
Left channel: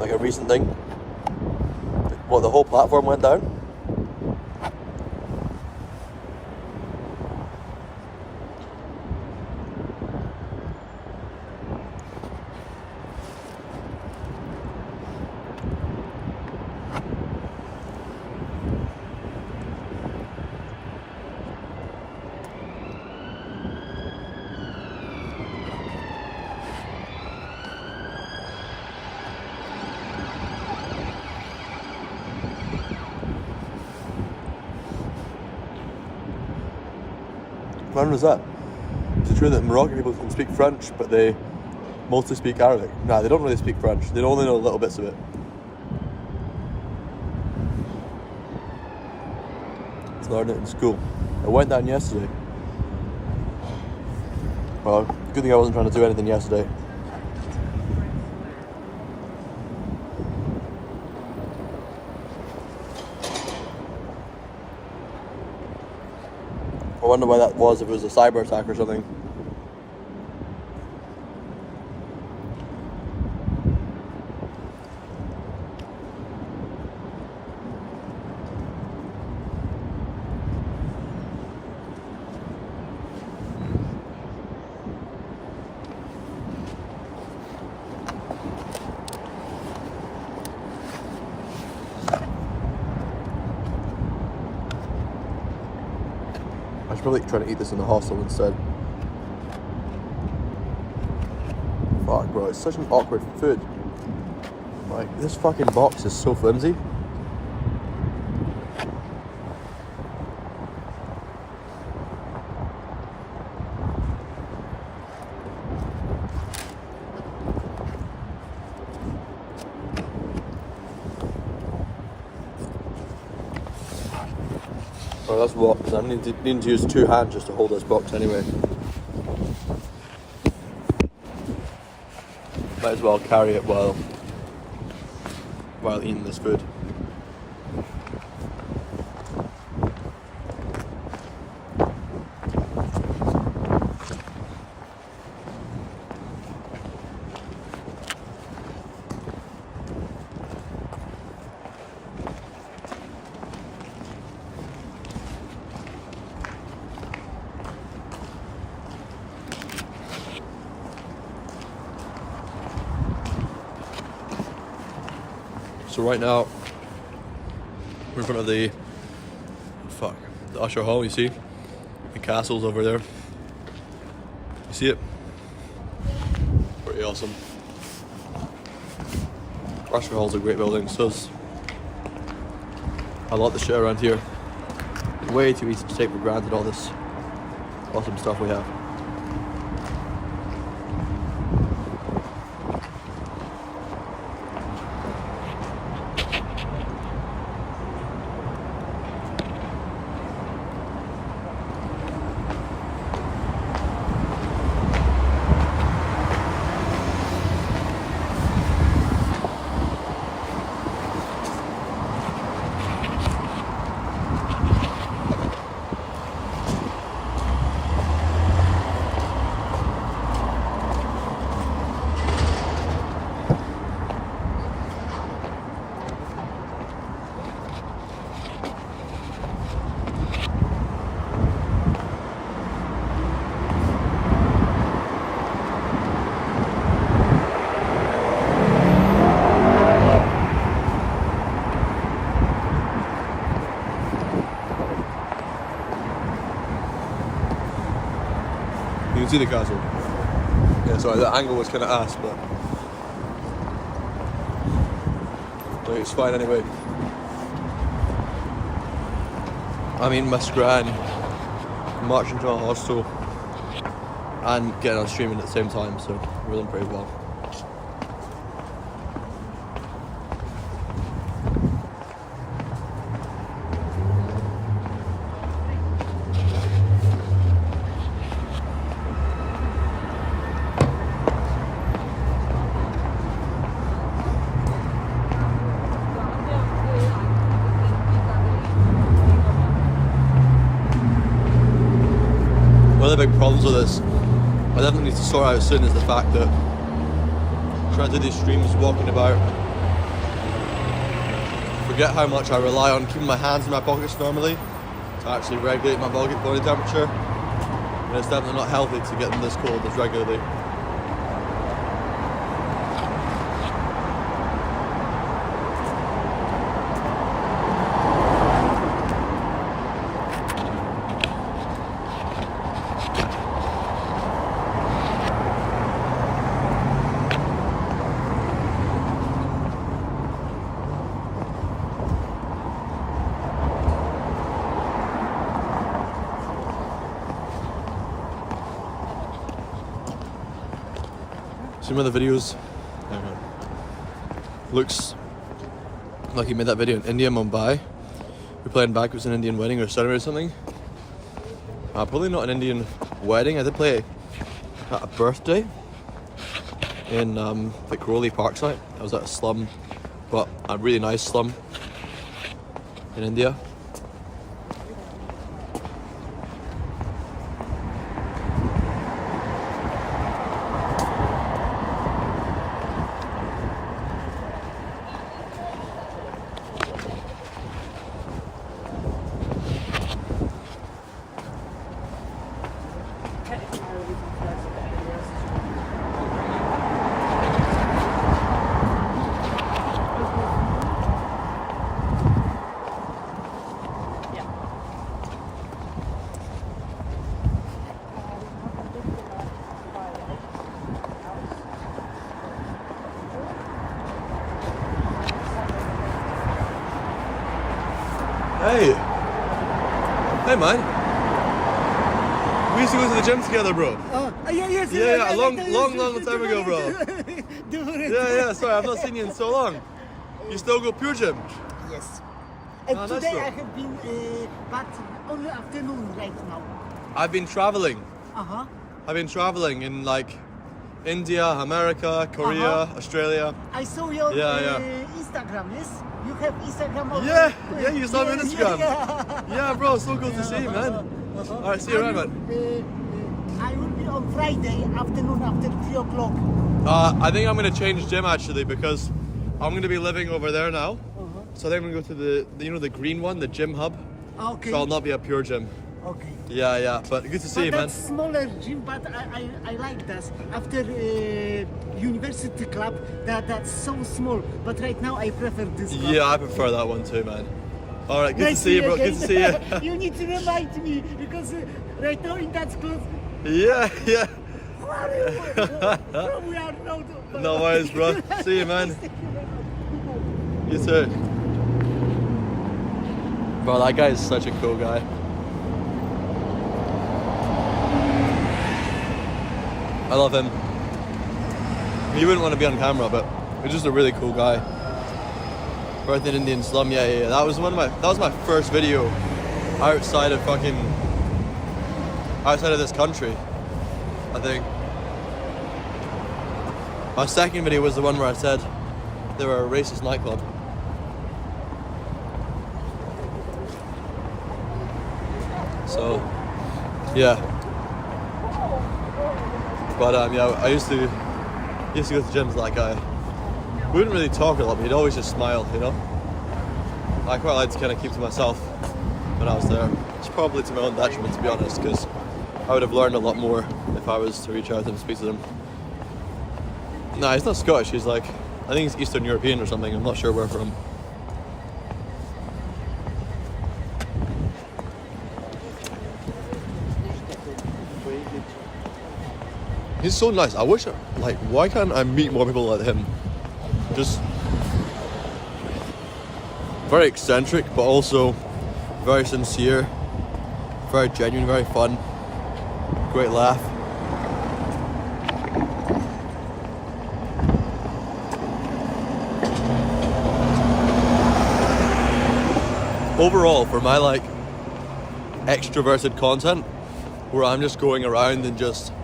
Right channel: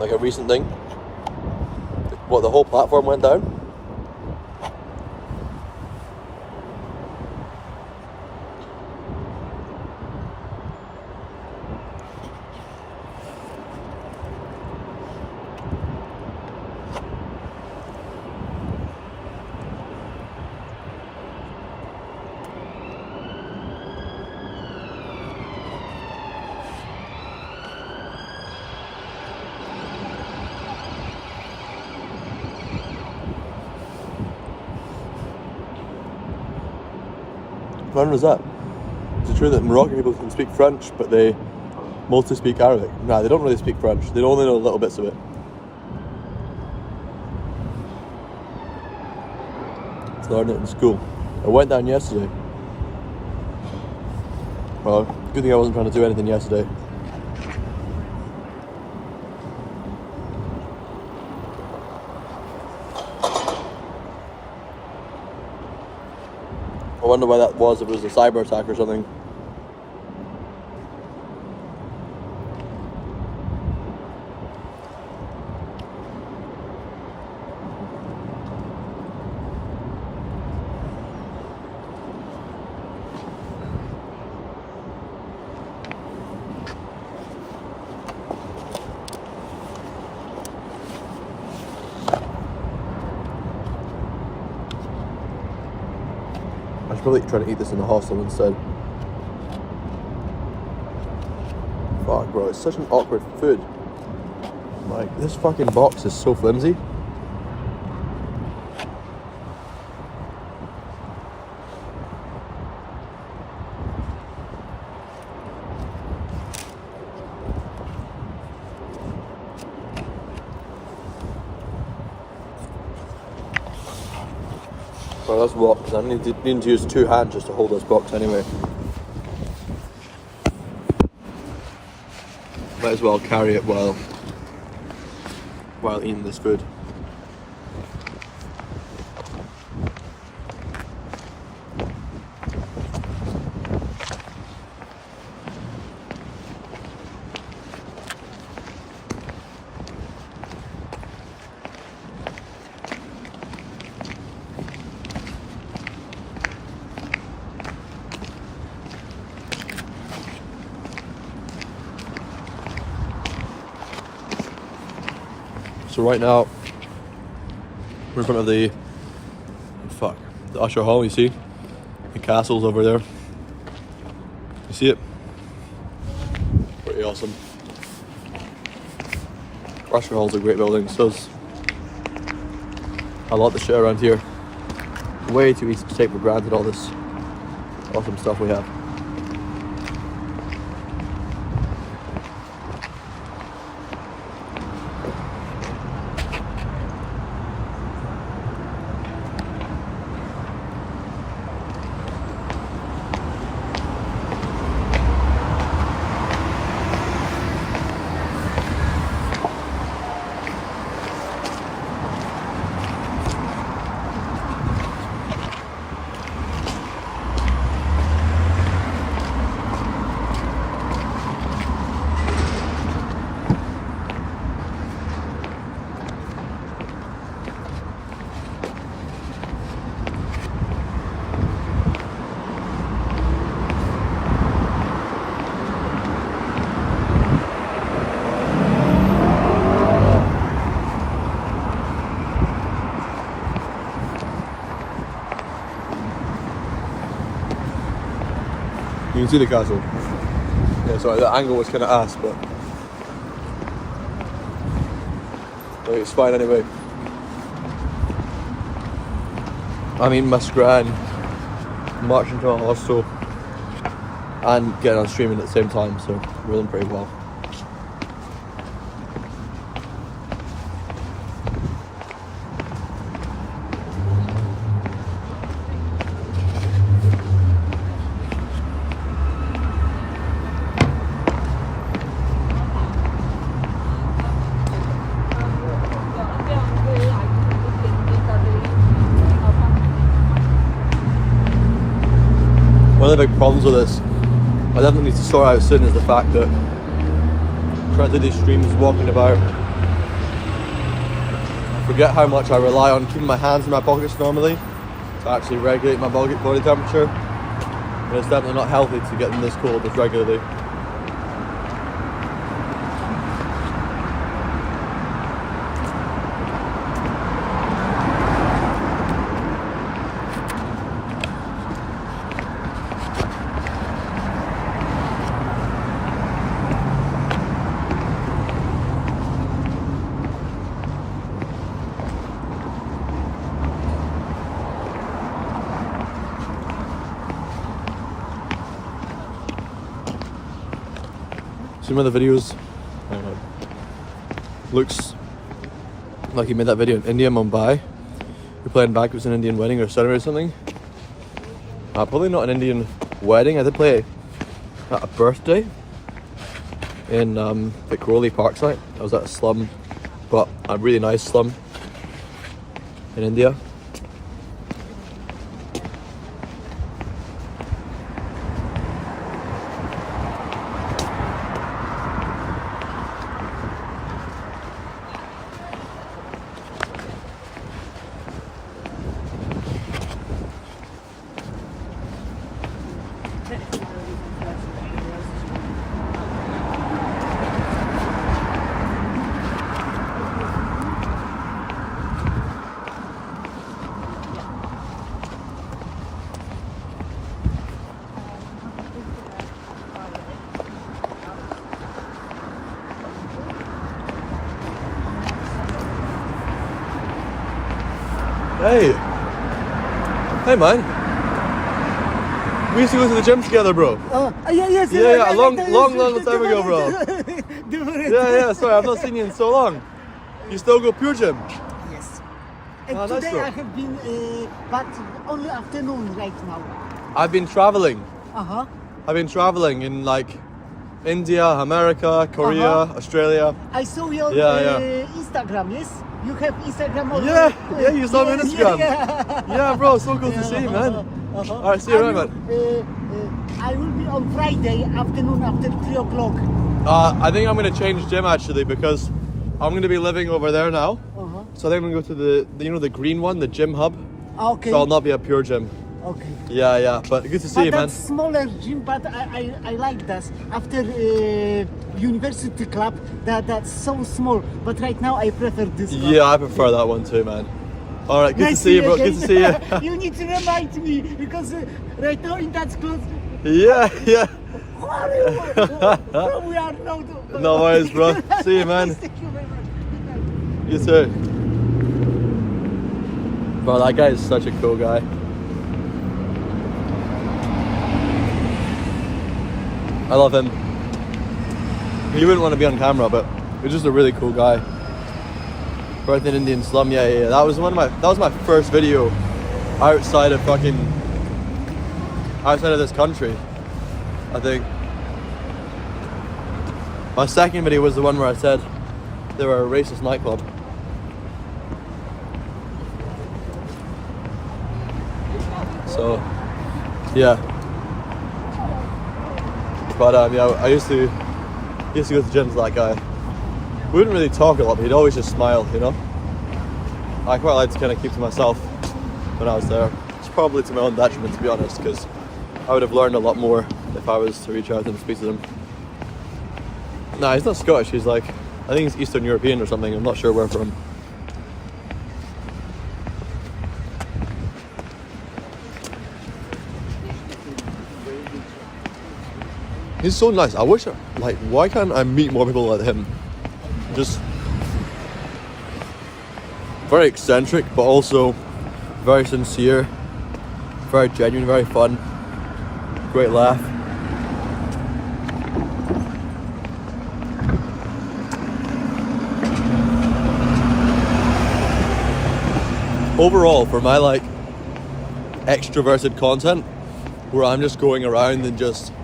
Like a recent thing? What, the whole platform went down? When was that? Is it true that Moroccan people can speak French, but they mostly speak Arabic? Nah, they don't really speak French. They only know little bits of it. To learn it in school. I went down yesterday. Well, good thing I wasn't trying to do anything yesterday. I wonder why that was, if it was a cyber attack or something. I should probably try to eat this in the hostel instead. Fuck, bro, it's such an awkward food. Like, this fucking box is so flimsy. Well, let's walk, because I need to use 2 hands just to hold this box anyway. Might as well carry it while eating this food. So right now, we're in front of the Usher Hall, you see? The castle's over there. You see it? Pretty awesome. Usher Hall's a great building, so's a lot of the shit around here. Way too easy to take for granted, all this awesome stuff we have. You can see the castle. Yeah, sorry, the angle was kind of ass, but it's fine anyway. I'm eating my scran, marching to a hostel, and getting on streaming at the same time, so we're doing pretty well. One of the big problems with this, I definitely need to sort out soon, is the fact that trying to do these streams walking about, I forget how much I rely on keeping my hands in my pockets normally to actually regulate my body temperature, and it's definitely not healthy to get them this cold this regularly. seen one of the videos? Hang on. Looks like he made that video in India, Mumbai. You're playing back, it was an Indian wedding or ceremony or something. Probably not an Indian wedding. I did play at a birthday in Vicroly Parkside. I was at a slum, but a really nice slum in India. Hey! Hey man! We used to go to the gym together, bro. Oh, yes. Yeah, a long time ago, bro. Yeah, sorry, I've not seen you in so long. You still go pure gym? Yes. Ah, nice, Today bro. I have been, but only afternoon right now. I've been traveling. Uh-huh. I've been traveling in like India, America, Korea, Australia. I saw your Instagram, yes? You have Instagram also? Yeah, you saw me on Instagram. Yeah, bro, so cool to see you, man. Alright, see you around, man. I will be on Friday afternoon after 3 o'clock. I think I'm going to change gym actually because I'm going to be living over there now. So I think I'm going to go to the green one, the gym hub. Okay. So I'll not be a pure gym. Okay. Yeah, but good to see you, man. That's smaller gym, but I like that. After university club, that's so small. But right now I prefer this one. Yeah, I prefer that one too, man. All right, good to see you, bro. Good to see you. You need to remind me because right now in that clothes. Yeah. We are not. No worries, bro. See you, man. You too. Bro, that guy is such a cool guy. I love him. He wouldn't want to be on camera, but he's just a really cool guy. Birth in Indian slum, yeah. That was my first video outside of this country, I think. My second video was the one where I said they were a racist nightclub. So, yeah. But I used to go to gyms with that guy. We wouldn't really talk a lot, but he'd always just smile, you know? I quite like to kind of keep to myself when I was there. It's probably to my own detriment, to be honest, because I would have learned a lot more if I was to reach out to him and speak to them. Nah, he's not Scottish, he's like, I think he's Eastern European or something, I'm not sure where from. He's so nice. I wish, why can't I meet more people like him? Just very eccentric, but also very sincere, very genuine, very fun, great laugh. Overall, for my extroverted content, where I'm just going around and just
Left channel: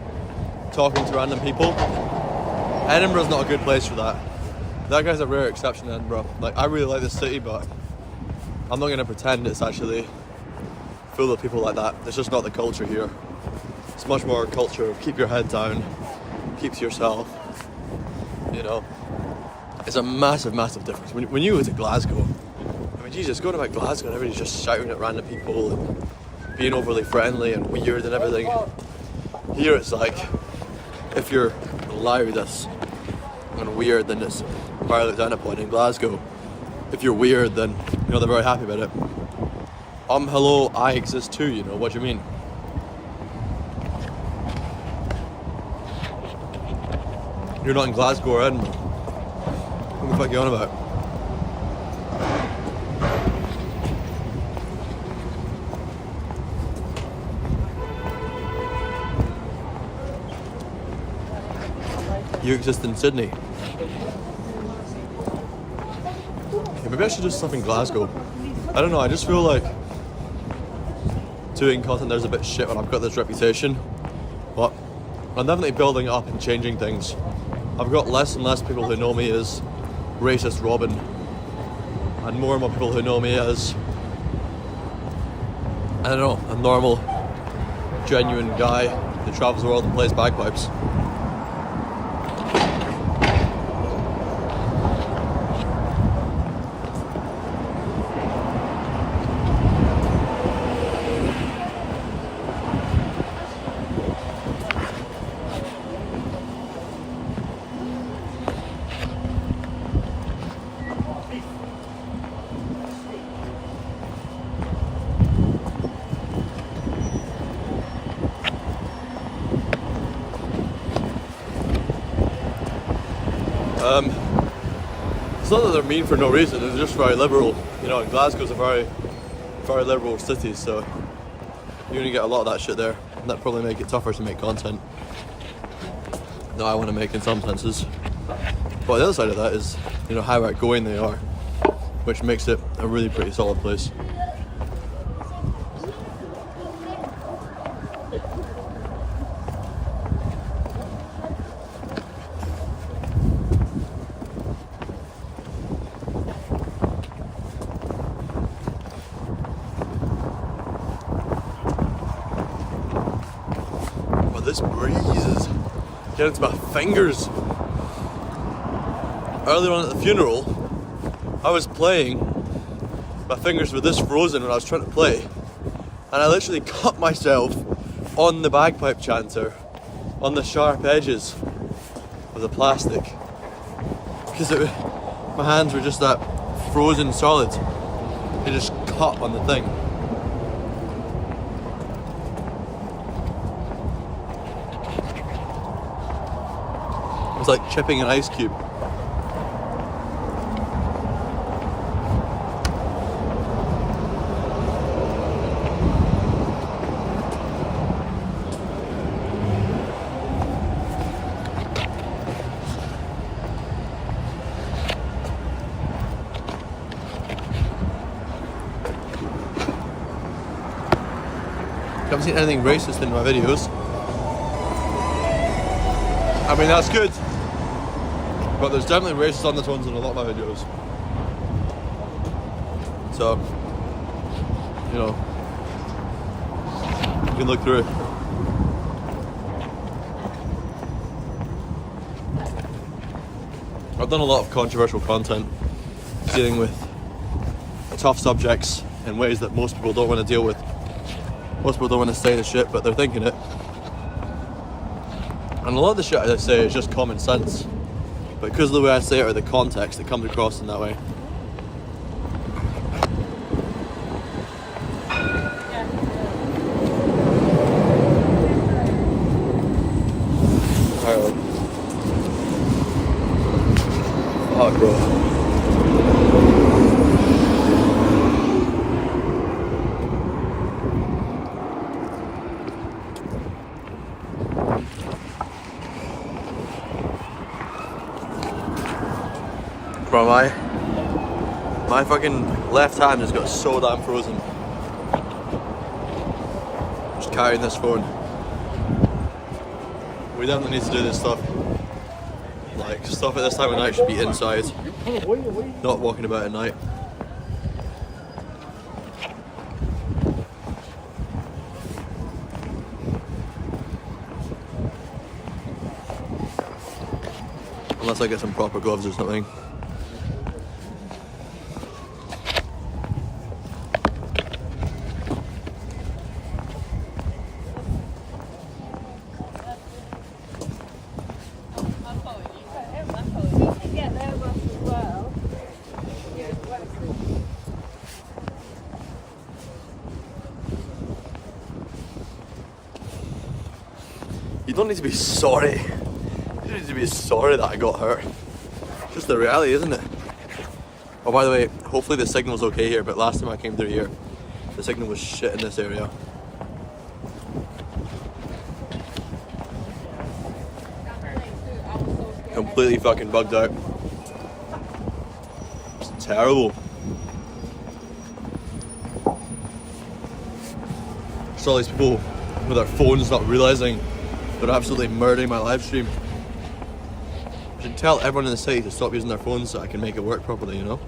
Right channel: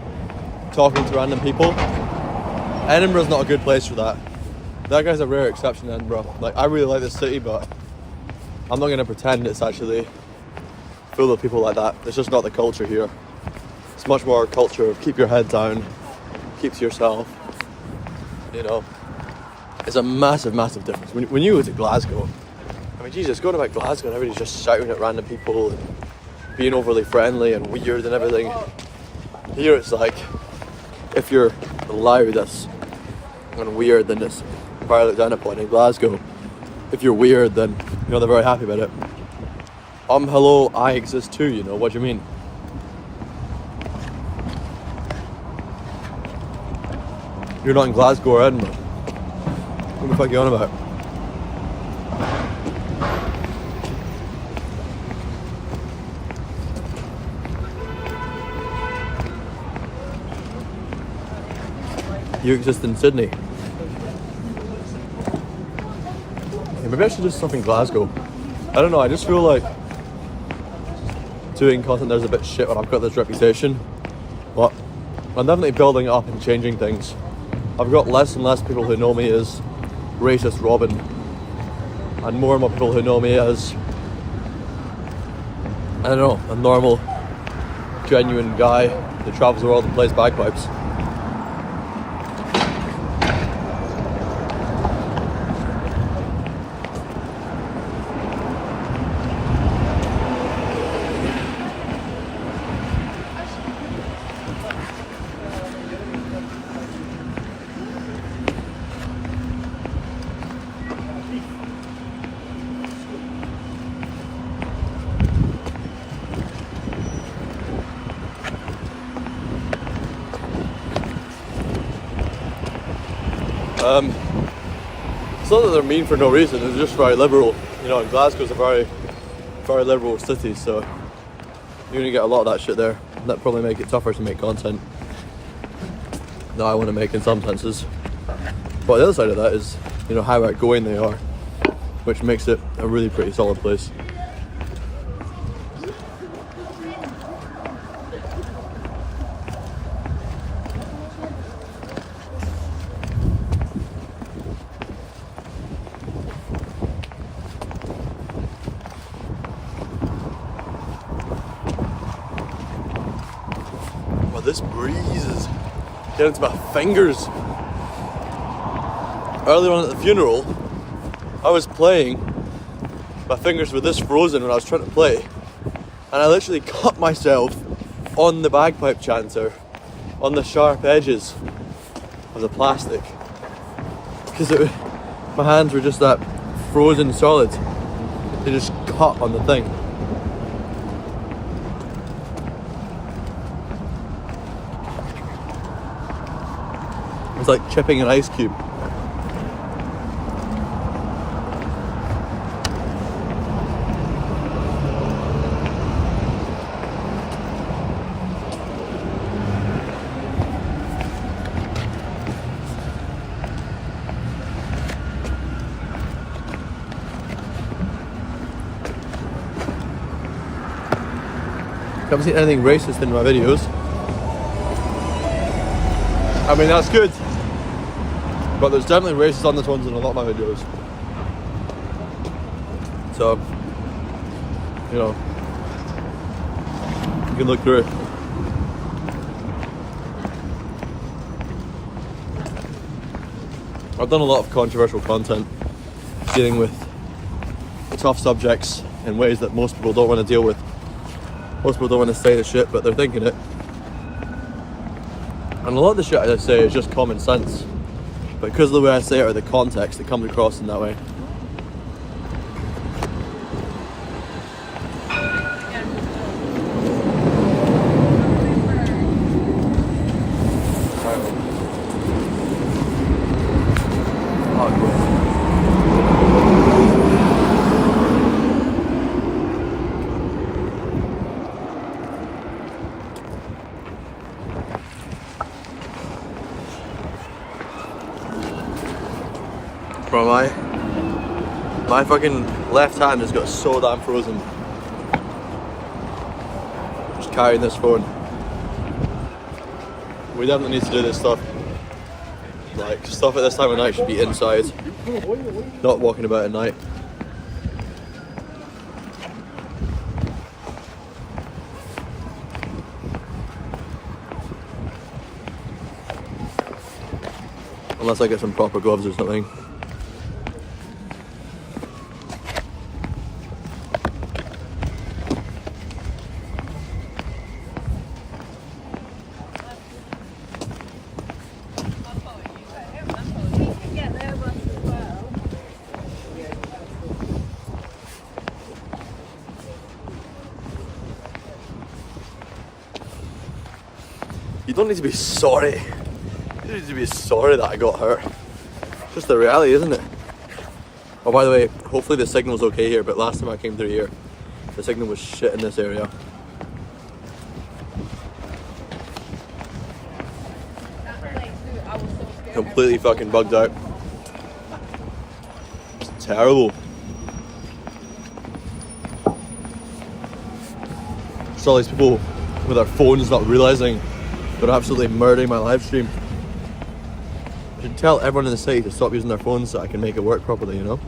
talking to random people, Edinburgh's not a good place for that. That guy's a rare exception, Edinburgh. I really like this city, but I'm not going to pretend it's actually full of people like that. It's just not the culture here. It's much more a culture of keep your head down, keep to yourself, you know. It's a massive difference. When you go to Glasgow, I mean, Jesus, going about Glasgow and everybody's just shouting at random people and being overly friendly and weird and everything. Here it's like, if you're loud and weird, then it's very looked down upon. In Glasgow, if you're weird, then they're very happy about it. Hello, I exist too, you know, what do you mean? You're not in Glasgow or Edinburgh. What the fuck are you on about? you exist in Sydney. Yeah, maybe I should do stuff in Glasgow. I don't know, I just feel like doing content there's a bit shit when I've got this reputation. But I'm definitely building it up and changing things. I've got less and less people who know me as racist Robin, and more and more people who know me as, I don't know, a normal, genuine guy who travels the world and plays bagpipes. It's not that they're mean for no reason, it's just very liberal. You know, and Glasgow's a very, very liberal city, so you're gonna get a lot of that shit there. And that'd probably make it tougher to make content that I want to make in some senses. But the other side of that is, you know, how outgoing they are, which makes it a really pretty solid place. This breeze is getting to my fingers. Earlier on at the funeral, I was playing, my fingers were this frozen when I was trying to play, and I literally cut myself on the bagpipe chanter, on the sharp edges of the plastic, because my hands were just that frozen solid. They just cut on the thing. It's like chipping an ice cube. Haven't seen anything racist in my videos. I mean, that's good. But there's definitely racist undertones in a lot of my videos. So, you know, you can look through it. I've done a lot of controversial content dealing with tough subjects in ways that most people don't want to deal with. Most people don't want to say the shit, but they're thinking it. And a lot of the shit I say is just common sense. But because of the way I say it or the context, it comes across in that way. Oh, cool. Bro, my fucking left hand just got so damn frozen. Just carrying this phone. We definitely need to do this stuff. Like, stuff at this time of night should be inside, not walking about at night. Unless I get some proper gloves or something. You don't need to be sorry. You don't need to be sorry that I got hurt. It's just the reality, isn't it? Oh, by the way, hopefully the signal's okay here, but last time I came through here, the signal was shit in this area. completely fucking bugged out. Terrible. There's all these people with their phones not realising they're absolutely murdering my live stream. I should tell everyone in the city to stop using their phones so I can make it work properly, you know?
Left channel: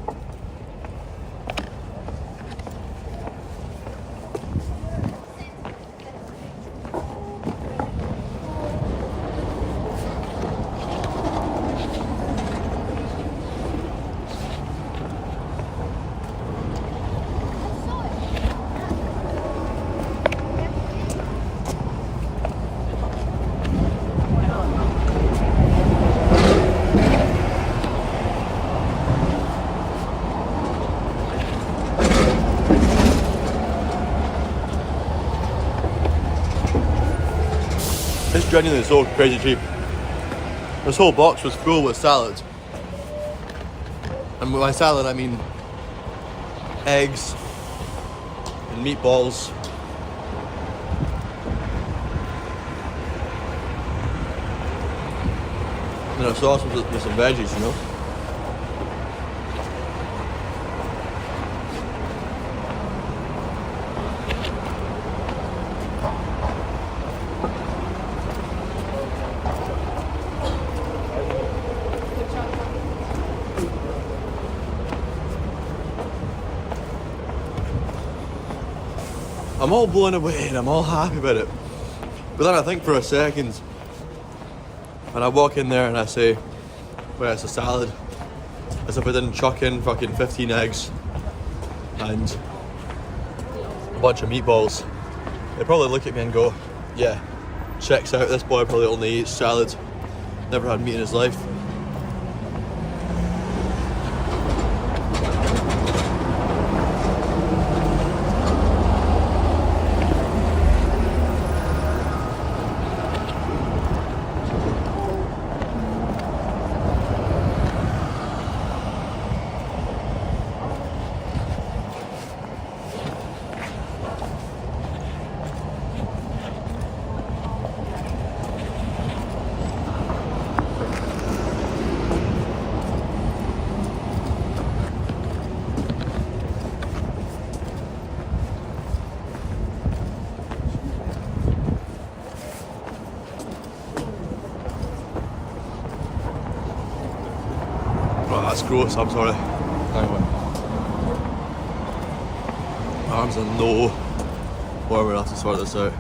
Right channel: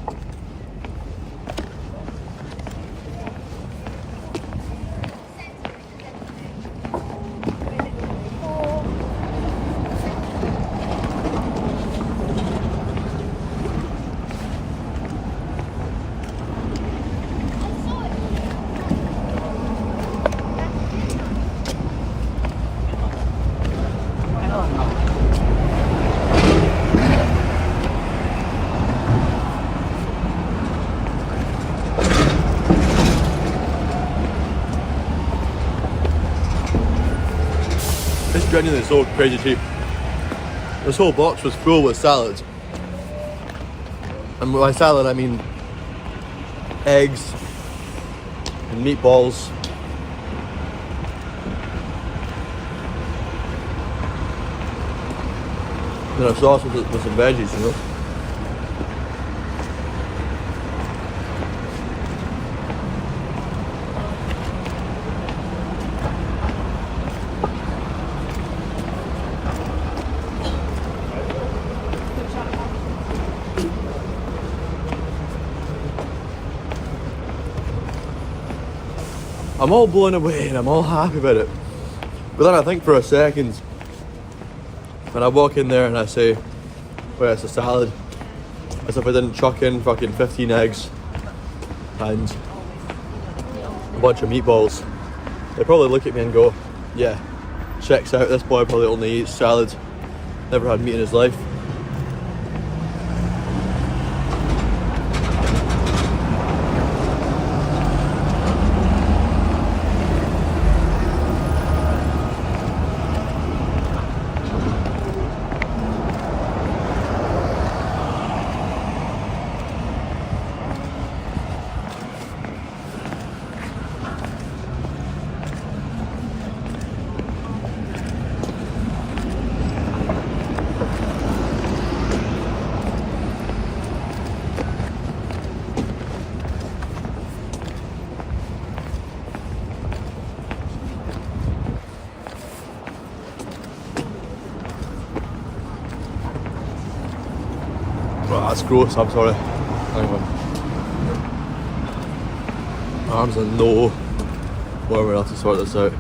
It's genuinely so crazy cheap. This whole box was full with salads. And by salad I mean eggs and meatballs. And a sauce with some veggies, you know? I'm all blown away and I'm all happy about it. But then I think for a second, when I walk in there and I say, well, it's a salad, as if I didn't chuck in fucking 15 eggs and a bunch of meatballs, they probably look at me and go, yeah, checks out, this boy probably only eats salad, never had meat in his life. Oh, that's gross, I'm sorry. Hang on. My arms are no warm enough to sort this out.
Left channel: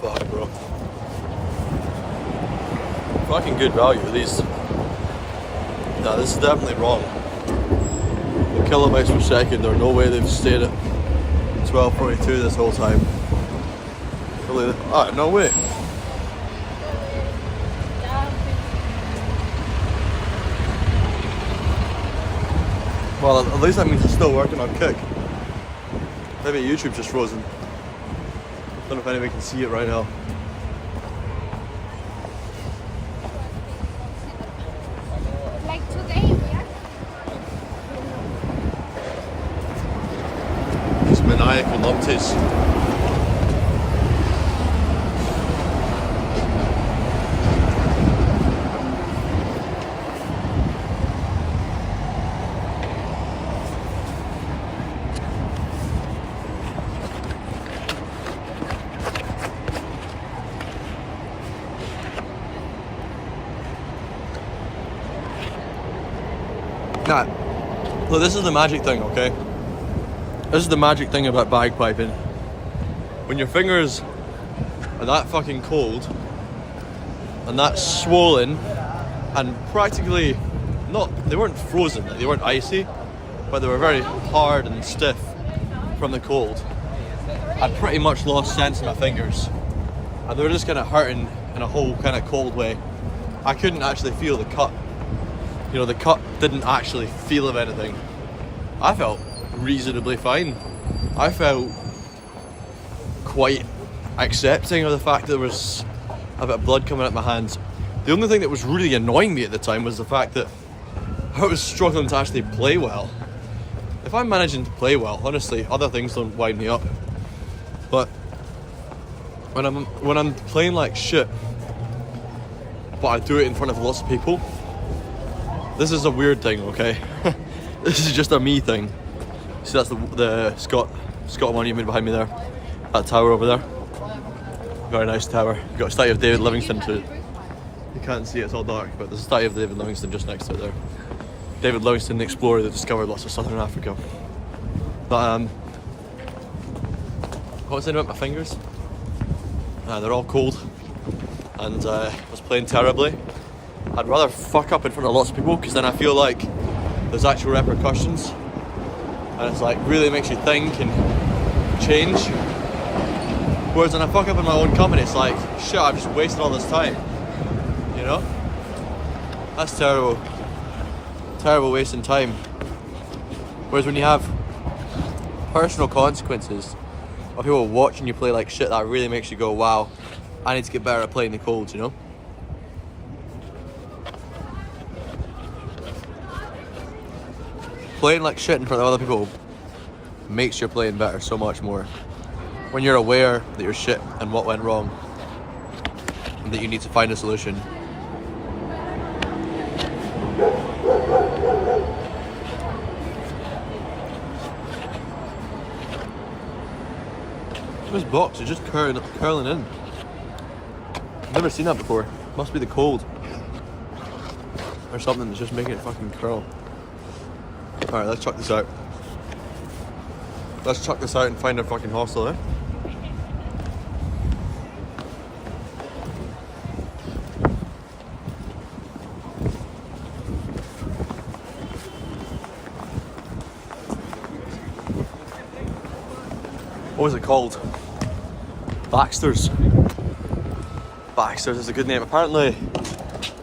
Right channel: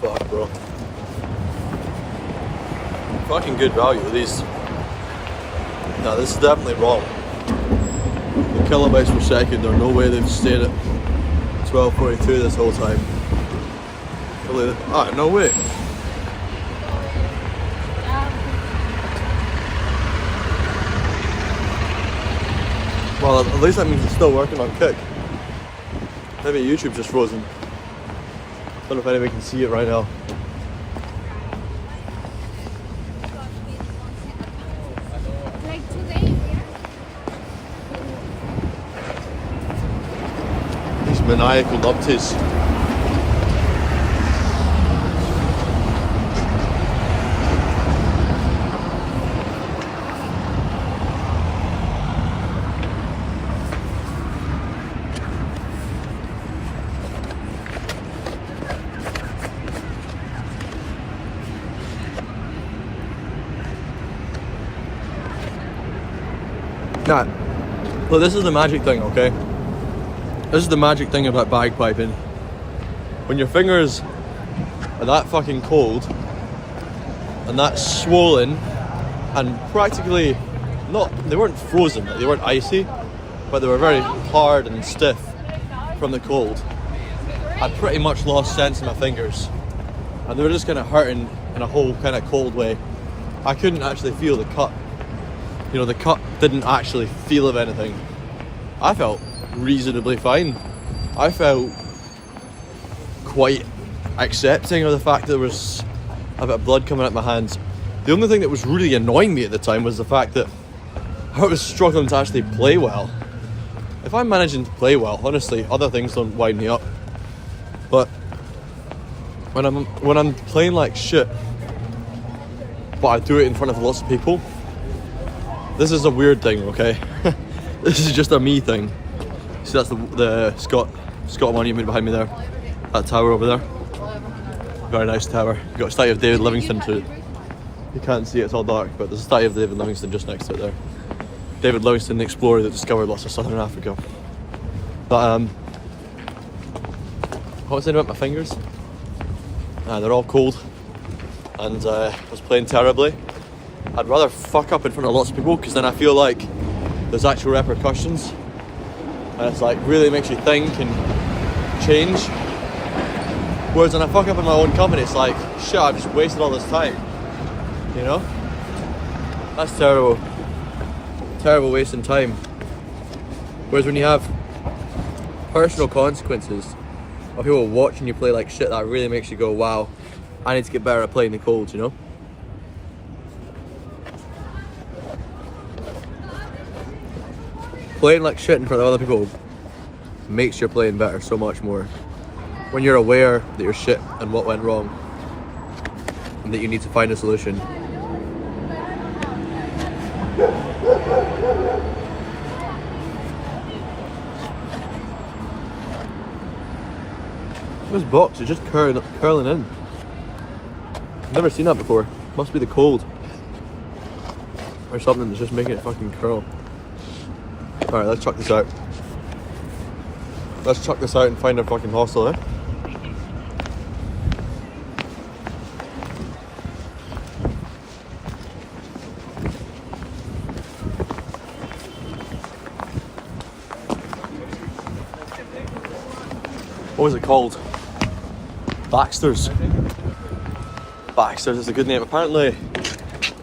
Fuck, bro. Fucking good value, at least. No, this is definitely wrong. The kilobytes per second, there's no way they've stayed at 1242 this whole time. Ah, no way. Well, at least that means it's still working on Kick. Maybe YouTube's just frozen. Don't know if anybody can see it right now. Like today, These maniacal numpties. Nah, look, this is the magic thing, okay? This is the magic thing about bagpiping. When your fingers are that fucking cold and that swollen and practically they weren't frozen, like they weren't icy, but they were very hard and stiff from the cold. I'd pretty much lost sense in my fingers and they were just kind of hurting in a whole kind of cold way. I couldn't actually feel the cut. You know, the cut didn't actually feel of anything. I felt reasonably fine. I felt quite accepting of the fact that there was a bit of blood coming out my hands. The only thing that was really annoying me at the time was the fact that I was struggling to actually play well. If I'm managing to play well, honestly, other things don't wind me up. But when I'm playing like shit, but I do it in front of lots of people, this is a weird thing, okay? This is just a me thing. See, that's the Scott monument behind me there. That tower over there. Very nice tower. You've got a statue of David Livingstone too. You can't see it, it's all dark, but there's a statue of David Livingstone just next to it there. David Livingstone, the explorer that discovered lots of southern Africa. But what was I saying about my fingers? They're all cold and I was playing terribly. I'd rather fuck up in front of lots of people because then I feel like there's actual repercussions and it's like really makes you think and change. Whereas when I fuck up in my own company, it's like, shit, I've just wasted all this time, you know? That's terrible. Terrible wasting time. Whereas when you have personal consequences of people watching you play like shit, that really makes you go, wow, I need to get better at playing the colds, you know? Playing like shit in front of other people makes your playing better so much more. When you're aware that you're shit and what went wrong and that you need to find a solution. This box is just curling in. I've never seen that before. Must be the cold. Or something that's just making it fucking curl. Alright, let's chuck this out. Let's chuck this out and find our fucking hostel, eh? What was it called? Baxter's. Baxter's is a good name. Apparently,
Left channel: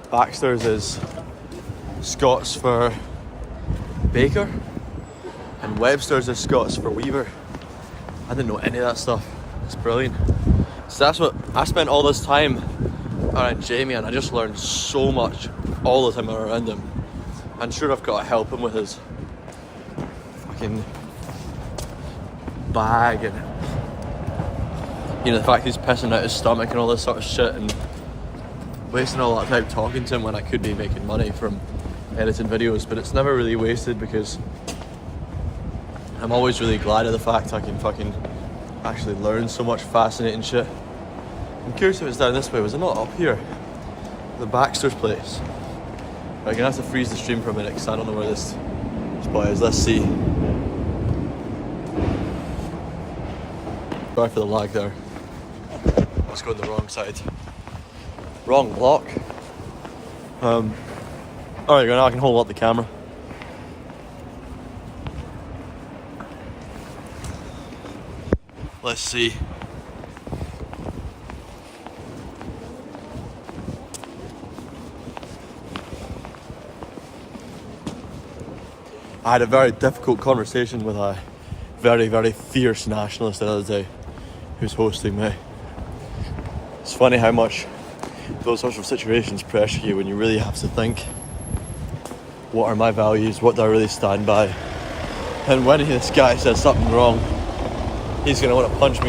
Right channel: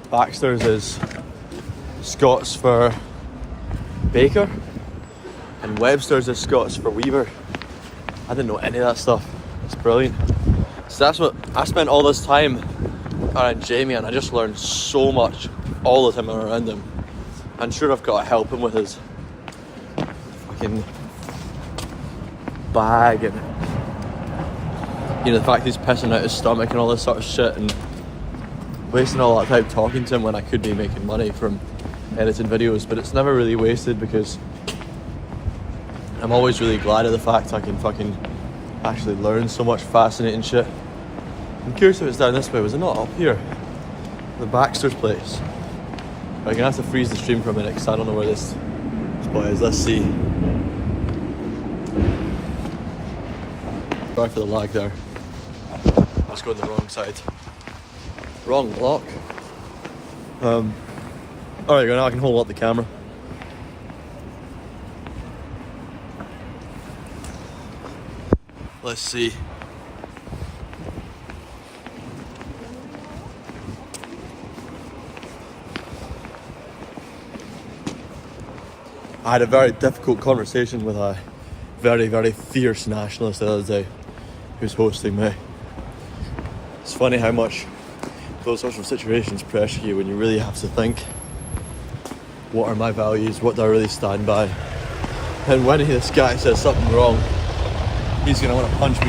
Baxter's is Scots for baker, and Webster's is Scots for weaver. I didn't know any of that stuff. It's brilliant. So that's what I spent all this time around Jamie, and I just learned so much all the time around him. And sure, I've got to help him with his fucking bag and, you know, the fact he's pissing out his stomach and all this sort of shit, and wasting all that time talking to him when I could be making money from editing videos. But it's never really wasted because I'm always really glad of the fact I can fucking actually learn so much fascinating shit. I'm curious if it's down this way. Was it not up here? The Baxter's place. I'm gonna have to freeze the stream for a minute because I don't know where this spot is. Let's see. Sorry for the lag there. I was going the wrong side. Wrong block. Alright, now I can hold up the camera. Let's see. I had a very difficult conversation with a very, very fierce nationalist the other day who's hosting me. It's funny how much those sorts of situations pressure you when you really have to think, what are my values, what do I really stand by? And when this guy says something wrong, he's going to want to punch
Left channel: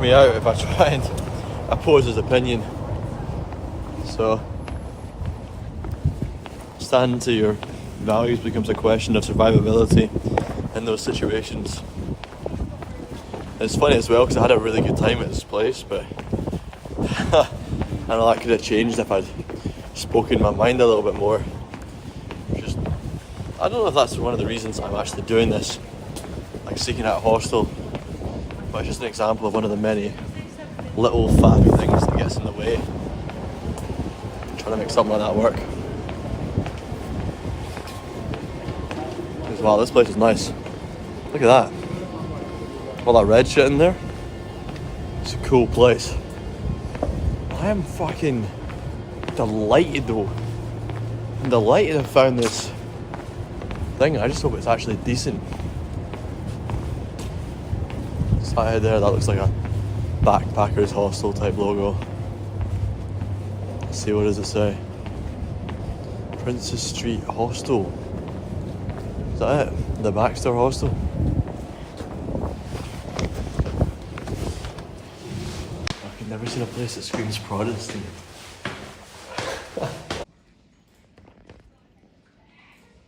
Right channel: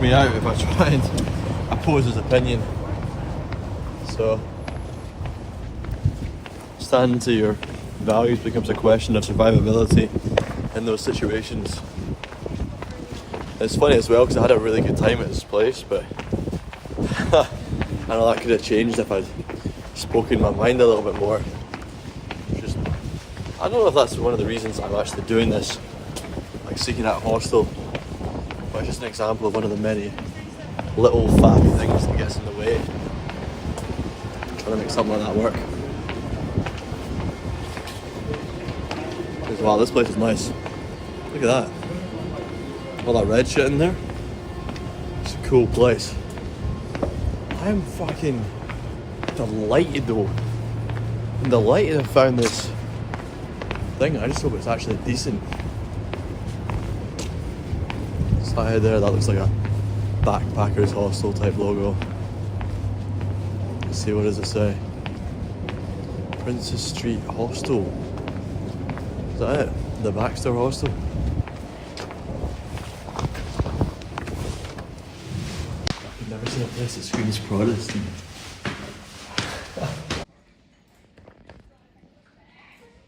me out if I try and oppose his opinion. So, standing to your values becomes a question of survivability in those situations. It's funny as well because I had a really good time at this place, but I know that could have changed if I'd spoken my mind a little bit more. Just I don't know if that's one of the reasons I'm actually doing this, like seeking out a hostel, but it's just an example of one of the many little faffy things that gets in the way. Trying to make something like that work. Wow, this place is nice. Look at that. All that red shit in there. It's a cool place. I am fucking delighted though. I'm delighted I found this thing. I just hope it's actually decent. Side there, that looks like a backpackers hostel type logo. Let's see, what does it say? Princess Street Hostel. Is that it? The Baxter Hostel? I've never seen a place that screams Protestant.